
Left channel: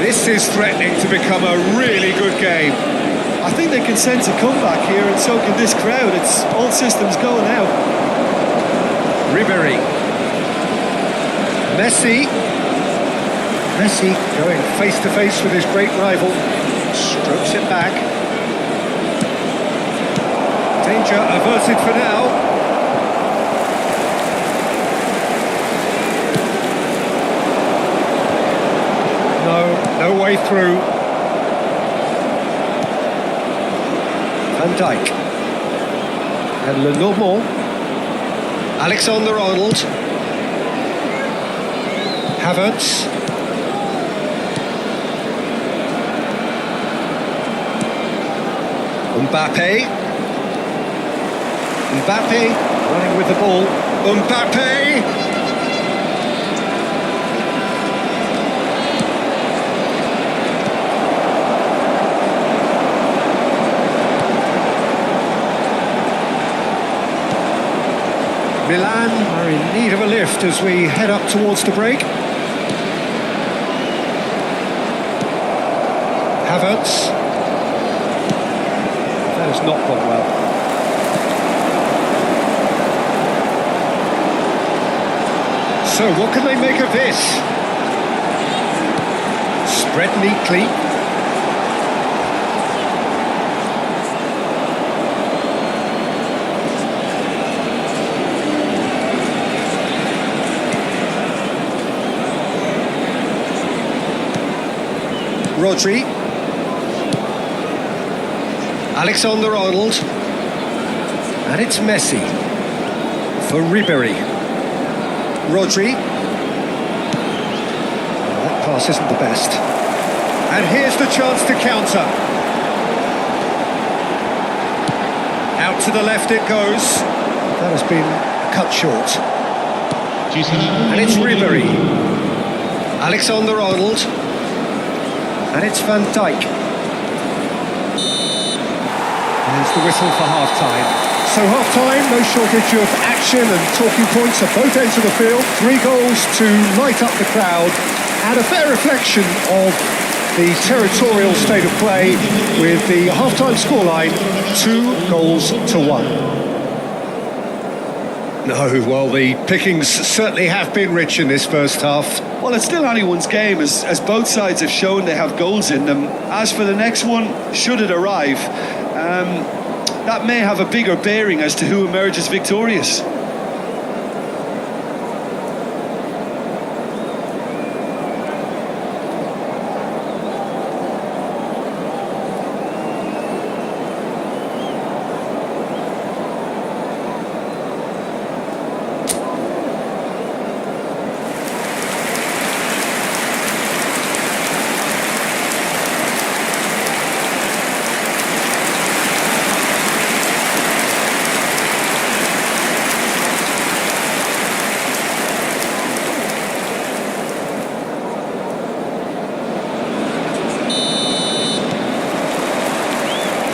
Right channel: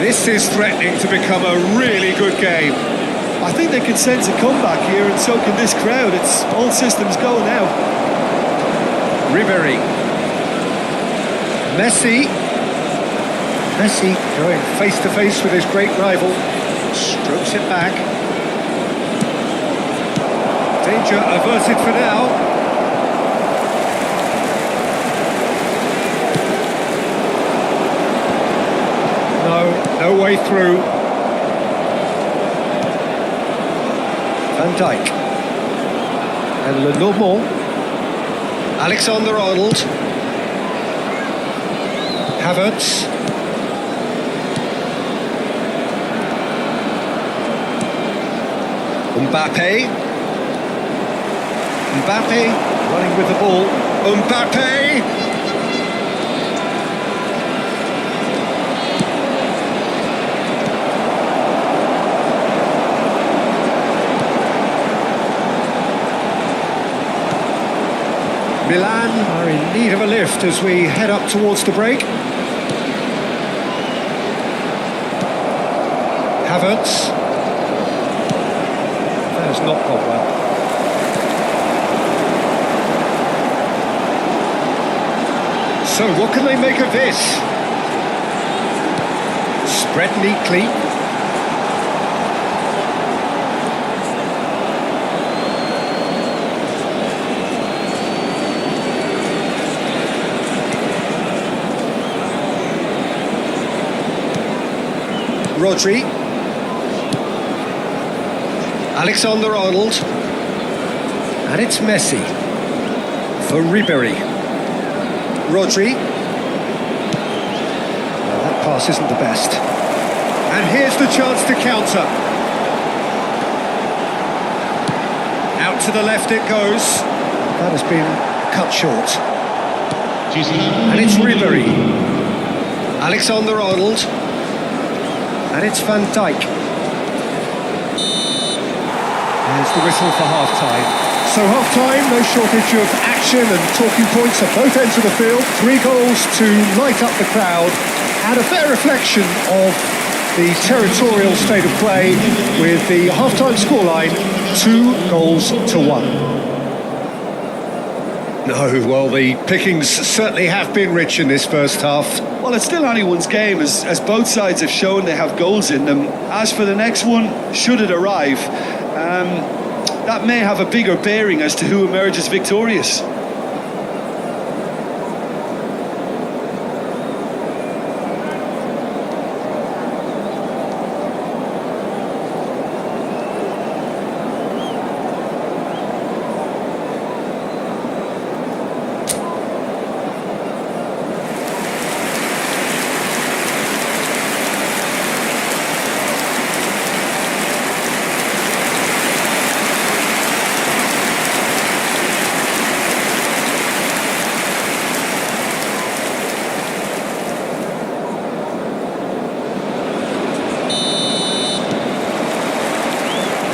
This is threatening to become a really good game. I think they can sense a comeback here, and so can this crowd. It's all systems go now. Ribéry. Messi going face to face with his great rival. Strokes it back. Danger averted for now. No way through. Van Dijk. And Lenormand. Alexander-Arnold. Havertz. Mbappe running with the ball. Mbappe! Milan are in need of a lift as we head up towards the break. Havertz. That has not gone well. So what can they make of this? Spread neatly. Rodri. Alexander-Arnold. And it's Messi for Ribéry. Rodri. Well, that pass isn't the best. And here's the chance to counter. Out to the left it goes. That has been cut short. And it's Ribéry. Alexander-Arnold. And it's Van Dijk. There's the whistle for half-time. So half-time, no shortage of action and talking points at both ends of the field. 3 goals to light up the crowd, and a fair reflection of the territorial state of play with the half-time scoreline 2-1. No, well, the pickings certainly have been rich in this first half. Well, it's still anyone's game, as both sides have shown they have goals in them. As for the next one, should it arrive, that may have a bigger bearing as to who emerges victorious.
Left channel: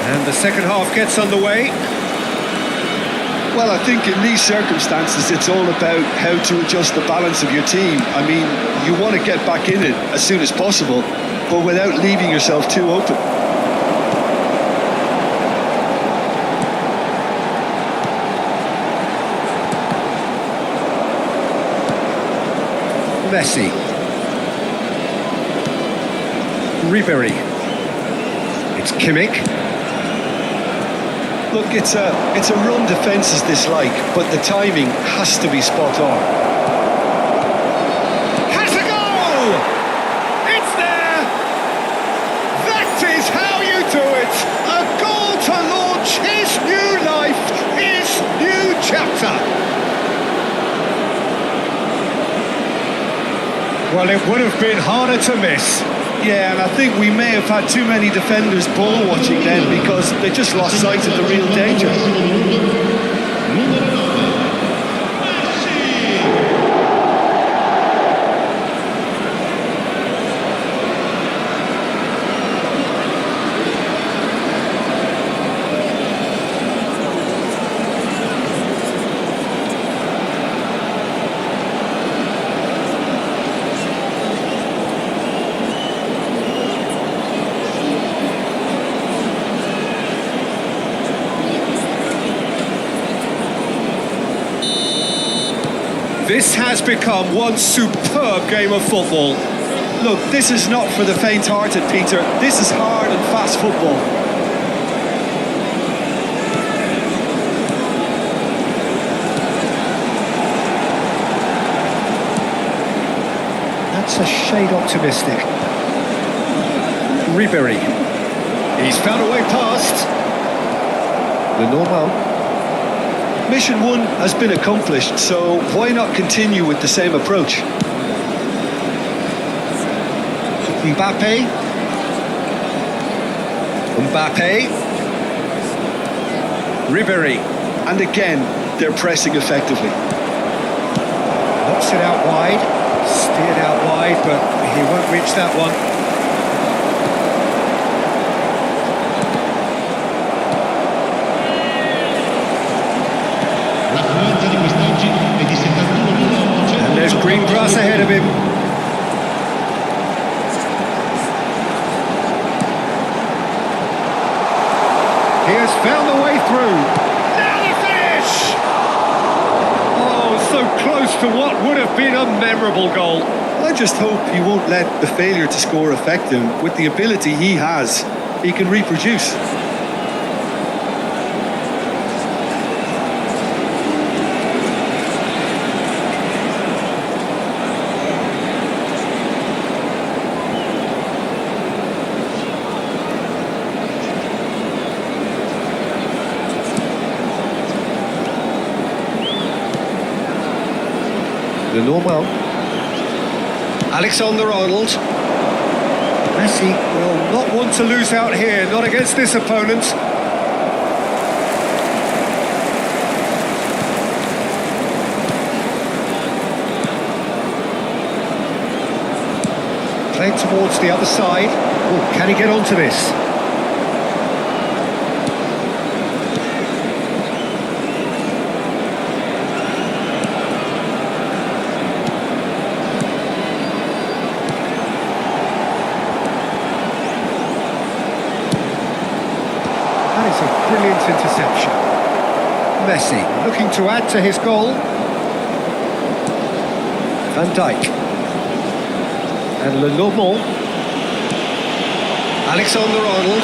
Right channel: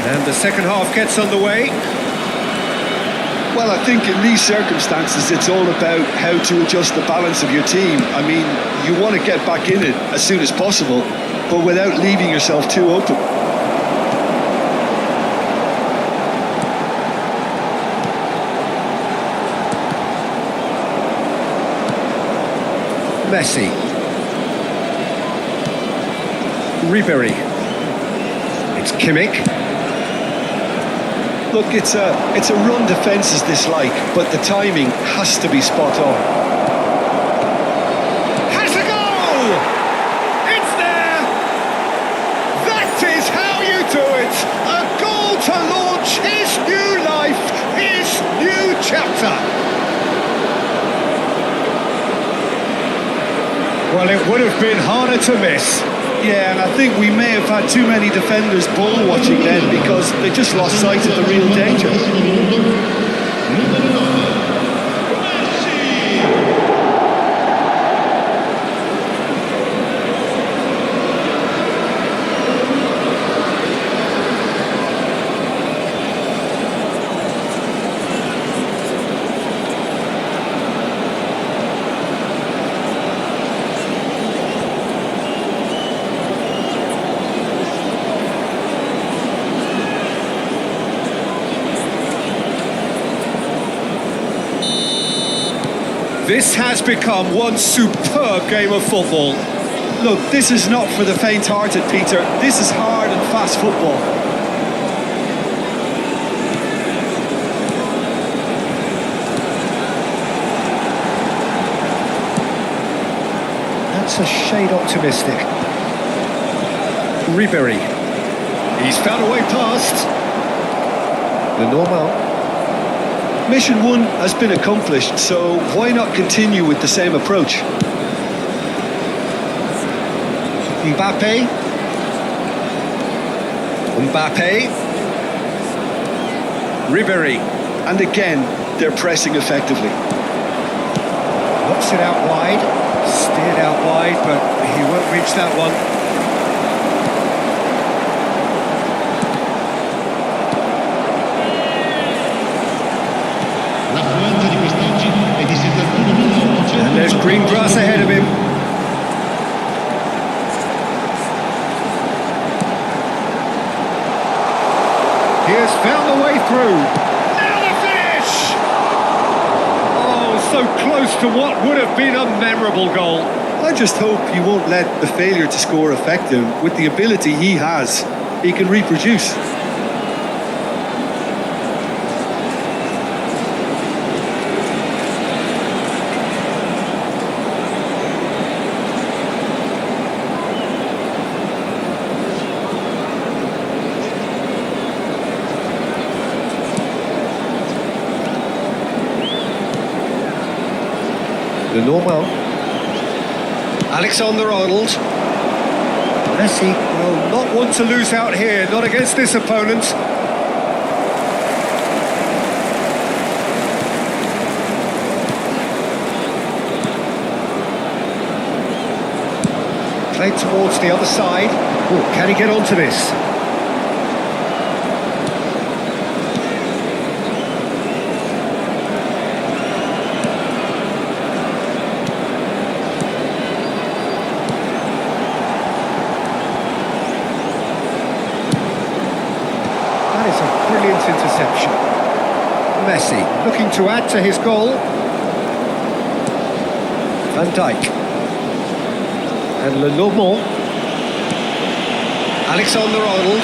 And the second half gets underway. Well, I think in these circumstances, it's all about how to adjust the balance of your team. I mean, you want to get back in it as soon as possible, but without leaving yourself too open. Messi. Ribery. It's Kimmich. Look, it's a run defence dislike, but the timing has to be spot on. Has a go! It's there! That is how you do it! A goal to launch his new life, his new chapter! Well, it would have been harder to miss. Yeah, and I think we may have had too many defenders ball watching then because they just lost sight of the real danger. Numero 9, Messi! This has become one superb game of football. Look, this is not for the faint-hearted, Peter. This is hard and fast football. That's a shade optimistic. Ribery. He's found a way past. The normal. Mission 1 has been accomplished, so why not continue with the same approach? Mbappe. Ribery. And again, they're pressing effectively. Knocks it out wide. Steered out wide, but he won't reach that one. L'affluenza di quest'oggi è di 71.800. And there's green grass ahead of him. He has found the way through. Now the finish! Oh, so close to what would have been a memorable goal. Well, I just hope he won't let the failure to score affect him. With the ability he has, he can reproduce. The normal. Alexander-Arnold. Messi will not want to lose out here, not against this opponent. Played towards the other side. Oh, can he get onto this? That is a brilliant interception. Messi looking to add to his goal. Van Dijk. And Lenormand. Alexander-Arnold.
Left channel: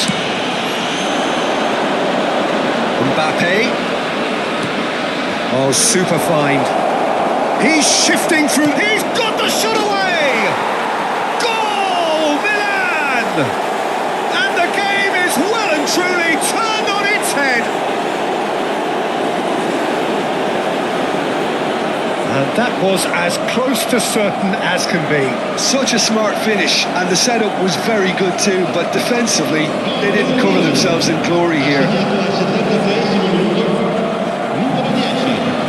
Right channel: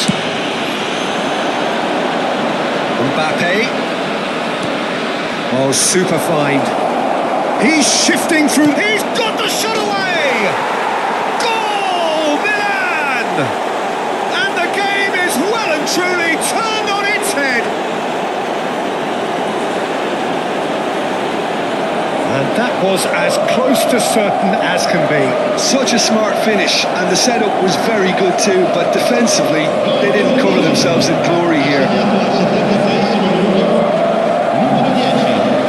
Mbappe. Oh, super find. He's shifting through. He's got the shot away! Goal! Milan! And the game is well and truly turned on its head. And that was as close to certain as can be. Such a smart finish, and the setup was very good too, but defensively, they didn't cover themselves in glory here. Assegnato al 73esimo minuto, numero 10.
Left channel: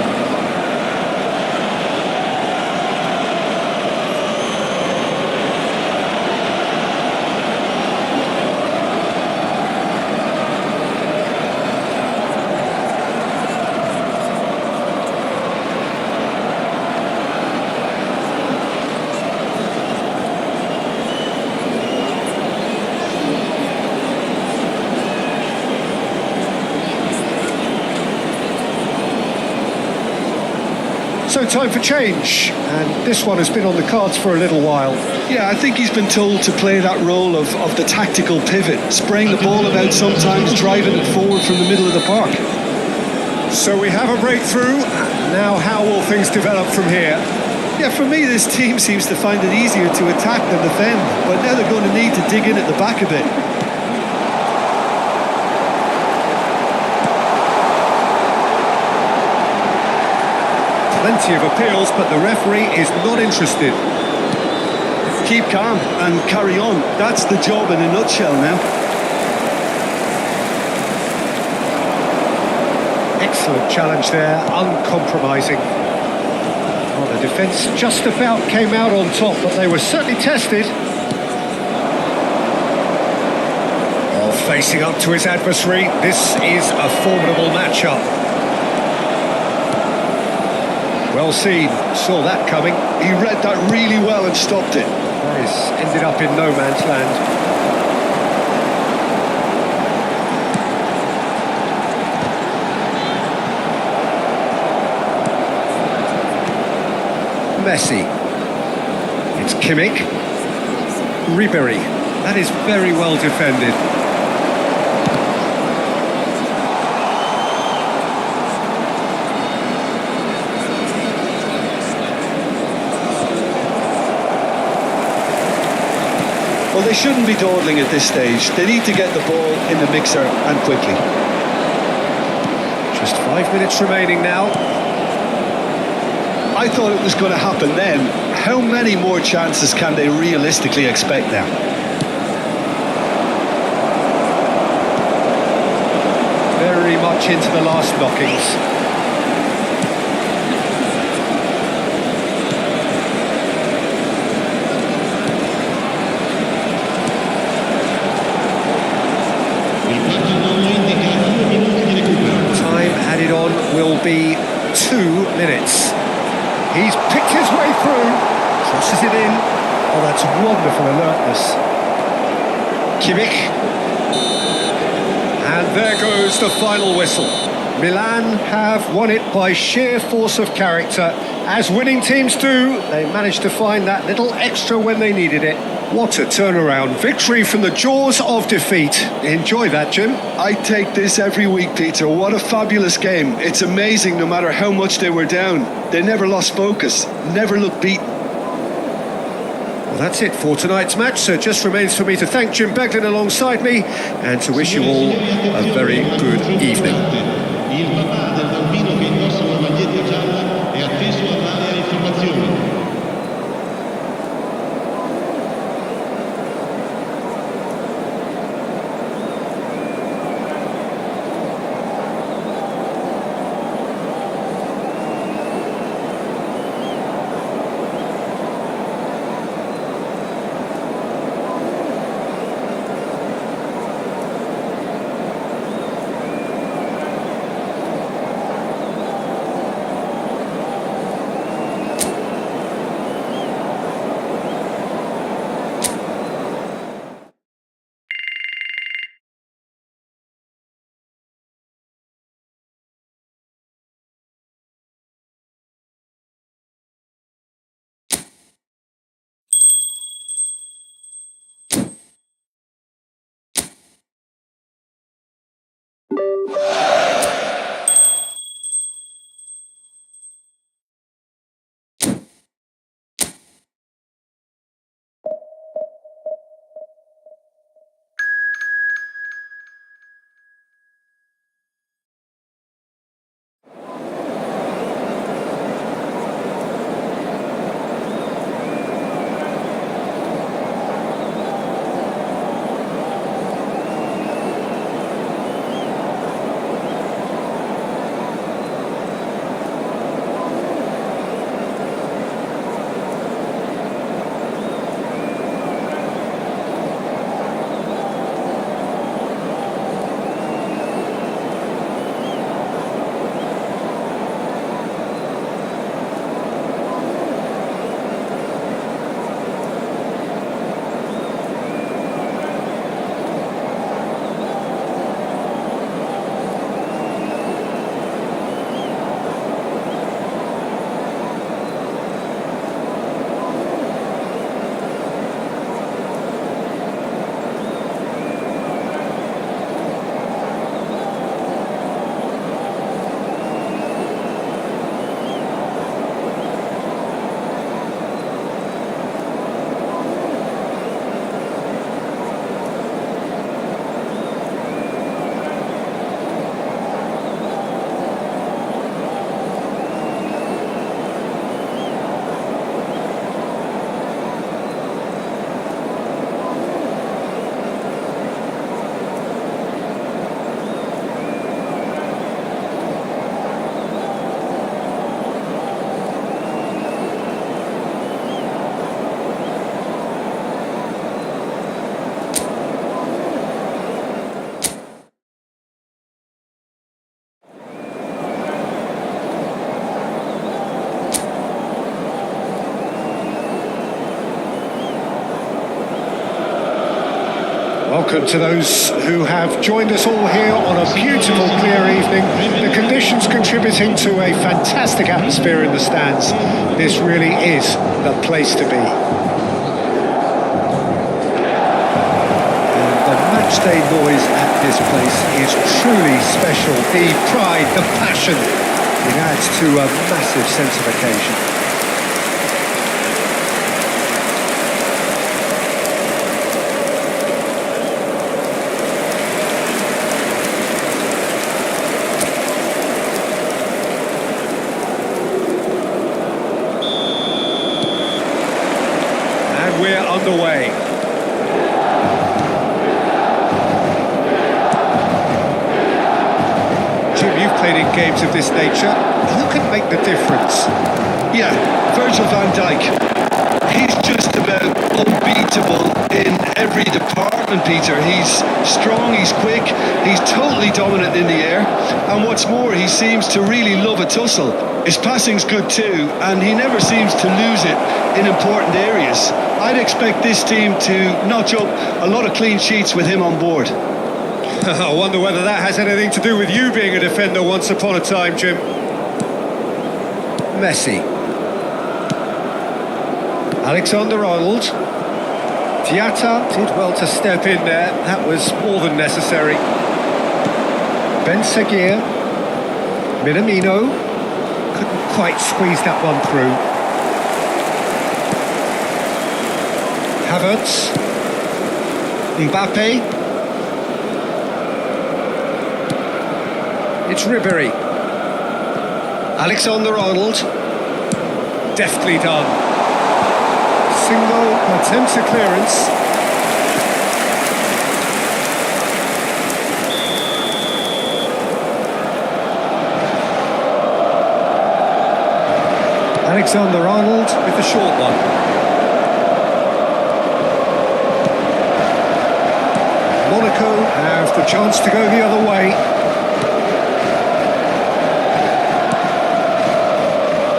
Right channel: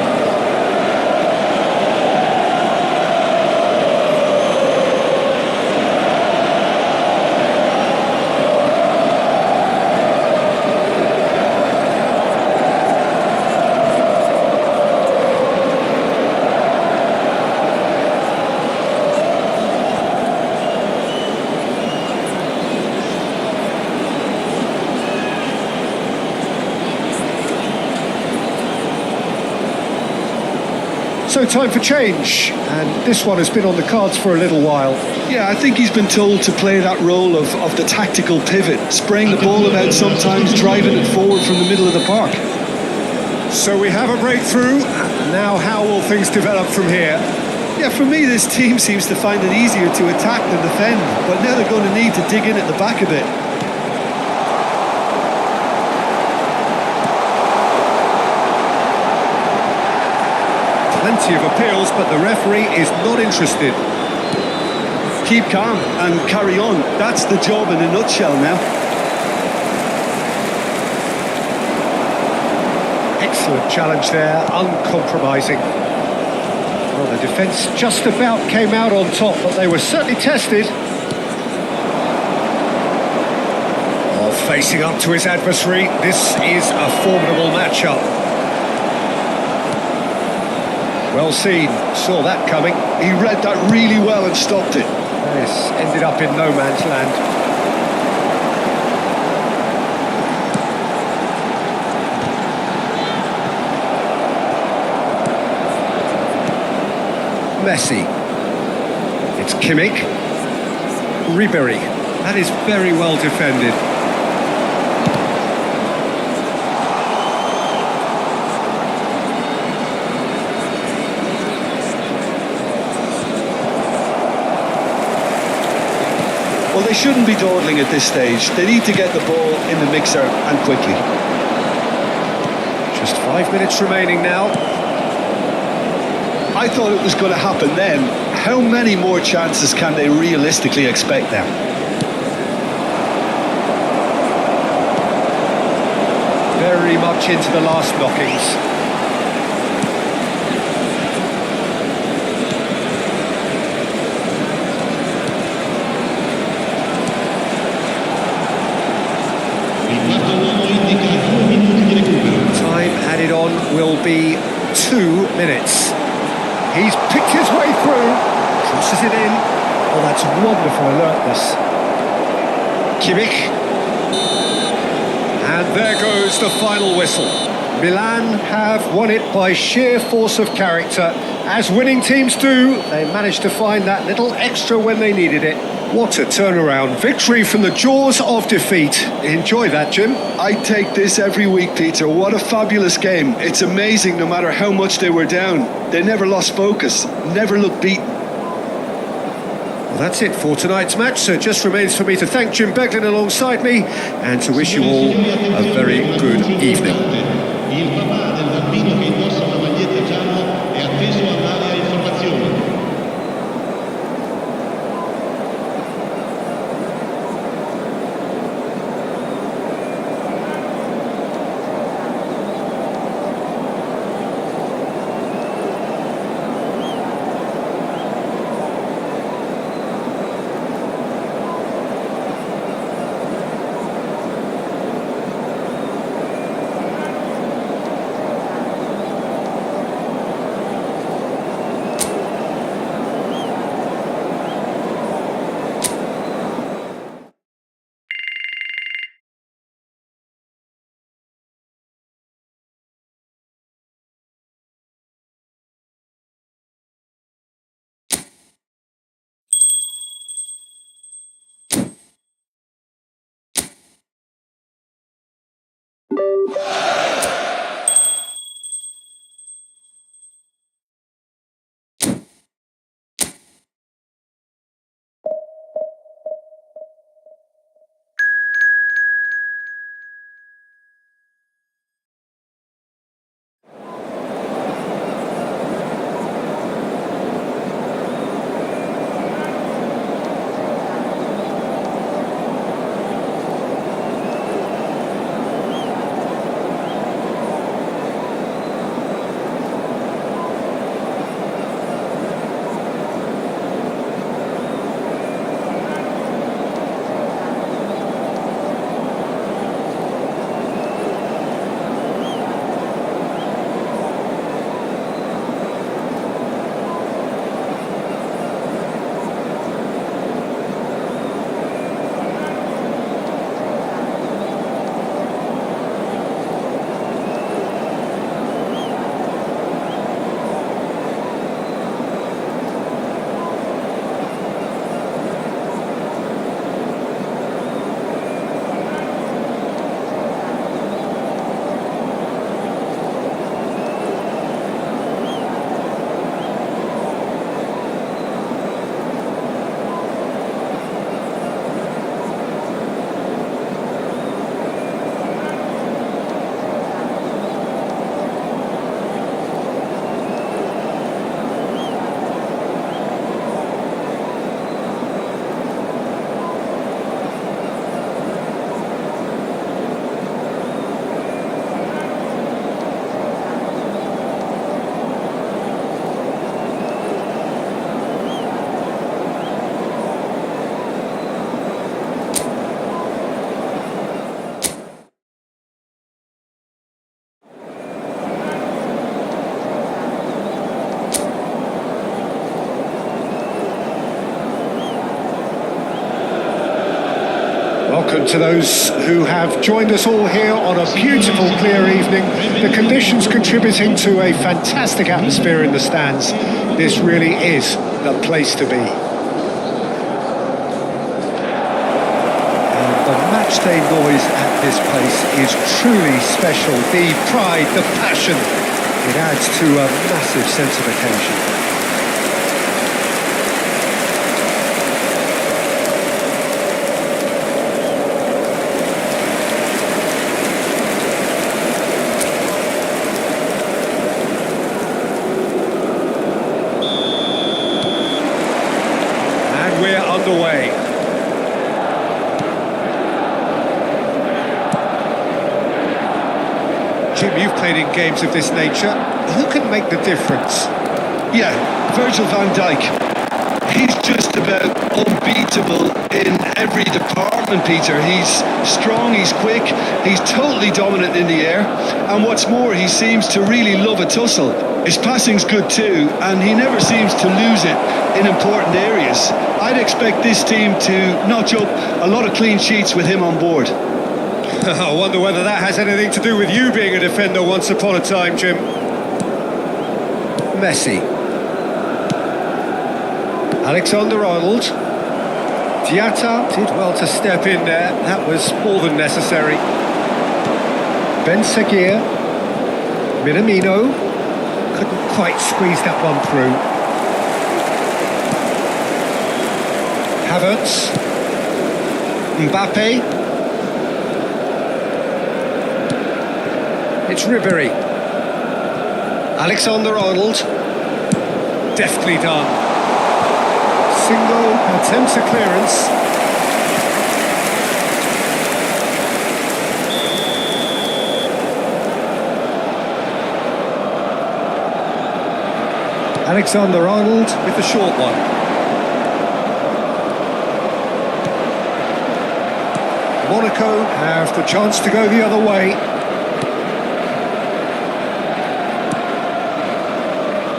So time for change, and this one has been on the cards for a little while. Yeah, I think he's been told to play that role of the tactical pivot, spraying the ball about sometimes, driving it forward from the middle of the park. So we have a breakthrough. Now how will things develop from here? Yeah, for me, this team seems to find it easier to attack than defend, but now they're going to need to dig in at the back a bit. Plenty of appeals, but the referee is not interested. Keep calm and carry on. That's the job in a nutshell now. Excellent challenge there, uncompromising. Well, the defence just about came out on top, but they were certainly tested. Oh, facing up to his adversary, this is a formidable matchup. Well seen, saw that coming. He read that really well and stopped it. That has ended up in no man's land. Messi. It's Kimmich. Ribery. That is very well defended. Well, they shouldn't be dawdling at this stage. They need to get the ball in the mixer and quickly. Just 5 minutes remaining now. I thought it was going to happen then. How many more chances can they realistically expect now? Very much into the last knockings. Il quarto uomo indica 2 minuti di recupero. Time added on will be 2 minutes. He's picked his way through, crosses it in. Oh, that's wonderful alertness. Kimmich. And there goes the final whistle. Milan have won it by sheer force of character. As winning teams do, they managed to find that little extra when they needed it. What a turnaround. Victory from the jaws of defeat. Enjoy that, Jim. I take this every week, Peter. What a fabulous game. It's amazing no matter how much they were down. They never lost focus, never looked beaten. Well, that's it for tonight's match, so it just remains for me to thank Jim Beglin alongside me and to wish you all a very good evening. Il papà del bambino che indossa una maglietta gialla è atteso all'area informazioni. Welcome to those who have joined us all here on a beautiful, clear evening. The conditions contributing to a fantastic atmosphere in the stands. This really is the place to be. And the matchday noise at this place is truly special. The pride, the passion, it adds to a massive sense of occasion. And we're underway. Jim, you've played in games of this nature. Who can make the difference? Yeah, Virgil van Dijk. He's just about unbeatable in every department, Peter. He's strong, he's quick, he's totally dominant in the air. And what's more, he seems to really love a tussle. His passing's good too, and he never seems to lose it in important areas. I'd expect this team to notch up a lot of clean sheets with him on board. I wonder whether that has anything to do with you being a defender once upon a time, Jim. Messi. Alexander-Arnold. Diatta did well to step in there. That was more than necessary. Ben Seguir. Minamino. Couldn't quite squeeze that one through. Havertz. Mbappe. It's Ribéry. Alexander-Arnold. Deftly done. Single attempts a clearance. Alexander-Arnold with the short one. Monaco have the chance to go the other way.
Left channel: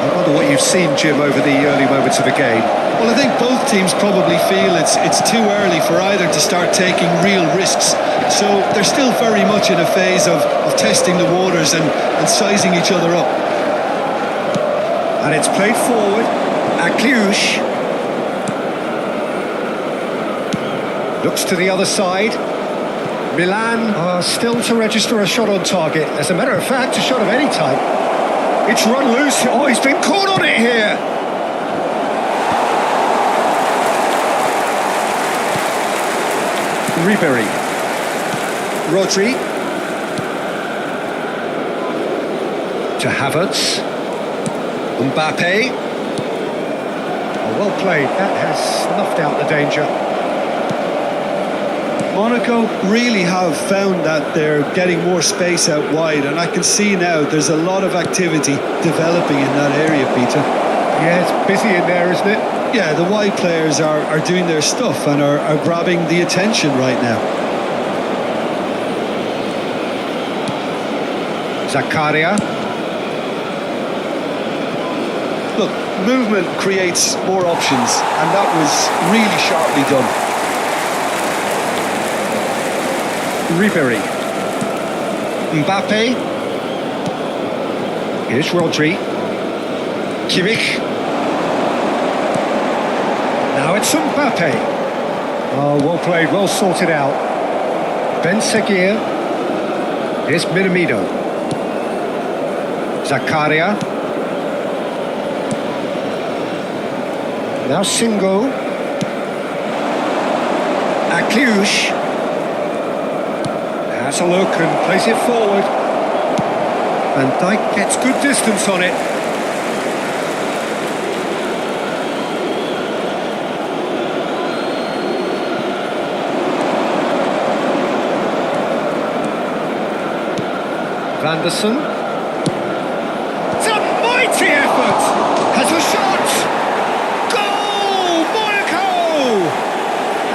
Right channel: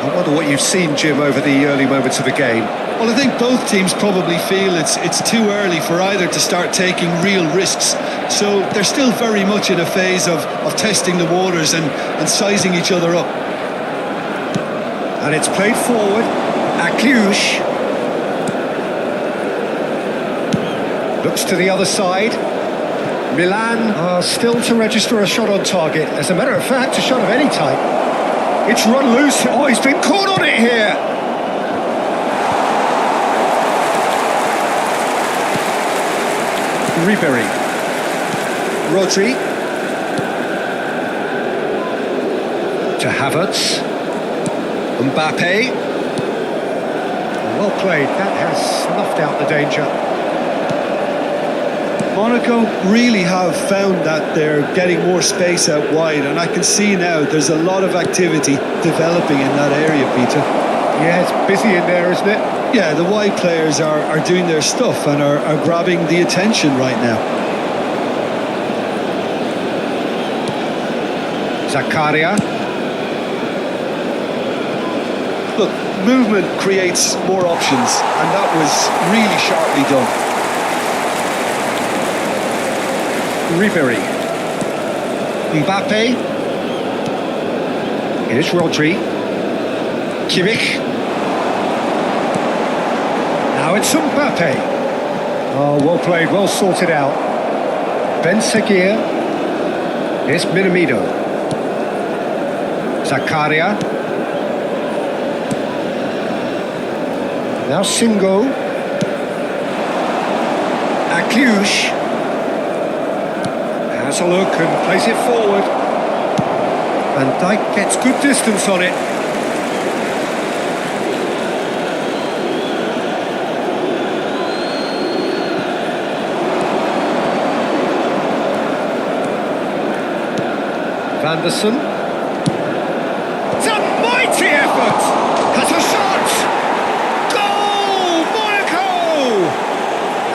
I wonder what you've seen, Jim, over the early moments of the game. Well, I think both teams probably feel it's too early for either to start taking real risks. So they're still very much in a phase of testing the waters and sizing each other up. And it's played forward. Akliouche. Looks to the other side. Milan are still to register a shot on target. As a matter of fact, a shot of any type. It's run loose. Oh, he's been caught on it here. Ribéry. Rodri. To Havertz. Mbappe. Oh, well played. That has snuffed out the danger. Monaco really have found that they're getting more space out wide, and I can see now there's a lot of activity developing in that area, Peter. Yeah, it's busy in there, isn't it? Yeah, the wide players are doing their stuff and are grabbing the attention right now. Zakaria. Look, movement creates more options, and that was really sharply done. Ribéry. Mbappe. Here's Rodri. Kimmich. Now it's Mbappe. Oh, well played, well sorted out. Ben Seguir. Here's Minamino. Zakaria. Now Singo. Akliouche. Has a look and plays it forward. Van Dijk gets good distance on it. Vanderson. It's a mighty effort. Has a shot. Goal! Monaco!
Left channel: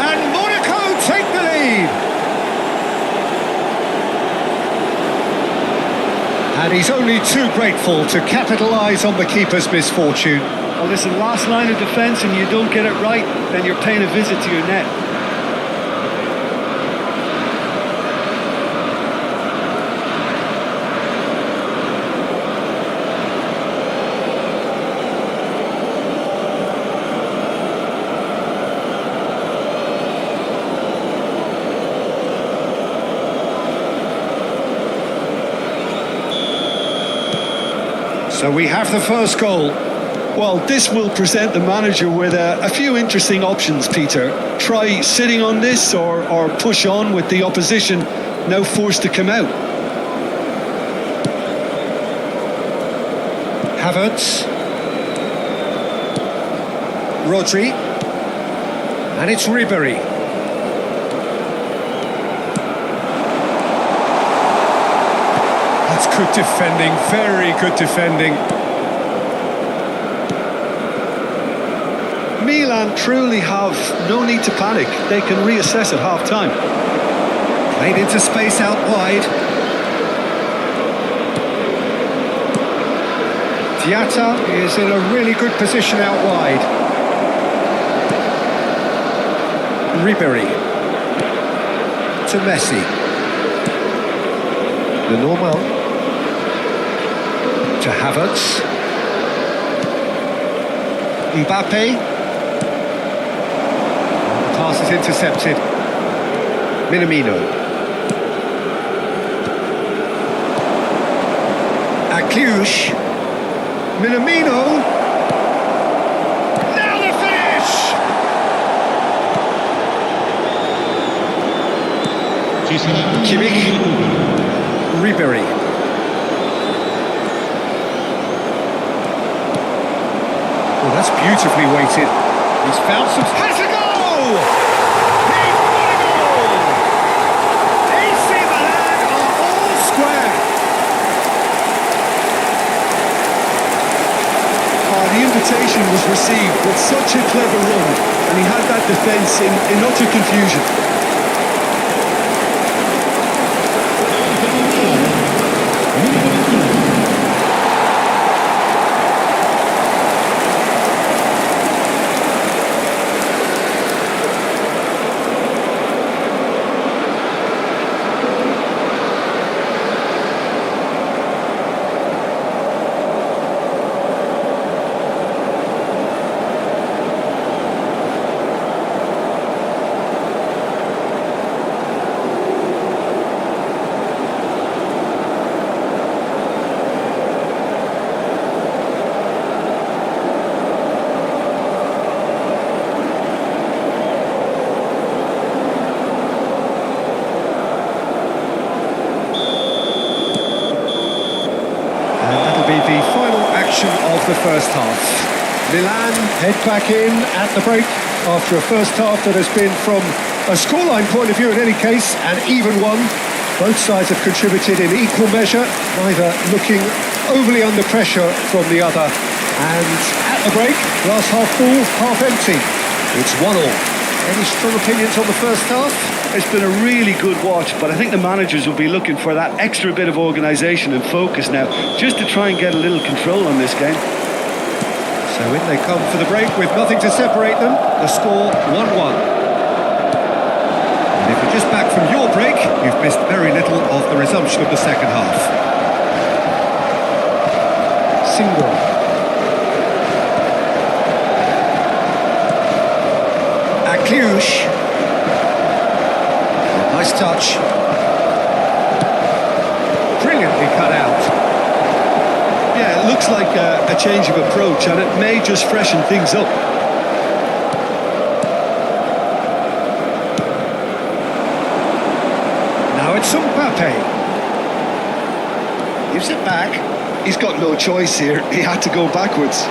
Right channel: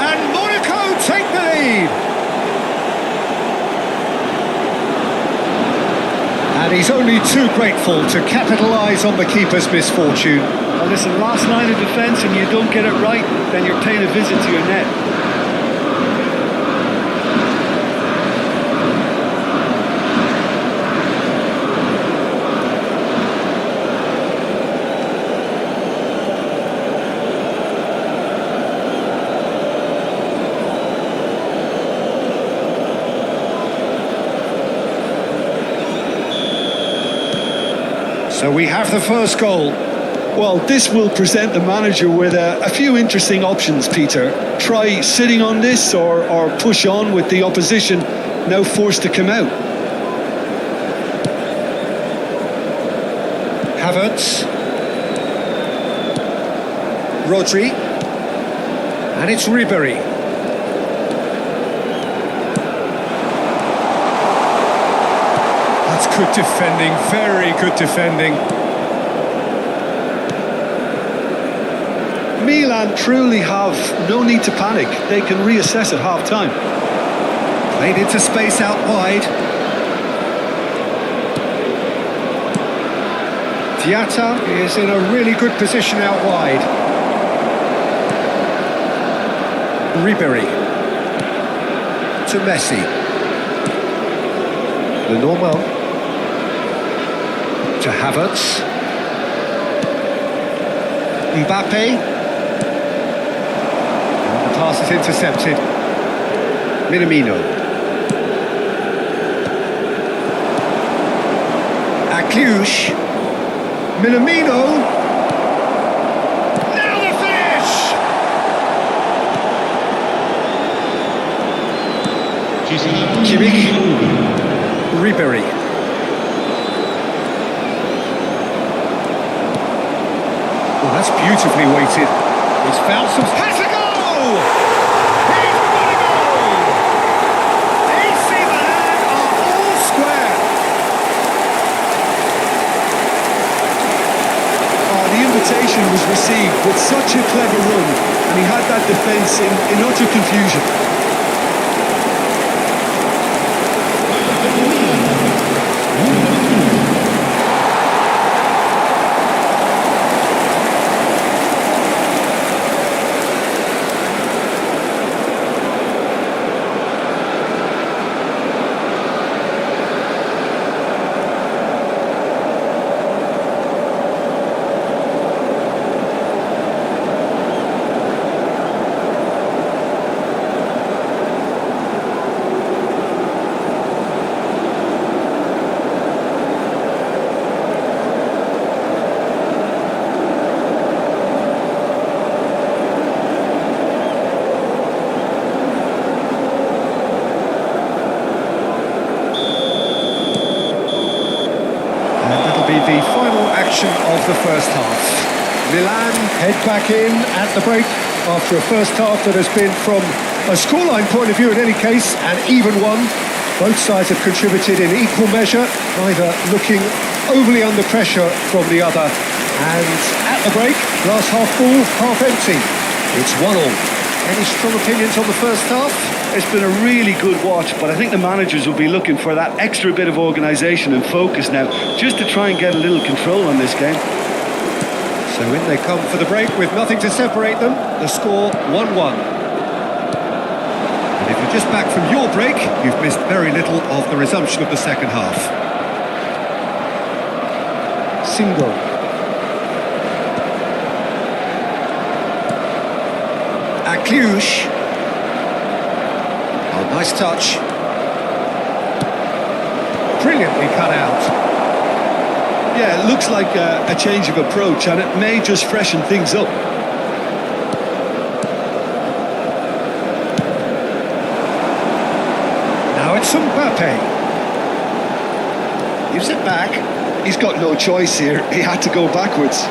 And Monaco take the lead. And he's only too grateful to capitalise on the keeper's misfortune. Well, listen, last line of defence and you don't get it right, then you're paying a visit to your net. So we have the first goal. Well, this will present the manager with a few interesting options, Peter. Try sitting on this or push on with the opposition now forced to come out. Havertz. Rodri. And it's Ribery. That's good defending, very good defending. Milan truly have no need to panic. They can reassess at half-time. Played into space out wide. Diatta is in a really good position out wide. Ribery. To Messi. Lenormand. To Havertz. Mbappe. And the pass is intercepted. Minamino. Akliouche. Minamino. Now the finish! Ci sarà un Kimmich. minuto di recupero. Ribery. Oh, that's beautifully weighted. He's found some... Has a goal! He's got a goal! AC Milan are all square. The invitation was received with such a clever run, and he had that defence in utter confusion. Gol per il Milan. Numero 21. And that'll be the final action of the first half. Milan head back in at the break after a first half that has been, from a scoreline point of view in any case, an even one. Both sides have contributed in equal measure, neither looking overly under pressure from the other. And at the break, glass half full, half empty. It's 1-1. Any strong opinions on the first half? It's been a really good watch, but I think the managers will be looking for that extra bit of organisation and focus now, just to try and get a little control on this game. So in they come for the break with nothing to separate them. The score 1-1. And if you're just back from your break, you've missed very little of the resumption of the second half. Single. Akliouche. Oh, nice touch. Brilliantly cut out. Yeah, it looks like a change of approach, and it may just freshen things up. Now it's Mbappe. Gives it back. He's got no choice here. He had to go backwards.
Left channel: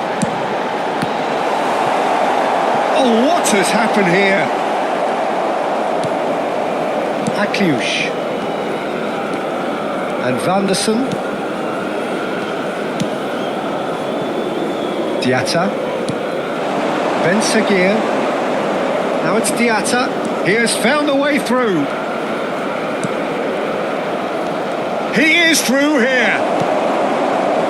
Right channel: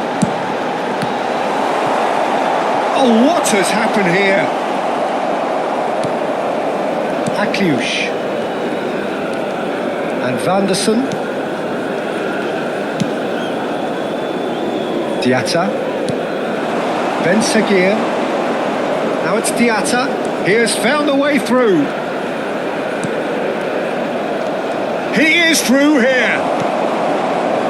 Oh, what has happened here? Akliouche. And Vanderson. Diatta. Ben Seguir. Now it's Diatta. He has found a way through. He is through here.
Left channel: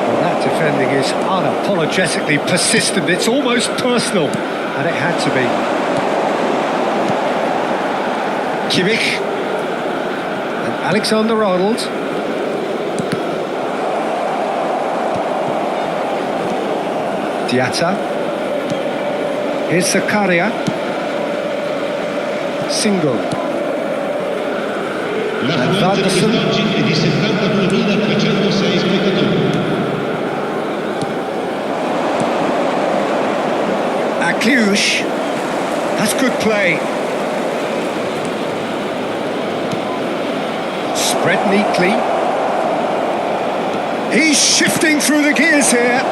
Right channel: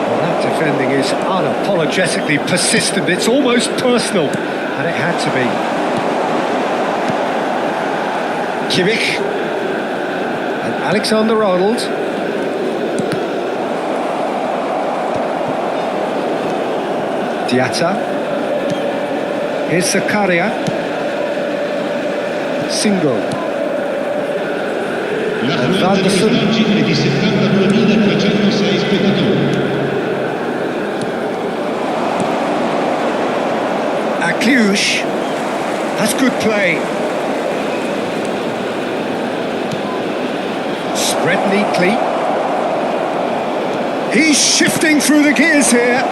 Well, that defending is unapologetically persistent. It's almost personal. And it had to be. Kimmich. And Alexander-Arnold. Diatta. Here's Zakaria. Single. L'affluenza di quest'oggi è di 72.306 spettatori. Cluj. That's good play. Spread neatly. He's shifting through the gears here.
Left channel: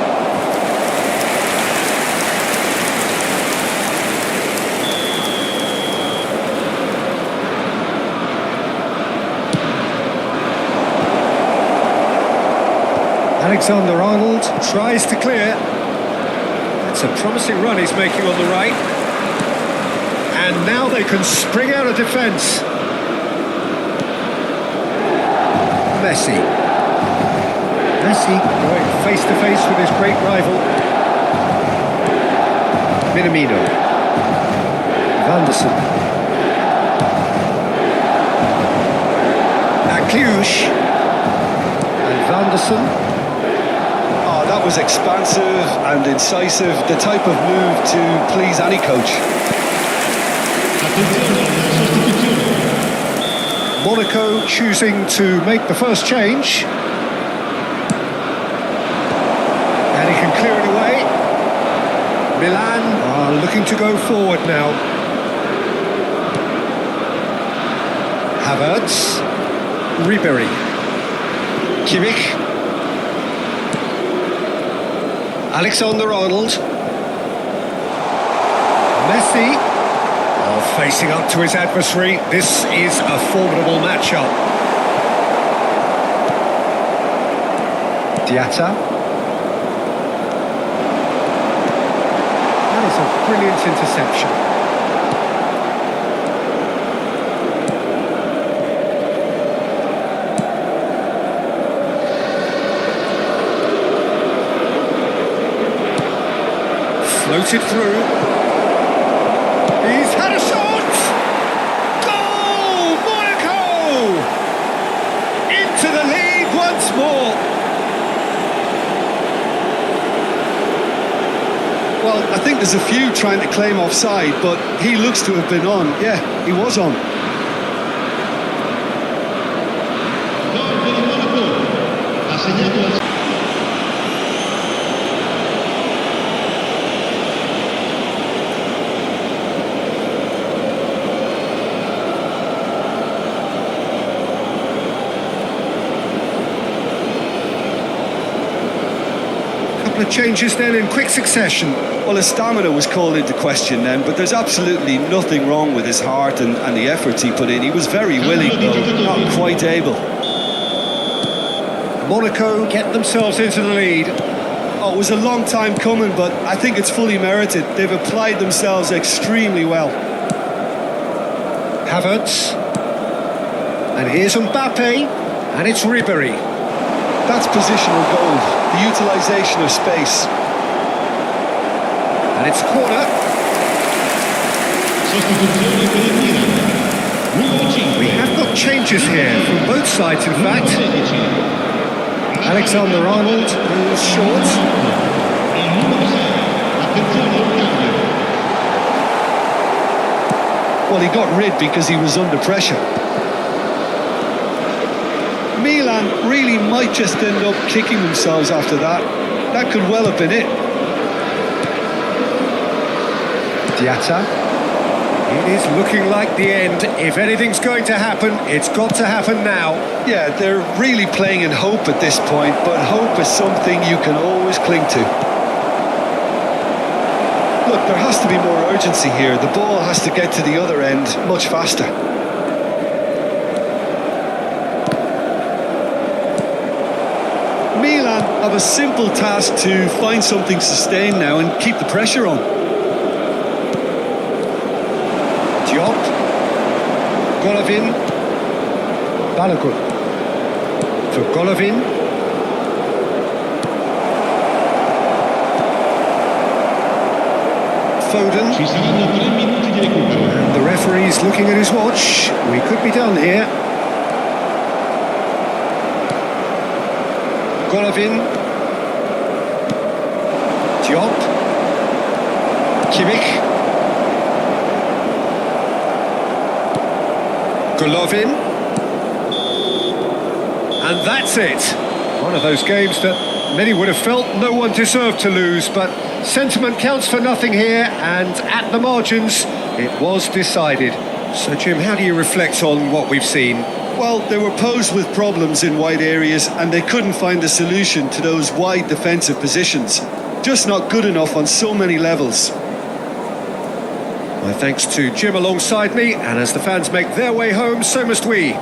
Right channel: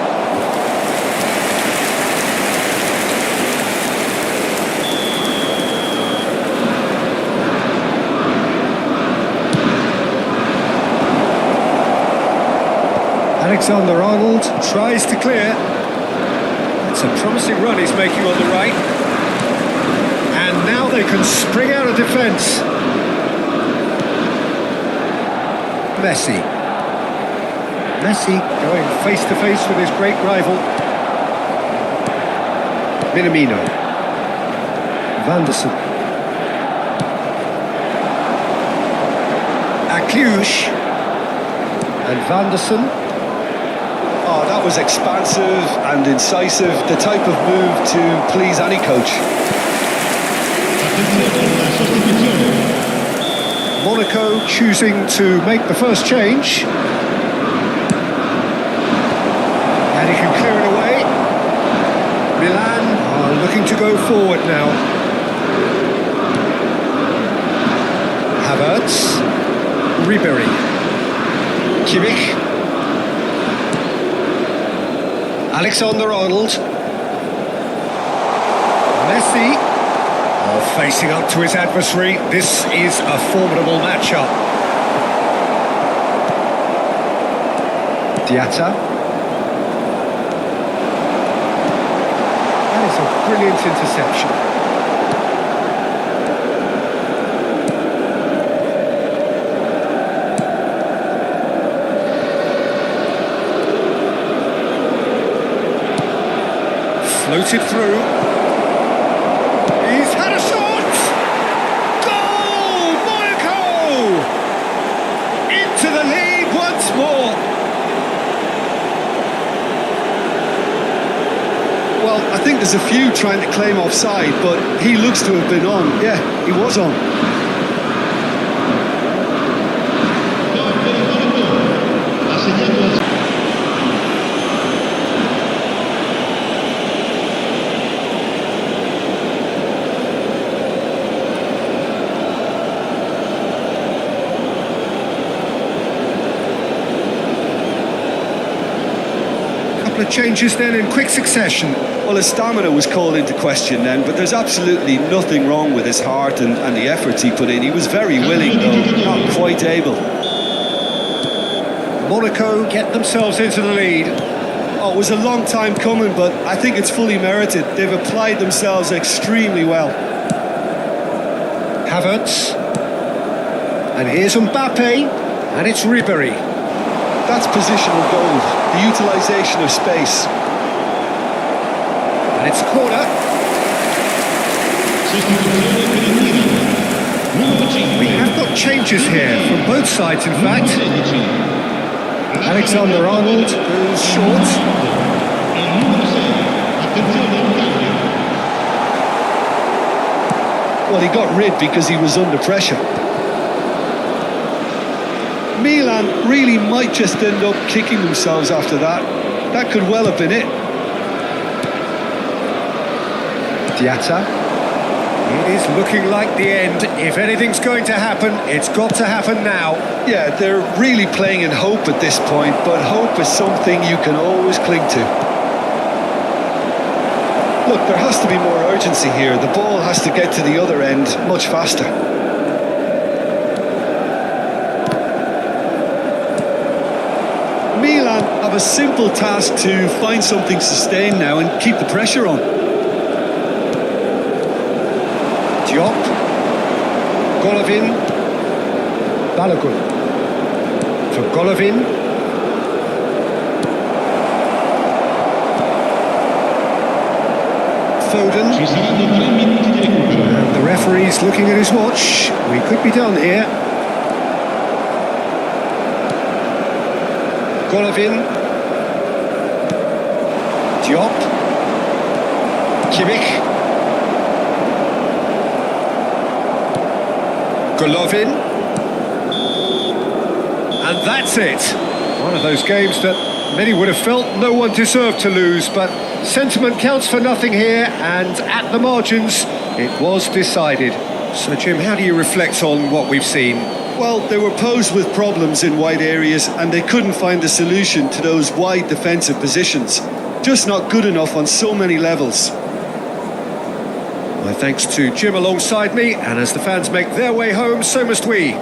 Alexander-Arnold tries to clear. That's a promising run he's making on the right. And now they can spring out of defence. Messi going face to face with his great rival. Minamino. Vanderson. Cluj. And Vanderson. Oh, that was expansive and incisive, the type of move to please any coach. Attenzione, la sostituzione. Monaco choosing to make the first change. And he can clear it away. Milan are looking to go forward now. Havertz. Ribery. Kimmich. Alexander-Arnold. Messi. Oh, facing up to his adversary. This is a formidable matchup. Diatta. That is a brilliant interception. Floated through. He's had a shot! Goal! Monaco! Into the lead once more. Well, I think there's a few trying to claim offside, but he looks to have been on. Yeah, he was on. Gol per il Monaco. Ha segnato al... Couple of changes then in quick succession. Well, his stamina was called into question then, but there's absolutely nothing wrong with his heart and the efforts he put in. He was very willing, though, not quite able. Monaco get themselves into the lead. Oh, it was a long time coming, but I think it's fully merited. They've applied themselves extremely well. Havertz. And here's Mbappe. And it's Ribery. That's positional gold, the utilisation of space. And it's a corner. Sostituzione per il Milan. Numero 5. We have got changes here from both sides, in fact. 16. Alexander-Arnold goes short. Il numero 6. Attenzione, un cambio. Well, he got rid because he was under pressure. Milan really might just end up kicking themselves after that. That could well have been it. Diatta. It is looking like the end. If anything's going to happen, it's got to happen now. Yeah, they're really playing in hope at this point, but hope is something you can always cling to. Look, there has to be more urgency here. The ball has to get to the other end much faster. Milan have a simple task to find something sustained now and keep the pressure on. Diop. Golovin. Balogun. For Golovin. Foden. Ci saranno 3 minuti di recupero. And the referee's looking at his watch. We could be done here. Golovin. Diop. Kimmich. Golovin. And that's it. One of those games that many would have felt no one deserved to lose, but Sentiment counts for nothing here, and at the margins, it was decided. So, Jim, how do you reflect on what we've seen? Well, they were posed with problems in wide areas and they couldn't find a solution to those wide defensive positions. Just not good enough on so many levels. My thanks to Jim alongside me, and as the fans make their way home, so must we.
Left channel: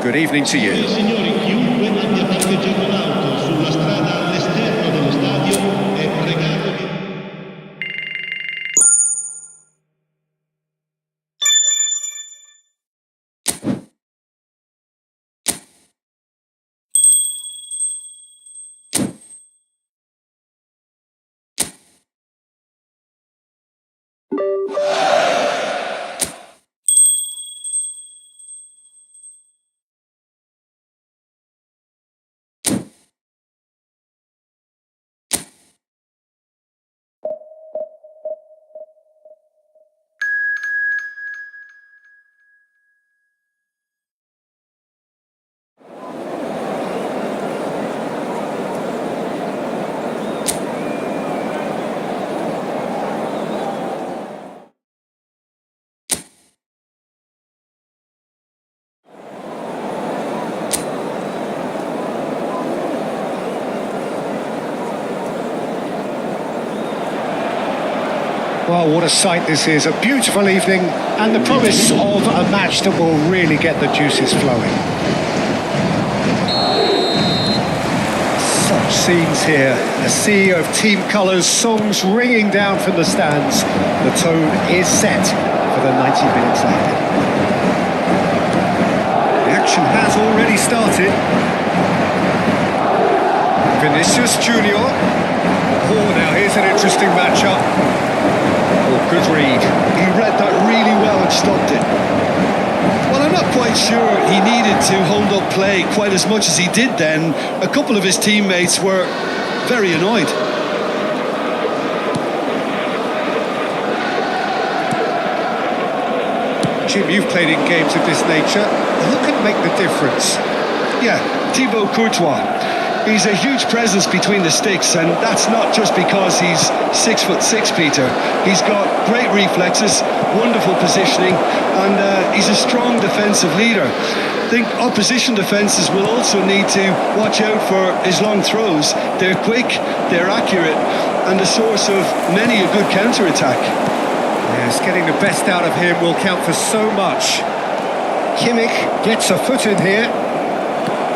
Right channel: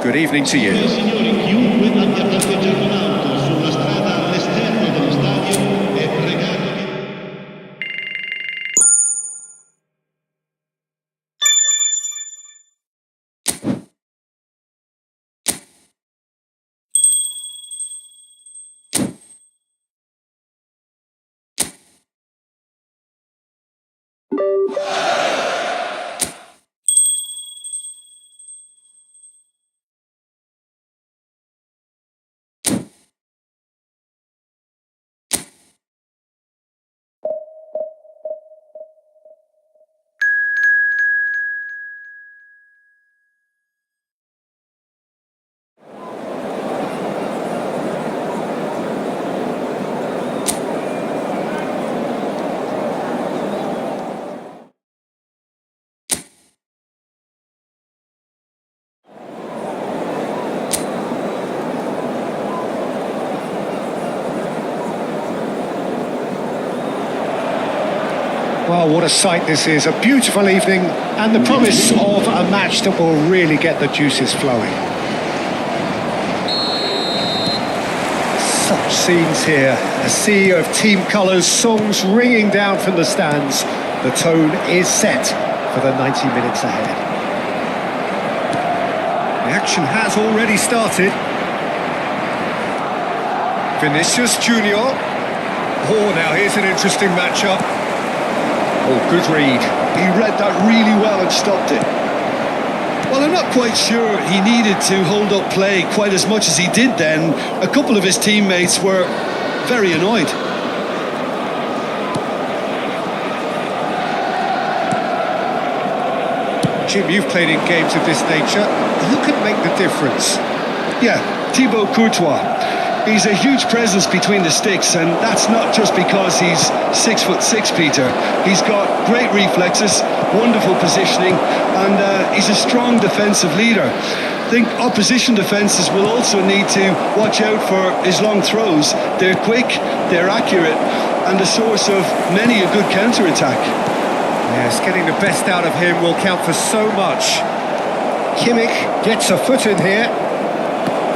Good evening to you. Signori, chiunque abbia parcheggiato l'auto sulla strada all'esterno dello stadio è pregato di... Well, what a sight this is. A beautiful evening and the promise of a match that will really get the juices flowing. Such scenes here. A sea of team colours, songs ringing down from the stands. The tone is set for the 90 minutes ahead. The action has already started. Vinicius Junior. Oh, now here's an interesting matchup. Oh, good read. He read that really well and stopped it. Well, I'm not quite sure he needed to hold up play quite as much as he did then. A couple of his teammates were very annoyed. Jim, you've played in games of this nature. Who can make the difference? Yeah, Thibaut Courtois. He's a huge presence between the sticks, and that's not just because he's 6'6", Peter. He's got great reflexes, wonderful positioning, and he's a strong defensive leader. I think opposition defences will also need to watch out for his long throws. They're quick, they're accurate, and a source of many a good counter-attack. Yes, getting the best out of him will count for so much. Kimmich gets a foot in here.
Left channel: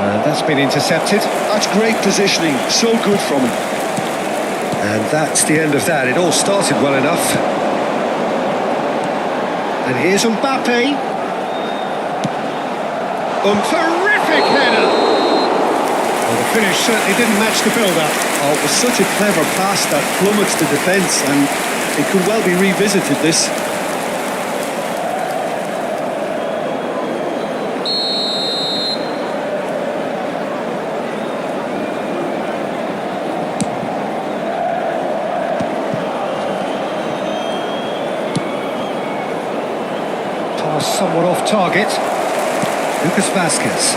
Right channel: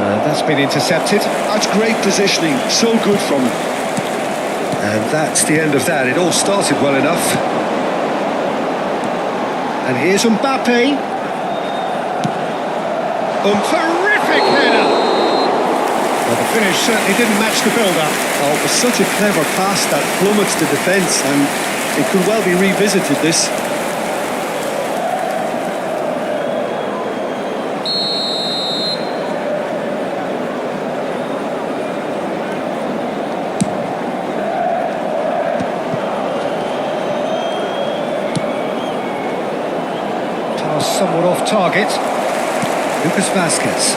That's been intercepted. That's great positioning, so good from him. And that's the end of that. It all started well enough. And here's Mbappe. Terrific header! Well, the finish certainly didn't match the build-up. Oh, it was such a clever pass that plummets the defence, and it could well be revisited, this. Pass somewhat off target. Lucas Vasquez.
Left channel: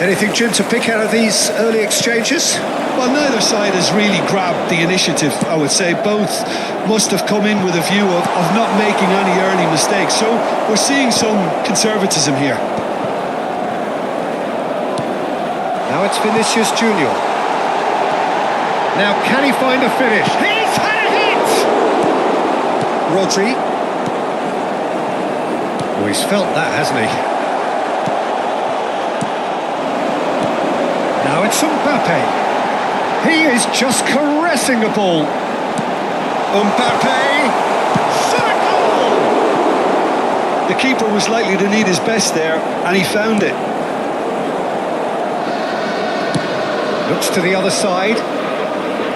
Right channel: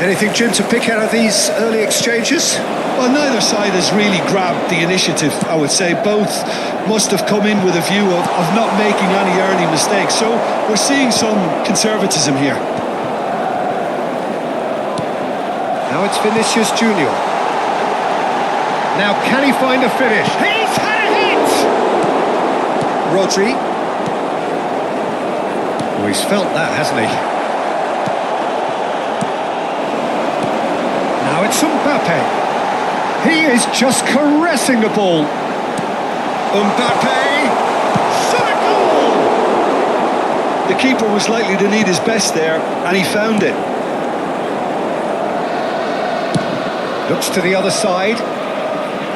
Anything, Jim, to pick out of these early exchanges? Well, neither side has really grabbed the initiative, I would say. Both must have come in with a view of not making any early mistakes. So we're seeing some conservatism here. Now it's Vinicius Junior. Now can he find a finish? He's had a hit! Rodri. Oh, he's felt that, hasn't he? Now it's Mbappe. He is just caressing the ball. Mbappe! Shot a goal! The keeper was likely to need his best there, and he found it. Looks to the other side.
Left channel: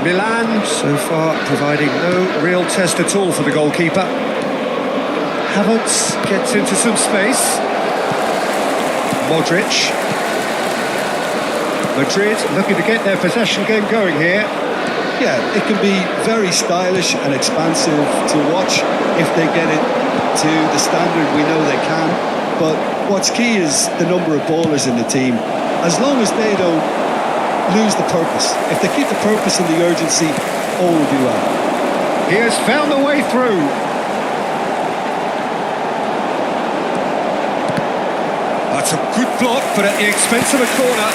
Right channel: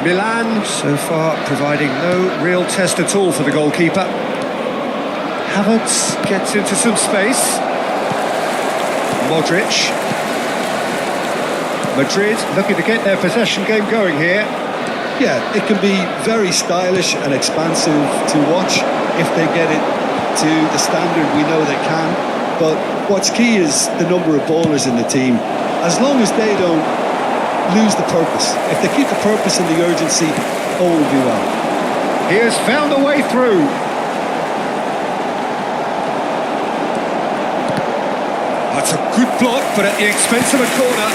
Milan, so far, providing no real test at all for the goalkeeper. Havertz gets into some space. Modric. Madrid looking to get their possession game going here. Yeah, it can be very stylish and expansive to watch if they get it to the standard we know they can. But what's key is the number of ballers in the team. As long as they don't lose the purpose, if they keep the purpose and the urgency, all will be well. He has found a way through. That's a good block, but at the expense of a corner.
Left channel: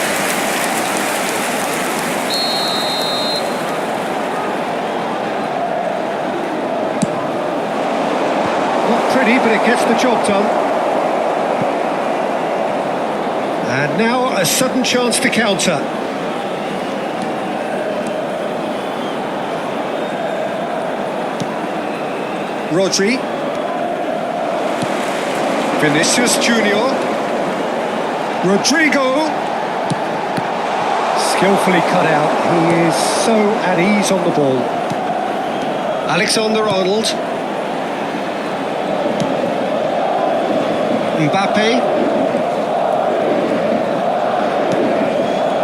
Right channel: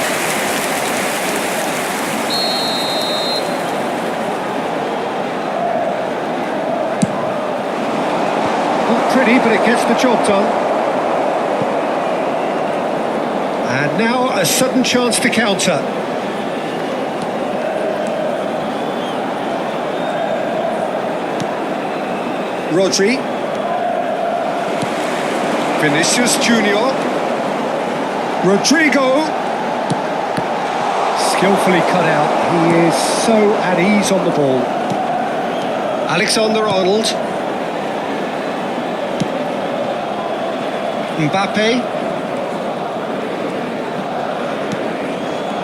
Not pretty, but it gets the job done. And now a sudden chance to counter. Rodri. Vinicius Junior. Rodrigo. Skillfully cut out. He is so at ease on the ball. Alexander-Arnold. Mbappe.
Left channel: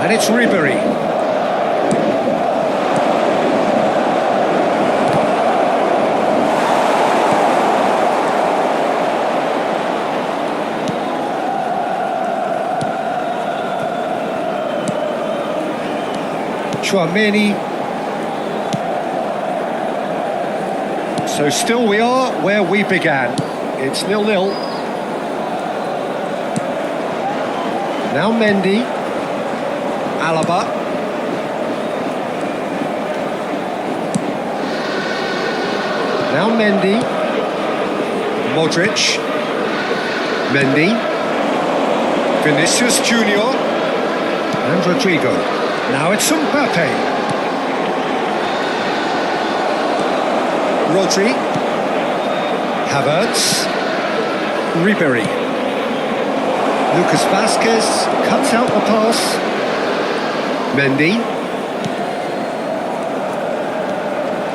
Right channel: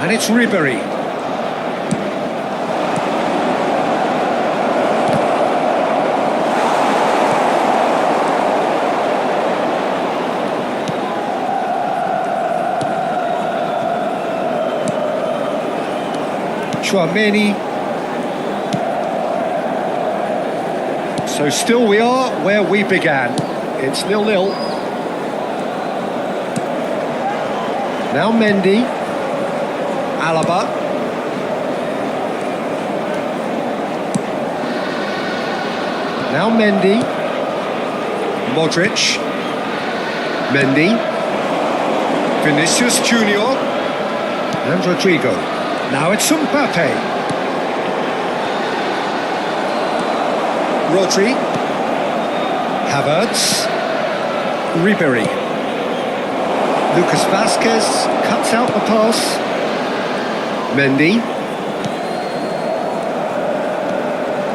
And it's Ribery. Chouameni. So still we are where we began. It's 0-0. Now Mendy. Alaba. Now Mendy. Modric. Mendy. Vinicius Junior. And Rodrigo. Now it's Mbappe. Rodri. Havertz. Ribery. Lucas Vazquez cuts out the pass. Mendy.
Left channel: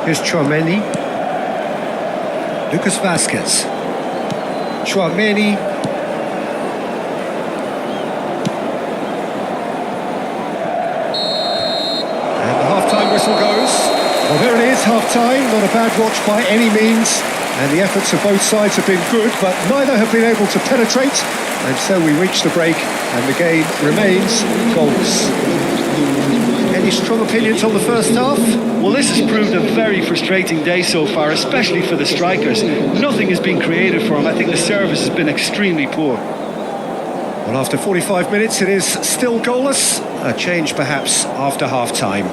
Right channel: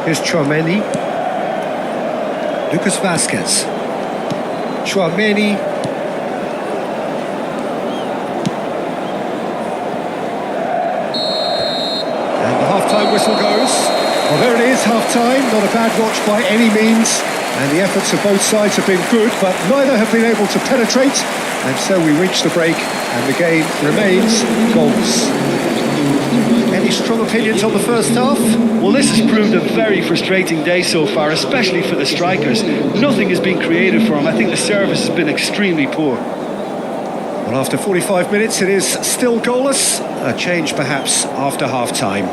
Here's Chouameni. Lucas Vazquez. Chouameni. And the half-time whistle goes. Well, there it is, half-time. Not a bad watch by any means. And the efforts of both sides have been good, but neither have been able to penetrate. And so we reach the break, and the game remains goalless. Any strong opinions on the first half? Well, this has proved a very frustrating day so far, especially for the strikers. Nothing has been created for them. I think the service has been extremely poor. Well, after 45 minutes, it is still goalless. A change perhaps after half-time.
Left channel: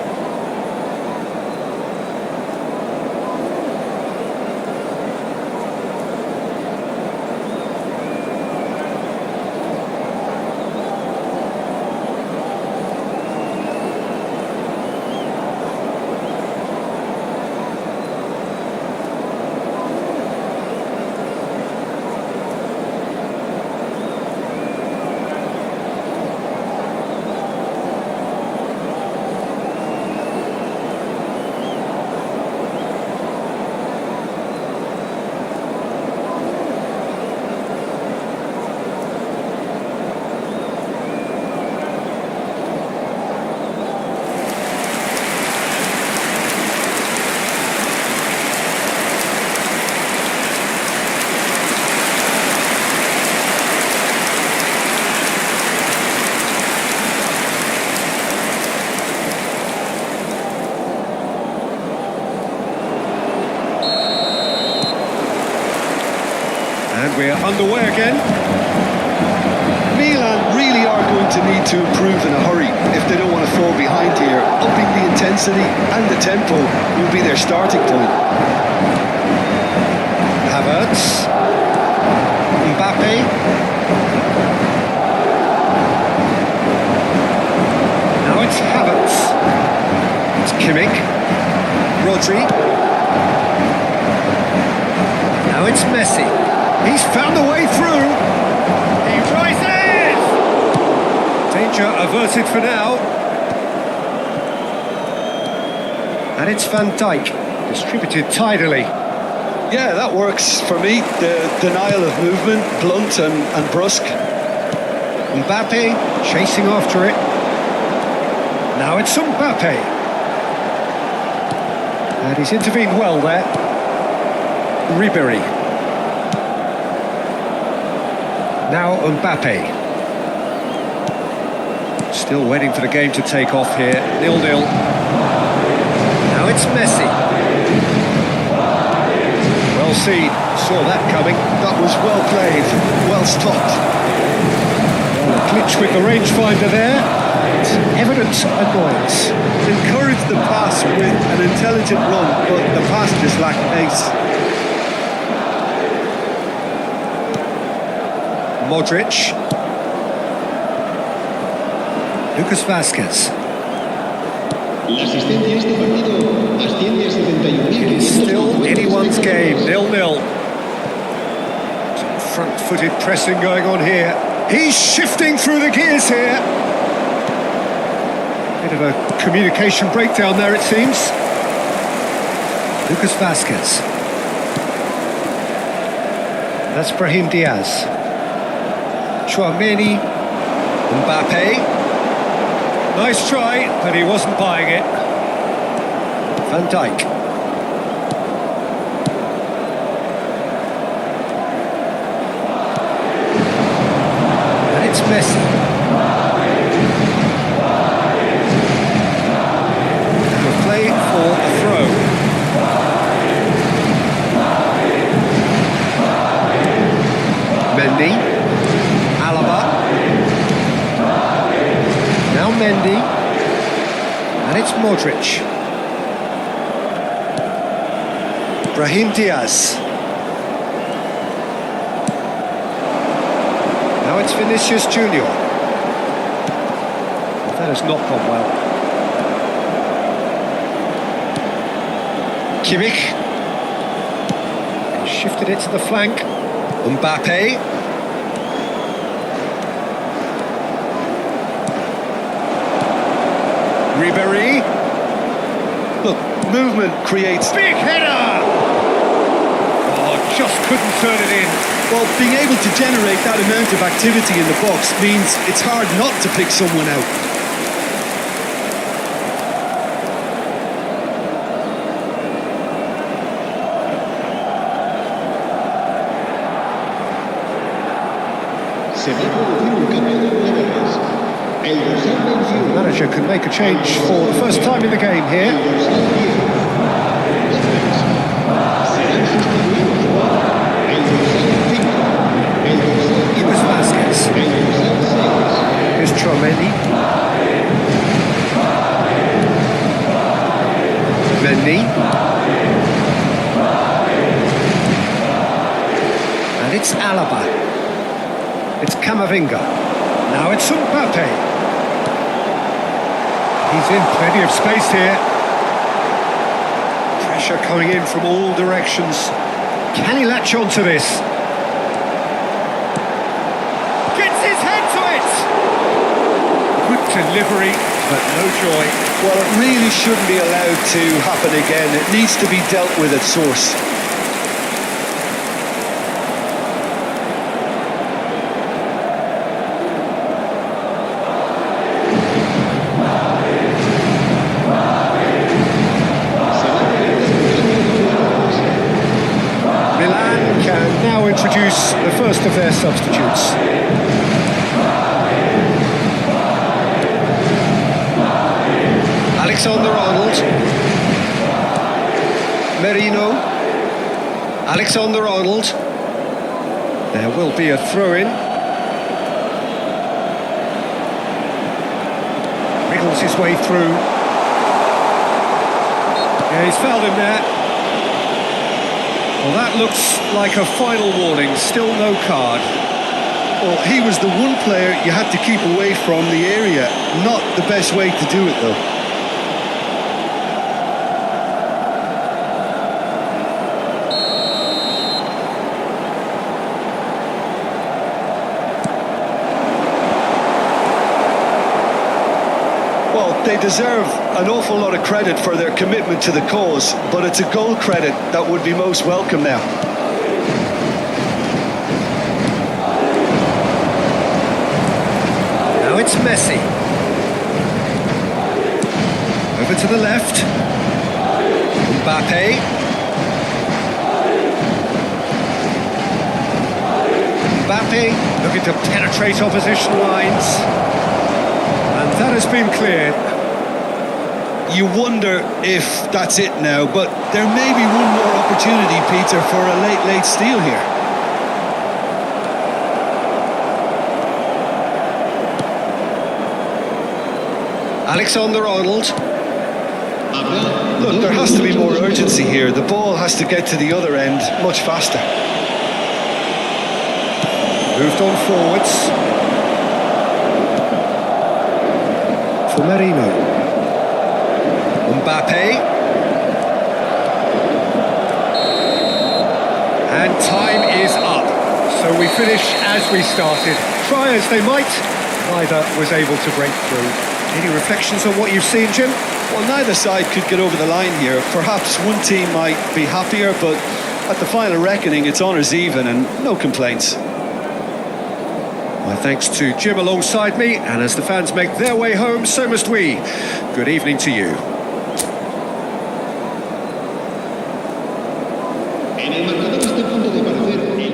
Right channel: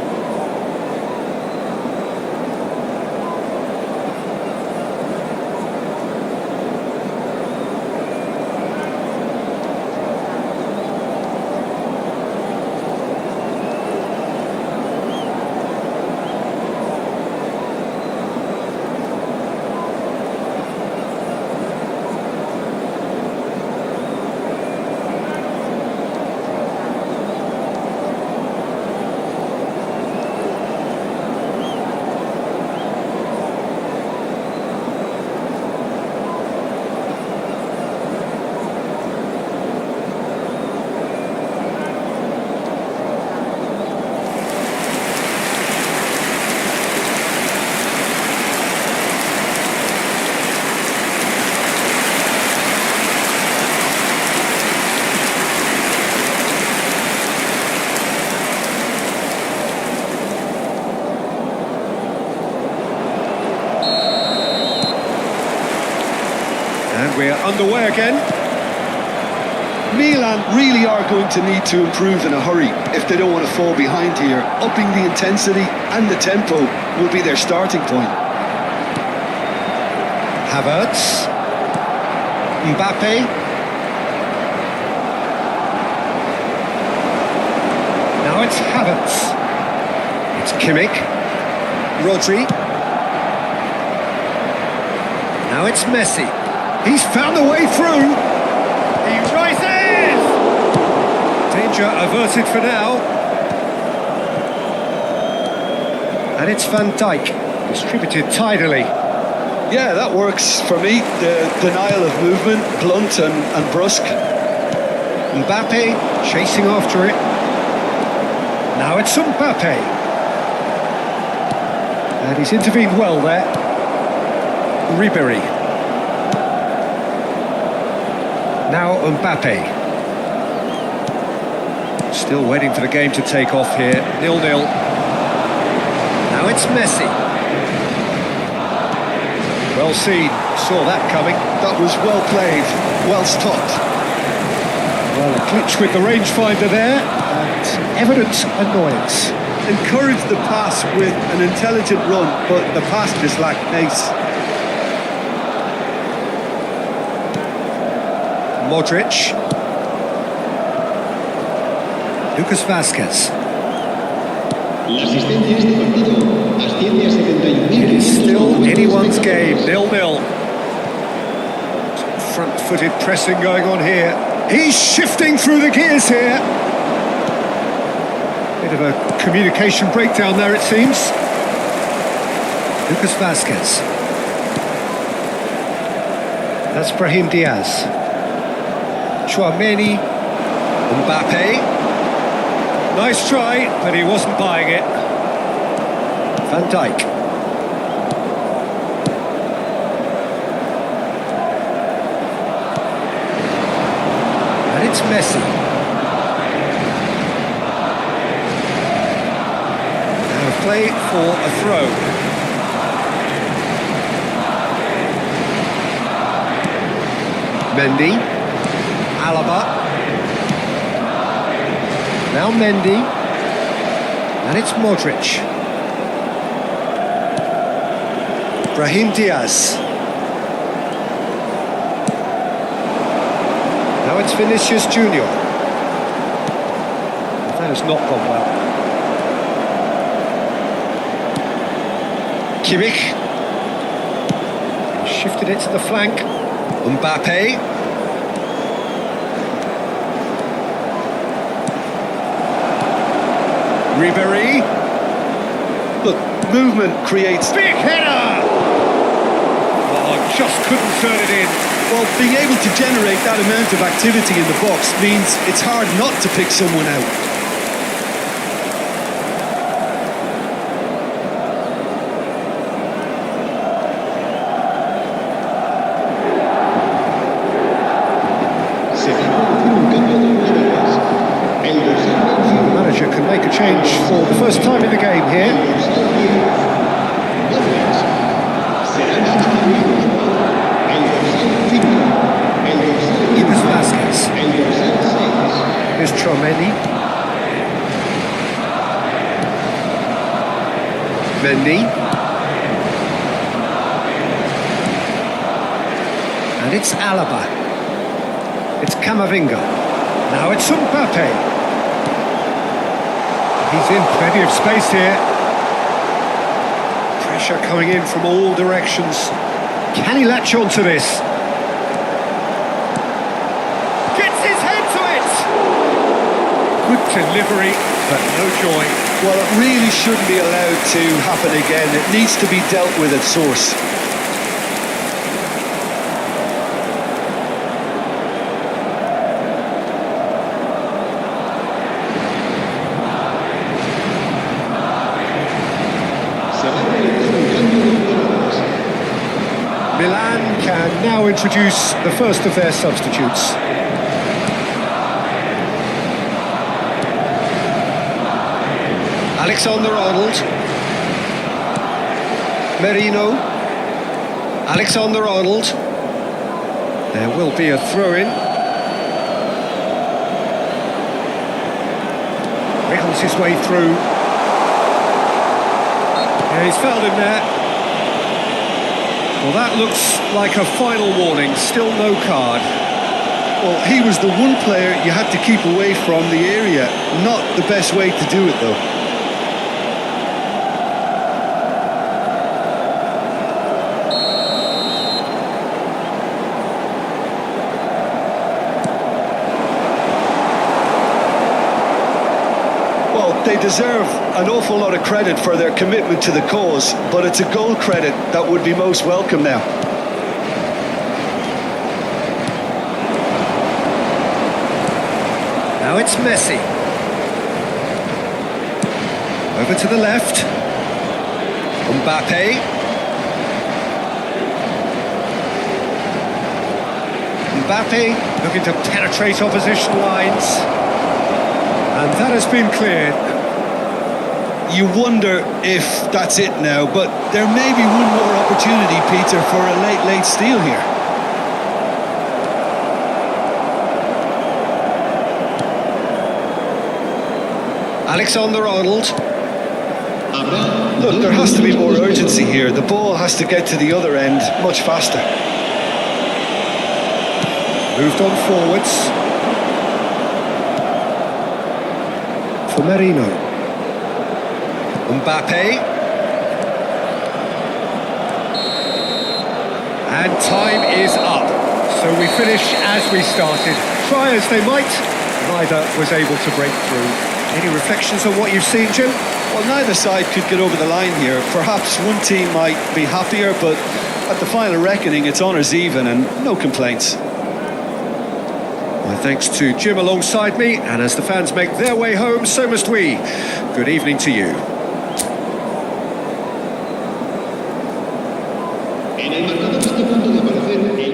And we're underway again. Milan really are going to need to improve in a hurry if they don't want to fall behind here. Upping the intensity and the tempo will be their starting point. Havertz. Mbappe. Now it's Havertz. It's Kimmich. Rodri. Now it's Messi. He's found a way through. He rises! Danger averted for now. And it's Van Dijk, distributed tidily. Yeah, that works for me. The denial of movement, blunt and brusque. Mbappe chasing after it. Now it's Mbappe. And he's intervened well there. Ribery. Now Mbappe. Still waiting for the game to take off here. 0-0. Now it's Messi. Well seen, saw that coming. That was well played, well stopped. Well, a glitch with the rangefinder there, and evident annoyance. Encouraged the pass with an intelligent run, but the pass just lacked pace. Modric. Lucas Vázquez. La asistencia a este partido asciende a It is still 71.550 anyone's game, espectadores. 0-0. Some front-footed pressing going on here. He's shifting through the gears here. Bit of a communication breakdown there, it seems. Lucas Vázquez. That's Brahim Diaz. Chouameni. Mbappe. Nice try, but he wasn't buying it. Van Dijk. And it's Messi. Out of play for a throw. Mendy. Alaba. Now Mendy. And it's Modric. Brahim Diaz. Now it's Vinicius Junior. Well, that has not gone well. Kimmich. He shifted it to the flank. Mbappe. Ribéry. Look, movement creates... Big header! Oh, just couldn't turn it in. Well, being able to generate that amount of activity in the box means it's hard not to pick someone out. Se va a producir un cambio de jugadores. El dorsal So the 21. manager can make a change for the first time in the game El here. dorsal 10. Modric. Serán sustituidos por el dorsal 5. El dorsal 15. Lucas Vázquez. El dorsal 6. Here's Chouameni. Mendy. And it's Alaba. It's Camavinga. Now it's Mbappe. He's in plenty of space here. Pressure coming in from all directions. Can he latch onto this? Gets his head to it! Good delivery, but no joy. Well, it really shouldn't be allowed to happen again. It needs to be dealt with at source. Se va a realizar un cambio de jugadores. Milan can now introduce the first of their substitutes. Alexander-Arnold. Merino. Alexander-Arnold. There will be a throw-in. Wriggles his way through. Yeah, he's fouled him there. Well, that looks like a final warning. Still no card. Well, he was the one player you had to keep away from the area. Not the best way to do it, though. Well, they deserve an awful lot of credit for their commitment to the cause, but it's a goal credit that would be most welcome now. Now it's Messi. Over to the left. Mbappe. Mbappe looking to penetrate opposition lines. And that has been cleared. You wonder if that's it now, but there may be one more opportunity, Peter, for a late steal here. Alexander-Arnold. Look, there has to be more urgency here. The ball has to get to the other end much faster. Moved on forwards. For Marino. Mbappe. And time is up. So we finish as we started. Try as they might, neither was able to break through. Any reflections on what you've seen, Jim? Well, neither side could get over the line here. Perhaps one team might be happier, but at the final reckoning, it's honours even and no complaints. My thanks to Jim alongside me, and as the fans make their way home, so must we. Good evening to you. En el marcador está a punto de aparecer el...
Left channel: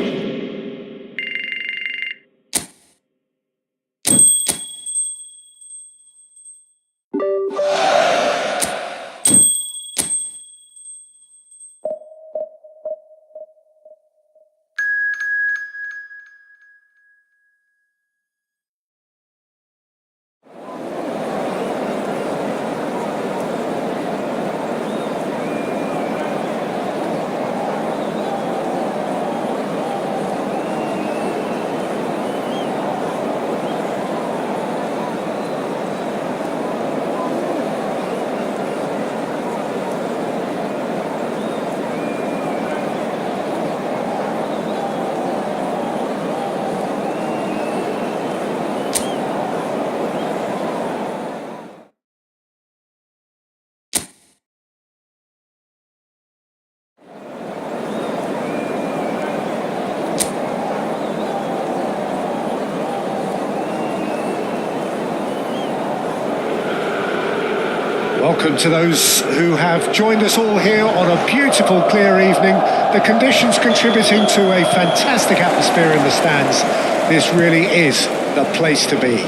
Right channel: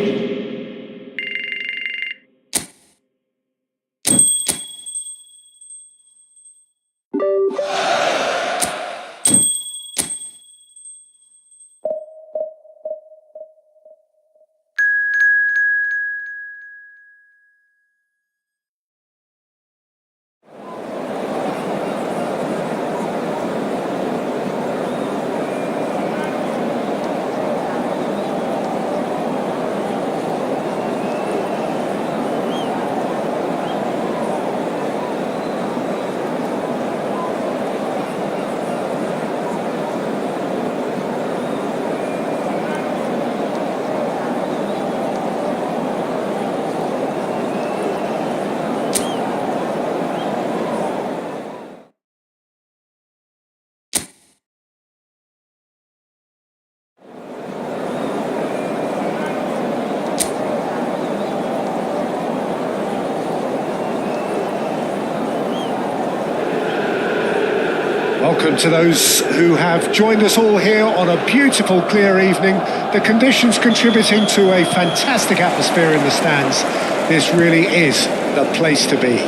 Welcome to those who have joined us all here on a beautiful, clear evening. The conditions contributing to a fantastic atmosphere in the stands. This really is the place to be.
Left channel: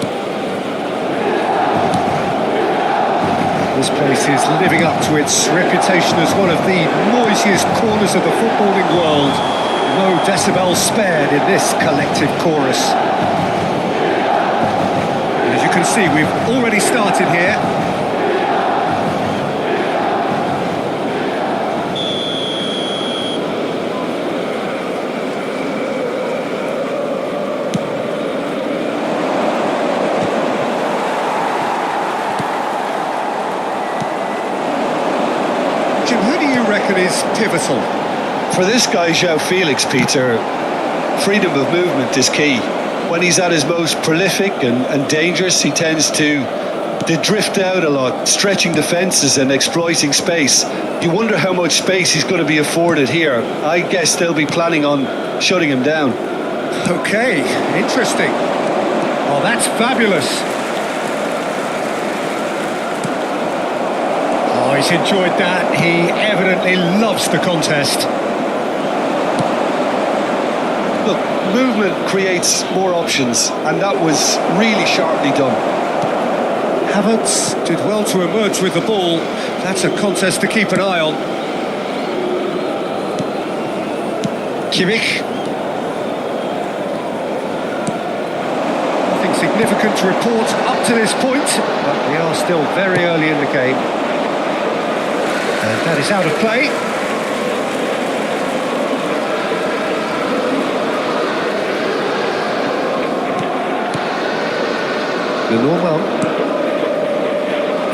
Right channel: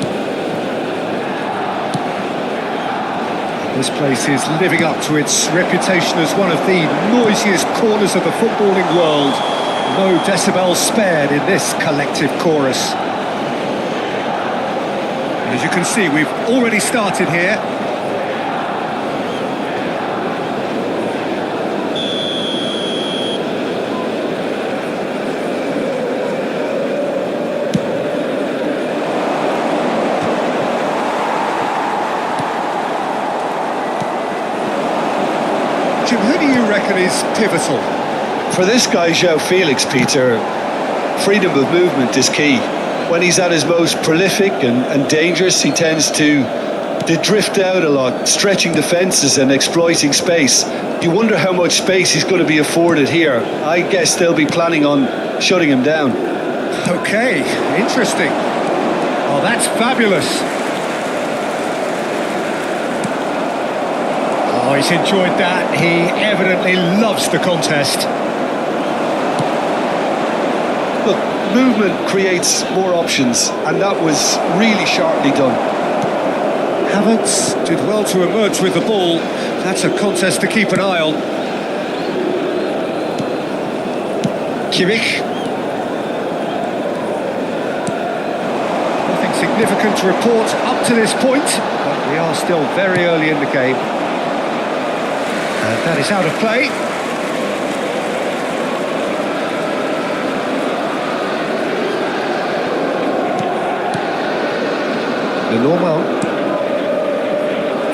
This place is living up to its reputation as one of the noisiest corners of the footballing world. No decibels spared in this collective chorus. And as you can see, we've already started here. Jim, who do you reckon is pivotal? For this guy, João Felix, Peter, freedom of movement is key. When he's at his most prolific and dangerous, he tends to drift out a lot, stretching defences and exploiting space. You wonder how much space he's going to be afforded here. I guess they'll be planning on shutting him down. Okay, interesting. Oh, that's fabulous. Oh, he's enjoyed that. He evidently loves the contest. Look, movement creates more options, and that was really sharply done. Havertz did well to emerge with the ball. That's a contest to keep an eye on. Kimmich. Nothing significant to report up to this point, but we are still very early in the game. And that is out of play. Lenormand.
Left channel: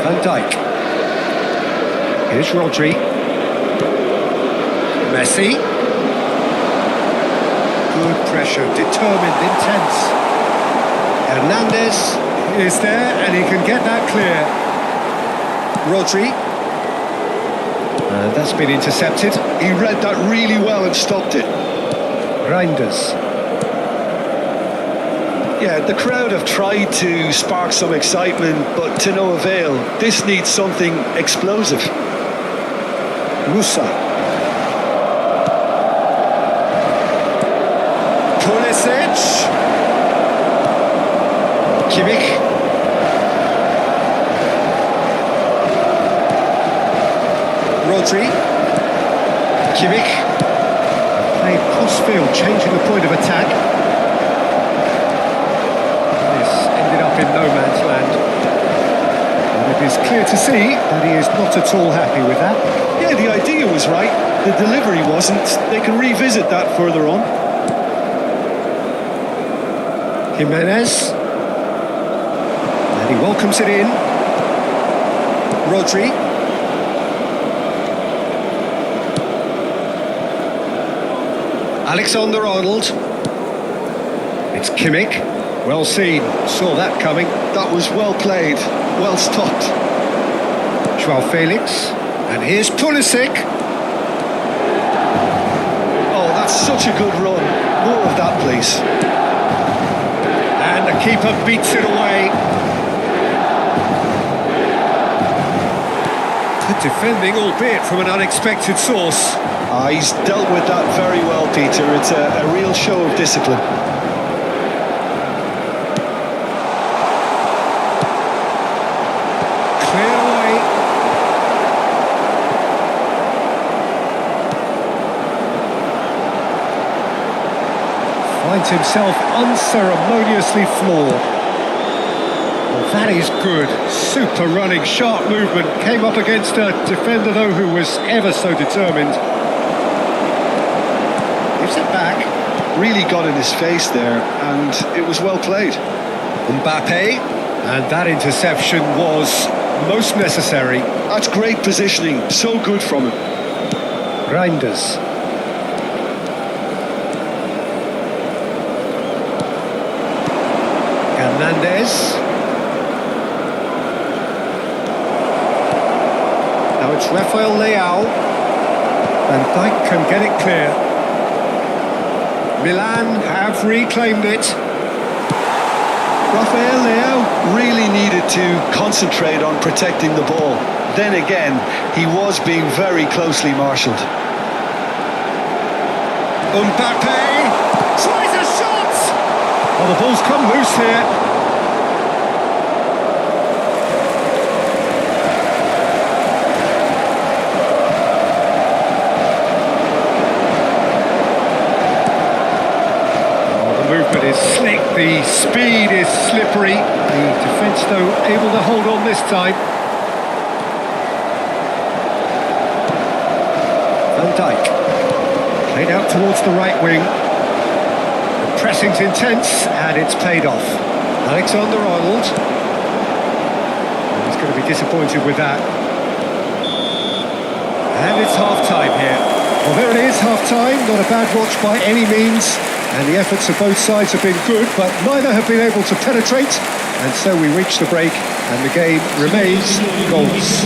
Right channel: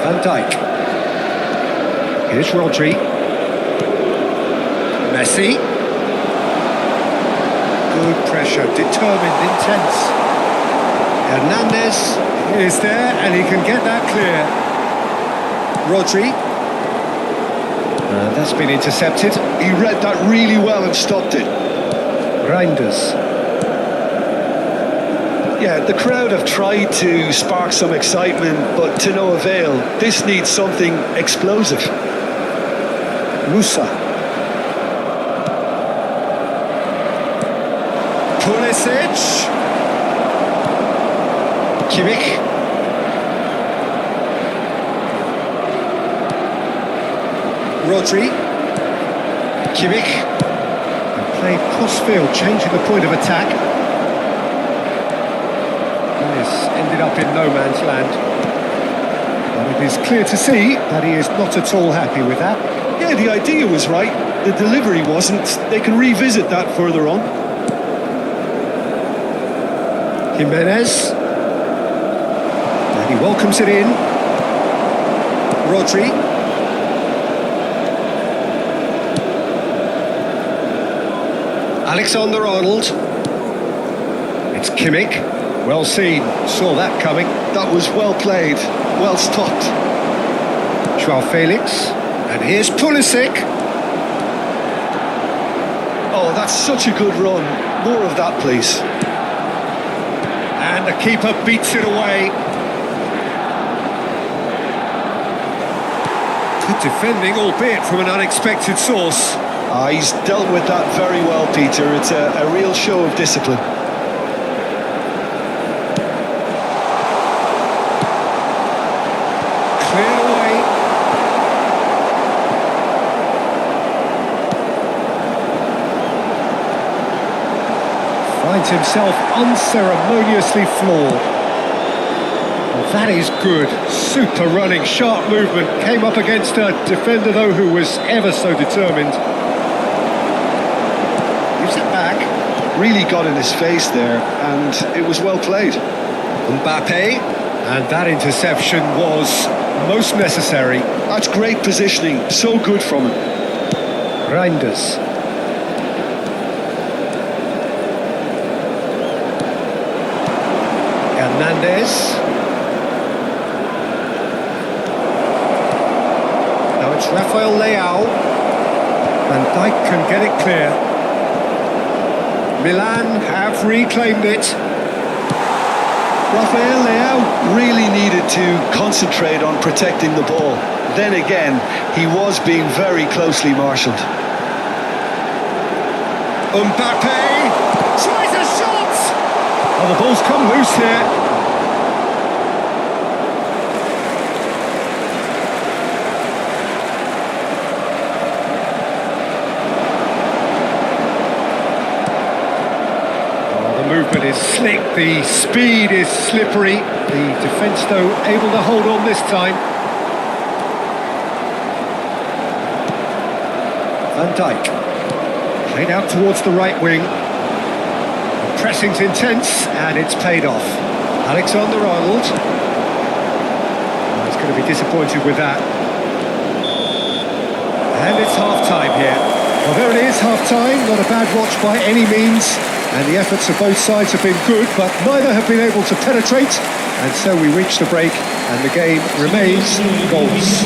Van Dijk. Here's Rodri. Messi. Good pressure, determined, intense. Hernandez is there and he can get that clear. Rodri. And that's been intercepted. He read that really well and stopped it. Reinders. Yeah, the crowd have tried to spark some excitement, but to no avail. This needs something explosive. Musa. Pulisic. Kimmich. Rodri. Kimmich. And played cross-field, changing the point of attack. That has ended up in no man's land. And it is clear to see that he is not at all happy with that. Yeah, the idea was right. The delivery wasn't. They can revisit that further on. Jimenez. And he welcomes it in. Rodri. Alexander-Arnold. It's Kimmich. Well seen. Saw that coming. That was well played, well stopped. Joao Felix. And here's Pulisic. Oh, that's such a good run. More of that, please. And the keeper beats it away. Good defending, albeit from an unexpected source. He's dealt with that very well, Peter. It's a real show of discipline. Cleared away. Finds himself unceremoniously floored. Well, that is good. Super running, sharp movement. Came up against a defender, though, who was ever so determined. Gives it back. Really got in his face there, and it was well played. Mbappe. And that interception was most necessary. That's great positioning. So good from him. Reinders. Hernandez. Now it's Rafael Leao. And Dijk can get it clear. Milan have reclaimed it. Rafael Leao really needed to concentrate on protecting the ball. Then again, he was being very closely marshalled. Mbappe tries a shot! Oh, the ball's come loose here. The movement is slick, the speed is slippery. The defence, though, able to hold on this time. Van Dijk. Played out towards the right wing. The pressing's intense, and it's paid off. Alexander-Arnold. Well, he's going to be disappointed with that. And it's half-time here. Well, there it is, half-time. Not a bad watch by any means. And the efforts of both sides have been good, but neither have been able to penetrate. And so we reach the break, and the game remains goalless.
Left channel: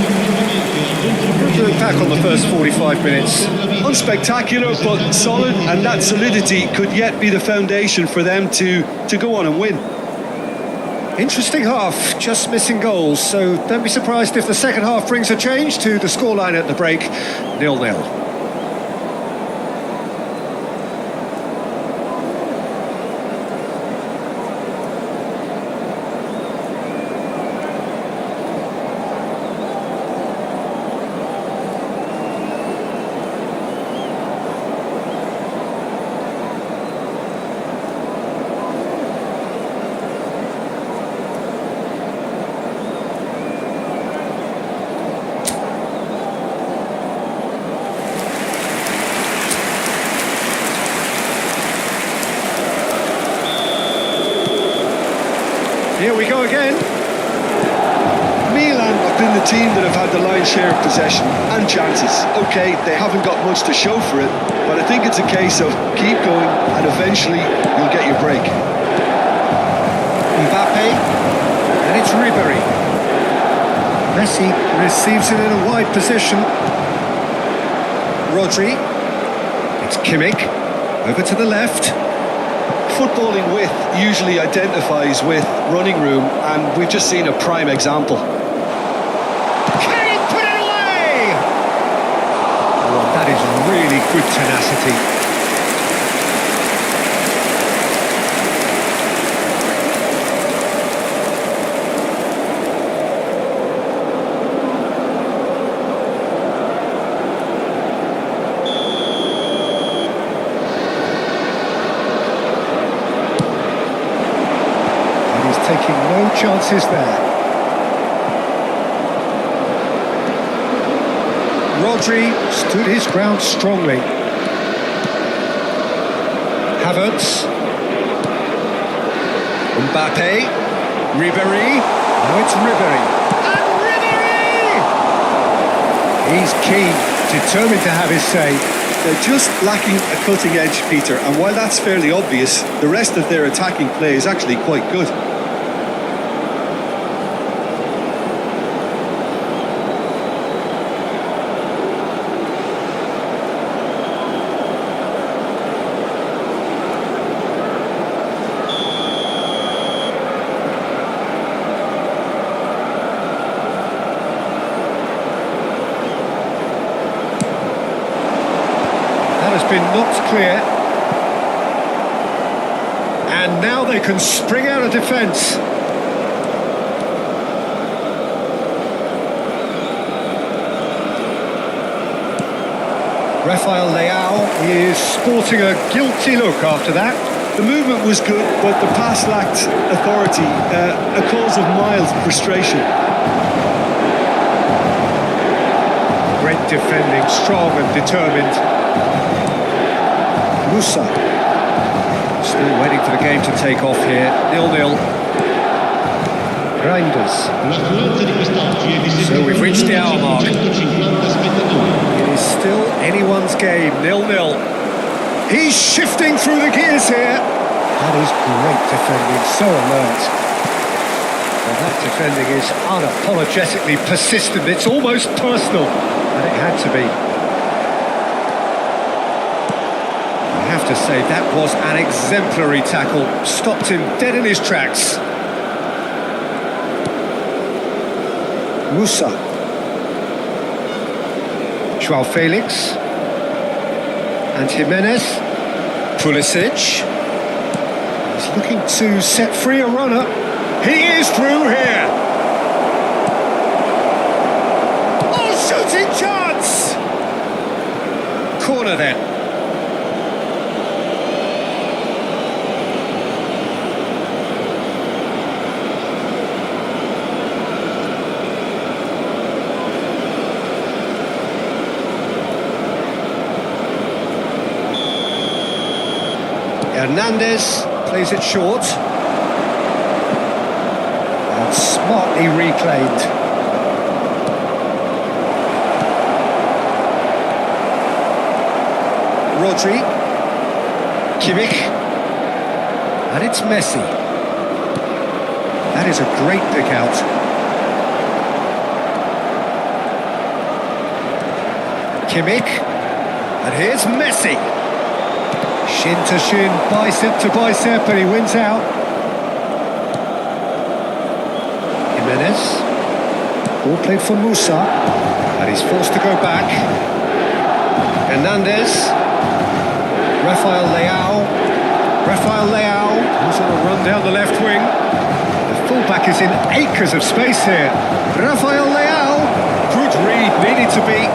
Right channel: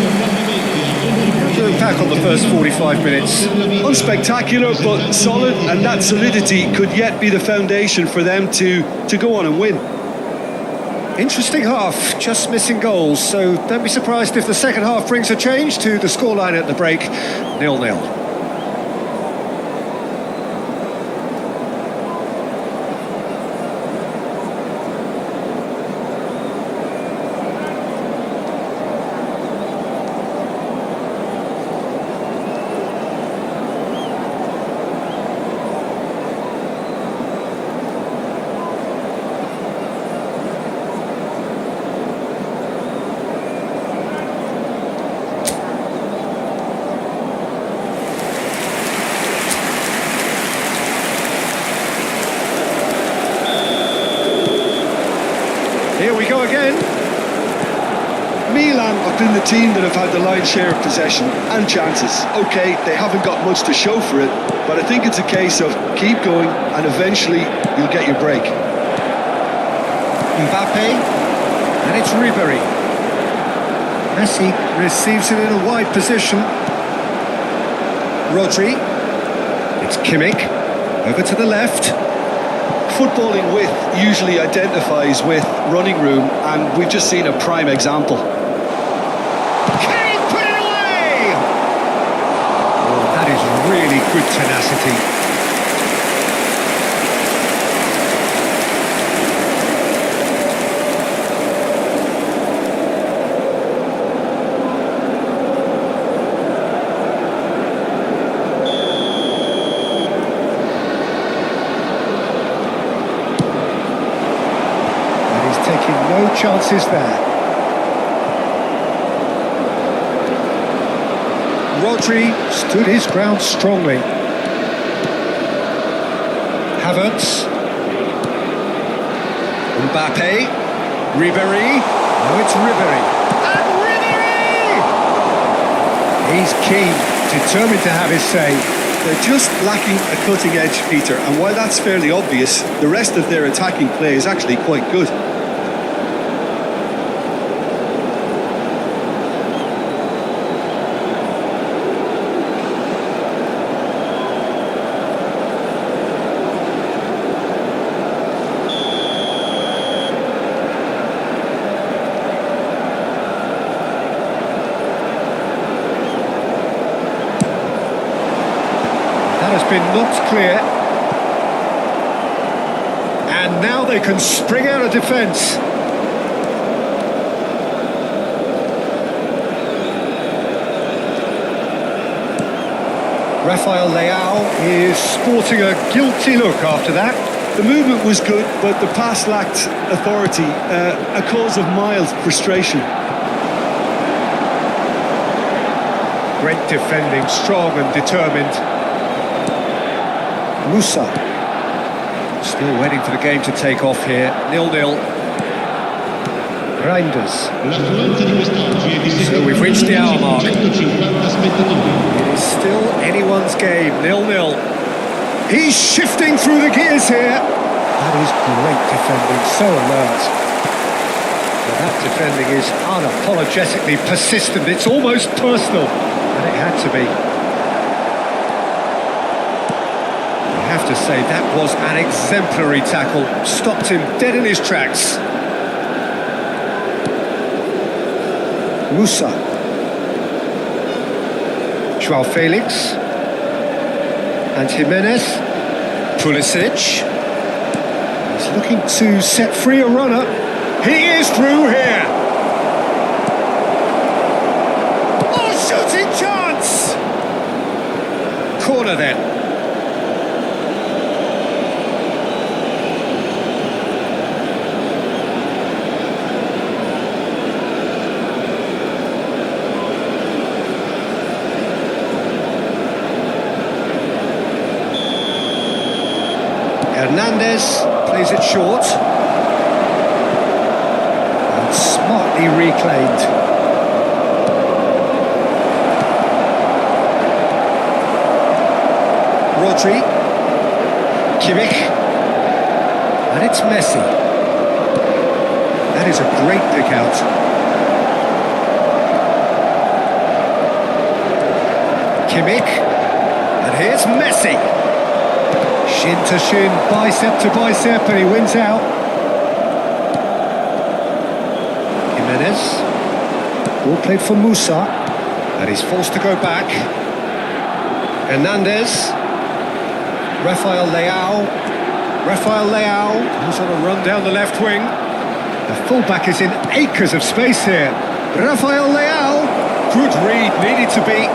How do you look back on the first 45 minutes? Unspectacular, but solid, and that solidity could yet be the foundation for them to go on and win. Interesting half, just missing goals, so don't be surprised if the second half brings a change to the scoreline at the break, 0-0. Here we go again. Milan have been the team that have had the lion's share of possession and chances. OK, they haven't got much to show for it, but I think it's a case of keep going and eventually you'll get your break. Mbappe, and it's Ribery. Messi receives it in a wide position. Rodri. It's Kimmich. Over to the left. Footballing width usually identifies with running room, and we've just seen a prime example. Can he put it away? Oh, that is really good tenacity. And he's taking no chances there. Rodri stood his ground strongly. Havertz. Mbappe. Ribéry. Now it's Ribéry. And Ribéry! He's keen, determined to have his say. They're just lacking a cutting edge, Peter, and while that's fairly obvious, the rest of their attacking play is actually quite good. That has been knocked clear. And now they can spring out of defence. Rafael Leao is sporting a guilty look after that. The movement was good, but the pass lacked authority, a cause of mild frustration. Great defending, strong and determined. Musa. Still waiting for the game to take off here. 0-0. Reinders. L'affluenza di quest'oggi è di So we've reached the hour mark. 7.550 spettatori. It is still anyone's game, 0-0. He's shifting through the gears here. That is great defending, so alert. Well, that defending is unapologetically persistent. It's almost personal, and it had to be. You have to say that was an exemplary tackle. Stopped him dead in his tracks. Musa. Joao Felix. And Jimenez. Pulisic. He's looking to set free a runner. He is through here. Oh, shooting chance! Corner then. Hernandez plays it short. And smartly reclaimed. Rodri. Kimmich. And it's Messi. That is a great pick out. Kimmich. And here's Messi. Shin to shin, bicep to bicep, and he wins out. Jimenez. Ball played for Musa. And he's forced to go back. Hernandez. Rafael Leao. Rafael Leao, who's on a run down the left wing. The fullback is in acres of space here. Rafael Leao. Good read, needed to be.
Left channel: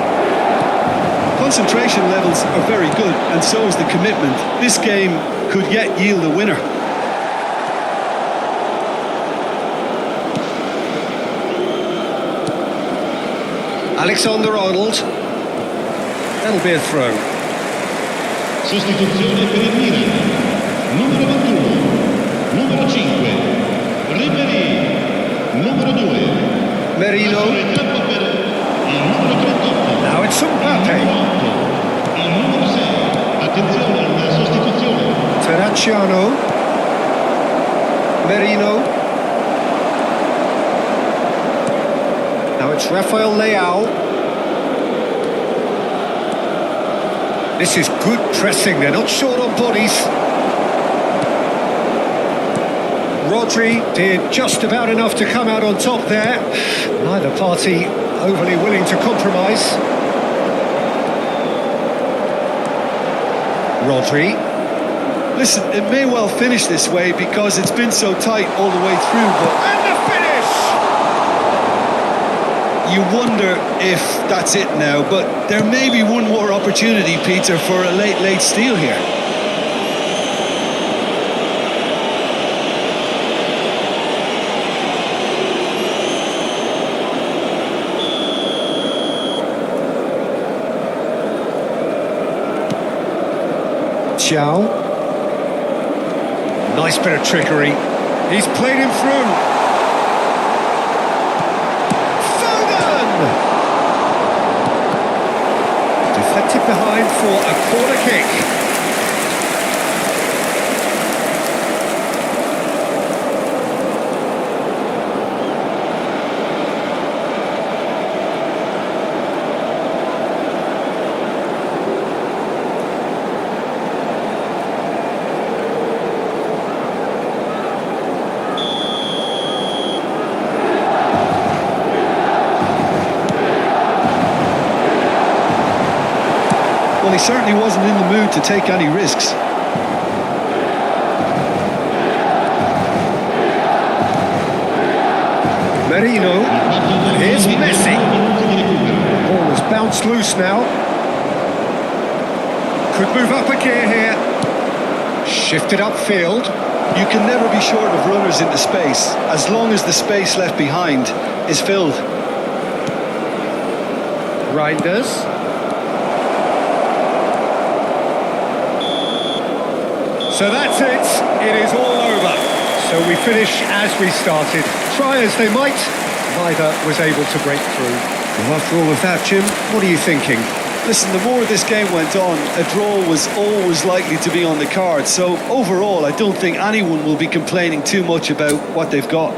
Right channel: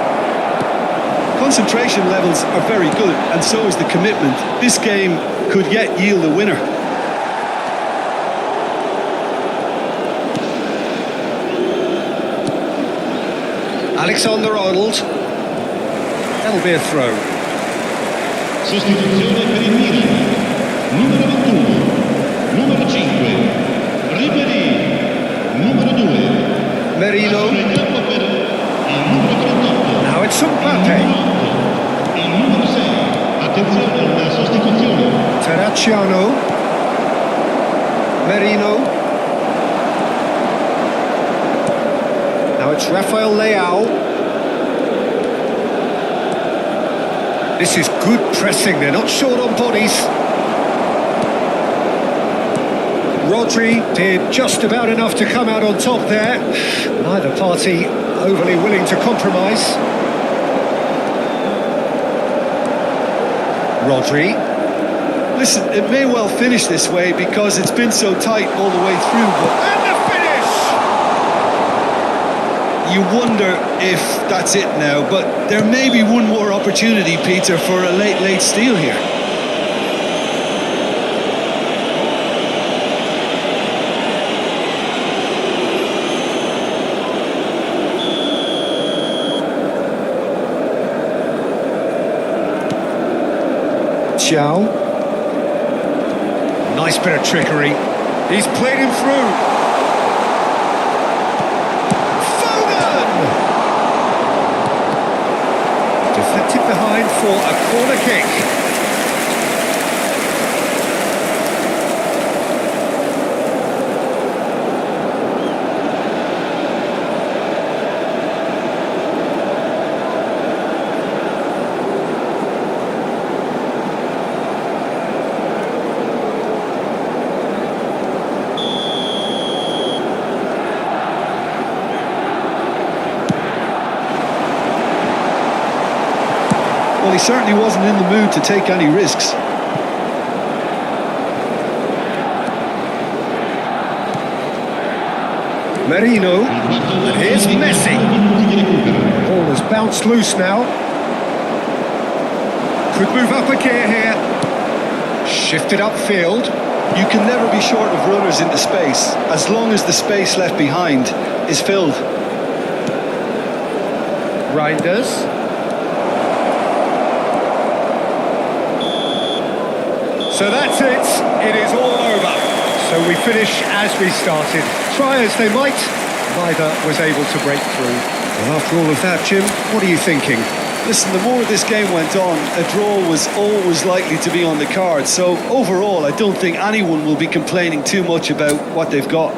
Concentration levels are very good, and so is the commitment. This game could yet yield a winner. Alexander-Arnold. That'll be a throw. Sostituzione per il Milan. Numero 21. Numero 5. Ribéry. Numero 2. Merino. Lasciano il campo per il numero 38. Now it's Il Mbappe. numero 8. Il numero 6. Attenzione, una sostituzione. Terracciano. Merino. Now it's Rafael Leao. This is good pressing, they're not short on bodies. Rodri did just about enough to come out on top there. Neither party overly willing to compromise. Rodri. Listen, it may well finish this way because it's been so tight all the way through, but... And the finish! You wonder if that's it now, but there may be one more opportunity, Peter, for a late steal here. Chow. Nice bit of trickery. He's played him through. Foden! Deflected behind for a corner kick. Well, he certainly wasn't in the mood to take any risks. Merino. Il quarto uomo And here's indica Messi. 2 minuti di recupero. Ball has bounced loose now. Could move up a gear here. Shifted upfield. You can never be short of runners into space, as long as the space left behind is filled. Reinders. So that's it. It is all over. So we finish as we started. Try as they might, neither was able to break through. Well, after all of that, Jim, what are you thinking? Listen, the more this game went on, a draw was always likely to be on the cards. So overall, I don't think anyone will be complaining too much about what they've got.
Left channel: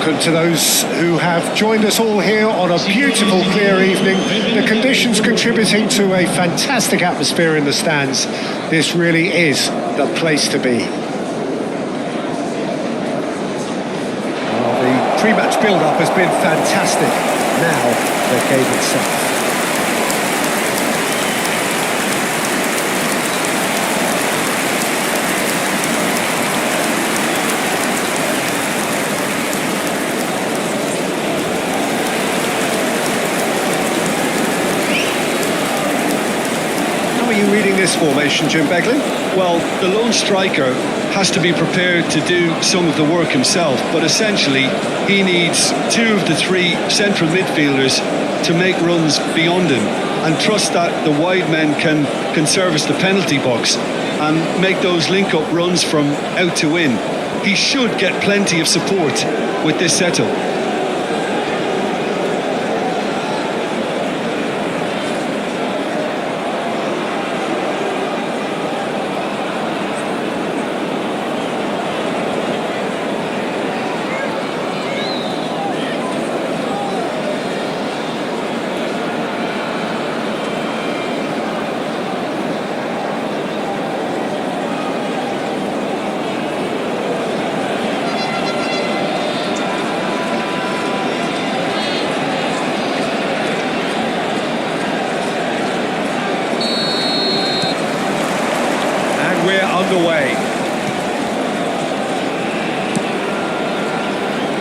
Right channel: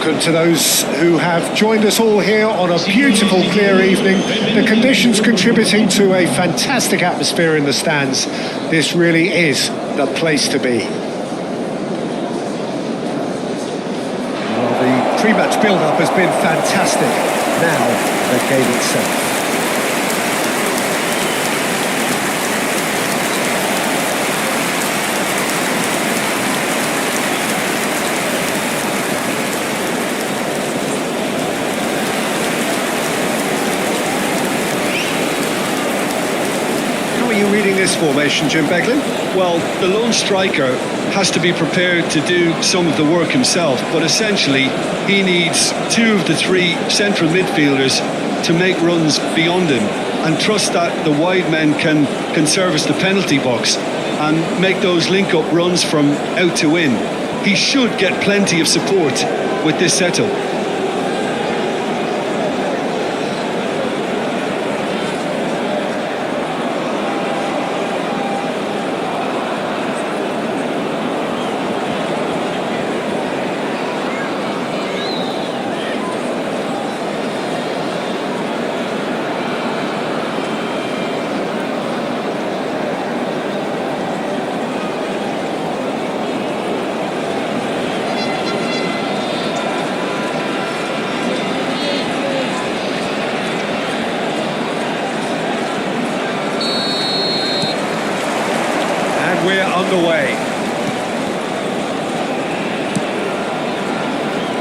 welcome to those who have joined us all here on a beautiful, clear evening. The conditions contributing to a fantastic atmosphere in the stands. This really is the place to be. Well, the pre-match build-up has been fantastic. Now, the game itself. How are you reading this formation, Jim Beglin? Well, the lone striker has to be prepared to do some of the work himself, but essentially he needs two of the three central midfielders to make runs beyond him and trust that the wide men can service the penalty box and make those link-up runs from out to in. He should get plenty of support with this setup. And we're underway.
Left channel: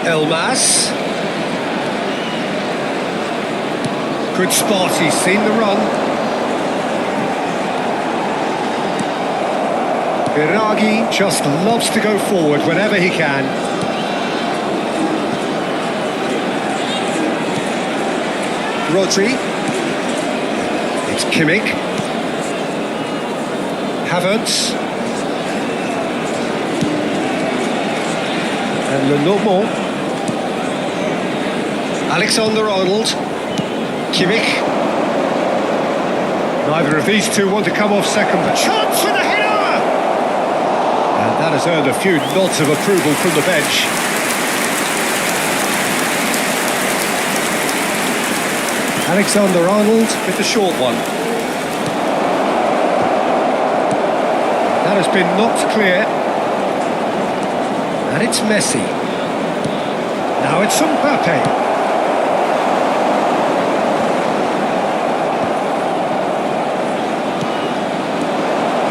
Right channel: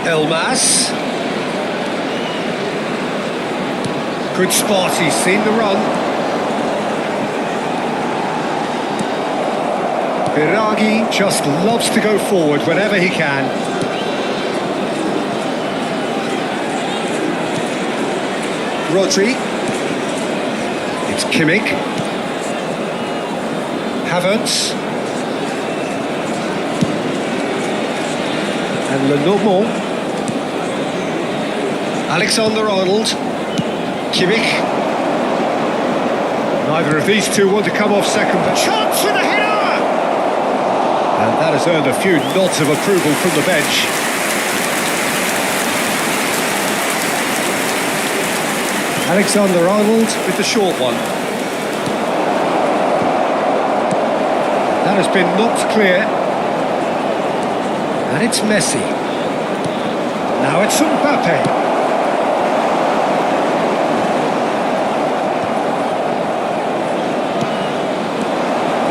Elmas. Good spot, he's seen the run. Biraghi just loves to go forward whenever he can. Rodri. It's Kimmich. Havertz. And Lenormand. Alexander-Arnold. Kimmich. Neither of these two want to come off second, but chance for the header! And that has earned a few nods of approval from the bench. Alexander-Arnold with the short one. That has been knocked clear. And it's Messi. Now it's Mbappe.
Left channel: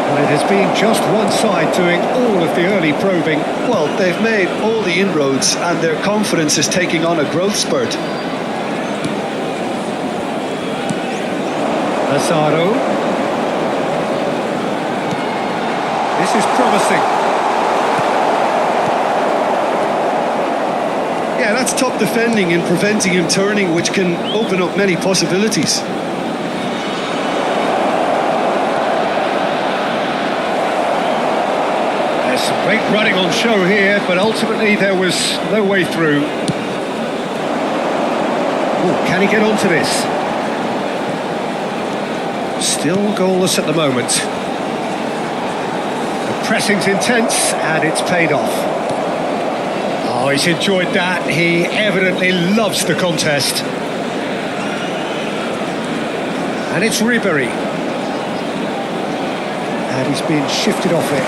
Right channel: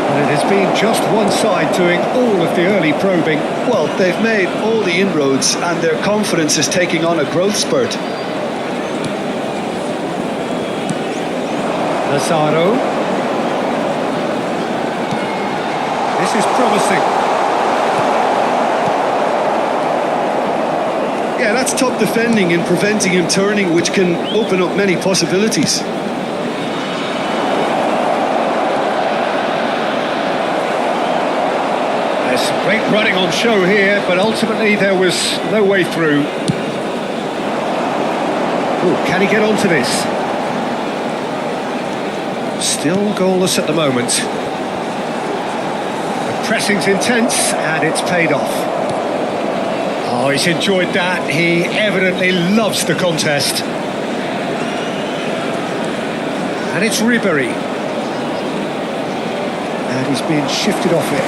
But it has been just one side doing all of the early probing. Well, they've made all the inroads and their confidence is taking on a growth spurt. Lazaro. This is promising. Yeah, that's top defending and preventing him turning, which can open up many possibilities. There's some great running on show here, but ultimately there was no way through. Oh, can he get onto this? Still goalless at the moment. The pressing's intense, and it's paid off. Oh, he's enjoyed that. He evidently loves the contest. And it's Ribéry. And he's been shifted off it.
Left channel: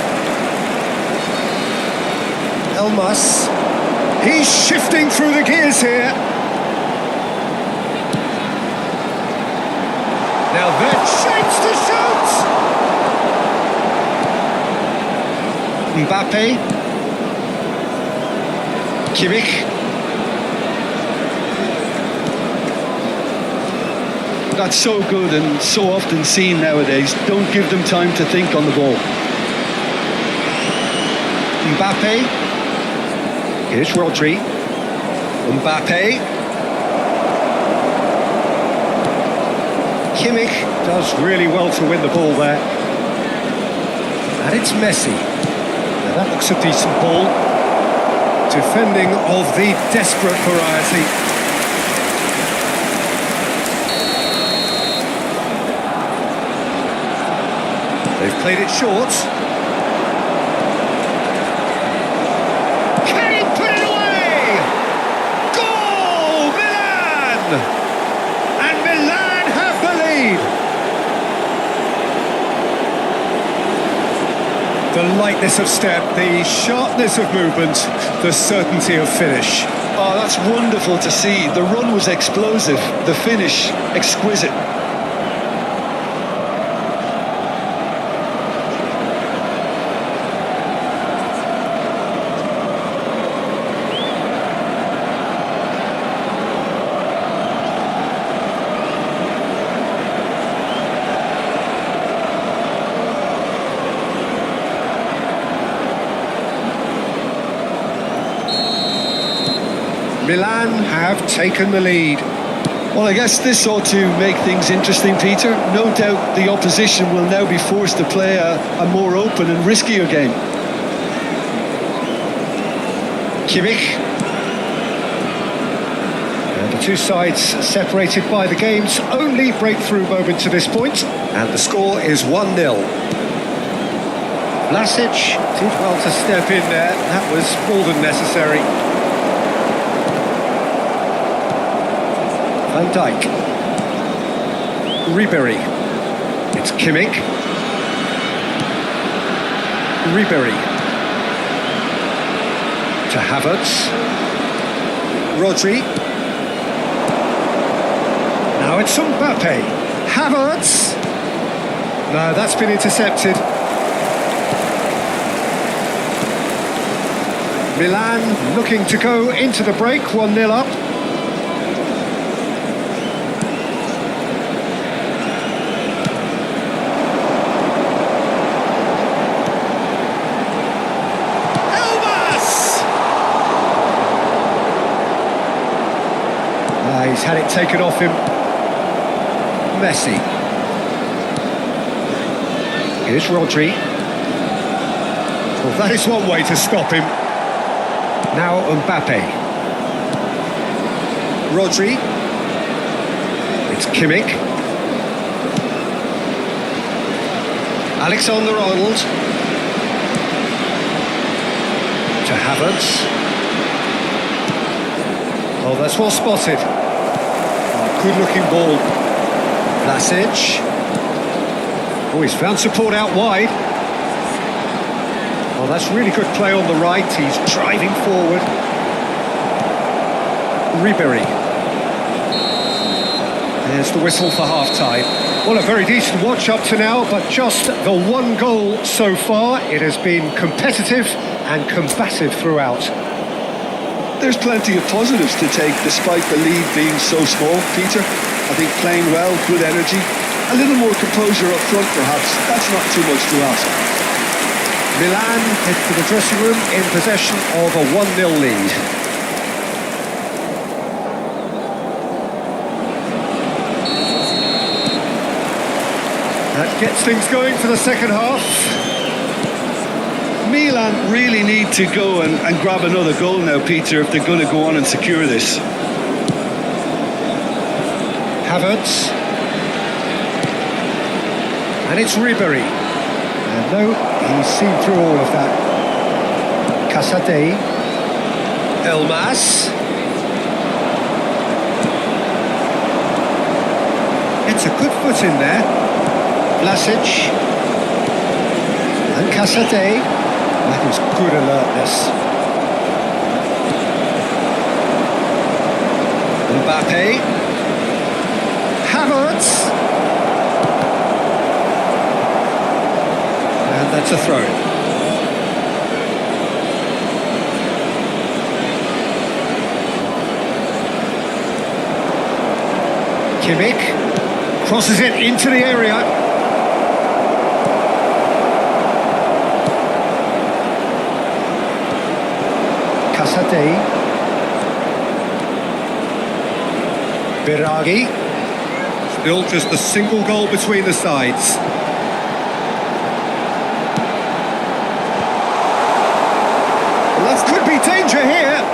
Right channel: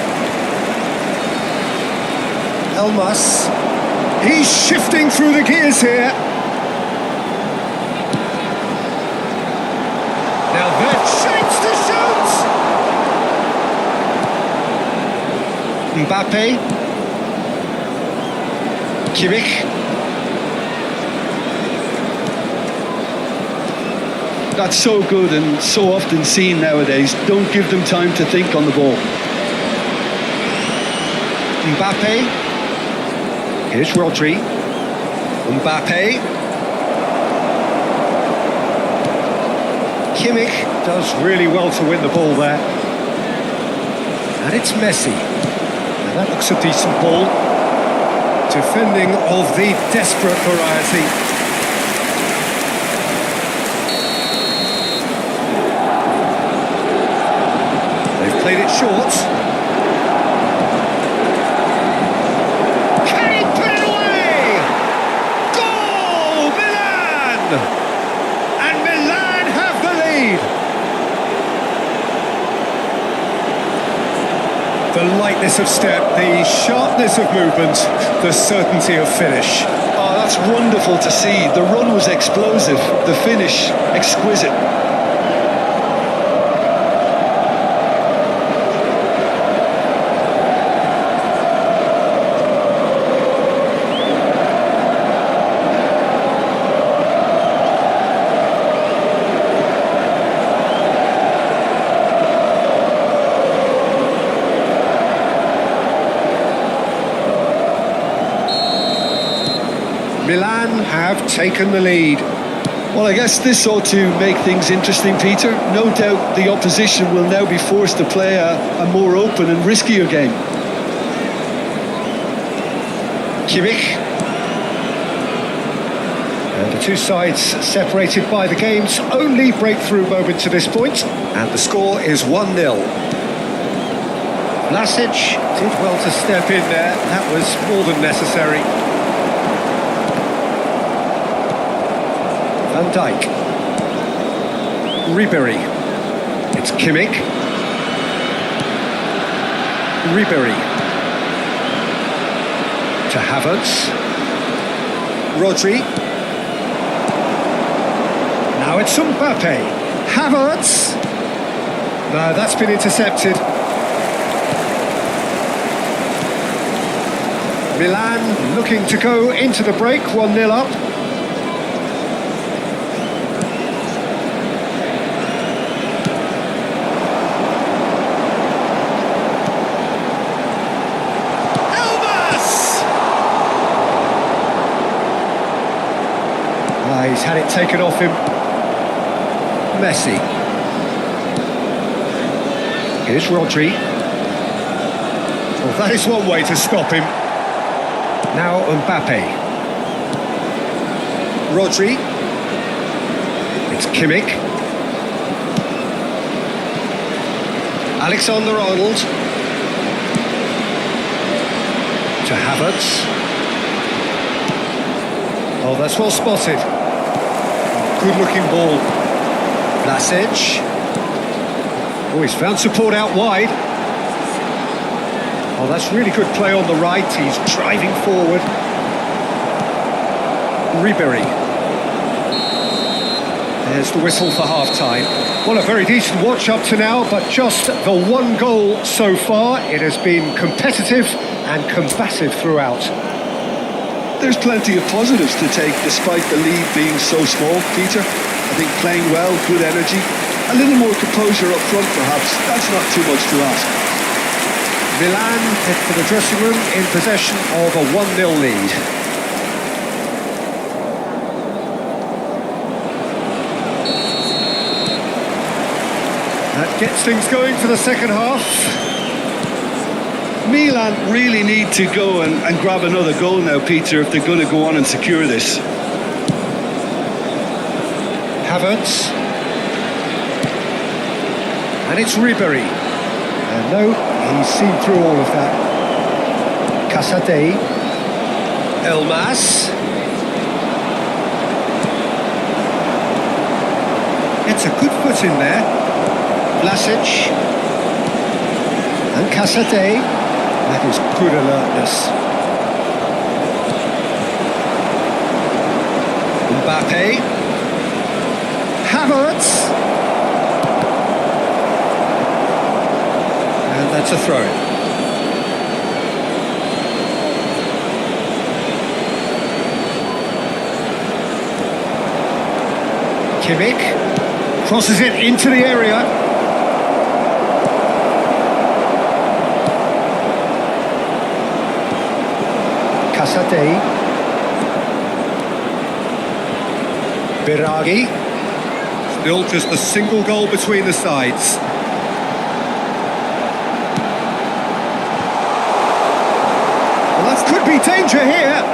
Elmas. He's shifting through the gears here. Now they're shapes to shoot! Mbappe. Kimmich. That's so good and so often seen nowadays. Don't give them time to think on the ball. Mbappe. Here's Rodri. Mbappe. Kimmich does really well to win the ball there. And it's Messi. Now that looks a decent ball. Defending of the desperate variety. They've played it short. Can he put it away? And Milan have the lead. The lightness of step, the sharpness of movement, the certainty of finish. Oh, that's wonderful to see. The run was explosive, the finish exquisite. Milan have taken the lead. Well, I guess this ought to make things interesting, Peter. No doubt the opposition will now be forced to play a more open and riskier game. Kimmich. And the two sides separated by the game's only breakthrough moment to this point. And the score is 1-0. Vlasic did well to step in there. That was more than necessary. Van Dijk. Ribery. It's Kimmich. Ribery. To Havertz. Rodri. Now it's Mbappe. Havertz. No, that's been intercepted. Milan looking to go into the break, 1-0 up. He's had it taken off him. Messi. Here's Rodri. Well, that is one way to stop him. Now Mbappe. Rodri. It's Kimmich. Alexander-Arnold. To Havertz. Oh, that's well spotted. Oh, good-looking ball. Vlasic. Oh, he's found support out wide. Oh, that's really good play on the right. He's driving forward. Ribery. There's the whistle for half-time. Well, a very decent watch up to now, but just the one goal so far. It has been competitive and combative throughout. There's plenty of positives to take despite the lead being so small, Peter. I think playing well, good energy, a little more composure up front perhaps. That's not too much to ask. Milan head to the dressing room in possession of a 1-0 lead. That gets things going for the second half. Milan really need to go and grab another goal now, Peter, if they're going to go on and secure this. Havertz. And it's Ribery. And no, he's seen through all of that. Casadei. Elmas. Gets a good foot in there. Vlasic. And Casadei. That is good alertness. Mbappe. Havertz. And that's a throw-in. Kimmich crosses it into the area. Casadei. Biraghi. Still just a single goal between the sides. Well, that could be danger here.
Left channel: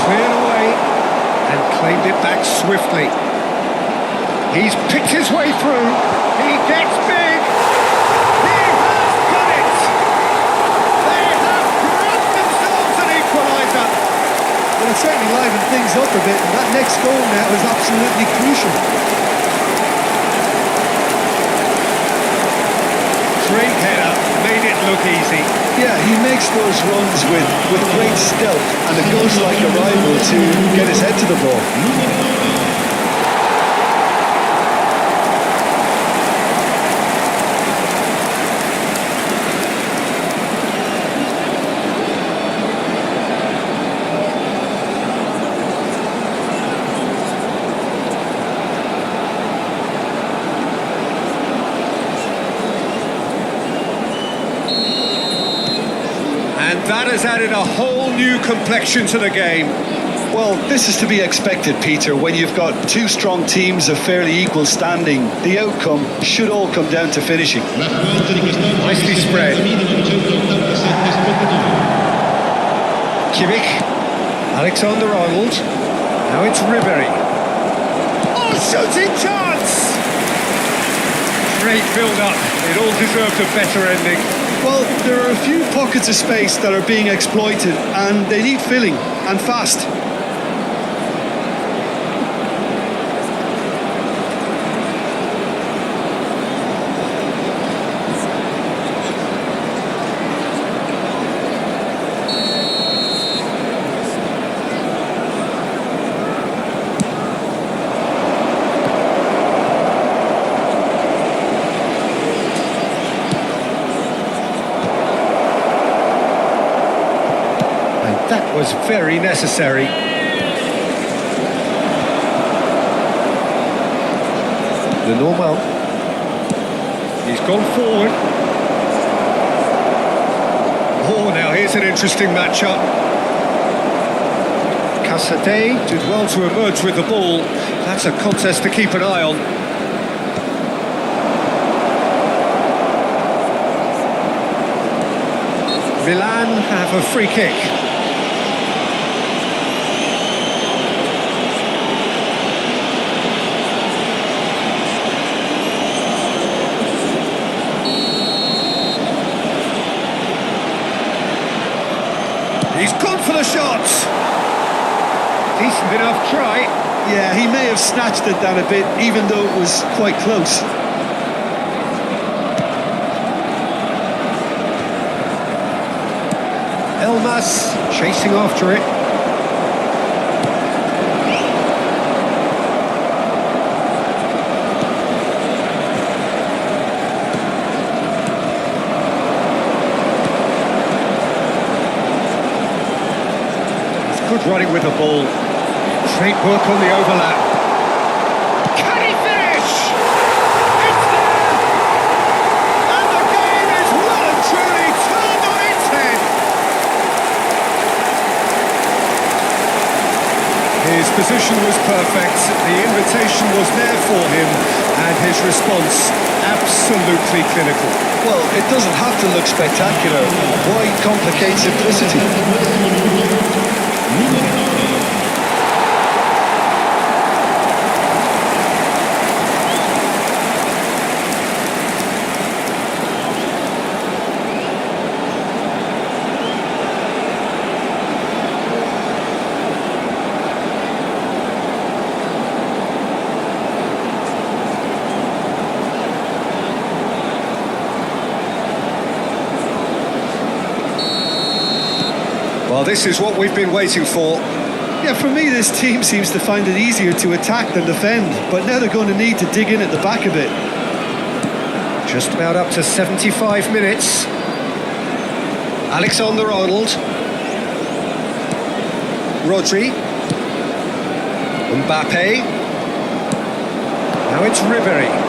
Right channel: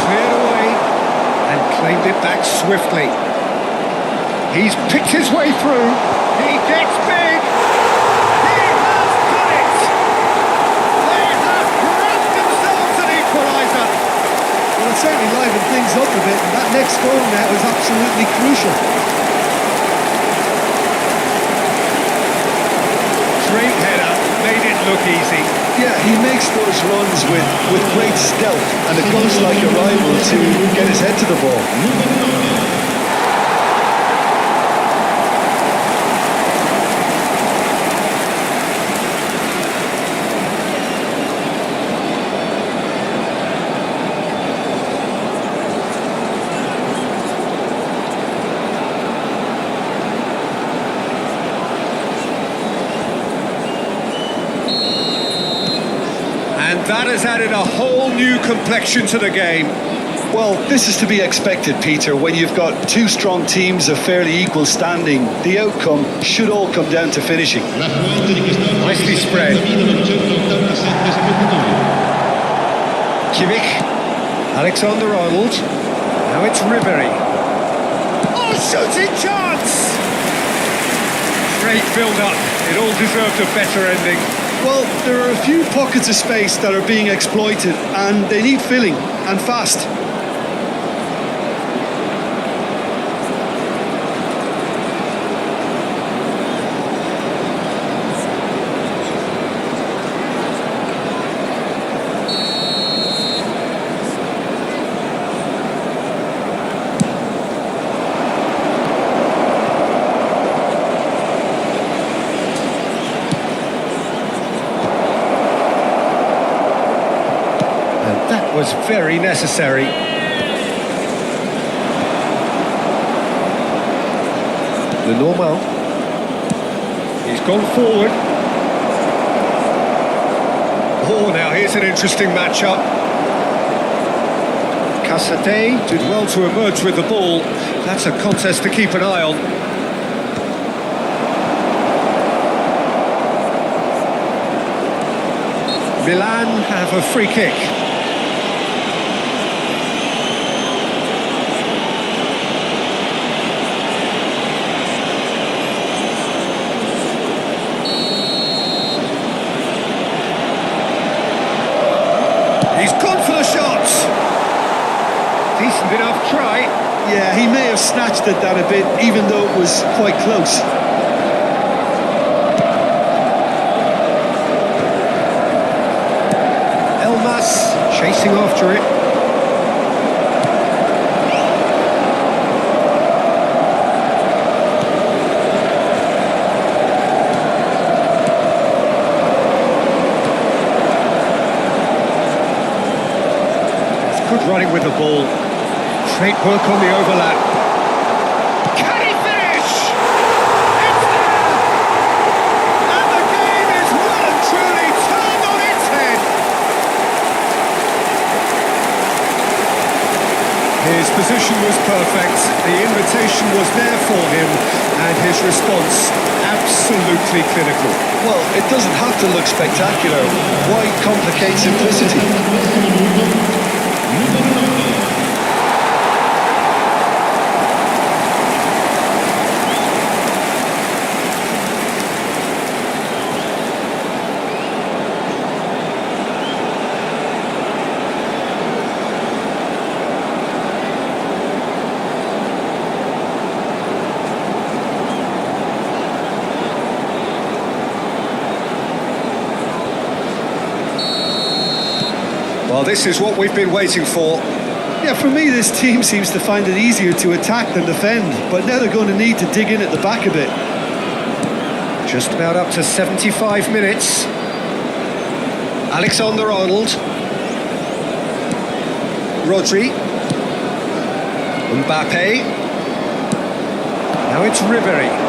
Cleared away and claimed it back swiftly. He's picked his way through. He gets big. He has done it. They have grabbed themselves an equaliser. Well, it certainly livened things up a bit, and that next goal now is absolutely crucial. Great header, made it look easy. Yeah, he makes those runs with great stealth, and a ghost-like arrival to get his head to the ball. Numero 9. And that has added a whole new complexion to the game. Well, this is to be expected, Peter. When you've got two strong teams of fairly equal standing, the outcome should all come down to finishing. L'affluenza di quest'oggi Nicely è spread. 70.987 spettatori. Kimmich, Alexander-Arnold, now it's Ribery. Oh, shooting chance! Great build-up, it all deserved a better ending. Well, there are a few pockets of space that are being exploited, and they need filling, and fast. And that was very necessary. The normal. He's gone forward. Oh, now here's an interesting matchup. Casade did well to emerge with the ball. That's a contest to keep an eye on. Milan have a free kick. He's gone for the shots. Decent enough try. Yeah, he may have snatched at that a bit, even though it was quite close. Elmas chasing after it. Good running with the ball. Great work on the overlap. Can he finish? It's there! And the game is well and truly turned on its head. His position was perfect. The invitation was there for him, and his response absolutely clinical. Well, it doesn't have to look spectacular. Why complicate simplicity? 72esimo minuto. Numero 9. Well, this is what we've been waiting for. Yeah, for me, this team seems to find it easier to attack than defend, but now they're going to need to dig in at the back a bit. Just about up to 75 minutes. Alexander-Arnold. Rodri. Mbappe. Now it's Ribery.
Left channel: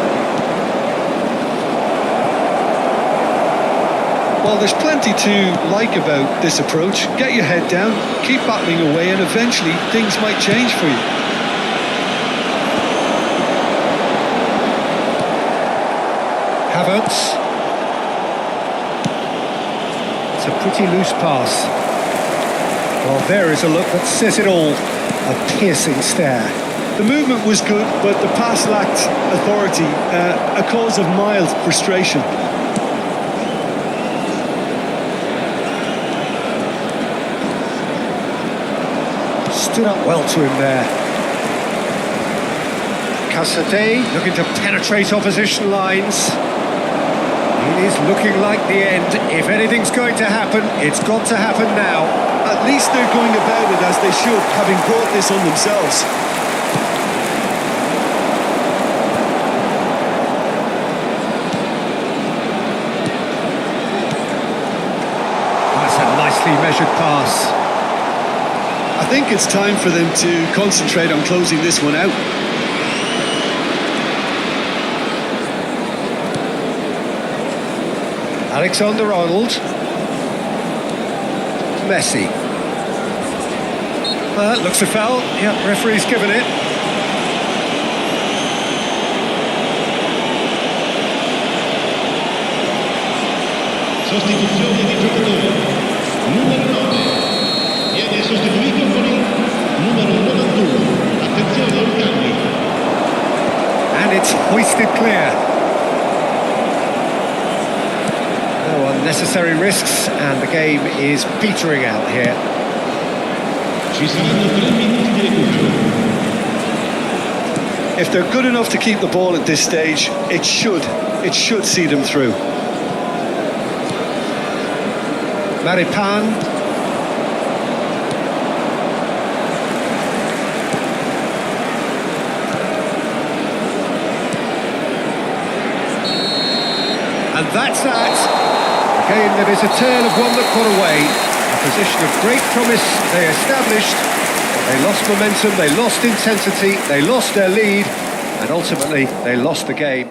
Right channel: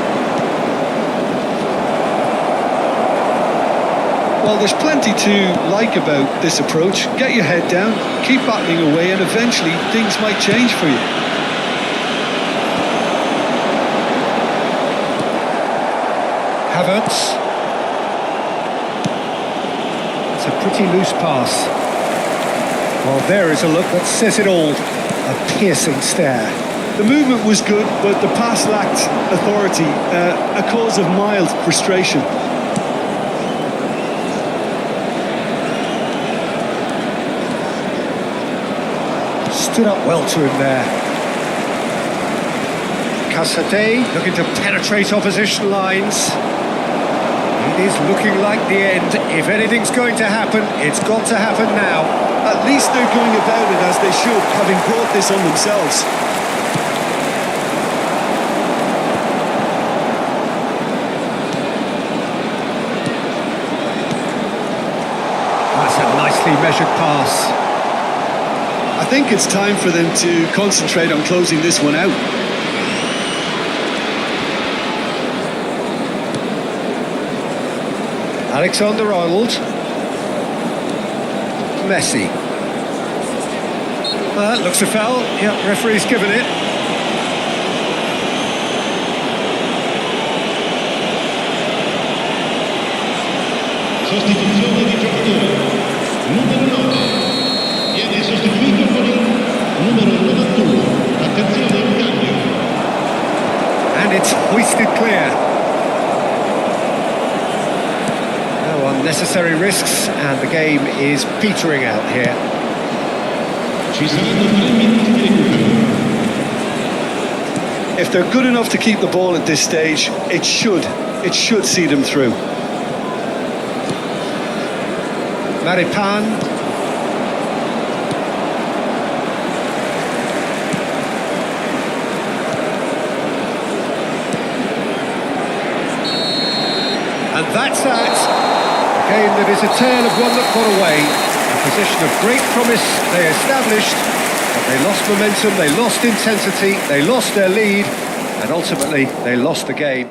Well, there's plenty to like about this approach. Get your head down, keep battling away, and eventually things might change for you. Havertz. It's a pretty loose pass. Well, there is a look that says it all. A piercing stare. The movement was good, but the pass lacked authority, a cause of mild frustration. Stood up well to him there. Casadei looking to penetrate opposition lines. It is looking like the end. If anything's going to happen, it's got to happen now. At least they're going about it as they should, having brought this on themselves. That's a nicely measured pass. I think it's time for them to concentrate on closing this one out. Alexander-Arnold. Messi. Well, that looks a foul. Yep, referee's given it. Sostituzione di giocatori. Numero 9. Viene sostituito con il numero 91. Attenzione, un cambio. And it's hoisted clear. No unnecessary risks, and the game is petering out here. Ci saranno 3 minuti di recupero. If they're good enough to keep the ball at this stage, it should see them through. Maripan. And that's that. A game that is a tale of one that got away. A position of great promise they established, but they lost momentum, they lost intensity, they lost their lead, and ultimately they lost the game.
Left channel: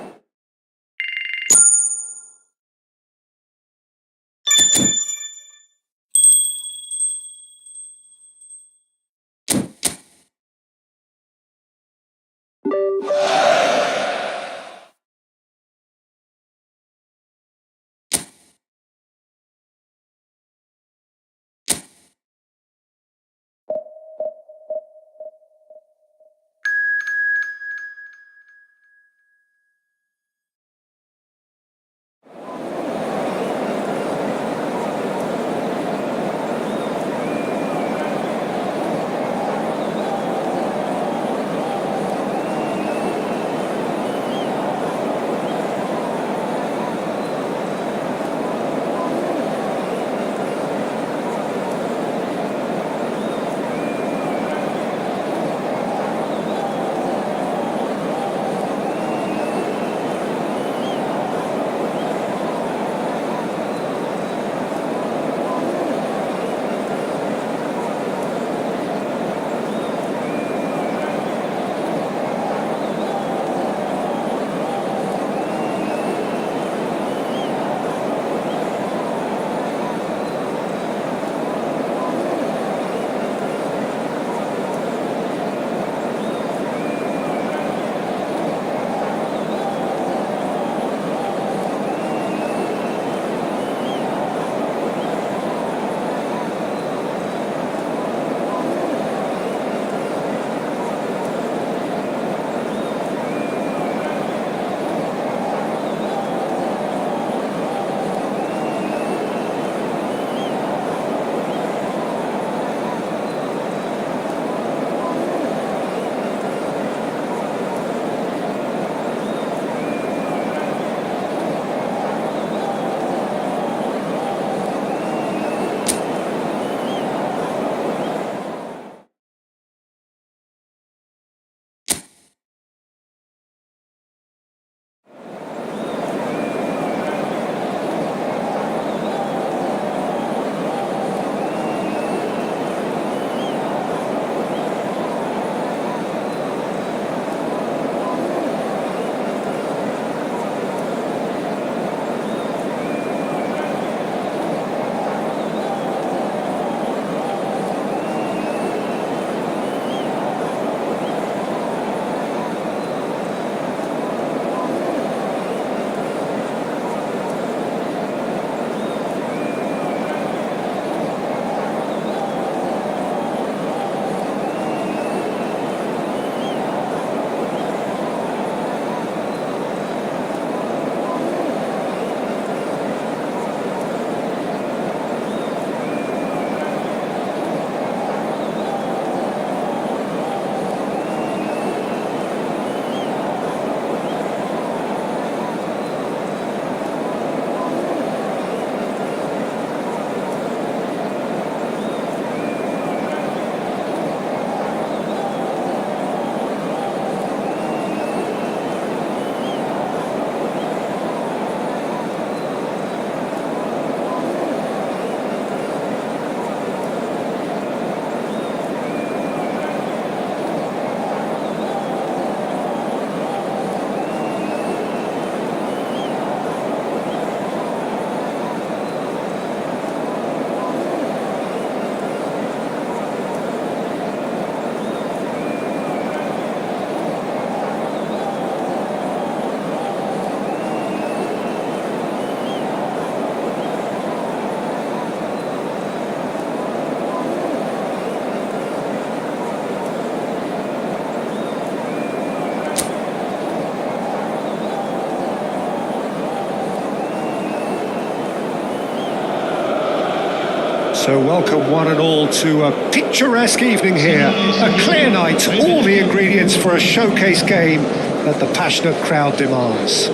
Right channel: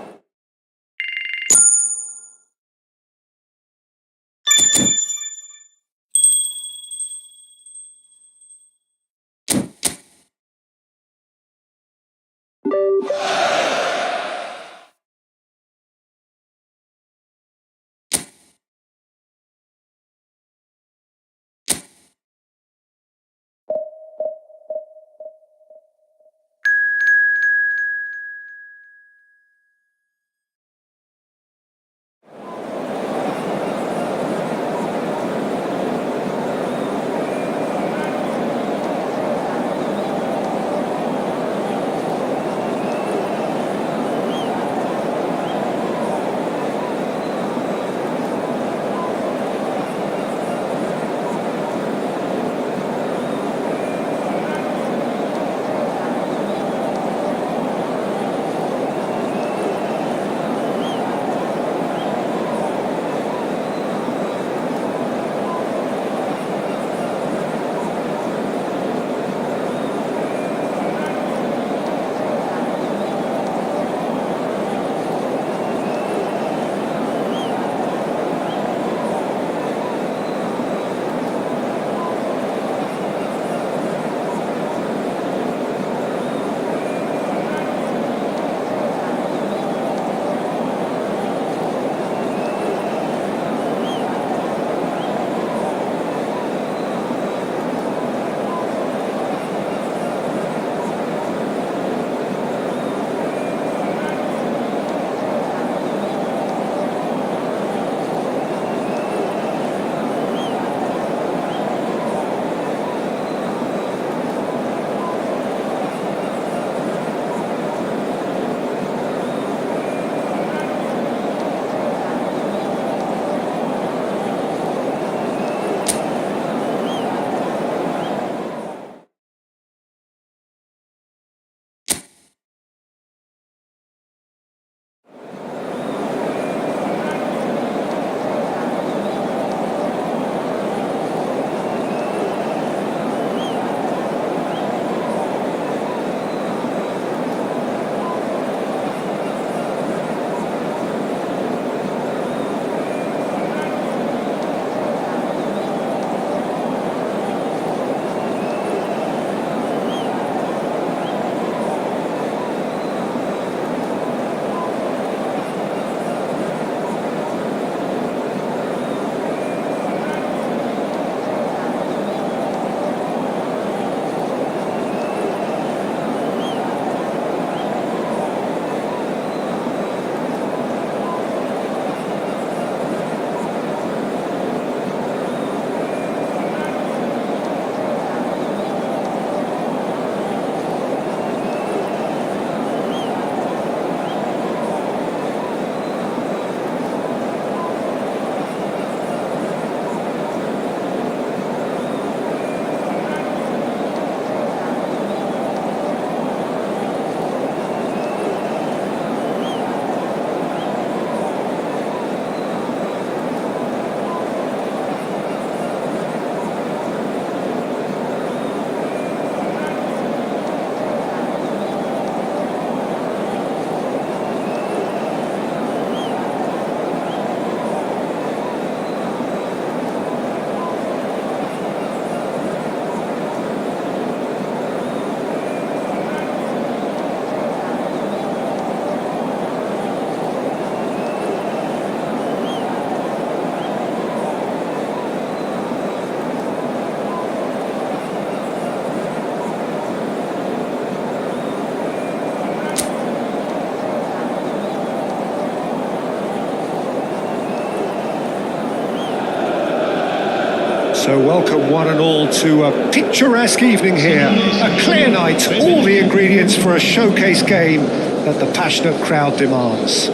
So welcome one and all to a picturesque evening here, a clear night, all the ingredients for a showcase game that the passionate crowd demands.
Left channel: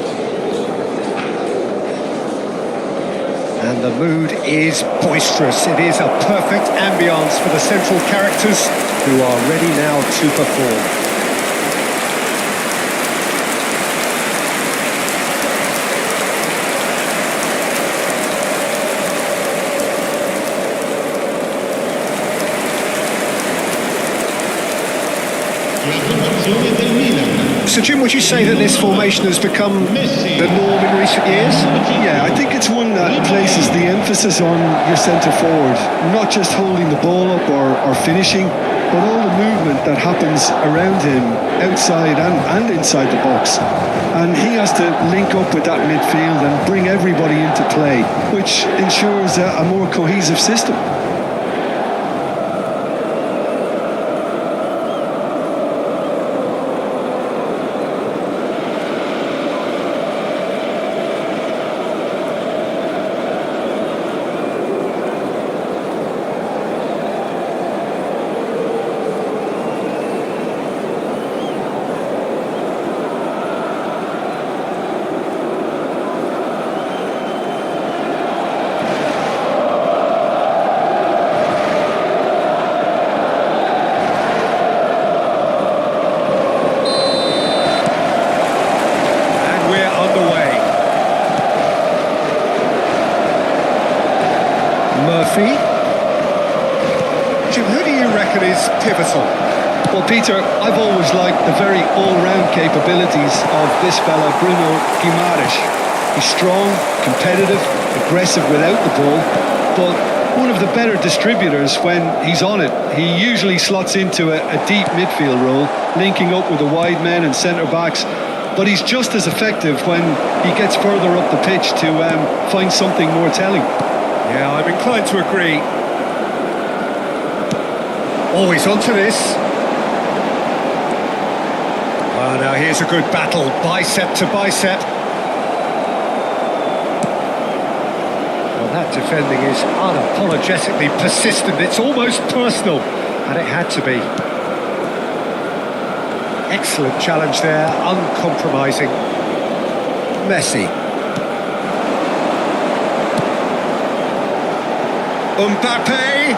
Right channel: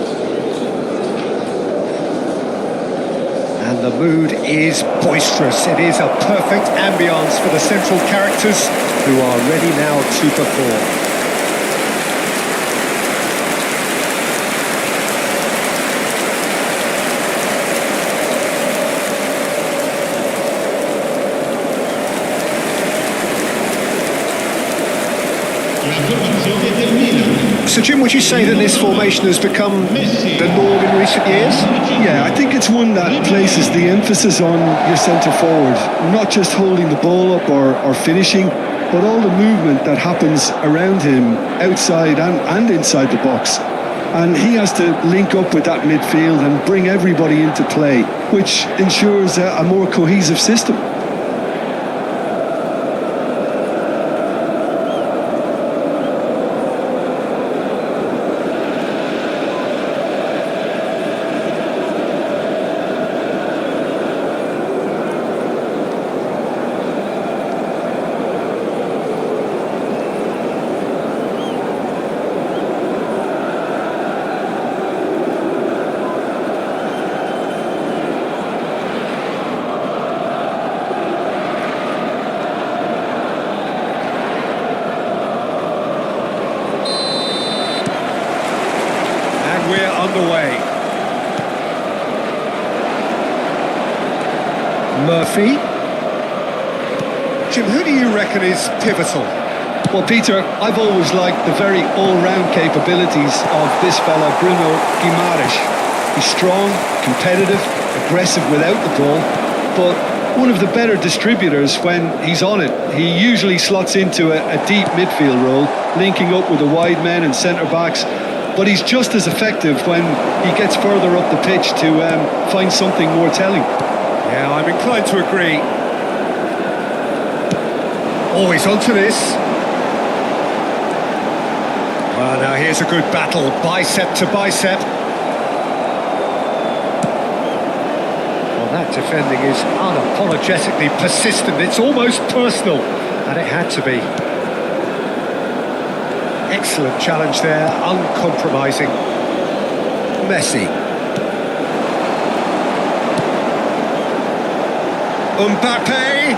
And the mood is boisterous. It is a perfect ambience for the central characters who are ready now to perform. La formazione del Milan. So Jim, would you say that this formation has become the norm in recent years? Yeah, I think it's one that places the emphasis on your centre forward, not just holding the ball up or finishing, but all the movement that happens around him, outside and inside the box. And he has to link up with that midfield and bring everybody into play, which ensures a more cohesive system. And we're underway. Murphy. Jim, who do you reckon is pivotal? Well, Peter, I've always liked the very all-round capabilities of this fella, Bruno Guimaraes. He's strong, competitive, aggressive without the ball, but one of the better distributors when he's on it. He usually slots into a deep midfield role, linking up with the wide men and centre-backs, but he's just as effective when he gets further up the pitch to find something more telling. Yeah, I'm inclined to agree. Always onto this. Well, now here's a good battle, bicep to bicep. Well, that defending is unapologetically persistent. It's almost personal, and it had to be. Excellent challenge there, uncompromising. Messi. Mbappe.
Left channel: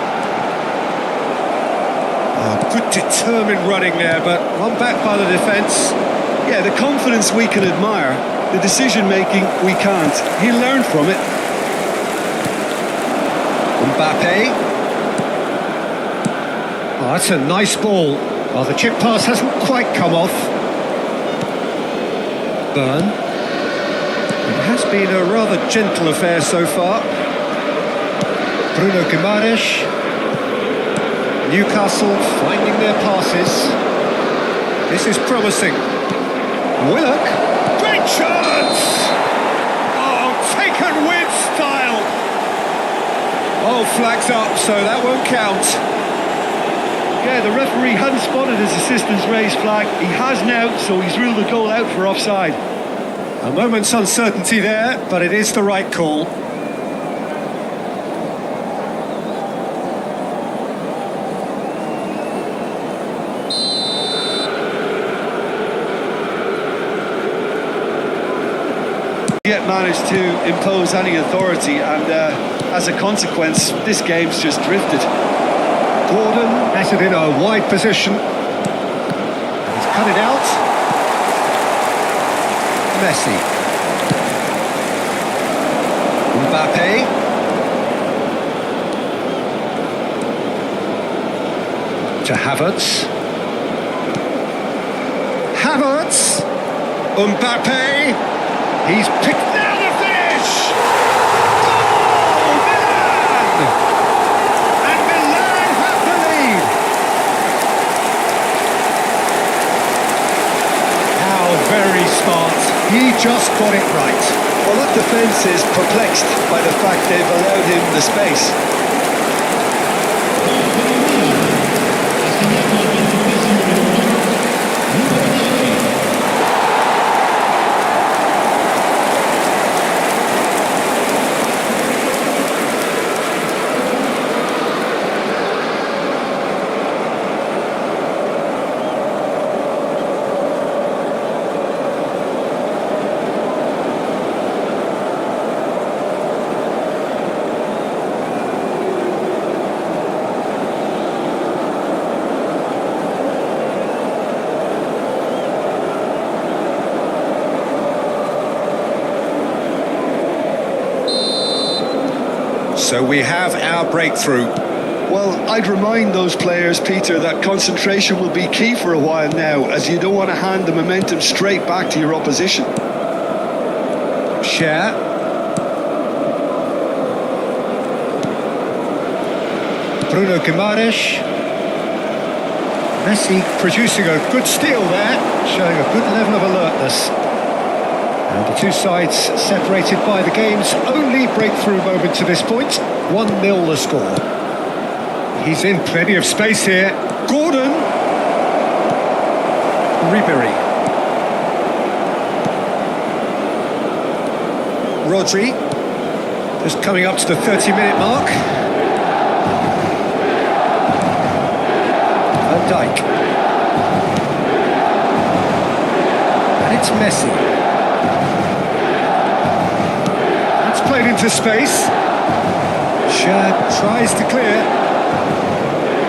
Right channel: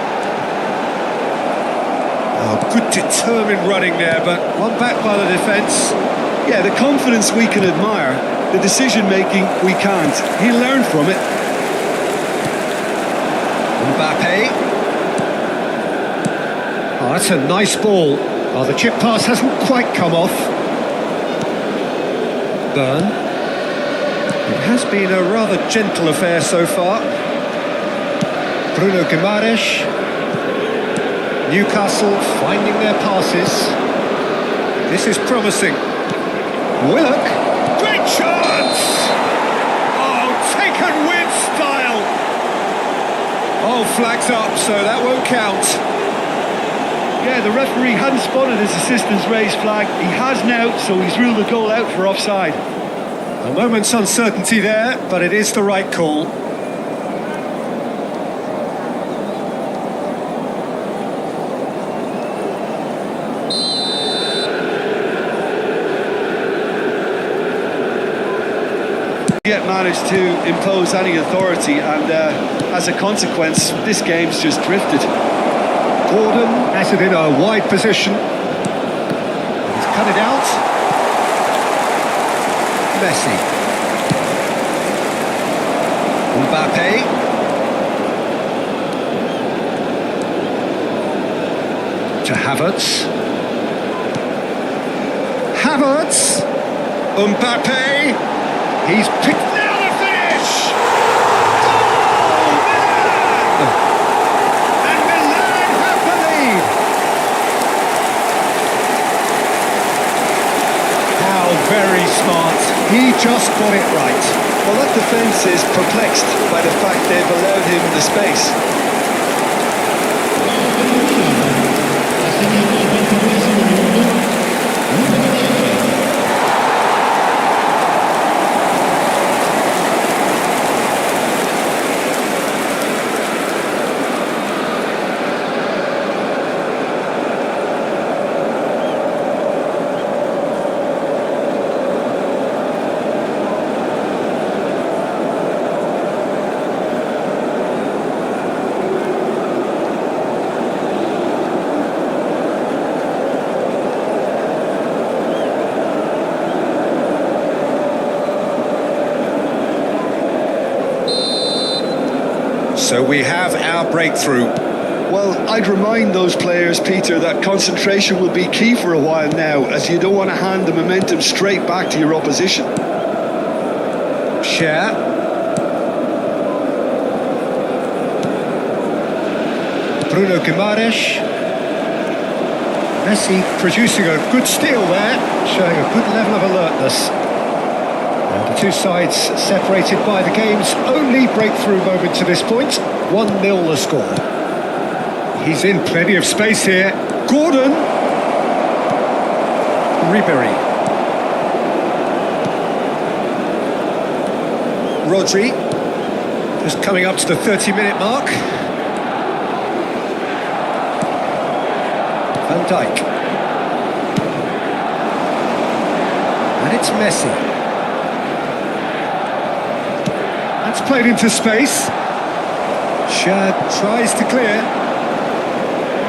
Oh, good determined running there, but one back by the defence. Yeah, the confidence we can admire, the decision-making we can't. He'll learn from it. Mbappe. Oh, that's a nice ball. Oh, the chip pass hasn't quite come off. Byrne. It has been a rather gentle affair so far. Bruno Guimaraes. Newcastle finding their passes. This is promising. Willock. Great chance! Oh, taken with style. Oh, flags up, so that won't count. Yeah, the referee hadn't spotted his assistant's raised flag. He has now, so he's ruled the goal out for offside. A moment's uncertainty there, but it is the right call. Yet managed to impose any authority, and as a consequence, this game's just drifted. Gordon has it in a wide position. And he's cut it out. Messi. Mbappe. To Havertz. Havertz. Mbappe. He's picked. Now the finish! Goal! Milan! And Milan have the lead. How very smart. He just got it right. Well, that defence is perplexed by the fact they've allowed him the space. Gol per il Milan. Assegnato al 22esimo minuto, numero 10. So we have our breakthrough. Well, I'd remind those players, Peter, that concentration will be key for a while now, as you don't want to hand the momentum straight back to your opposition. Share. Bruno Guimaraes. Messi producing a good steal there, showing a good level of alertness. And the two sides separated by the game's only breakthrough moment to this point. 1-0 the score. He's in plenty of space here. Gordon. Ribery. Rodri. Just coming up to the 30-minute mark. Van Dijk. And it's Messi. That's played into space. Shad tries to clear.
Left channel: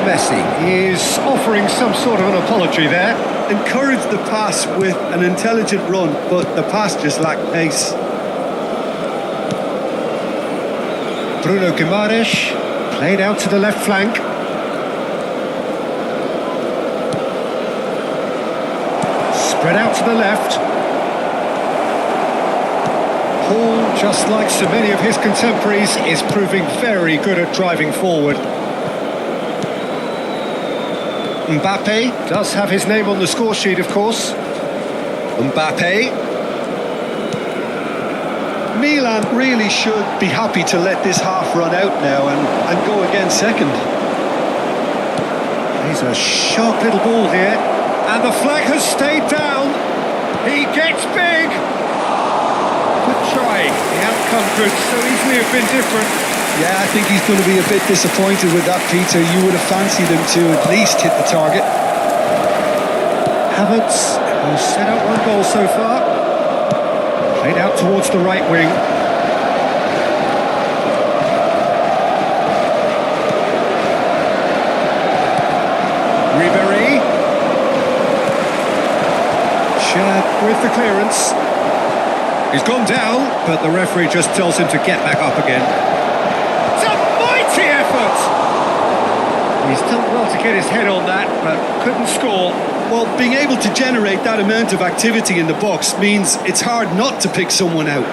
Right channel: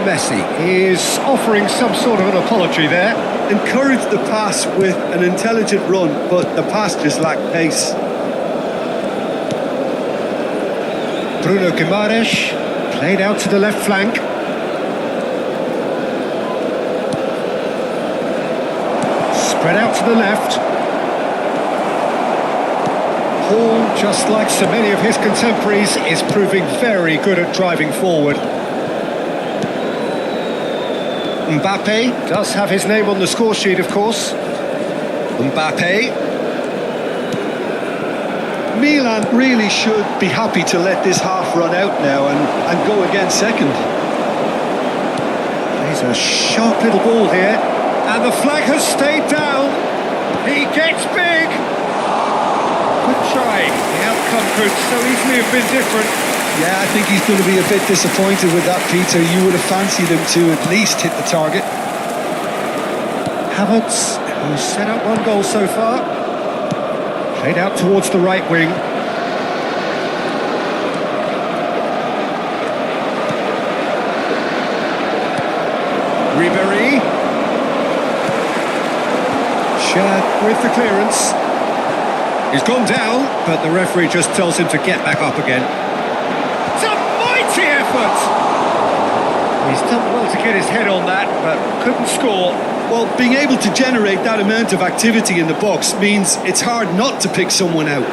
Messi is offering some sort of an apology there. Encouraged the pass with an intelligent run, but the pass just lacked pace. Bruno Guimaraes played out to the left flank. Spread out to the left. Hall, just like so many of his contemporaries, is proving very good at driving forward. Mbappe does have his name on the score sheet, of course. Mbappe. Milan really should be happy to let this half run out now and go again second. He's a sharp little ball here. And the flag has stayed down. He gets big. Good try. The outcome could so easily have been different. Yeah, I think he's going to be a bit disappointed with that, Peter. You would have fancied him to at least hit the target. Havertz, who's set up one goal so far. Played out towards the right wing. Ribery. Shad with the clearance. He's gone down, but the referee just tells him to get back up again. It's a mighty effort! He's done well to get his head on that, but couldn't score. Well, being able to generate that amount of activity in the box means it's hard not to pick someone out.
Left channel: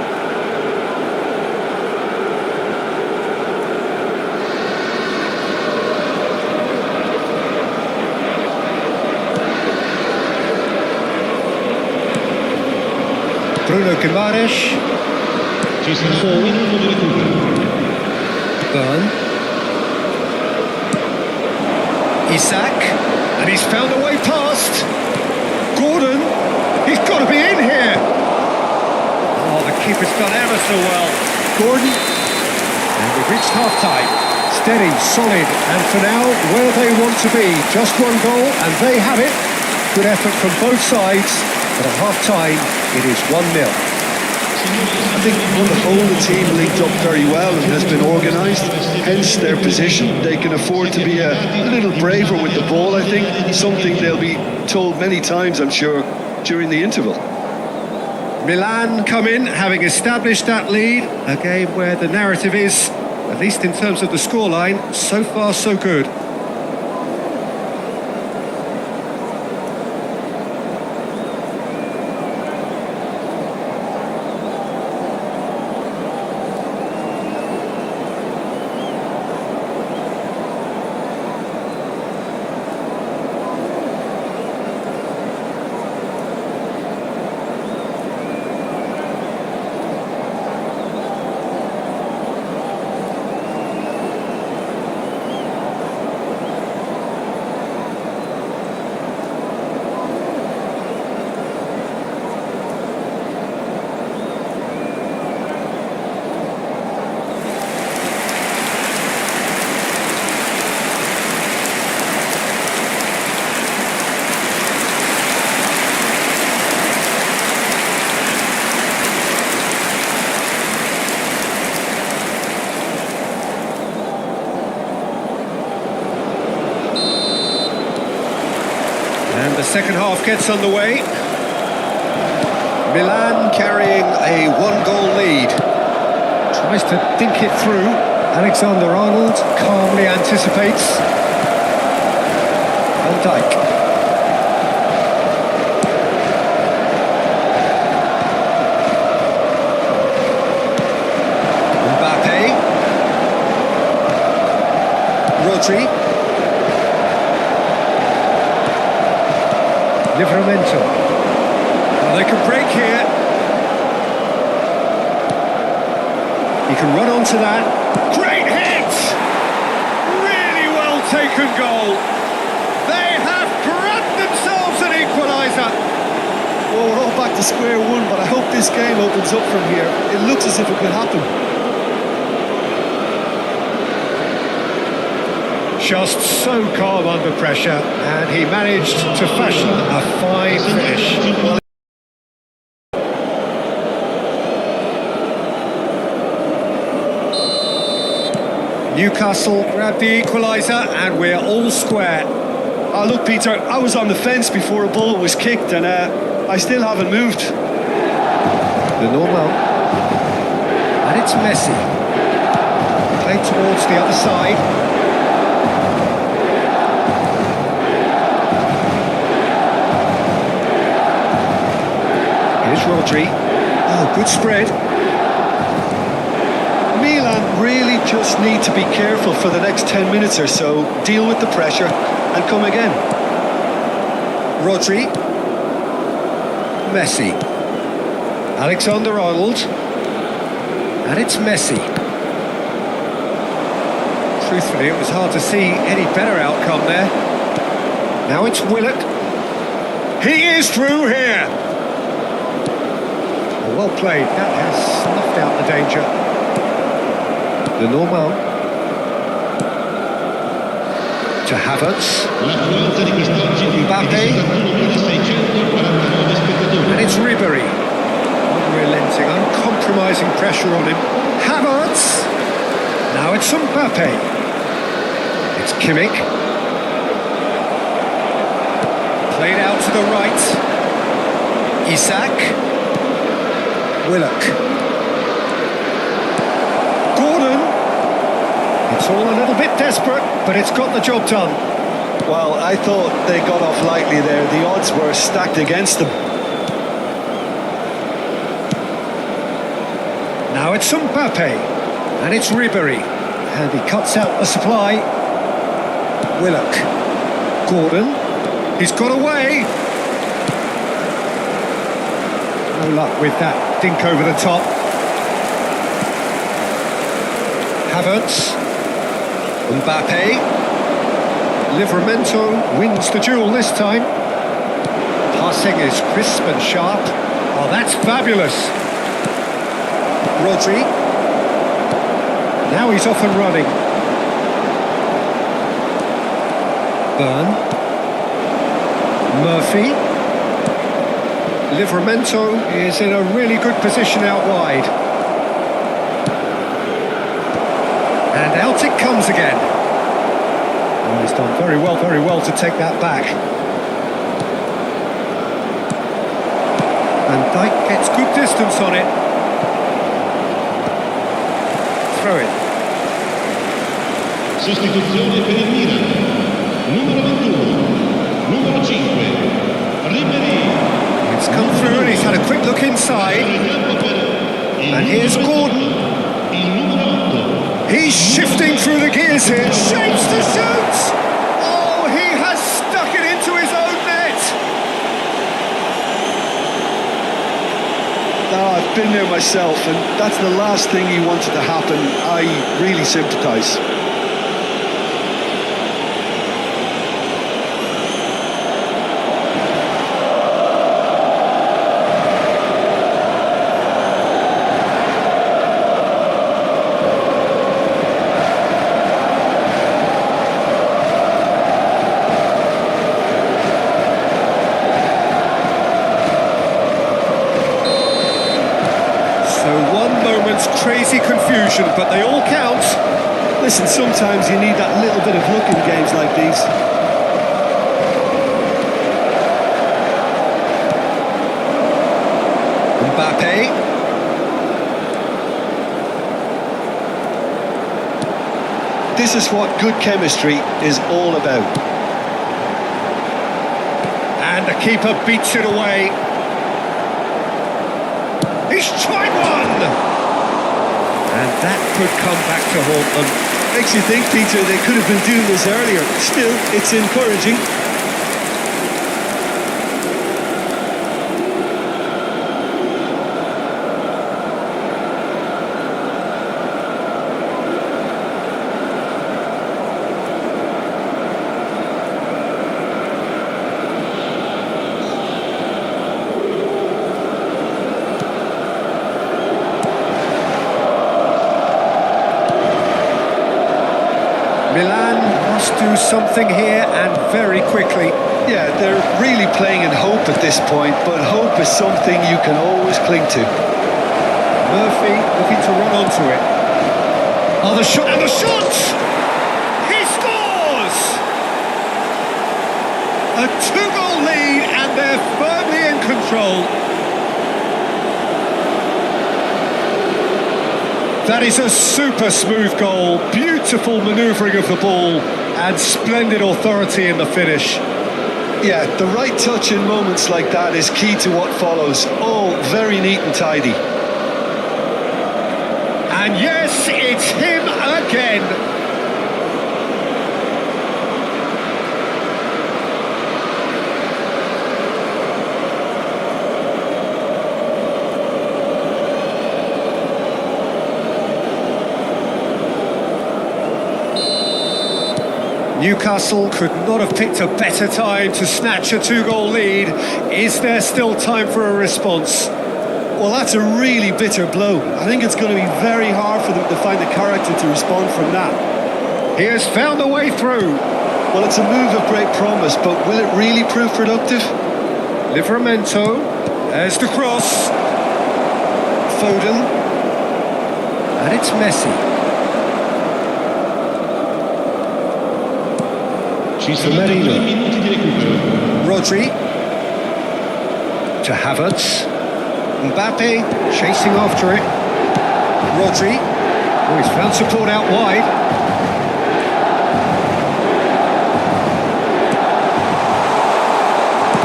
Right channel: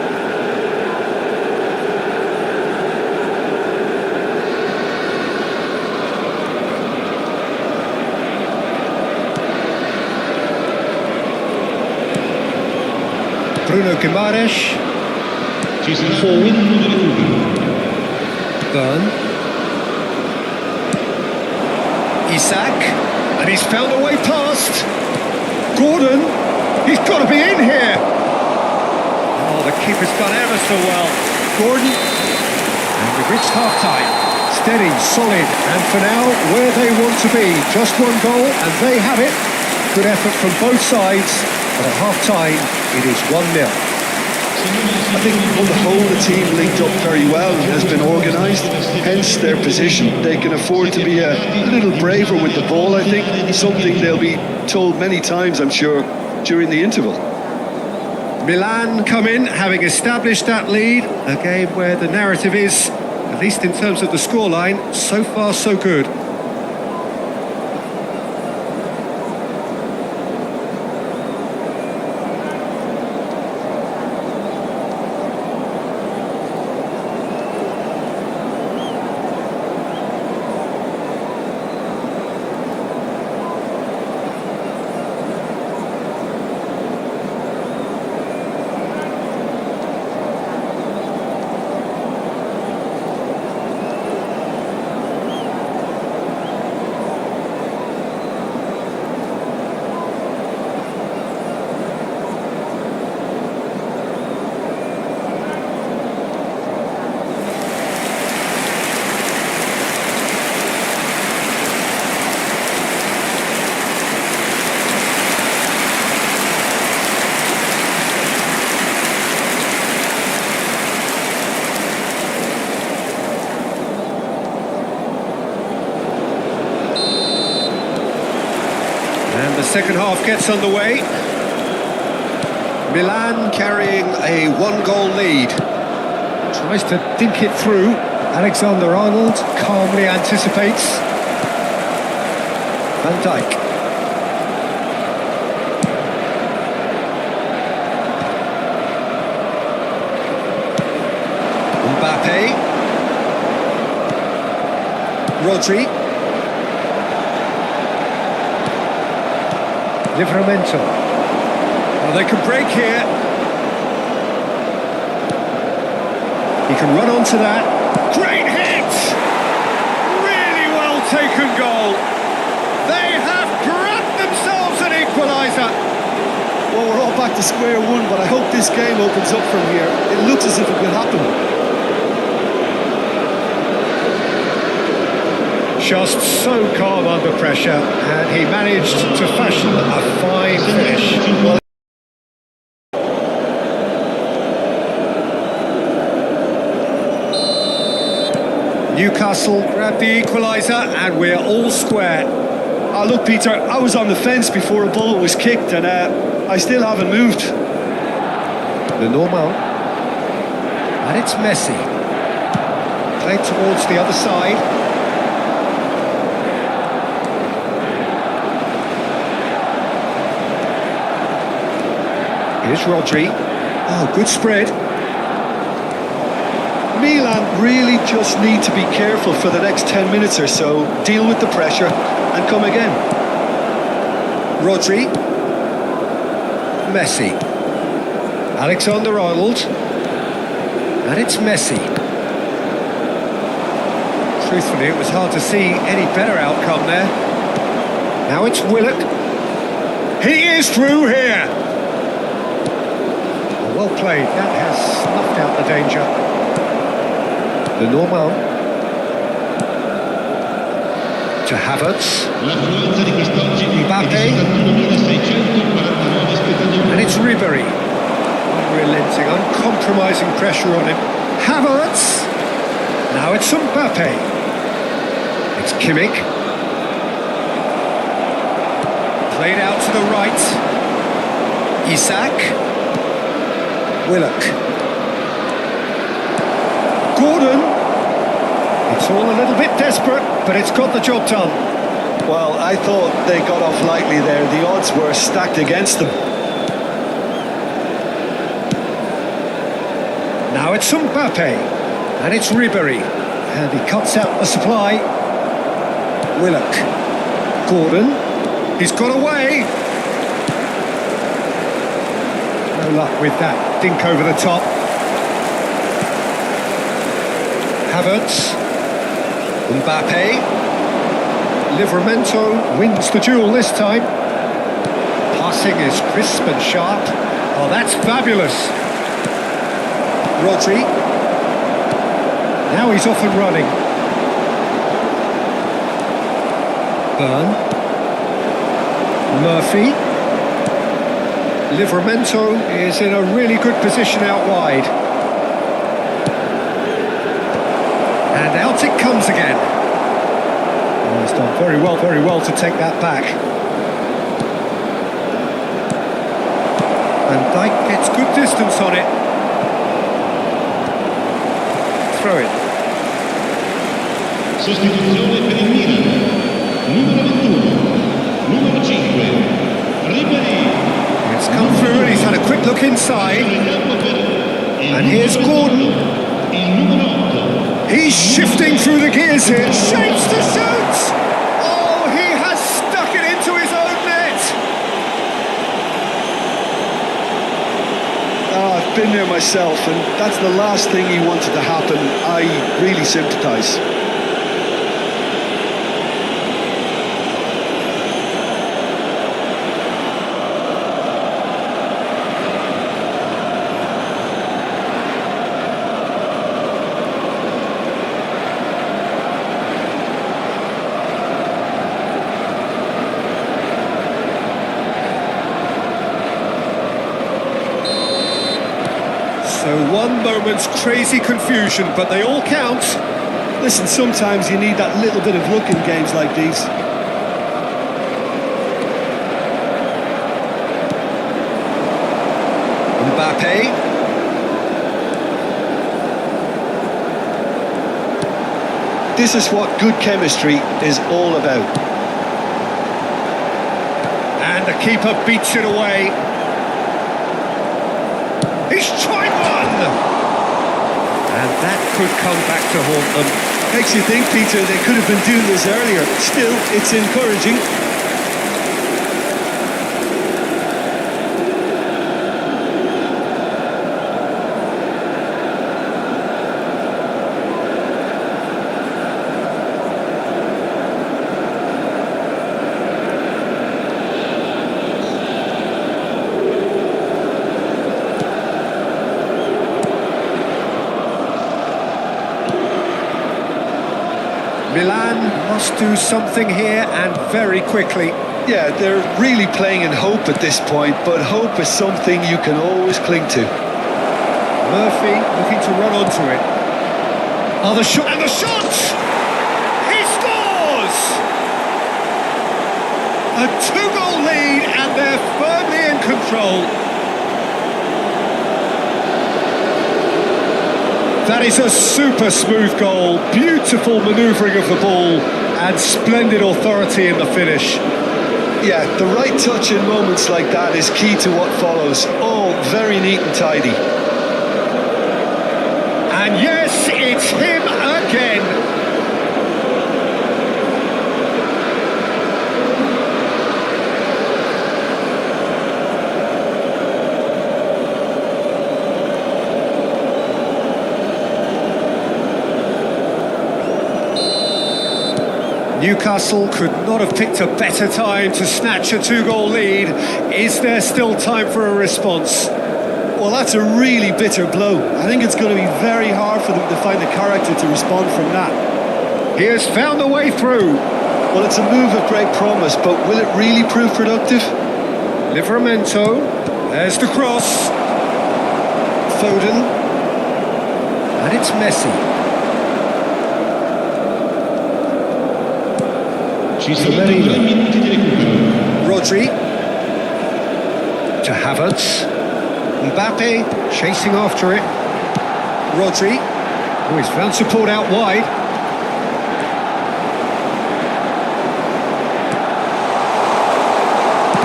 Bruno Guimaraes. Ci sarà un minuto di recupero. Burn. Isak. And he's found a way past. Gordon. He's got to be in here. Oh, the keeper's done ever so well. Gordon. And we've reached half-time. Steady, solid, and for now, where they want to be. Just one goal, and they have it. Good effort from both sides, but at half-time, it is 1-0. I think on the whole the team linked up very well and has been organised, hence their position. They can afford to be a little braver with the ball, I think, something they'll be told many times, I'm sure, during the interval. Milan come in, having established that lead, a game where the narrative is, at least in terms of the scoreline, so far so good. And the second half gets underway. Milan carrying a one-goal lead. Tries to dink it through. Alexander-Arnold calmly anticipates. Van Dijk. Mbappe. Rodri. Livramento. Well, they can break here. He can run onto that. Great hit! Really well taken goal. They have grabbed themselves an equaliser. Well, we're all back to square one, but I hope this game opens up from here. It looks as if it could happen. Just so calm under pressure, and he managed to fashion a fine finish. Well, Newcastle grabbed the equaliser, and we're all square. Oh, look, Peter, I was on the fence before a ball was kicked, and I still haven't moved. The normal. And it's Messi. Played towards the other side. Here's Rodri. Oh, good spread. Milan really just need to be careful for the next 10 minutes or so, deal with the pressure and come again. Rodri. Messi. Alexander-Arnold. And it's Messi. Truthfully, it was hard to see any better outcome there. Now it's Willock. He is through here. Oh, well played. That has snuffed out the danger. The normal. To Havertz. L'affluenza di quest'oggi è Mbappe. di 71.649 spettatori. And it's Ribery. Unrelenting, uncompromising pressure on him. Havertz. Now it's Mbappe. It's Kimmich. Played out to the right. Isak. Willock. Gordon. It's all a little bit desperate, but it's got the job done. Well, I thought they got off lightly there. The odds were stacked against them. Now it's Mbappe. And it's Ribery. And he cuts out the supply. Willock. Gordon. He's got away. No luck with that dink over the top. Havertz. Mbappe. Livramento wins the duel this time. Passing is crisp and sharp. Oh, that's fabulous. Rodri. Now he's off and running. Byrne. Murphy. Livramento is in a really good position out wide. And out it comes again. Oh, he's done very well to take that back. Van Dijk gets good distance on it. Throw it. Sostituzione per il Milan. Numero 21. Numero 5. Ribery. It's come through and he's had a quick look inside. And here's Gordon. Il numero 8. He's shifting through the gears here. Shapes to shoot! Oh, he has stuck it into his own net. Oh, I've been there myself, and that's the last thing you wanted to happen. I really sympathise. So one moment's crazy confusion, but they all count. Listen, sometimes you need that little bit of luck in games like these. Mbappe. This is what good chemistry is all about. And the keeper beats it away. He's tried one! And that could come back to haunt them. Makes you think, Peter, they could have been doing this earlier. Still, it's encouraging. Milan must do something here, and very quickly. Yeah, they're really playing in hope at this point, but hope is something you can always cling to. Murphy looking to run onto it. Oh, the shot, and the shot! He scores! A 2-goal lead, and they're firmly in control. That is a super smooth goal, beautiful manoeuvring of the ball, and splendid authority in the finish. Yeah, the right touch in moments like that is key to what follows. All very neat and tidy. And yes, it's him again. Newcastle could not have picked a better time to snatch a 2-goal lead. Is there still time for a response? Well, that's a really bitter blow. I think it's going to be very hard for them to find the character to respond from that. He has found a way through. Well, it's a move of great promise, but will it really prove productive? Livramento, there's the cross. Foden. And it's Messi. Ci sono 3 minuti di recupero. Rodri. To Havertz. Mbappe chasing after it. Rodri. Oh, he's found support out wide.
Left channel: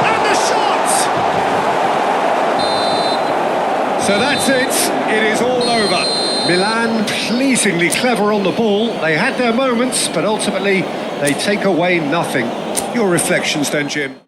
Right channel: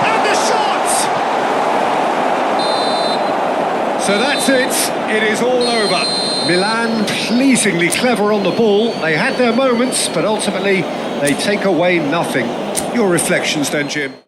And the shot! So that's it. It is all over. Milan pleasingly clever on the ball. They had their moments, but ultimately they take away nothing. Your reflections then, Jim?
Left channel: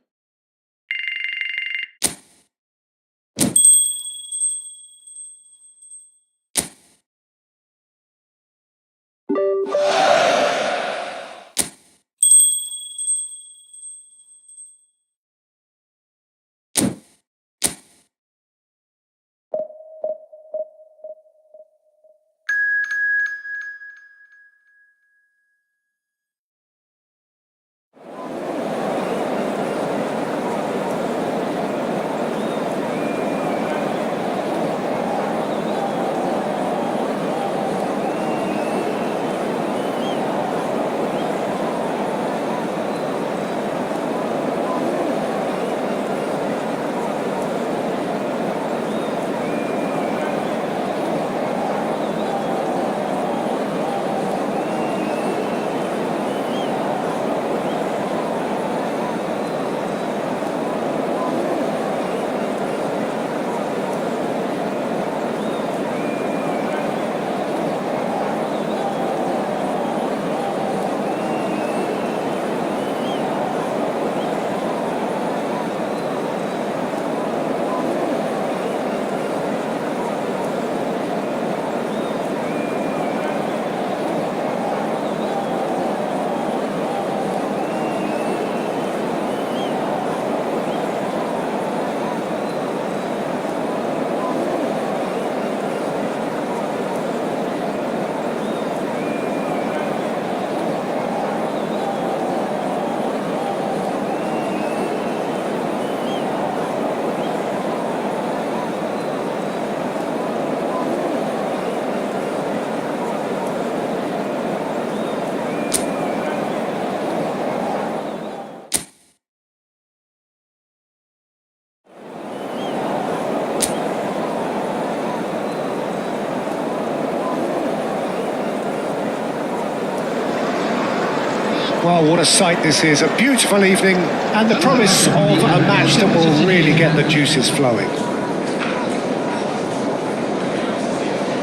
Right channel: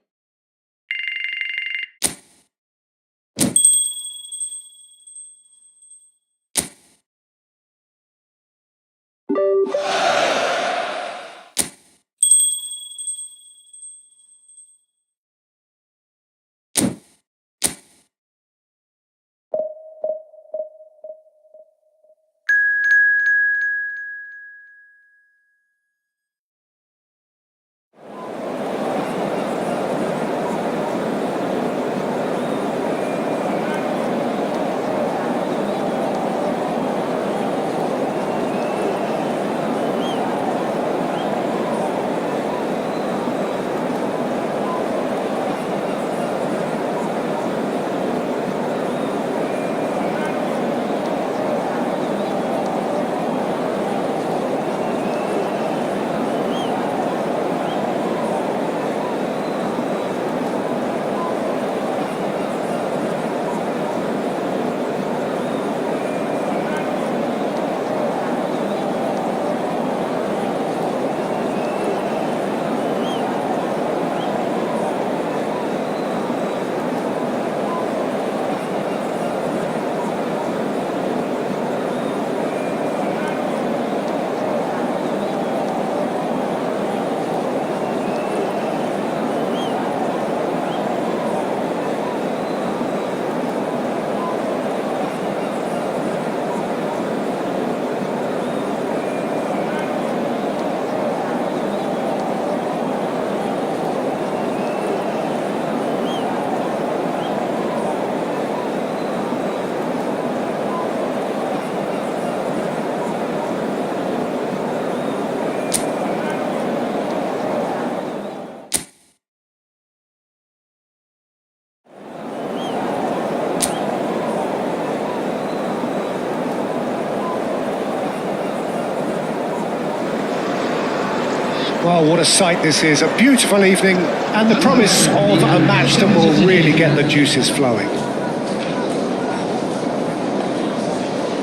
Well, what a sight this is. A beautiful evening and the promise of a match that will really get the juices flowing.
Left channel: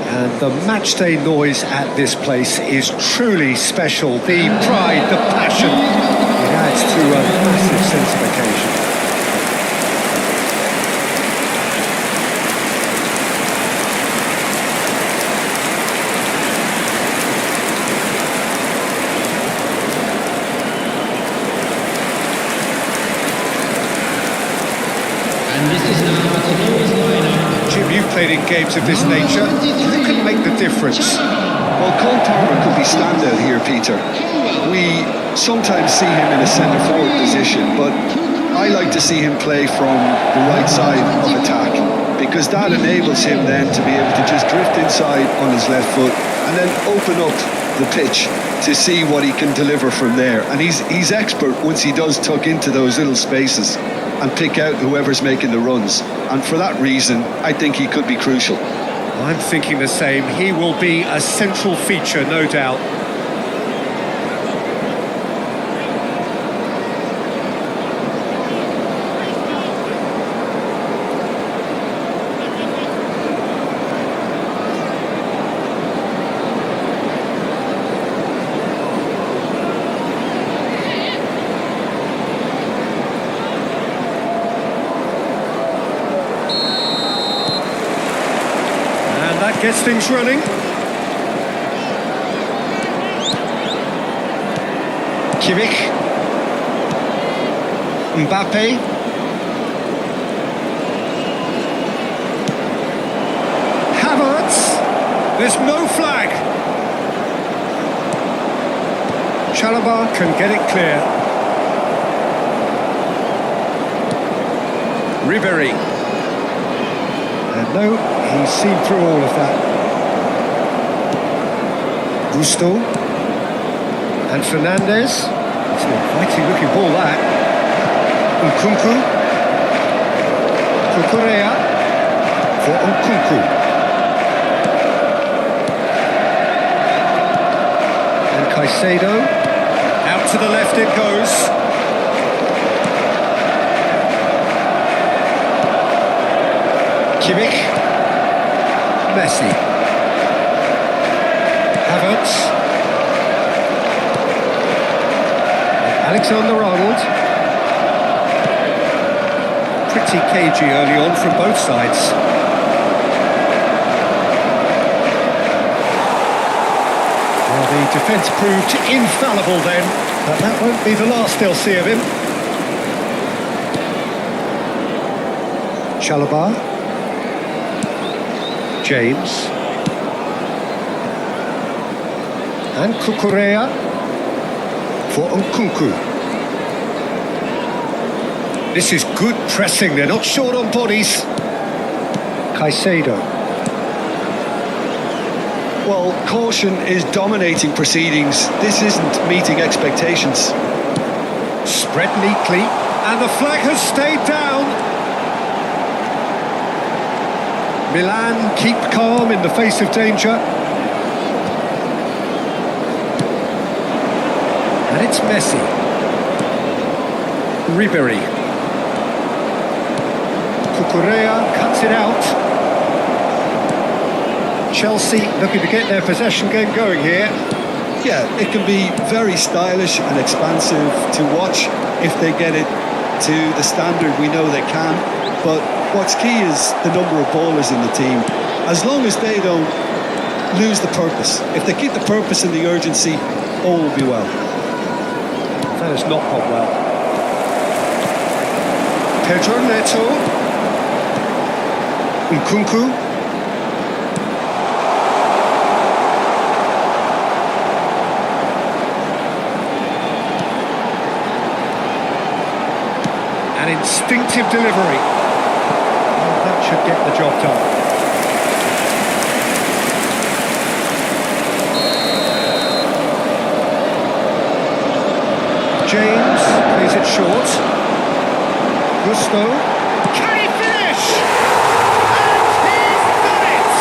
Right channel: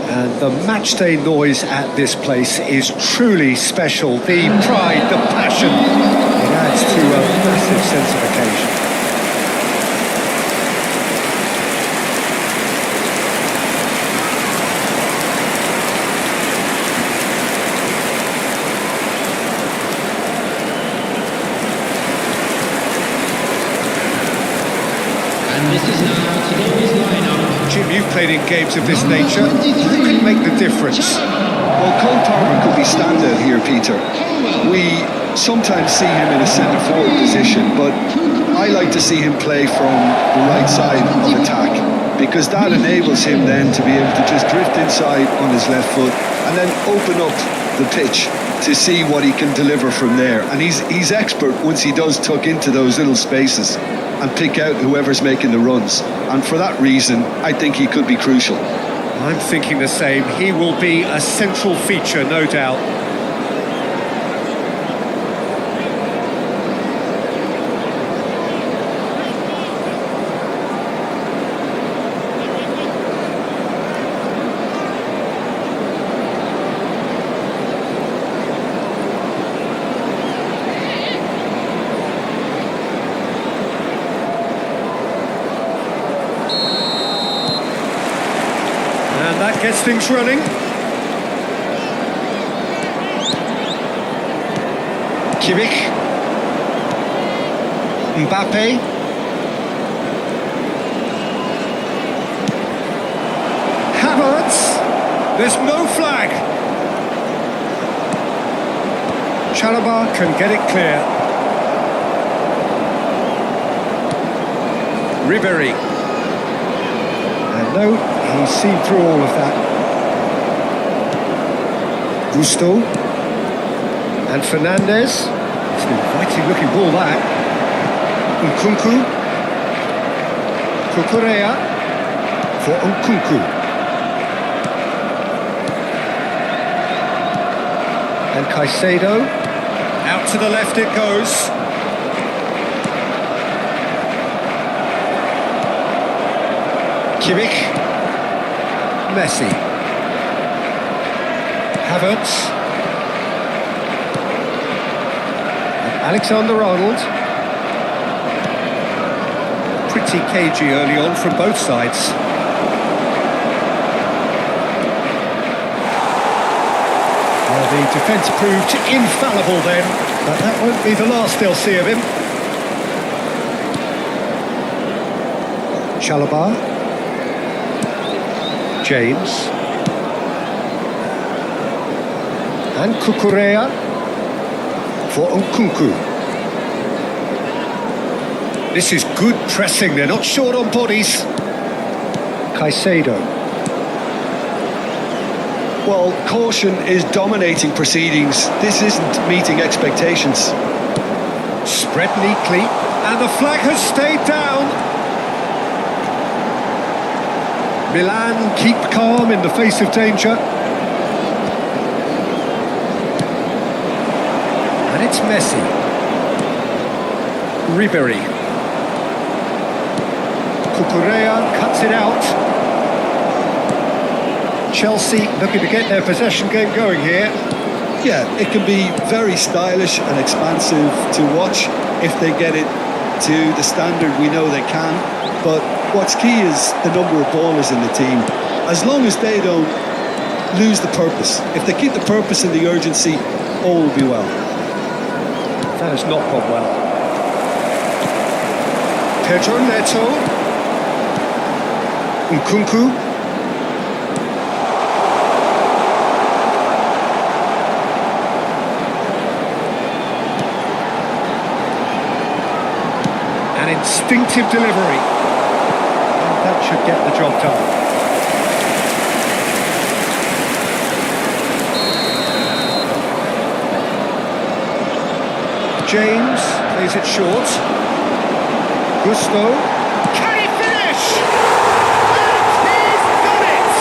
And the matchday noise at this place is truly special. The pride, the passion, it adds to a massive sense of occasion. And this is now today's lineup. Jim, you've played in games of this Number nature. 23, Who can make the difference? Chalobah. Well, Cole Palmer could be standout here, Peter. We sometimes see him in a centre-forward position, but I like to see him play from the right side of attack, because that enables him then to be able to just drift inside on his left foot and then open up the pitch to see what he can deliver from there. And he's expert once he does tuck into those little spaces and pick out whoever's making the runs. And for that reason, I think he could be crucial. I'm thinking the same. He will be a central feature, no doubt. And that gets things running. Kimmich. Mbappe. Havertz. There's no flag. Chalobah can get it clear. Ribéry. And no, he's seen through all of that. Gusto. And Fernandez. It's an inviting looking ball, that. Nkunku. Cucurella for Nkunku. And Caicedo. Out to the left it goes. Kimmich. Messi. Havertz. And Alexander-Arnold. Pretty cagey early on from both sides. Well, the defence proved infallible then, but that won't be the last they'll see of him. Chalobah. James. And Cucurella for Nkunku. This is good pressing, they're not short on bodies. Caicedo. Well, caution is dominating proceedings. This isn't meeting expectations. Spread neatly, and the flag has stayed down. Milan keep calm in the face of danger. And it's Messi. Ribéry. Cucurella cuts it out. Chelsea looking to get their possession game going here. Yeah, it can be very stylish and expansive to watch if they get it to the standard we know they can. But what's key is the number of ballers in the team. As long as they don't lose the purpose. If they keep the purpose and the urgency, all will be well. That has not gone well. Pedro Neto. Nkunku. An instinctive delivery. And that should get the job done. James plays it short. Gusto. Can he finish? And he's done it!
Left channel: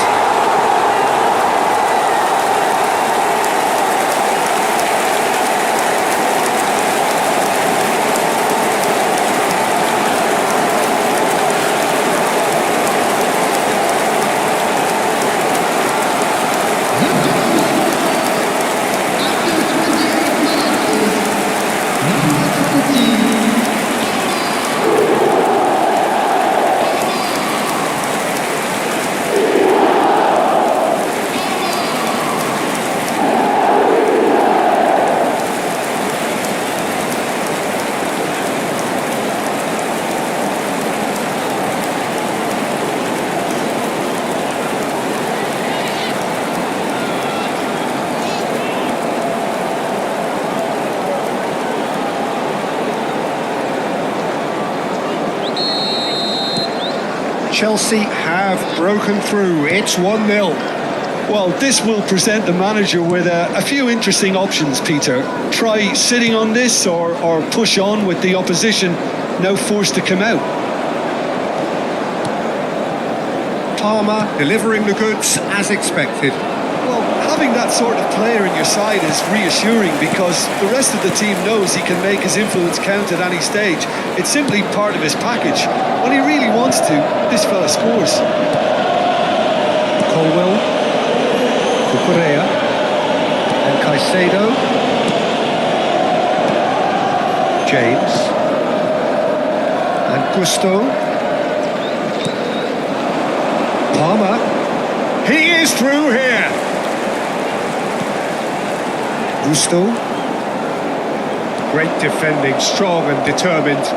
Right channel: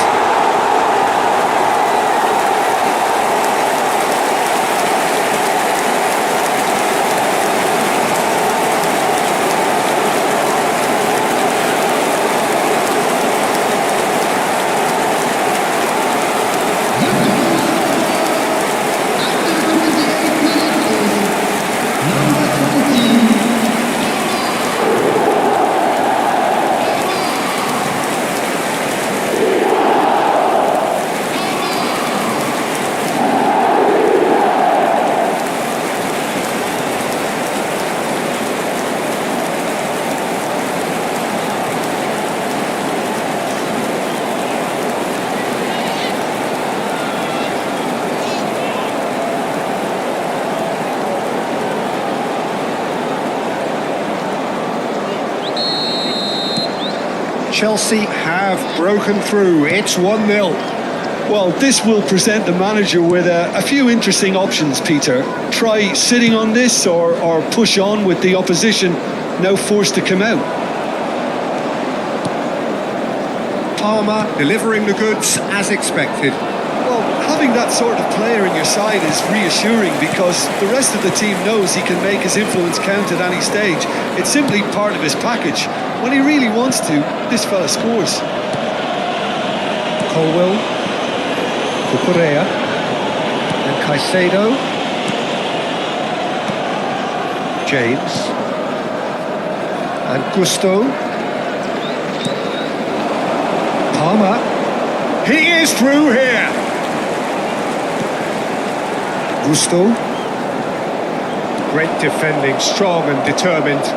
number 20. Chelsea have broken through. It's 1-0. Well, this will present the manager with a few interesting options, Peter. Try sitting on this or push on with the opposition now forced to come out. Palmer delivering the goods as expected. Well, having that sort of player in your side is reassuring because the rest of the team knows he can make his influence count at any stage. It's simply part of his package. When he really wants to, this fella scores. Colwell, Cucurella, and Caicedo. James, and Gusto. Palmer, he is through here. Gusto, great defending, strong and determined.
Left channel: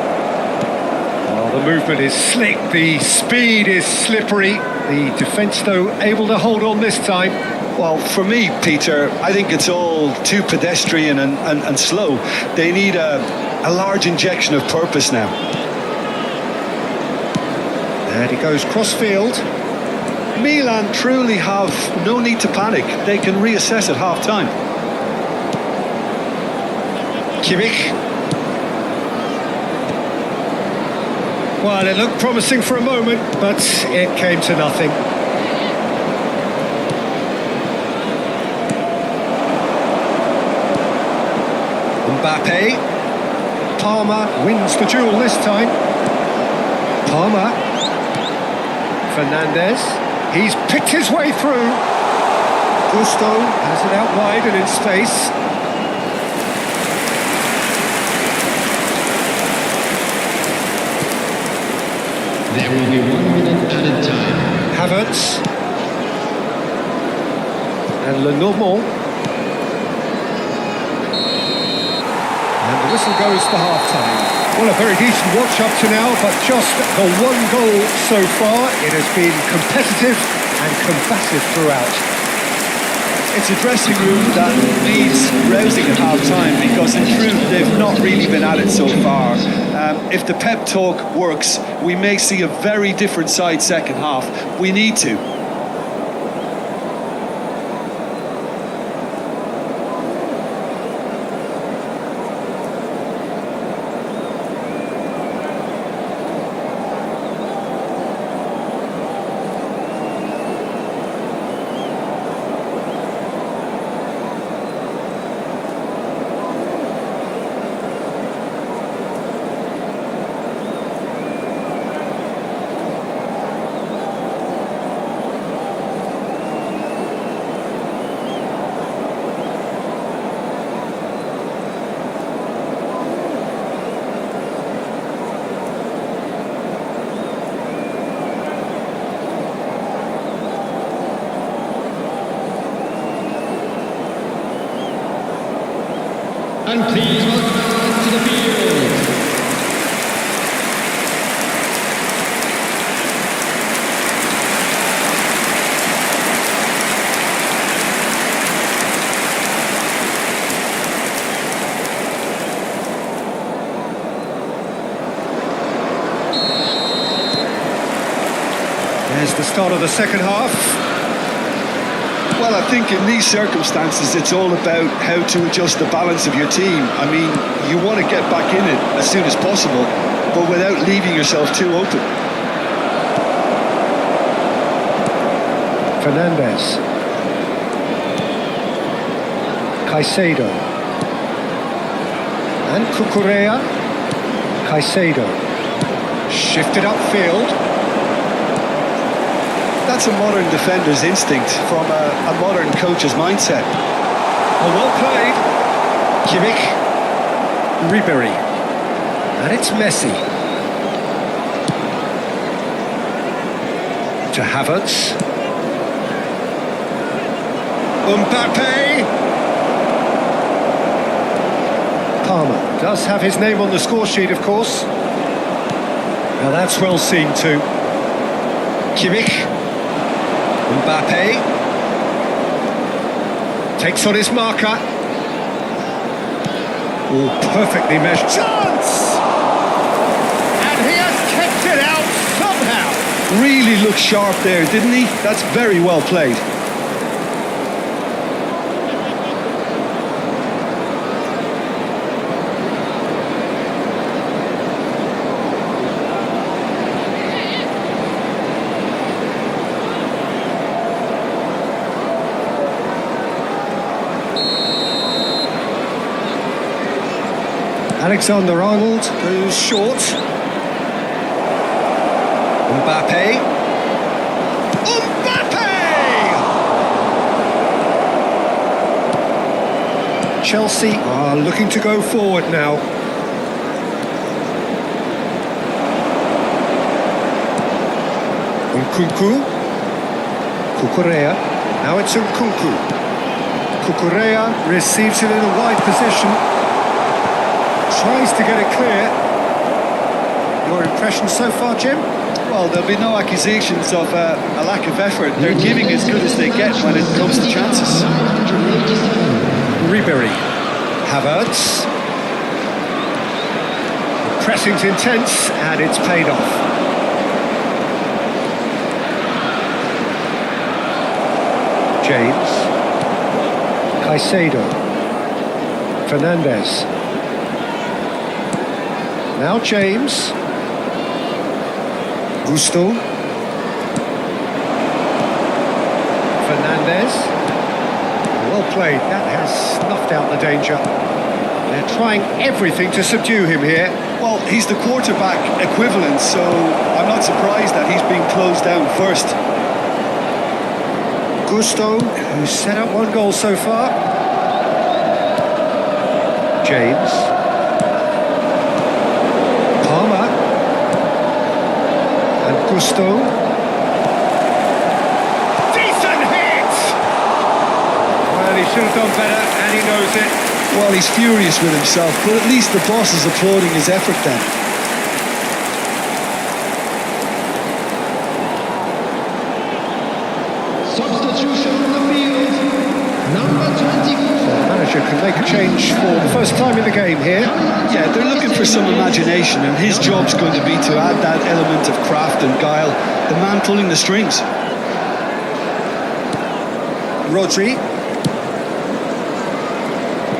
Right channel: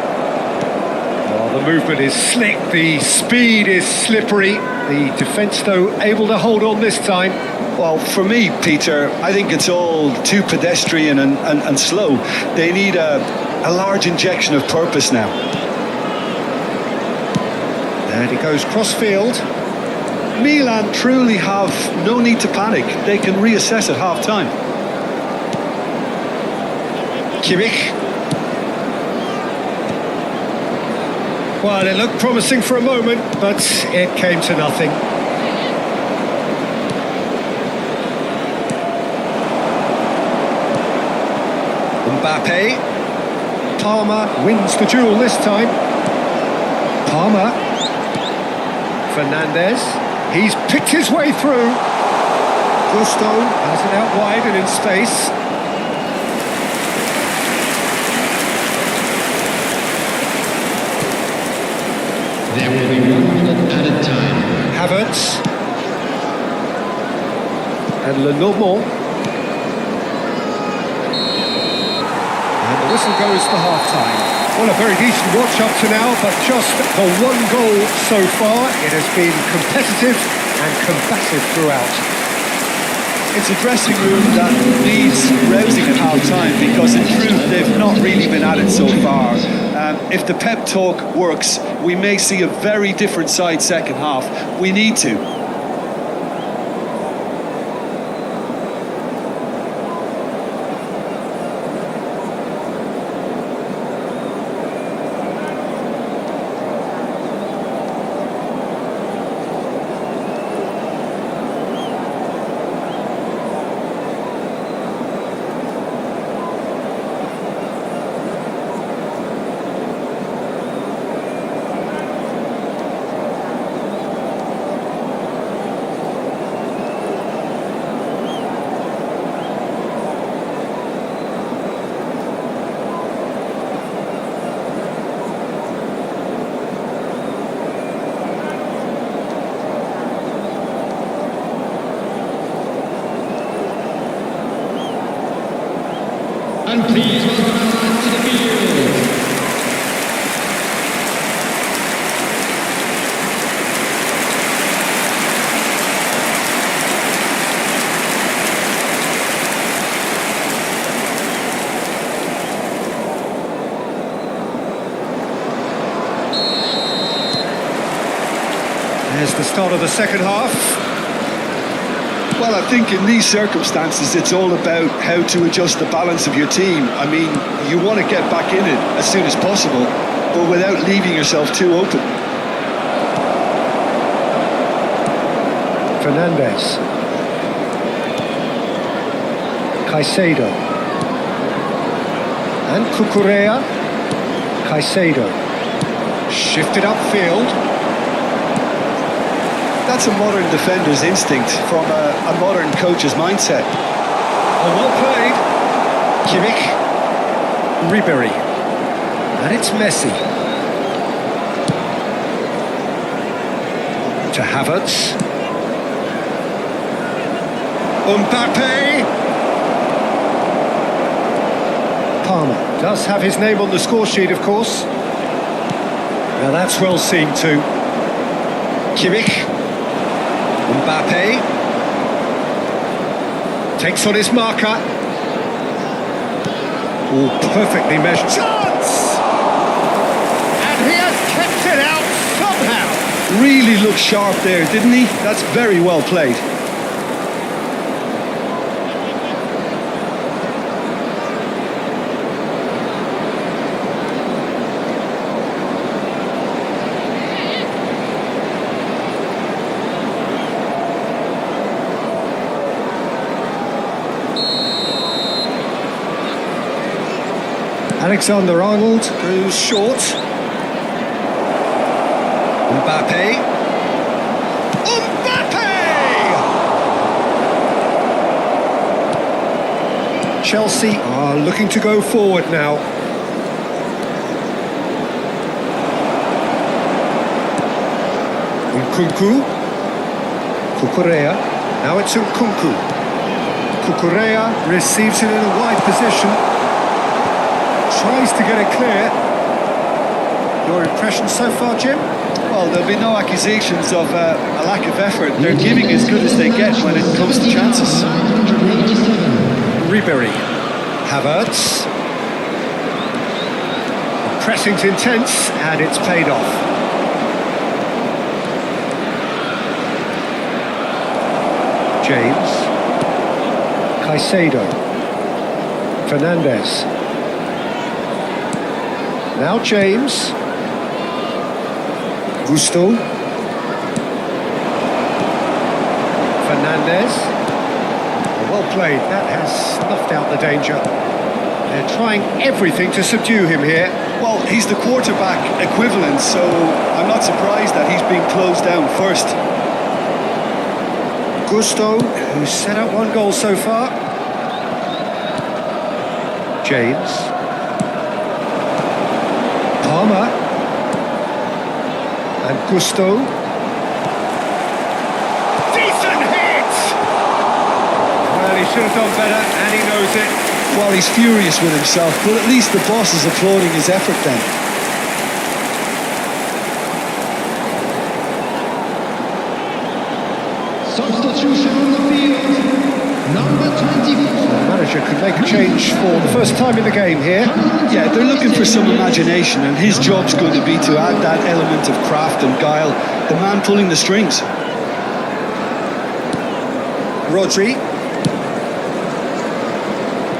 Oh, the movement is slick, the speed is slippery. The defence, though, able to hold on this time. Well, for me, Peter, I think it's all too pedestrian and slow. They need a large injection of purpose now. And he goes cross-field. Milan truly have no need to panic. They can reassess at half-time. Kimmich. Well, it looked promising for a moment, but it came to nothing. Mbappe. Palmer wins the duel this time. Palmer. Fernandez. He's picked his way through. Gusto has it out wide and in space. There will be 1 minute added time. Havertz. And Lenormand. And the whistle goes for half-time. Well, a very decent watch up to now, but just the one goal so far. It has been competitive and combative throughout. It's a dressing room that needs rousing at half-time because in truth they've not really been at it so far. If the pep talk works, we may see a very different side second half. We need to. And please welcome our lads to the field. There's the start of the second half. Well, I think in these circumstances, it's all about how to adjust the balance of your team. I mean, you want to get back in it as soon as possible, but without leaving yourself too open. Fernandez. Caicedo. And Cucurella. Caicedo. Shifted upfield. That's a modern defender's instinct from a modern coach's mindset. Oh, well played. Kimmich. Ribery. And it's Messi. To Havertz. Mbappe. Palmer does have his name on the score sheet, of course. Now that's well seen too. Kimmich. Mbappe. Takes on his marker. All perfectly measured. Chance! And he has kept it out somehow. Really looked sharp there, didn't he? That's very well played. Alexander-Arnold goes short. Mbappe. Mbappe! Chelsea are looking to go forward now. Nkunku. Cucurella. Now it's Nkunku. Cucurella receives it in a wide position. Tries to get it clear. Your impression so far, Jim? Well, there'll be no accusations of a lack of effort. They're giving as good as they get when it comes to chances. 987. Ribery. Havertz. The pressing's intense and it's paid off. James. Caicedo. Fernandes. Now James. Gusto. Fernandes. Oh, well played. That has snuffed out the danger. They're trying everything to subdue him here. Well, he's the quarterback equivalent, so I'm not surprised that he's being closed down first. Gusto, who's set up one goal so far. James. Palmer. And Gusto. Decent hit! Well, he should have done better, and he knows it. Well, he's furious with himself, but at least the boss is applauding his effort then. Substitution on the field. Number 24. The manager can make a change for the first time in the game here. Yeah, they're looking for some imagination, and his job's going to be to add that element of craft and guile. The man pulling the strings. Rodri.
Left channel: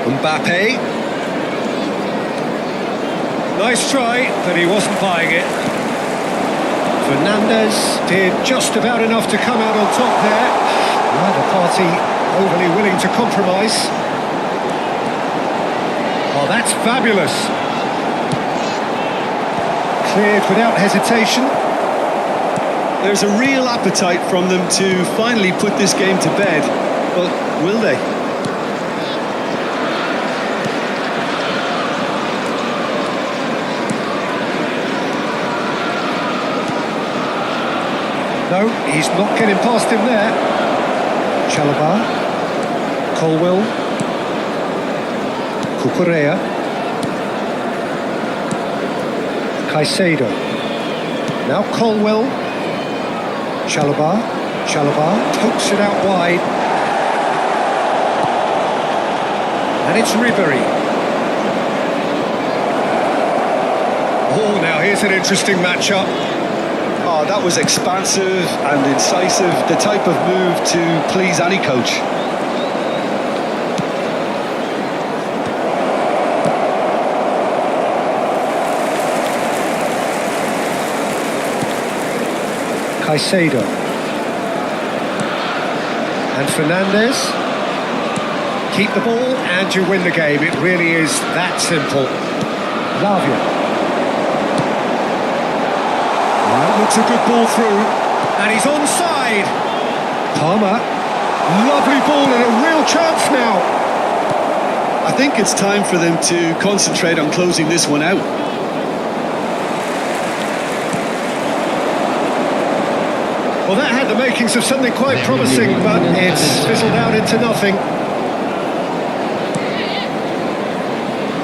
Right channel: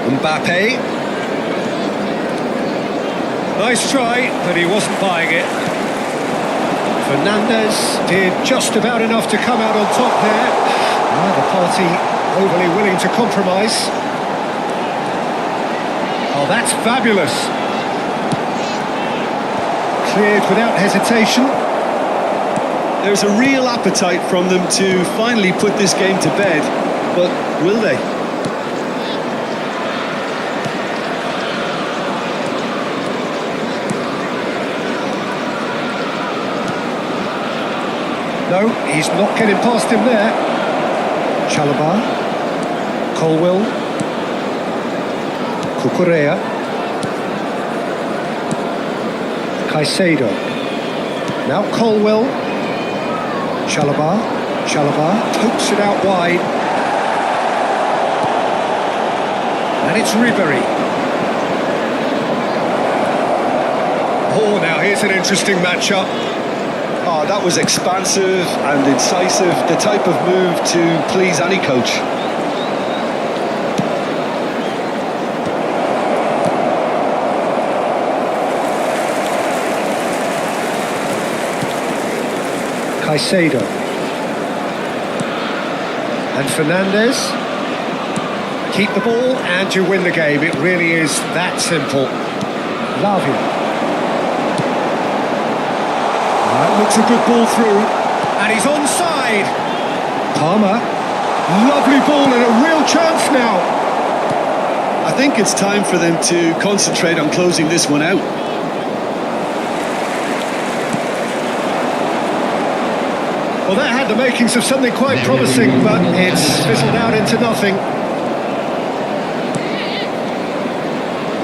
Mbappe. Nice try, but he wasn't buying it. Fernandes did just about enough to come out on top there. Neither party overly willing to compromise. Oh, that's fabulous. Cleared without hesitation. There's a real appetite from them to finally put this game to bed, but will they? No, he's not getting past him there. Chalobah. Colwill. Cucurella. Caicedo. Now Colwill. Chalobah. Chalobah pokes it out wide. And it's Ribery. Oh, now here's an interesting matchup. Oh, that was expansive and incisive, the type of move to please any coach. Caicedo. And Fernandes. Keep the ball and you win the game. It really is that simple. Lazio. That looks a good ball through, and he's onside. Palmer, lovely ball and a real chance now. I think it's time for them to concentrate on closing this one out. Well, that had the makings of something quite promising, but it's fizzled out into nothing.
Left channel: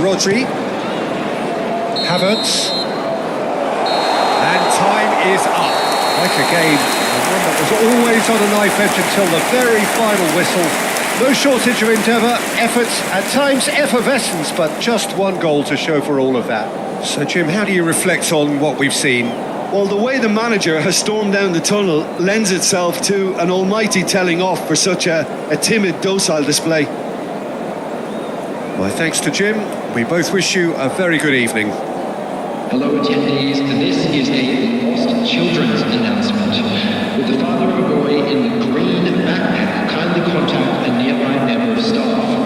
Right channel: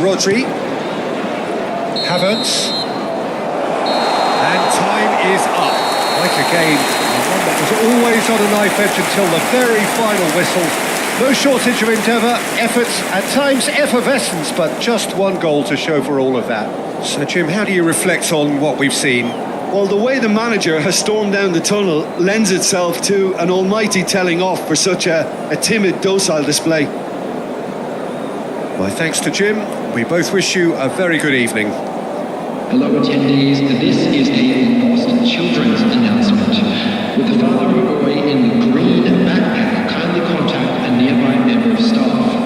Rodri. Havertz. And time is up. Quite a game, and one that was always on a knife edge until the very final whistle. No shortage of endeavour, efforts, at times effervescence, but just one goal to show for all of that. So, Jim, how do you reflect on what we've seen? Well, the way the manager has stormed down the tunnel lends itself to an almighty telling off for such a timid, docile display. My thanks to Jim. We both wish you a very good evening. Hello attendees, this is a lost children's announcement. With the father of a boy in the green backpack, kindly contact a nearby member of staff.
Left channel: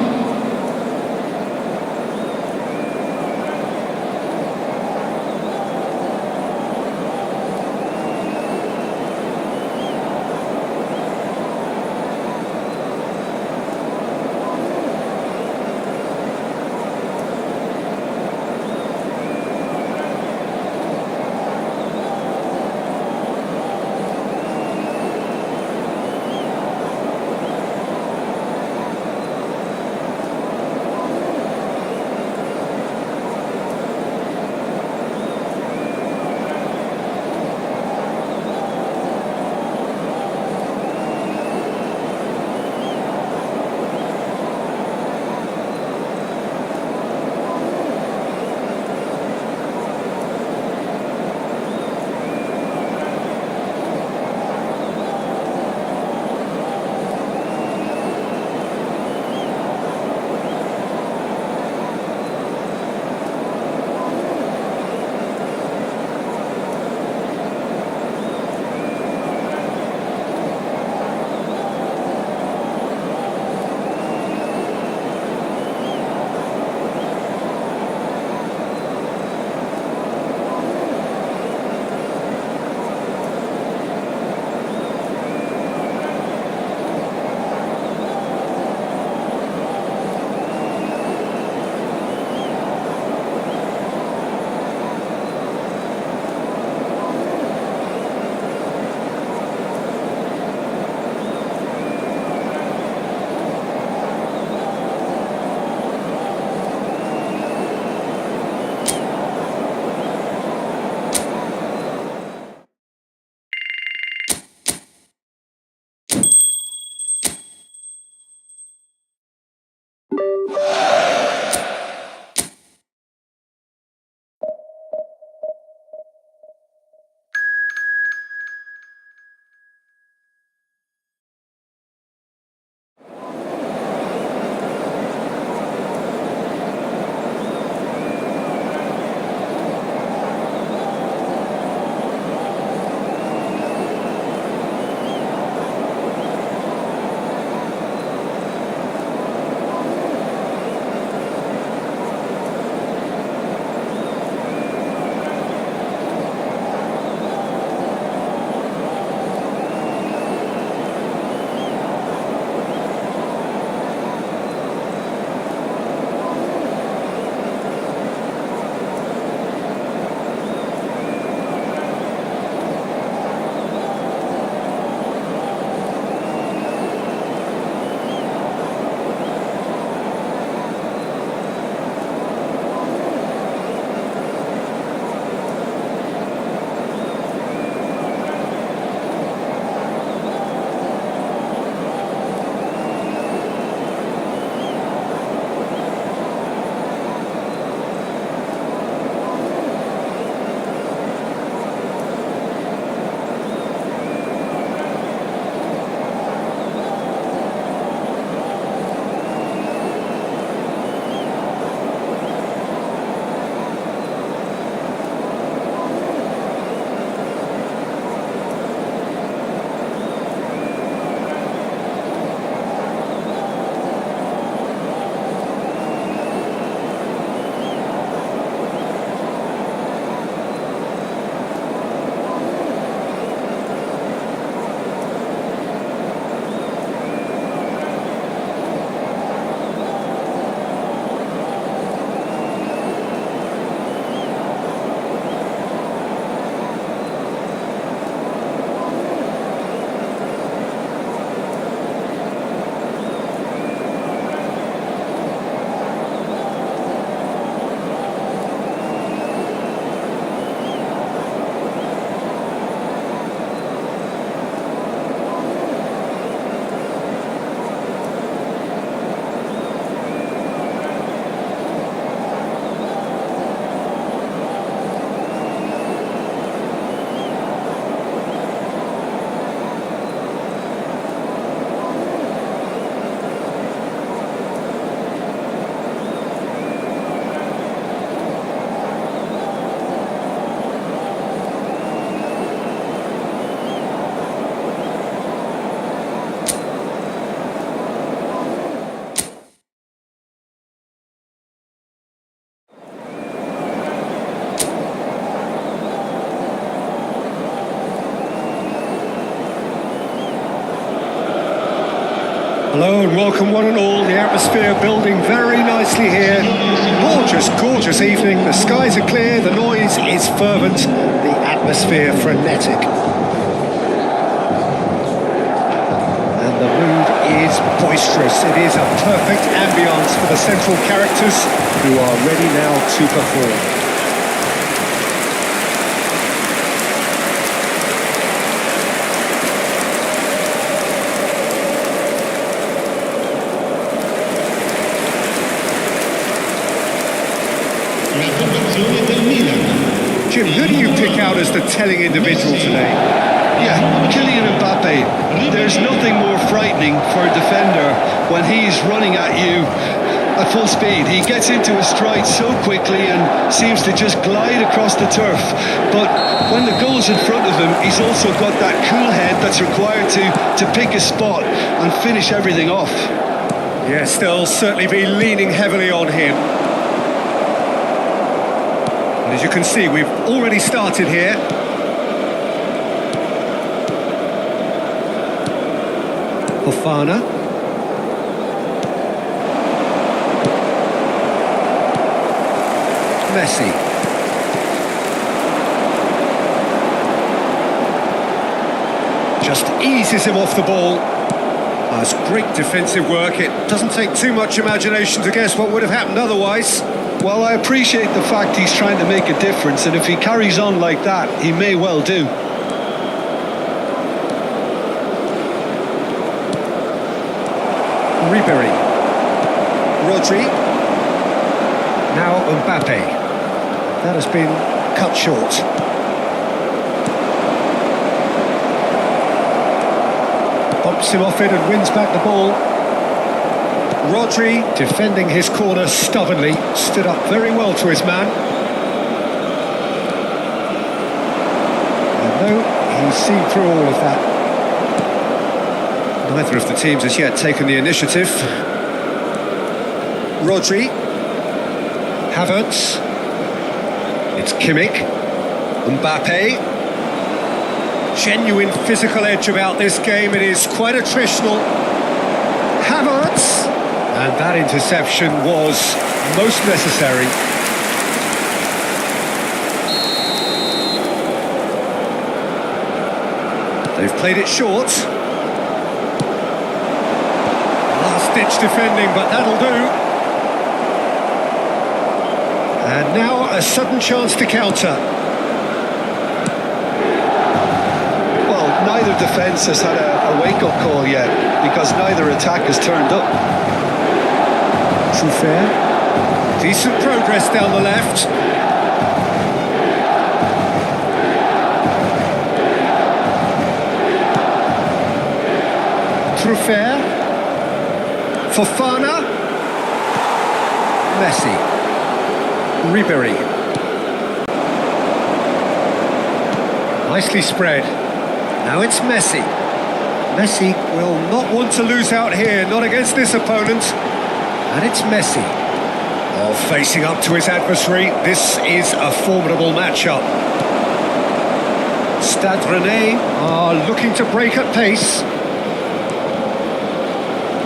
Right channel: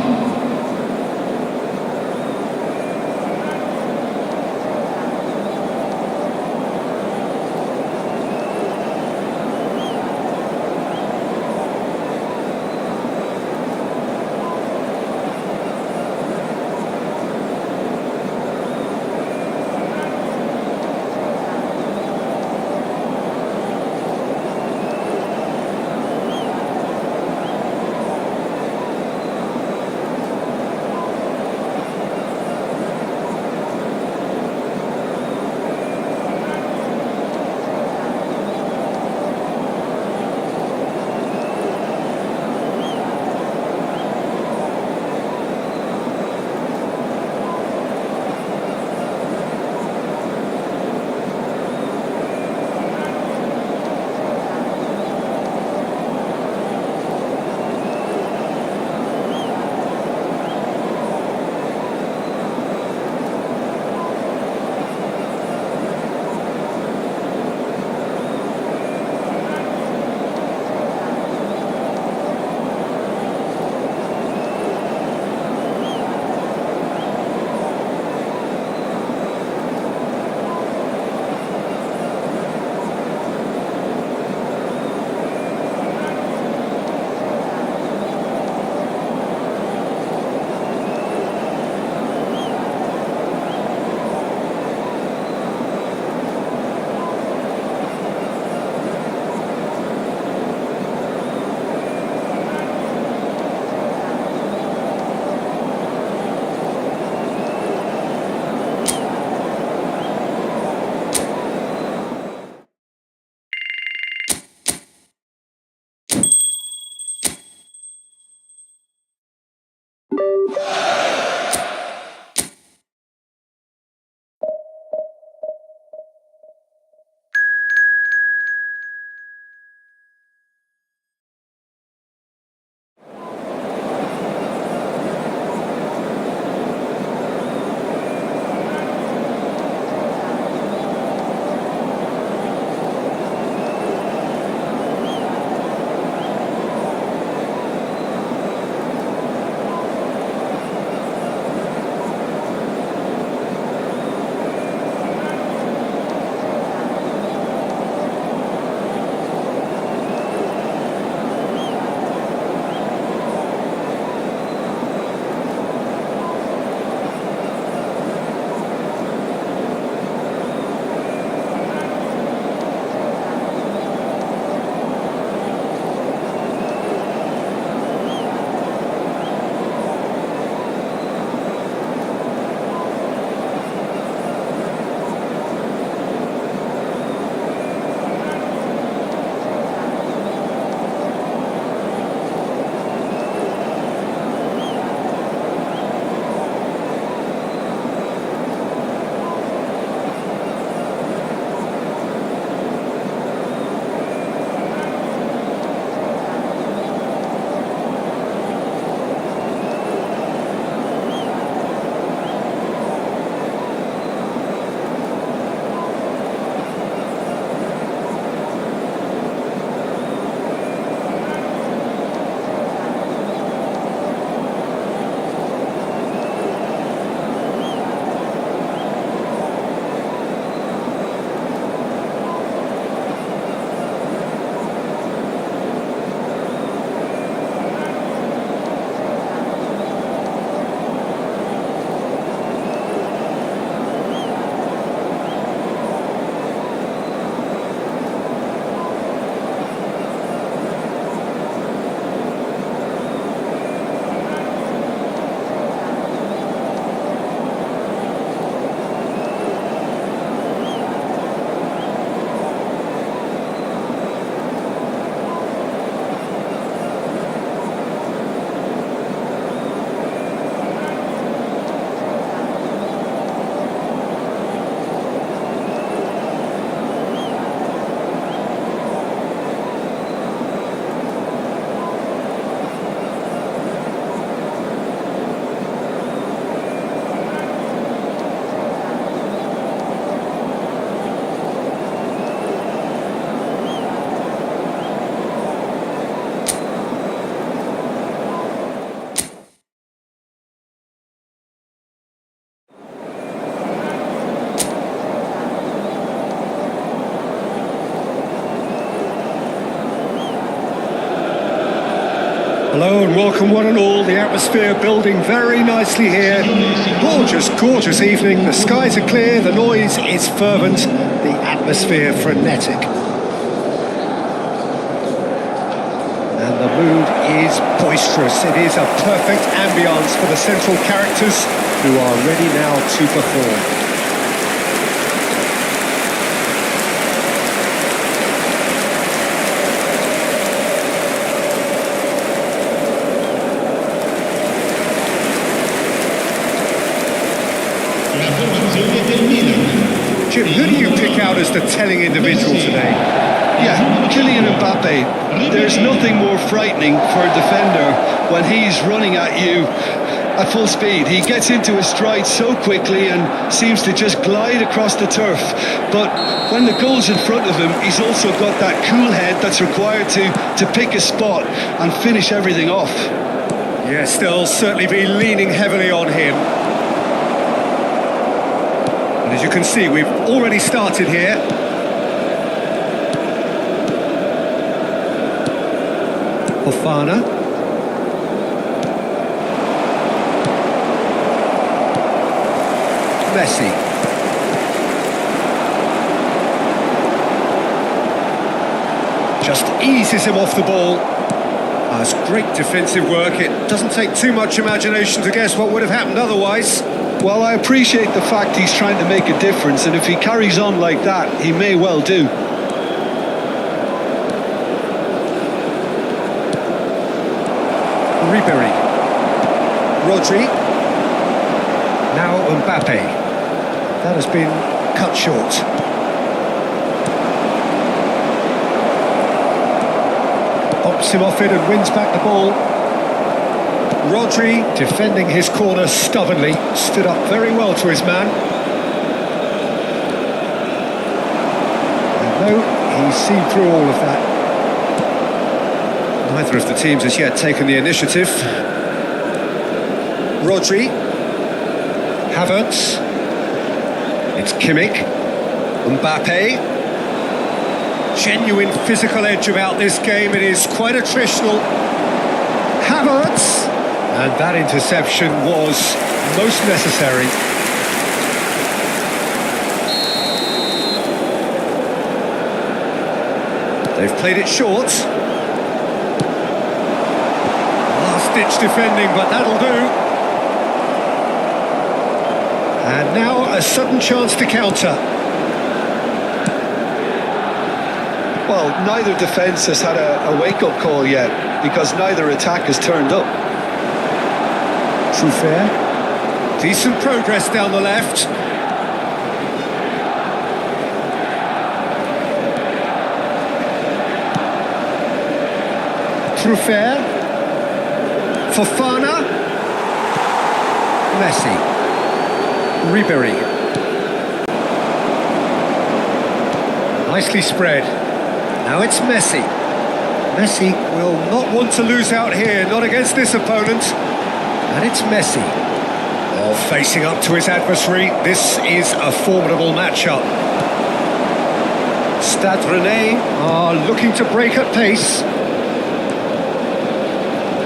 Hello and welcome one and all. The atmosphere building very nicely here. Gorgeous, gorgeous evening. The skies are clear, the noise is fervent, the atmosphere frenetic. And the mood is boisterous. It is a perfect ambience for the central characters who are ready now to perform. La formazione del Milan. Jim, who do you pick out as the telling individual today? Yeah, Kylian Mbappe. There's nothing more frightening for a defender when he's running at you at full speed. He gets into his stride so quickly and seems to just glide across the turf. But when the goal's in front of him, he's also got that cool head that's required to pick a spot and finish everything off. Yes, they'll certainly be leaning heavily on him. And as you can see, we've already started here. Fofana. Messi. Just eases him off the ball. That's great defensive work. It doesn't take too much imagination to guess what would have happened otherwise. Well, I appreciate the fact he's trying to make a difference, and if he carries on like that, he may well do. Ribery. Rodri. Now Mbappe. That has been cut short. Bops him off it and wins back the ball. Rodri, defending his corner stubbornly, stood up very well to his man. And no, he's seen through all of that. Neither of the teams has yet taken the initiative. Rodri. Havertz. It's Kimmich. Mbappe. Genuine physical edge about this game. It is quite attritional. Havertz. And that interception was most necessary. They've played it short. Last-ditch defending, but that'll do. And now a sudden chance to counter. Well, neither defence has had a wake-up call yet, because neither attack has turned up. Truffert. Decent progress down the left. Truffert. Fofana. Messi. Ribery. Nicely spread. Now it's Messi. Messi will not want to lose out here, not against this opponent. And it's Messi. Oh, facing up to his adversary. This is a formidable matchup. Stade Rennais are looking to break at pace.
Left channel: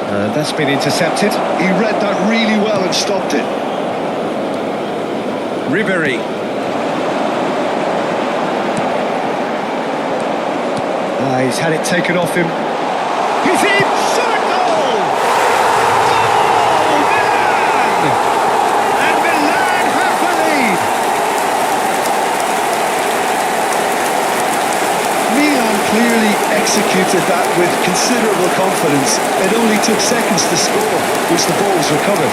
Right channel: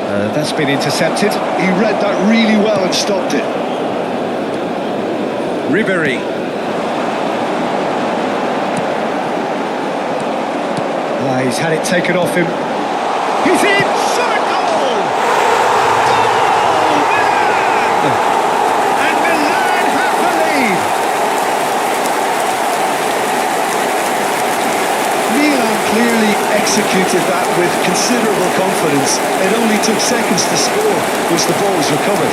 And that's been intercepted. He read that really well and stopped it. Ribery. He's had it taken off him. He's in! Shot a goal! Goal! Milan! And Milan have the lead! Milan clearly executed that with considerable confidence. It only took seconds to score, which the ball was recovered.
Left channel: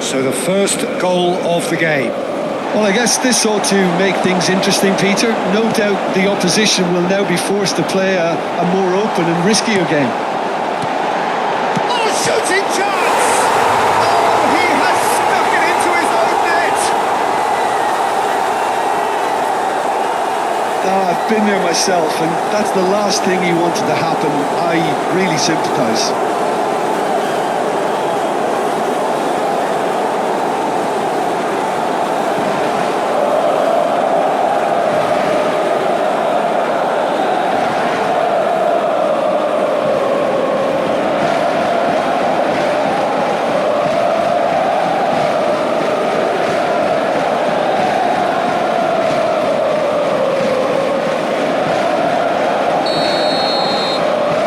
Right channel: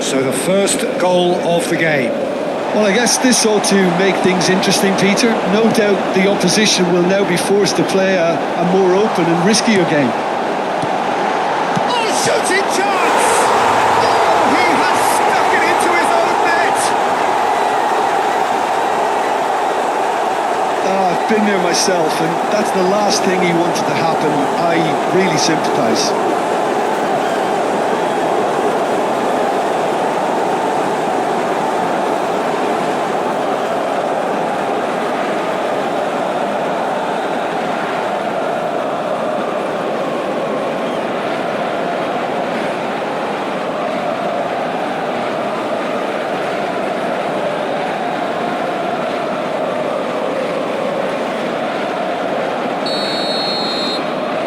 So the first goal of the game. Well, I guess this ought to make things interesting, Peter. No doubt the opposition will now be forced to play a more open and riskier game. Oh, a shooting chance! Oh, he has stuck it into his own net! I've been there myself, and that's the last thing he wanted to happen. I really sympathise.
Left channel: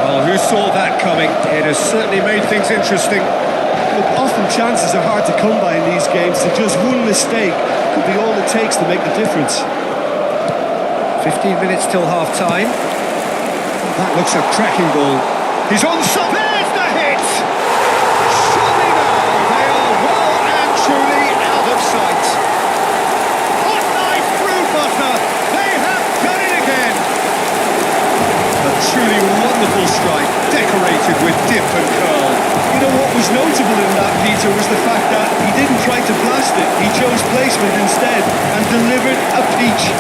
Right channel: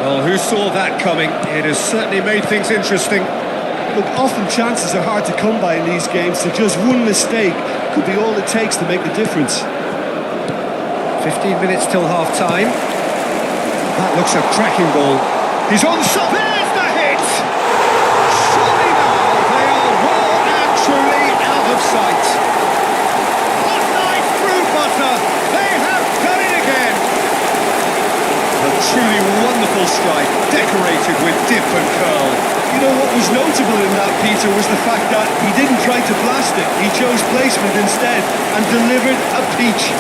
Well, who saw that coming? It has certainly made things interesting. Look, often chances are hard to come by in these games, so just one mistake could be all it takes to make the difference. 15 minutes till half-time. Oh, that looks a cracking ball. He's on some... There's the hit! Surely now they are well and truly out of sight. Hot knife through butter. They have done it again. A truly wonderful strike, decorated with dip and curl. You know what was notable in that, Peter, was the fact that he didn't try to blast it. He chose placement instead and delivered a peach.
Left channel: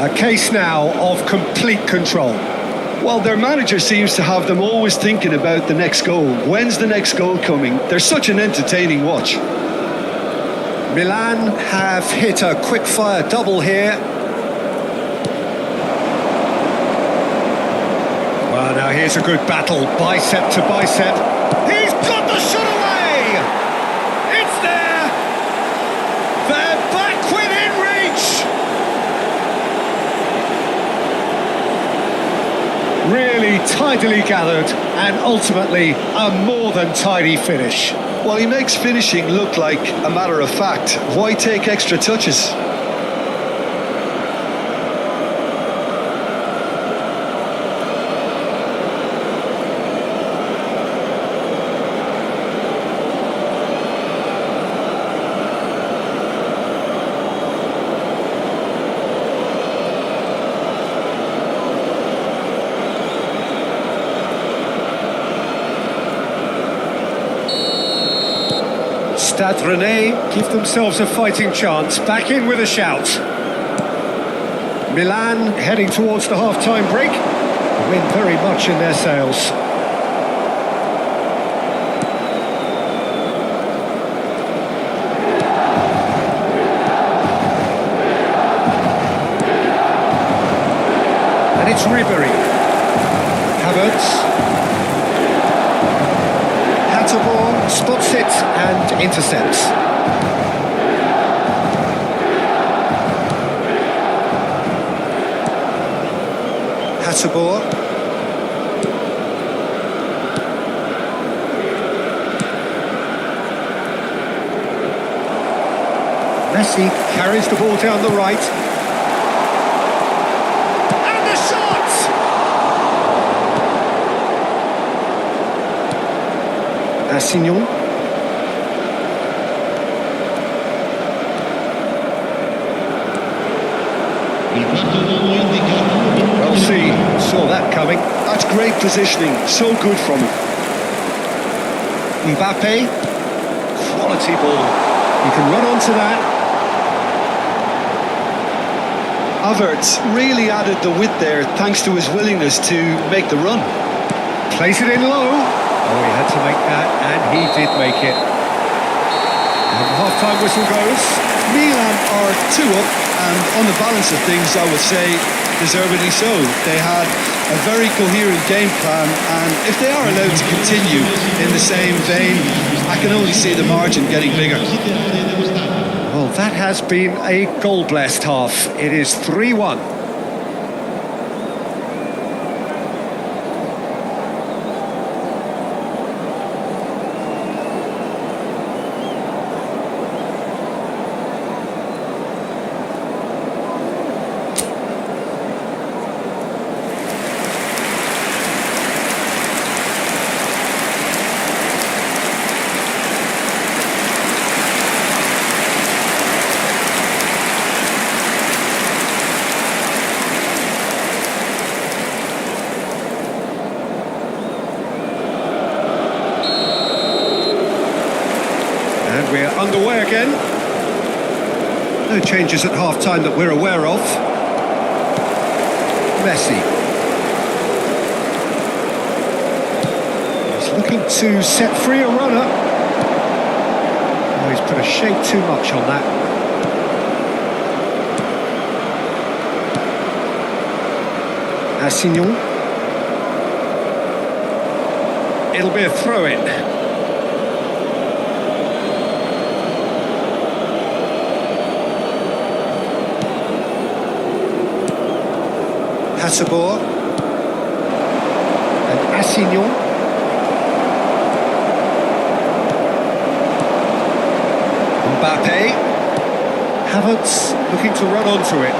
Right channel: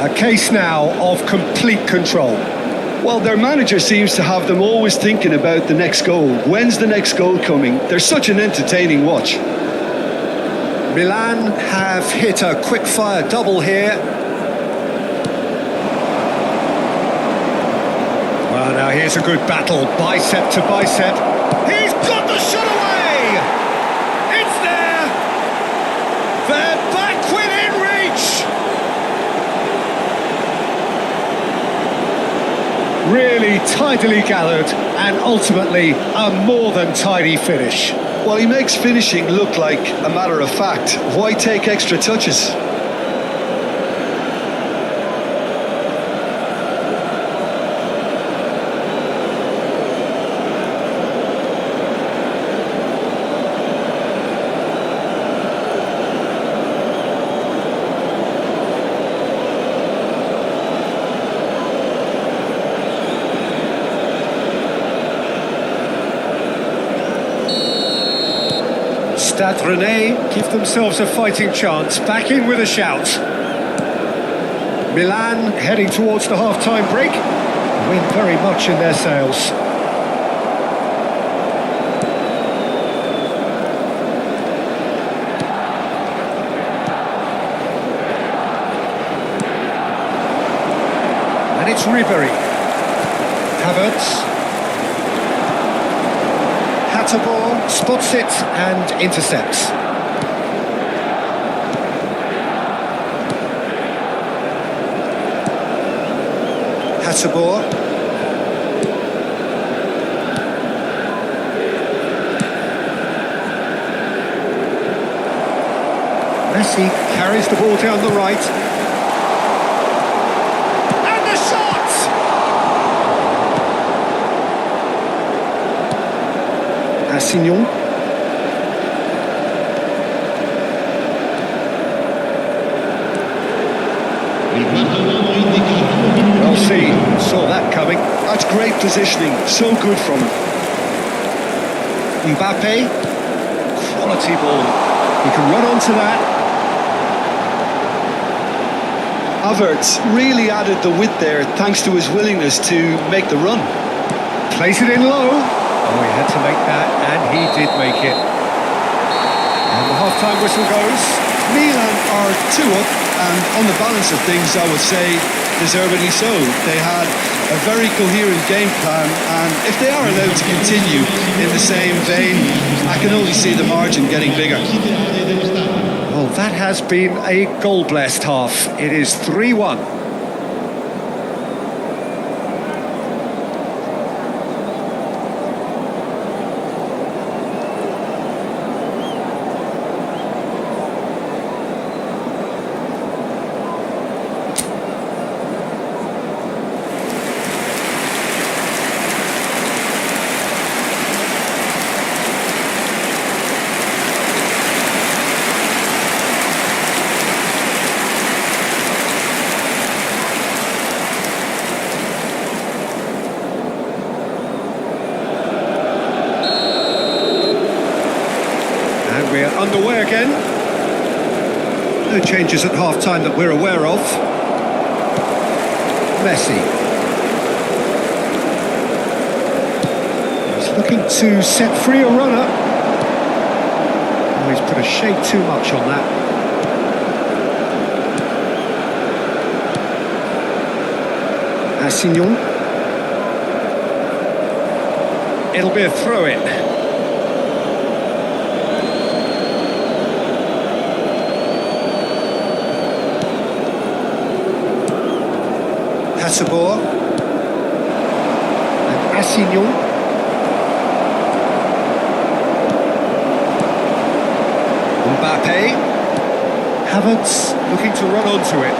A case now of complete control. Well, their manager seems to have them always thinking about the next goal. When's the next goal coming? They're such an entertaining watch. Milan have hit a quick-fire double here. Well, now here's a good battle, bicep to bicep. He's got the shot away! It's there! They're back within reach! Really tidily gathered and ultimately a more than tidy finish. Well, he makes finishing look like a matter of fact. Why take extra touches? Stade Rennais give themselves a fighting chance, back in with a shout. Milan heading towards the half-time break. The wind very much in their sails. And it's Ribéry. Havertz. Hatterbaugh spots it and intercepts. Hatterbaugh. Messi carries the ball down the right. And the shot! Assignon. Il quarto uomo indica 2 minuti. Well, see, saw that coming. That's great positioning, so good from him. Mbappe, quality ball. He can run onto that. Havertz really added the width there thanks to his willingness to make the run. Plays it in low. Oh, he had to make that, and he did make it. And the half-time whistle goes. Milan are 2 up, and on the balance of things, I would say deservedly so. They had a very coherent game plan, and if they are allowed to continue in the same vein, I can only see the margin getting bigger. Well, that has been a goal-blessed half. It is 3-1. And we're underway again. No changes at half-time that we're aware of. Messi. He's looking to set free a runner. Oh, he's put a shade too much on that. Assignon. It'll be a throw-in. Hasabor and Assignon. Mbappe. Havertz looking to run onto it.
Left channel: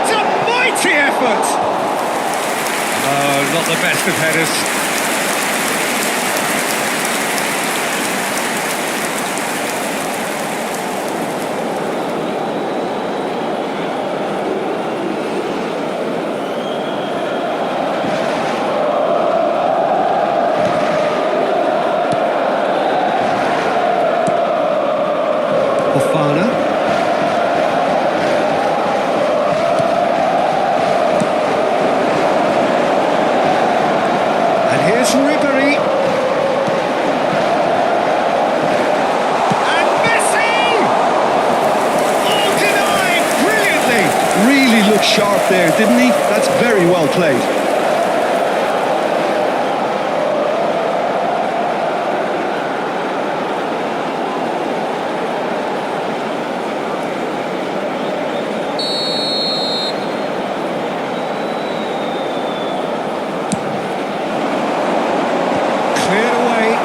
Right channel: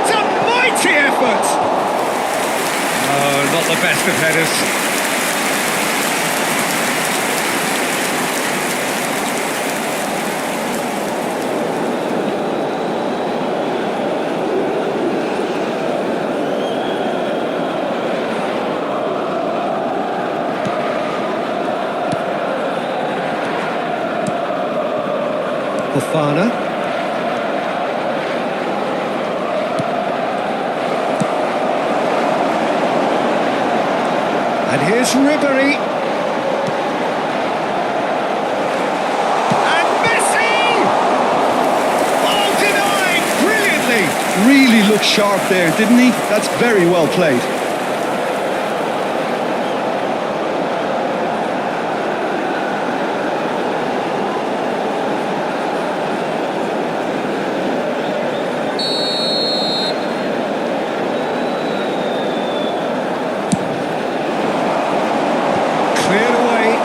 It's a mighty effort! No, not the best of headers. Fofana. And here's Ribery. And Messi! Oh, denied brilliantly. Really looked sharp there, didn't he? That's very well played. Cleared away.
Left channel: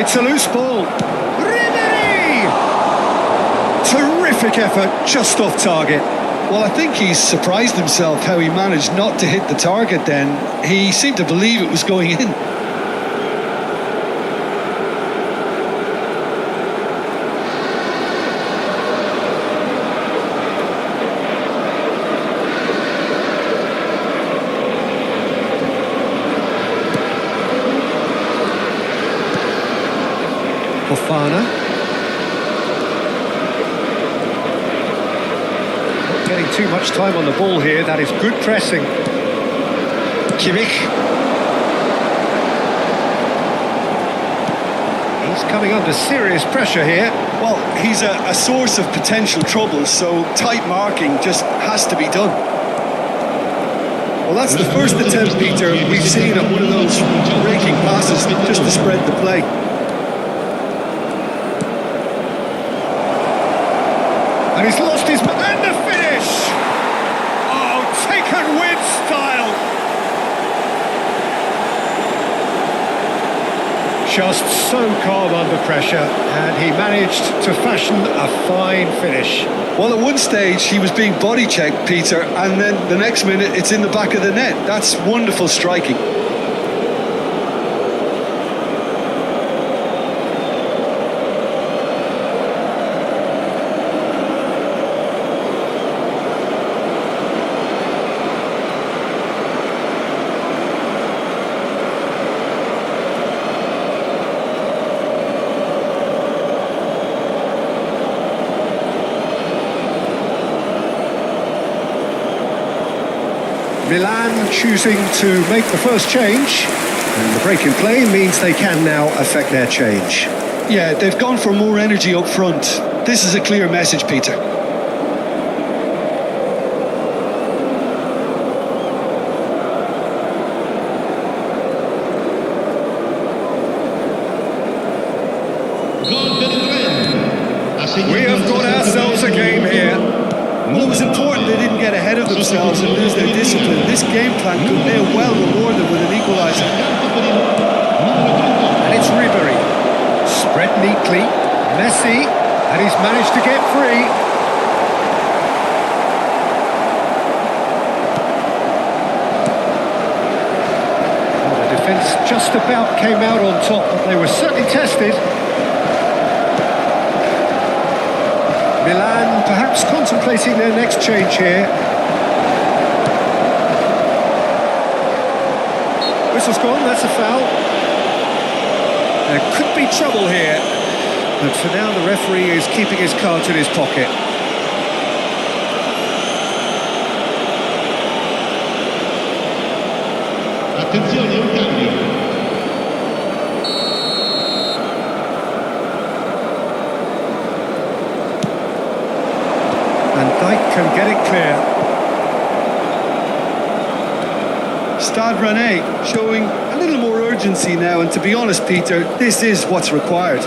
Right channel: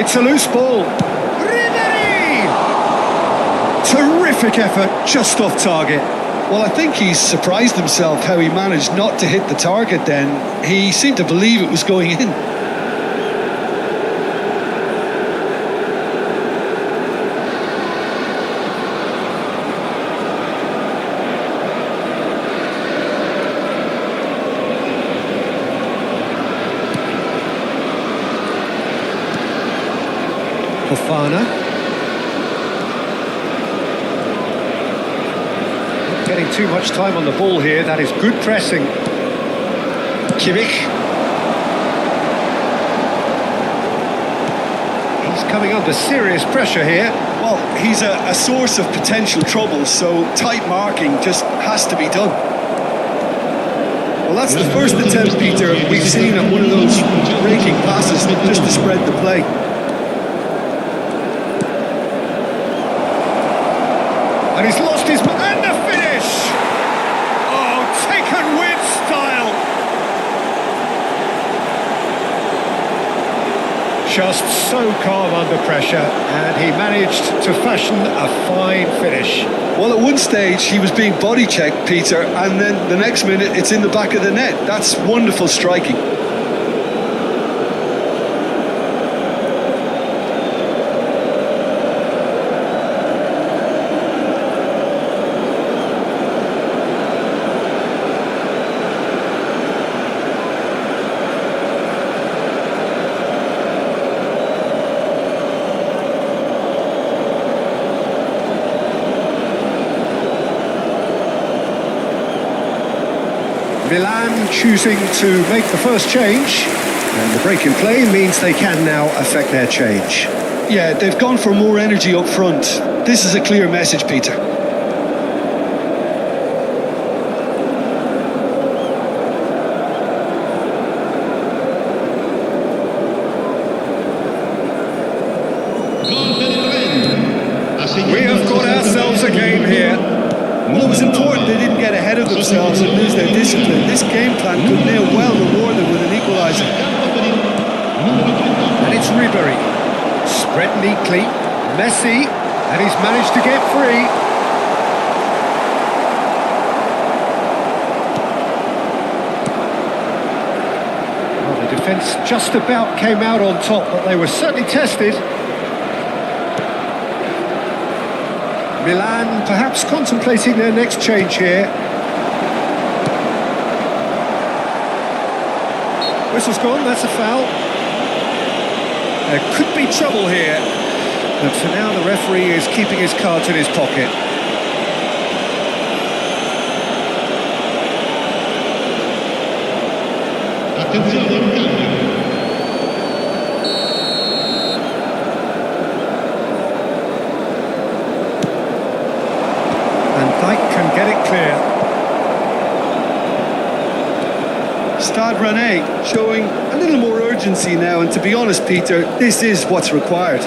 It's a loose ball. Ribery! Terrific effort, just off target. Well, I think he's surprised himself how he managed not to hit the target then. He seemed to believe it was going in. Fofana. Not getting too much time on the ball here. That is good pressing. Kimmich. He's coming under serious pressure here. Well, he's a source of potential trouble, so tight marking just has to be done. Well, that's the first attempt, Peter, we've seen at one of those raking passes just to spread the play. And he's lost his... And the finish! Oh, taken with style! Just so calm under pressure, and he managed to fashion a fine finish. Well, at one stage, he was being body checked, Peter, and then the next minute, it's in the back of the net. That's wonderful striking. Milan choosing to make the first change, and the break in play means they can now affect their change. Yeah, they've gone for more energy up front. This is a clear message, Peter. We have got ourselves a game here. Well, it was important they didn't get ahead of themselves and lose their discipline. This game plan could now well reward them with an equaliser. And it's Ribery. Spread neatly. Messi. And he's managed to get free. Well, the defence just about came out on top, but they were certainly tested. Milan perhaps contemplating their next change here. Whistle's gone, that's a foul. There could be trouble here, but for now the referee is keeping his cards in his pocket. Attenzione, un cambio. And Dijk can get it clear. Stade Rennais showing a little more urgency now, and to be honest, Peter, this is what's required.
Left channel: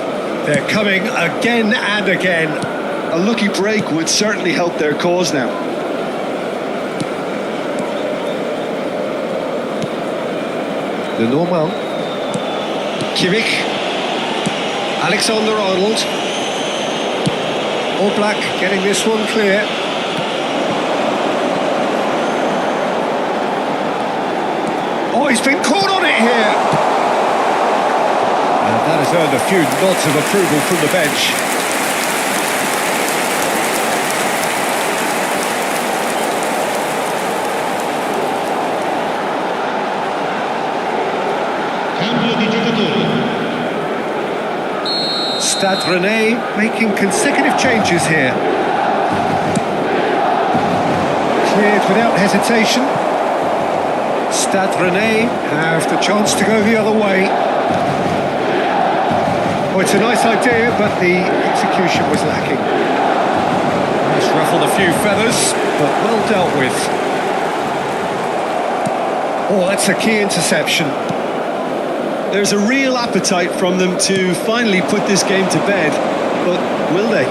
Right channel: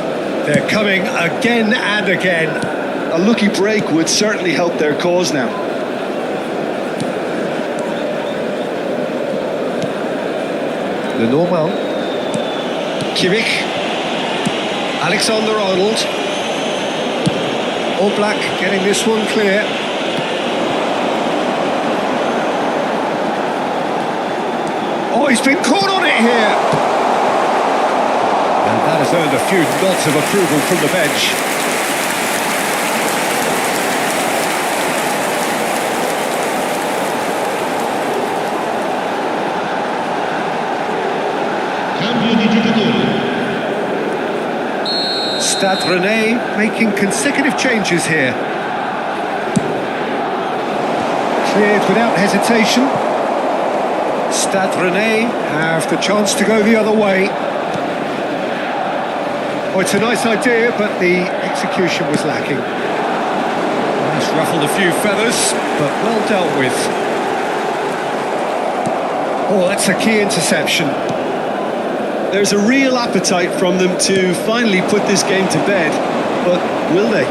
They're coming again and again. A lucky break would certainly help their cause now. Lenormand. Kimmich. Alexander-Arnold. Oblak getting this one clear. Oh, he's been caught on it here. And that has earned a few nods of approval from the bench. Cambio di giocatori. Stade Rennais making consecutive changes here. Cleared without hesitation. Stade Rennais have the chance to go the other way. Oh, it's a nice idea, but the execution was lacking. That's ruffled a few feathers, but well dealt with. Oh, that's a key interception. There's a real appetite from them to finally put this game to bed, but will they?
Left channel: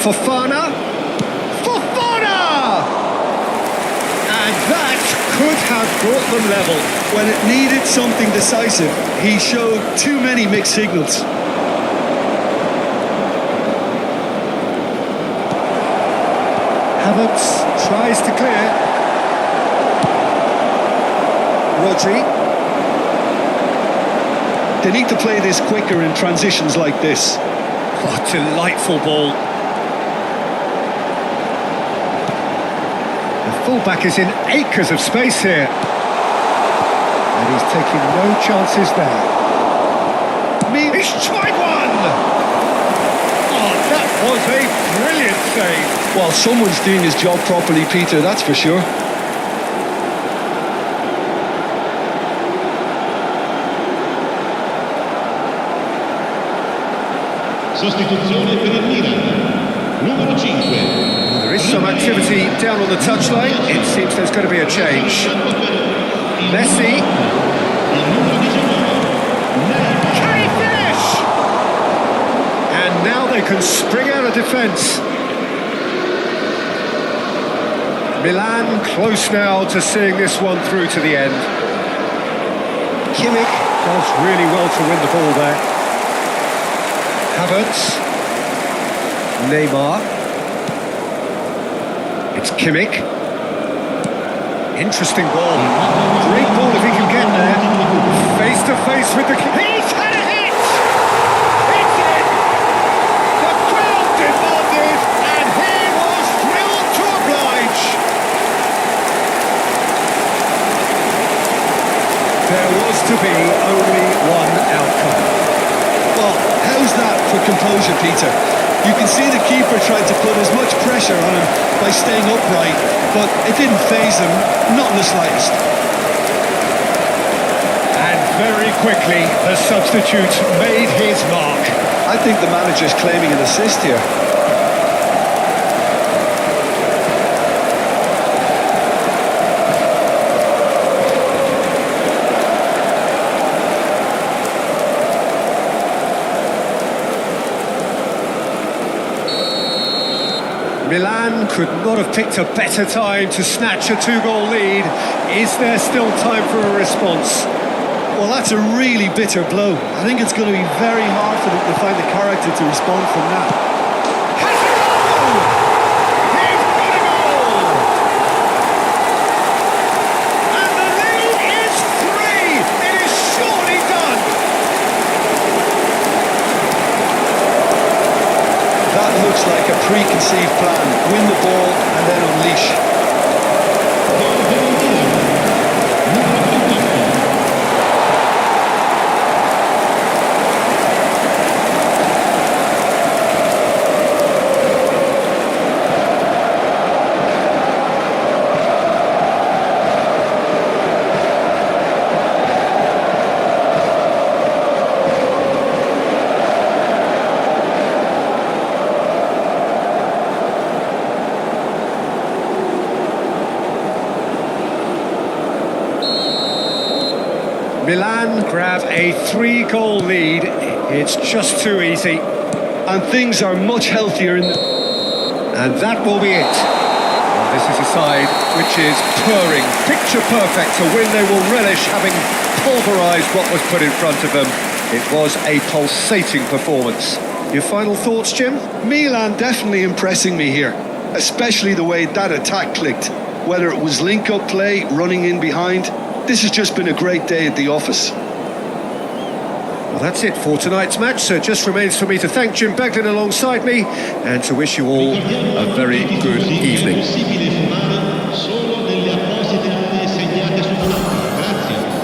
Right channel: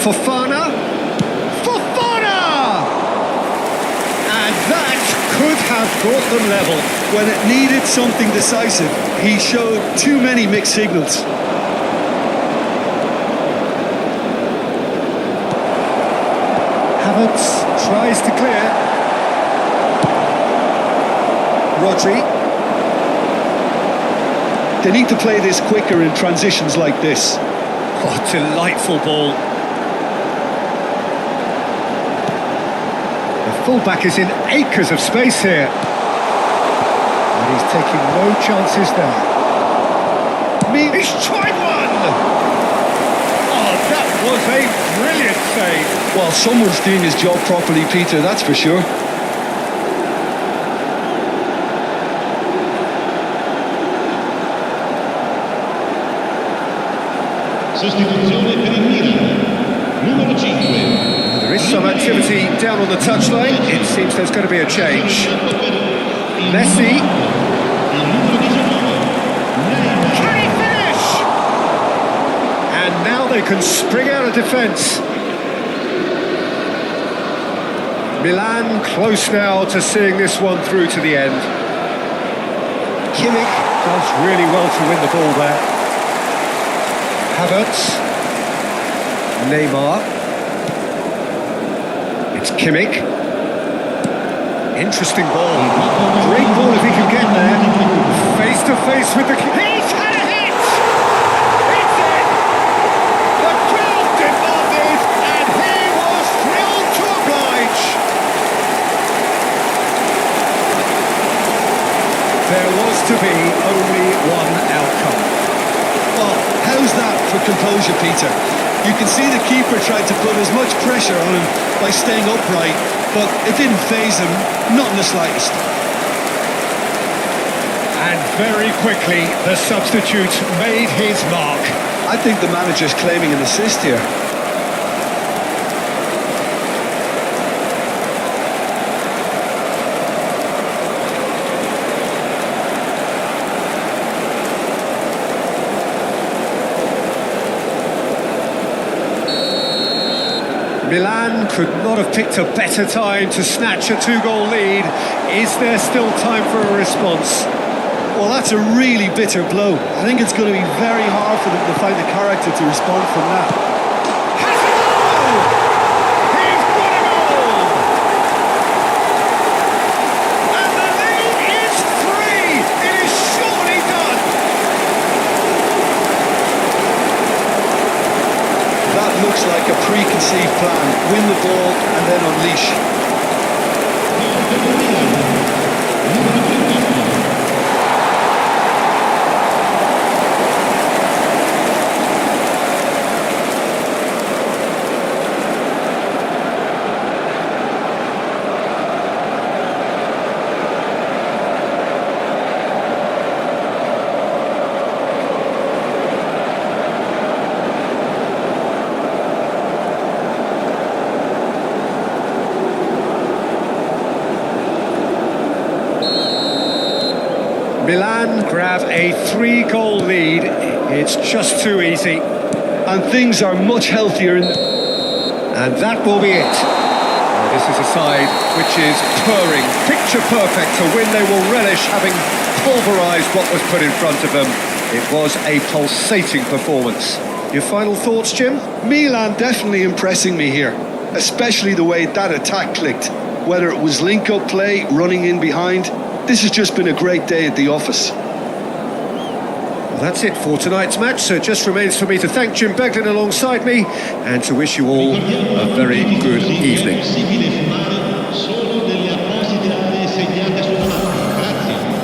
Fofana! Fofana! And that could have brought them level. When it needed something decisive, he showed too many mixed signals. Havertz tries to clear. Rodri. They need to play this quicker in transitions like this. Oh, delightful ball. The fullback is in acres of space here. And he's taking no chances there. He's tried one! Oh, that was a brilliant save. Well, someone's doing his job properly, Peter, that's for sure. Sostituzione per il Milan. Numero 5. Well, there is some activity down on the touchline. It seems there's going to be a change. Messi. Il numero 19. Neymar. Can he finish? And now they can spring out of defence. Milan close now to seeing this one through to the end. Kimmich does really well to win the ball there. Havertz. Neymar. It's Kimmich. Interesting ball. Great ball if he can get there. Face to face with the... He's had a hit! It's in! The crowd demanded, and he was thrilled to oblige. There was to be only one outcome. Well, how's that for composure, Peter? You can see the keeper tried to put as much pressure on him by staying upright, but it didn't faze him, not in the slightest. And very quickly, the substitute made his mark. I think the manager's claiming an assist here. Milan could not have picked a better time to snatch a two-goal lead. Is there still time for a response? Well, that's a really bitter blow. I think it's going to be very hard for them to find the character to respond from that. Has a goal! He's got a goal! And the lead is 3! It is surely done! That looks like a preconceived plan. Win the ball and then unleash. Gol per il Milan. Numero 38. Milan grab a 3-goal lead. It's just too easy. And things are much healthier in the... And that will be it. Well, this is a side which is purring, picture perfect. A win they will relish, having pulverised what was put in front of them. It was a pulsating performance. Your final thoughts, Jim? Milan definitely impressing me here, especially the way that attack clicked. Whether it was link-up play, running in behind, this has just been a great day at the office. Well, that's it for tonight's match, so it just remains for me to thank Jim Beglin alongside me and to wish you all a very good evening. È possibile fumare solo nelle apposite aree segnate sulla mappa. Grazie.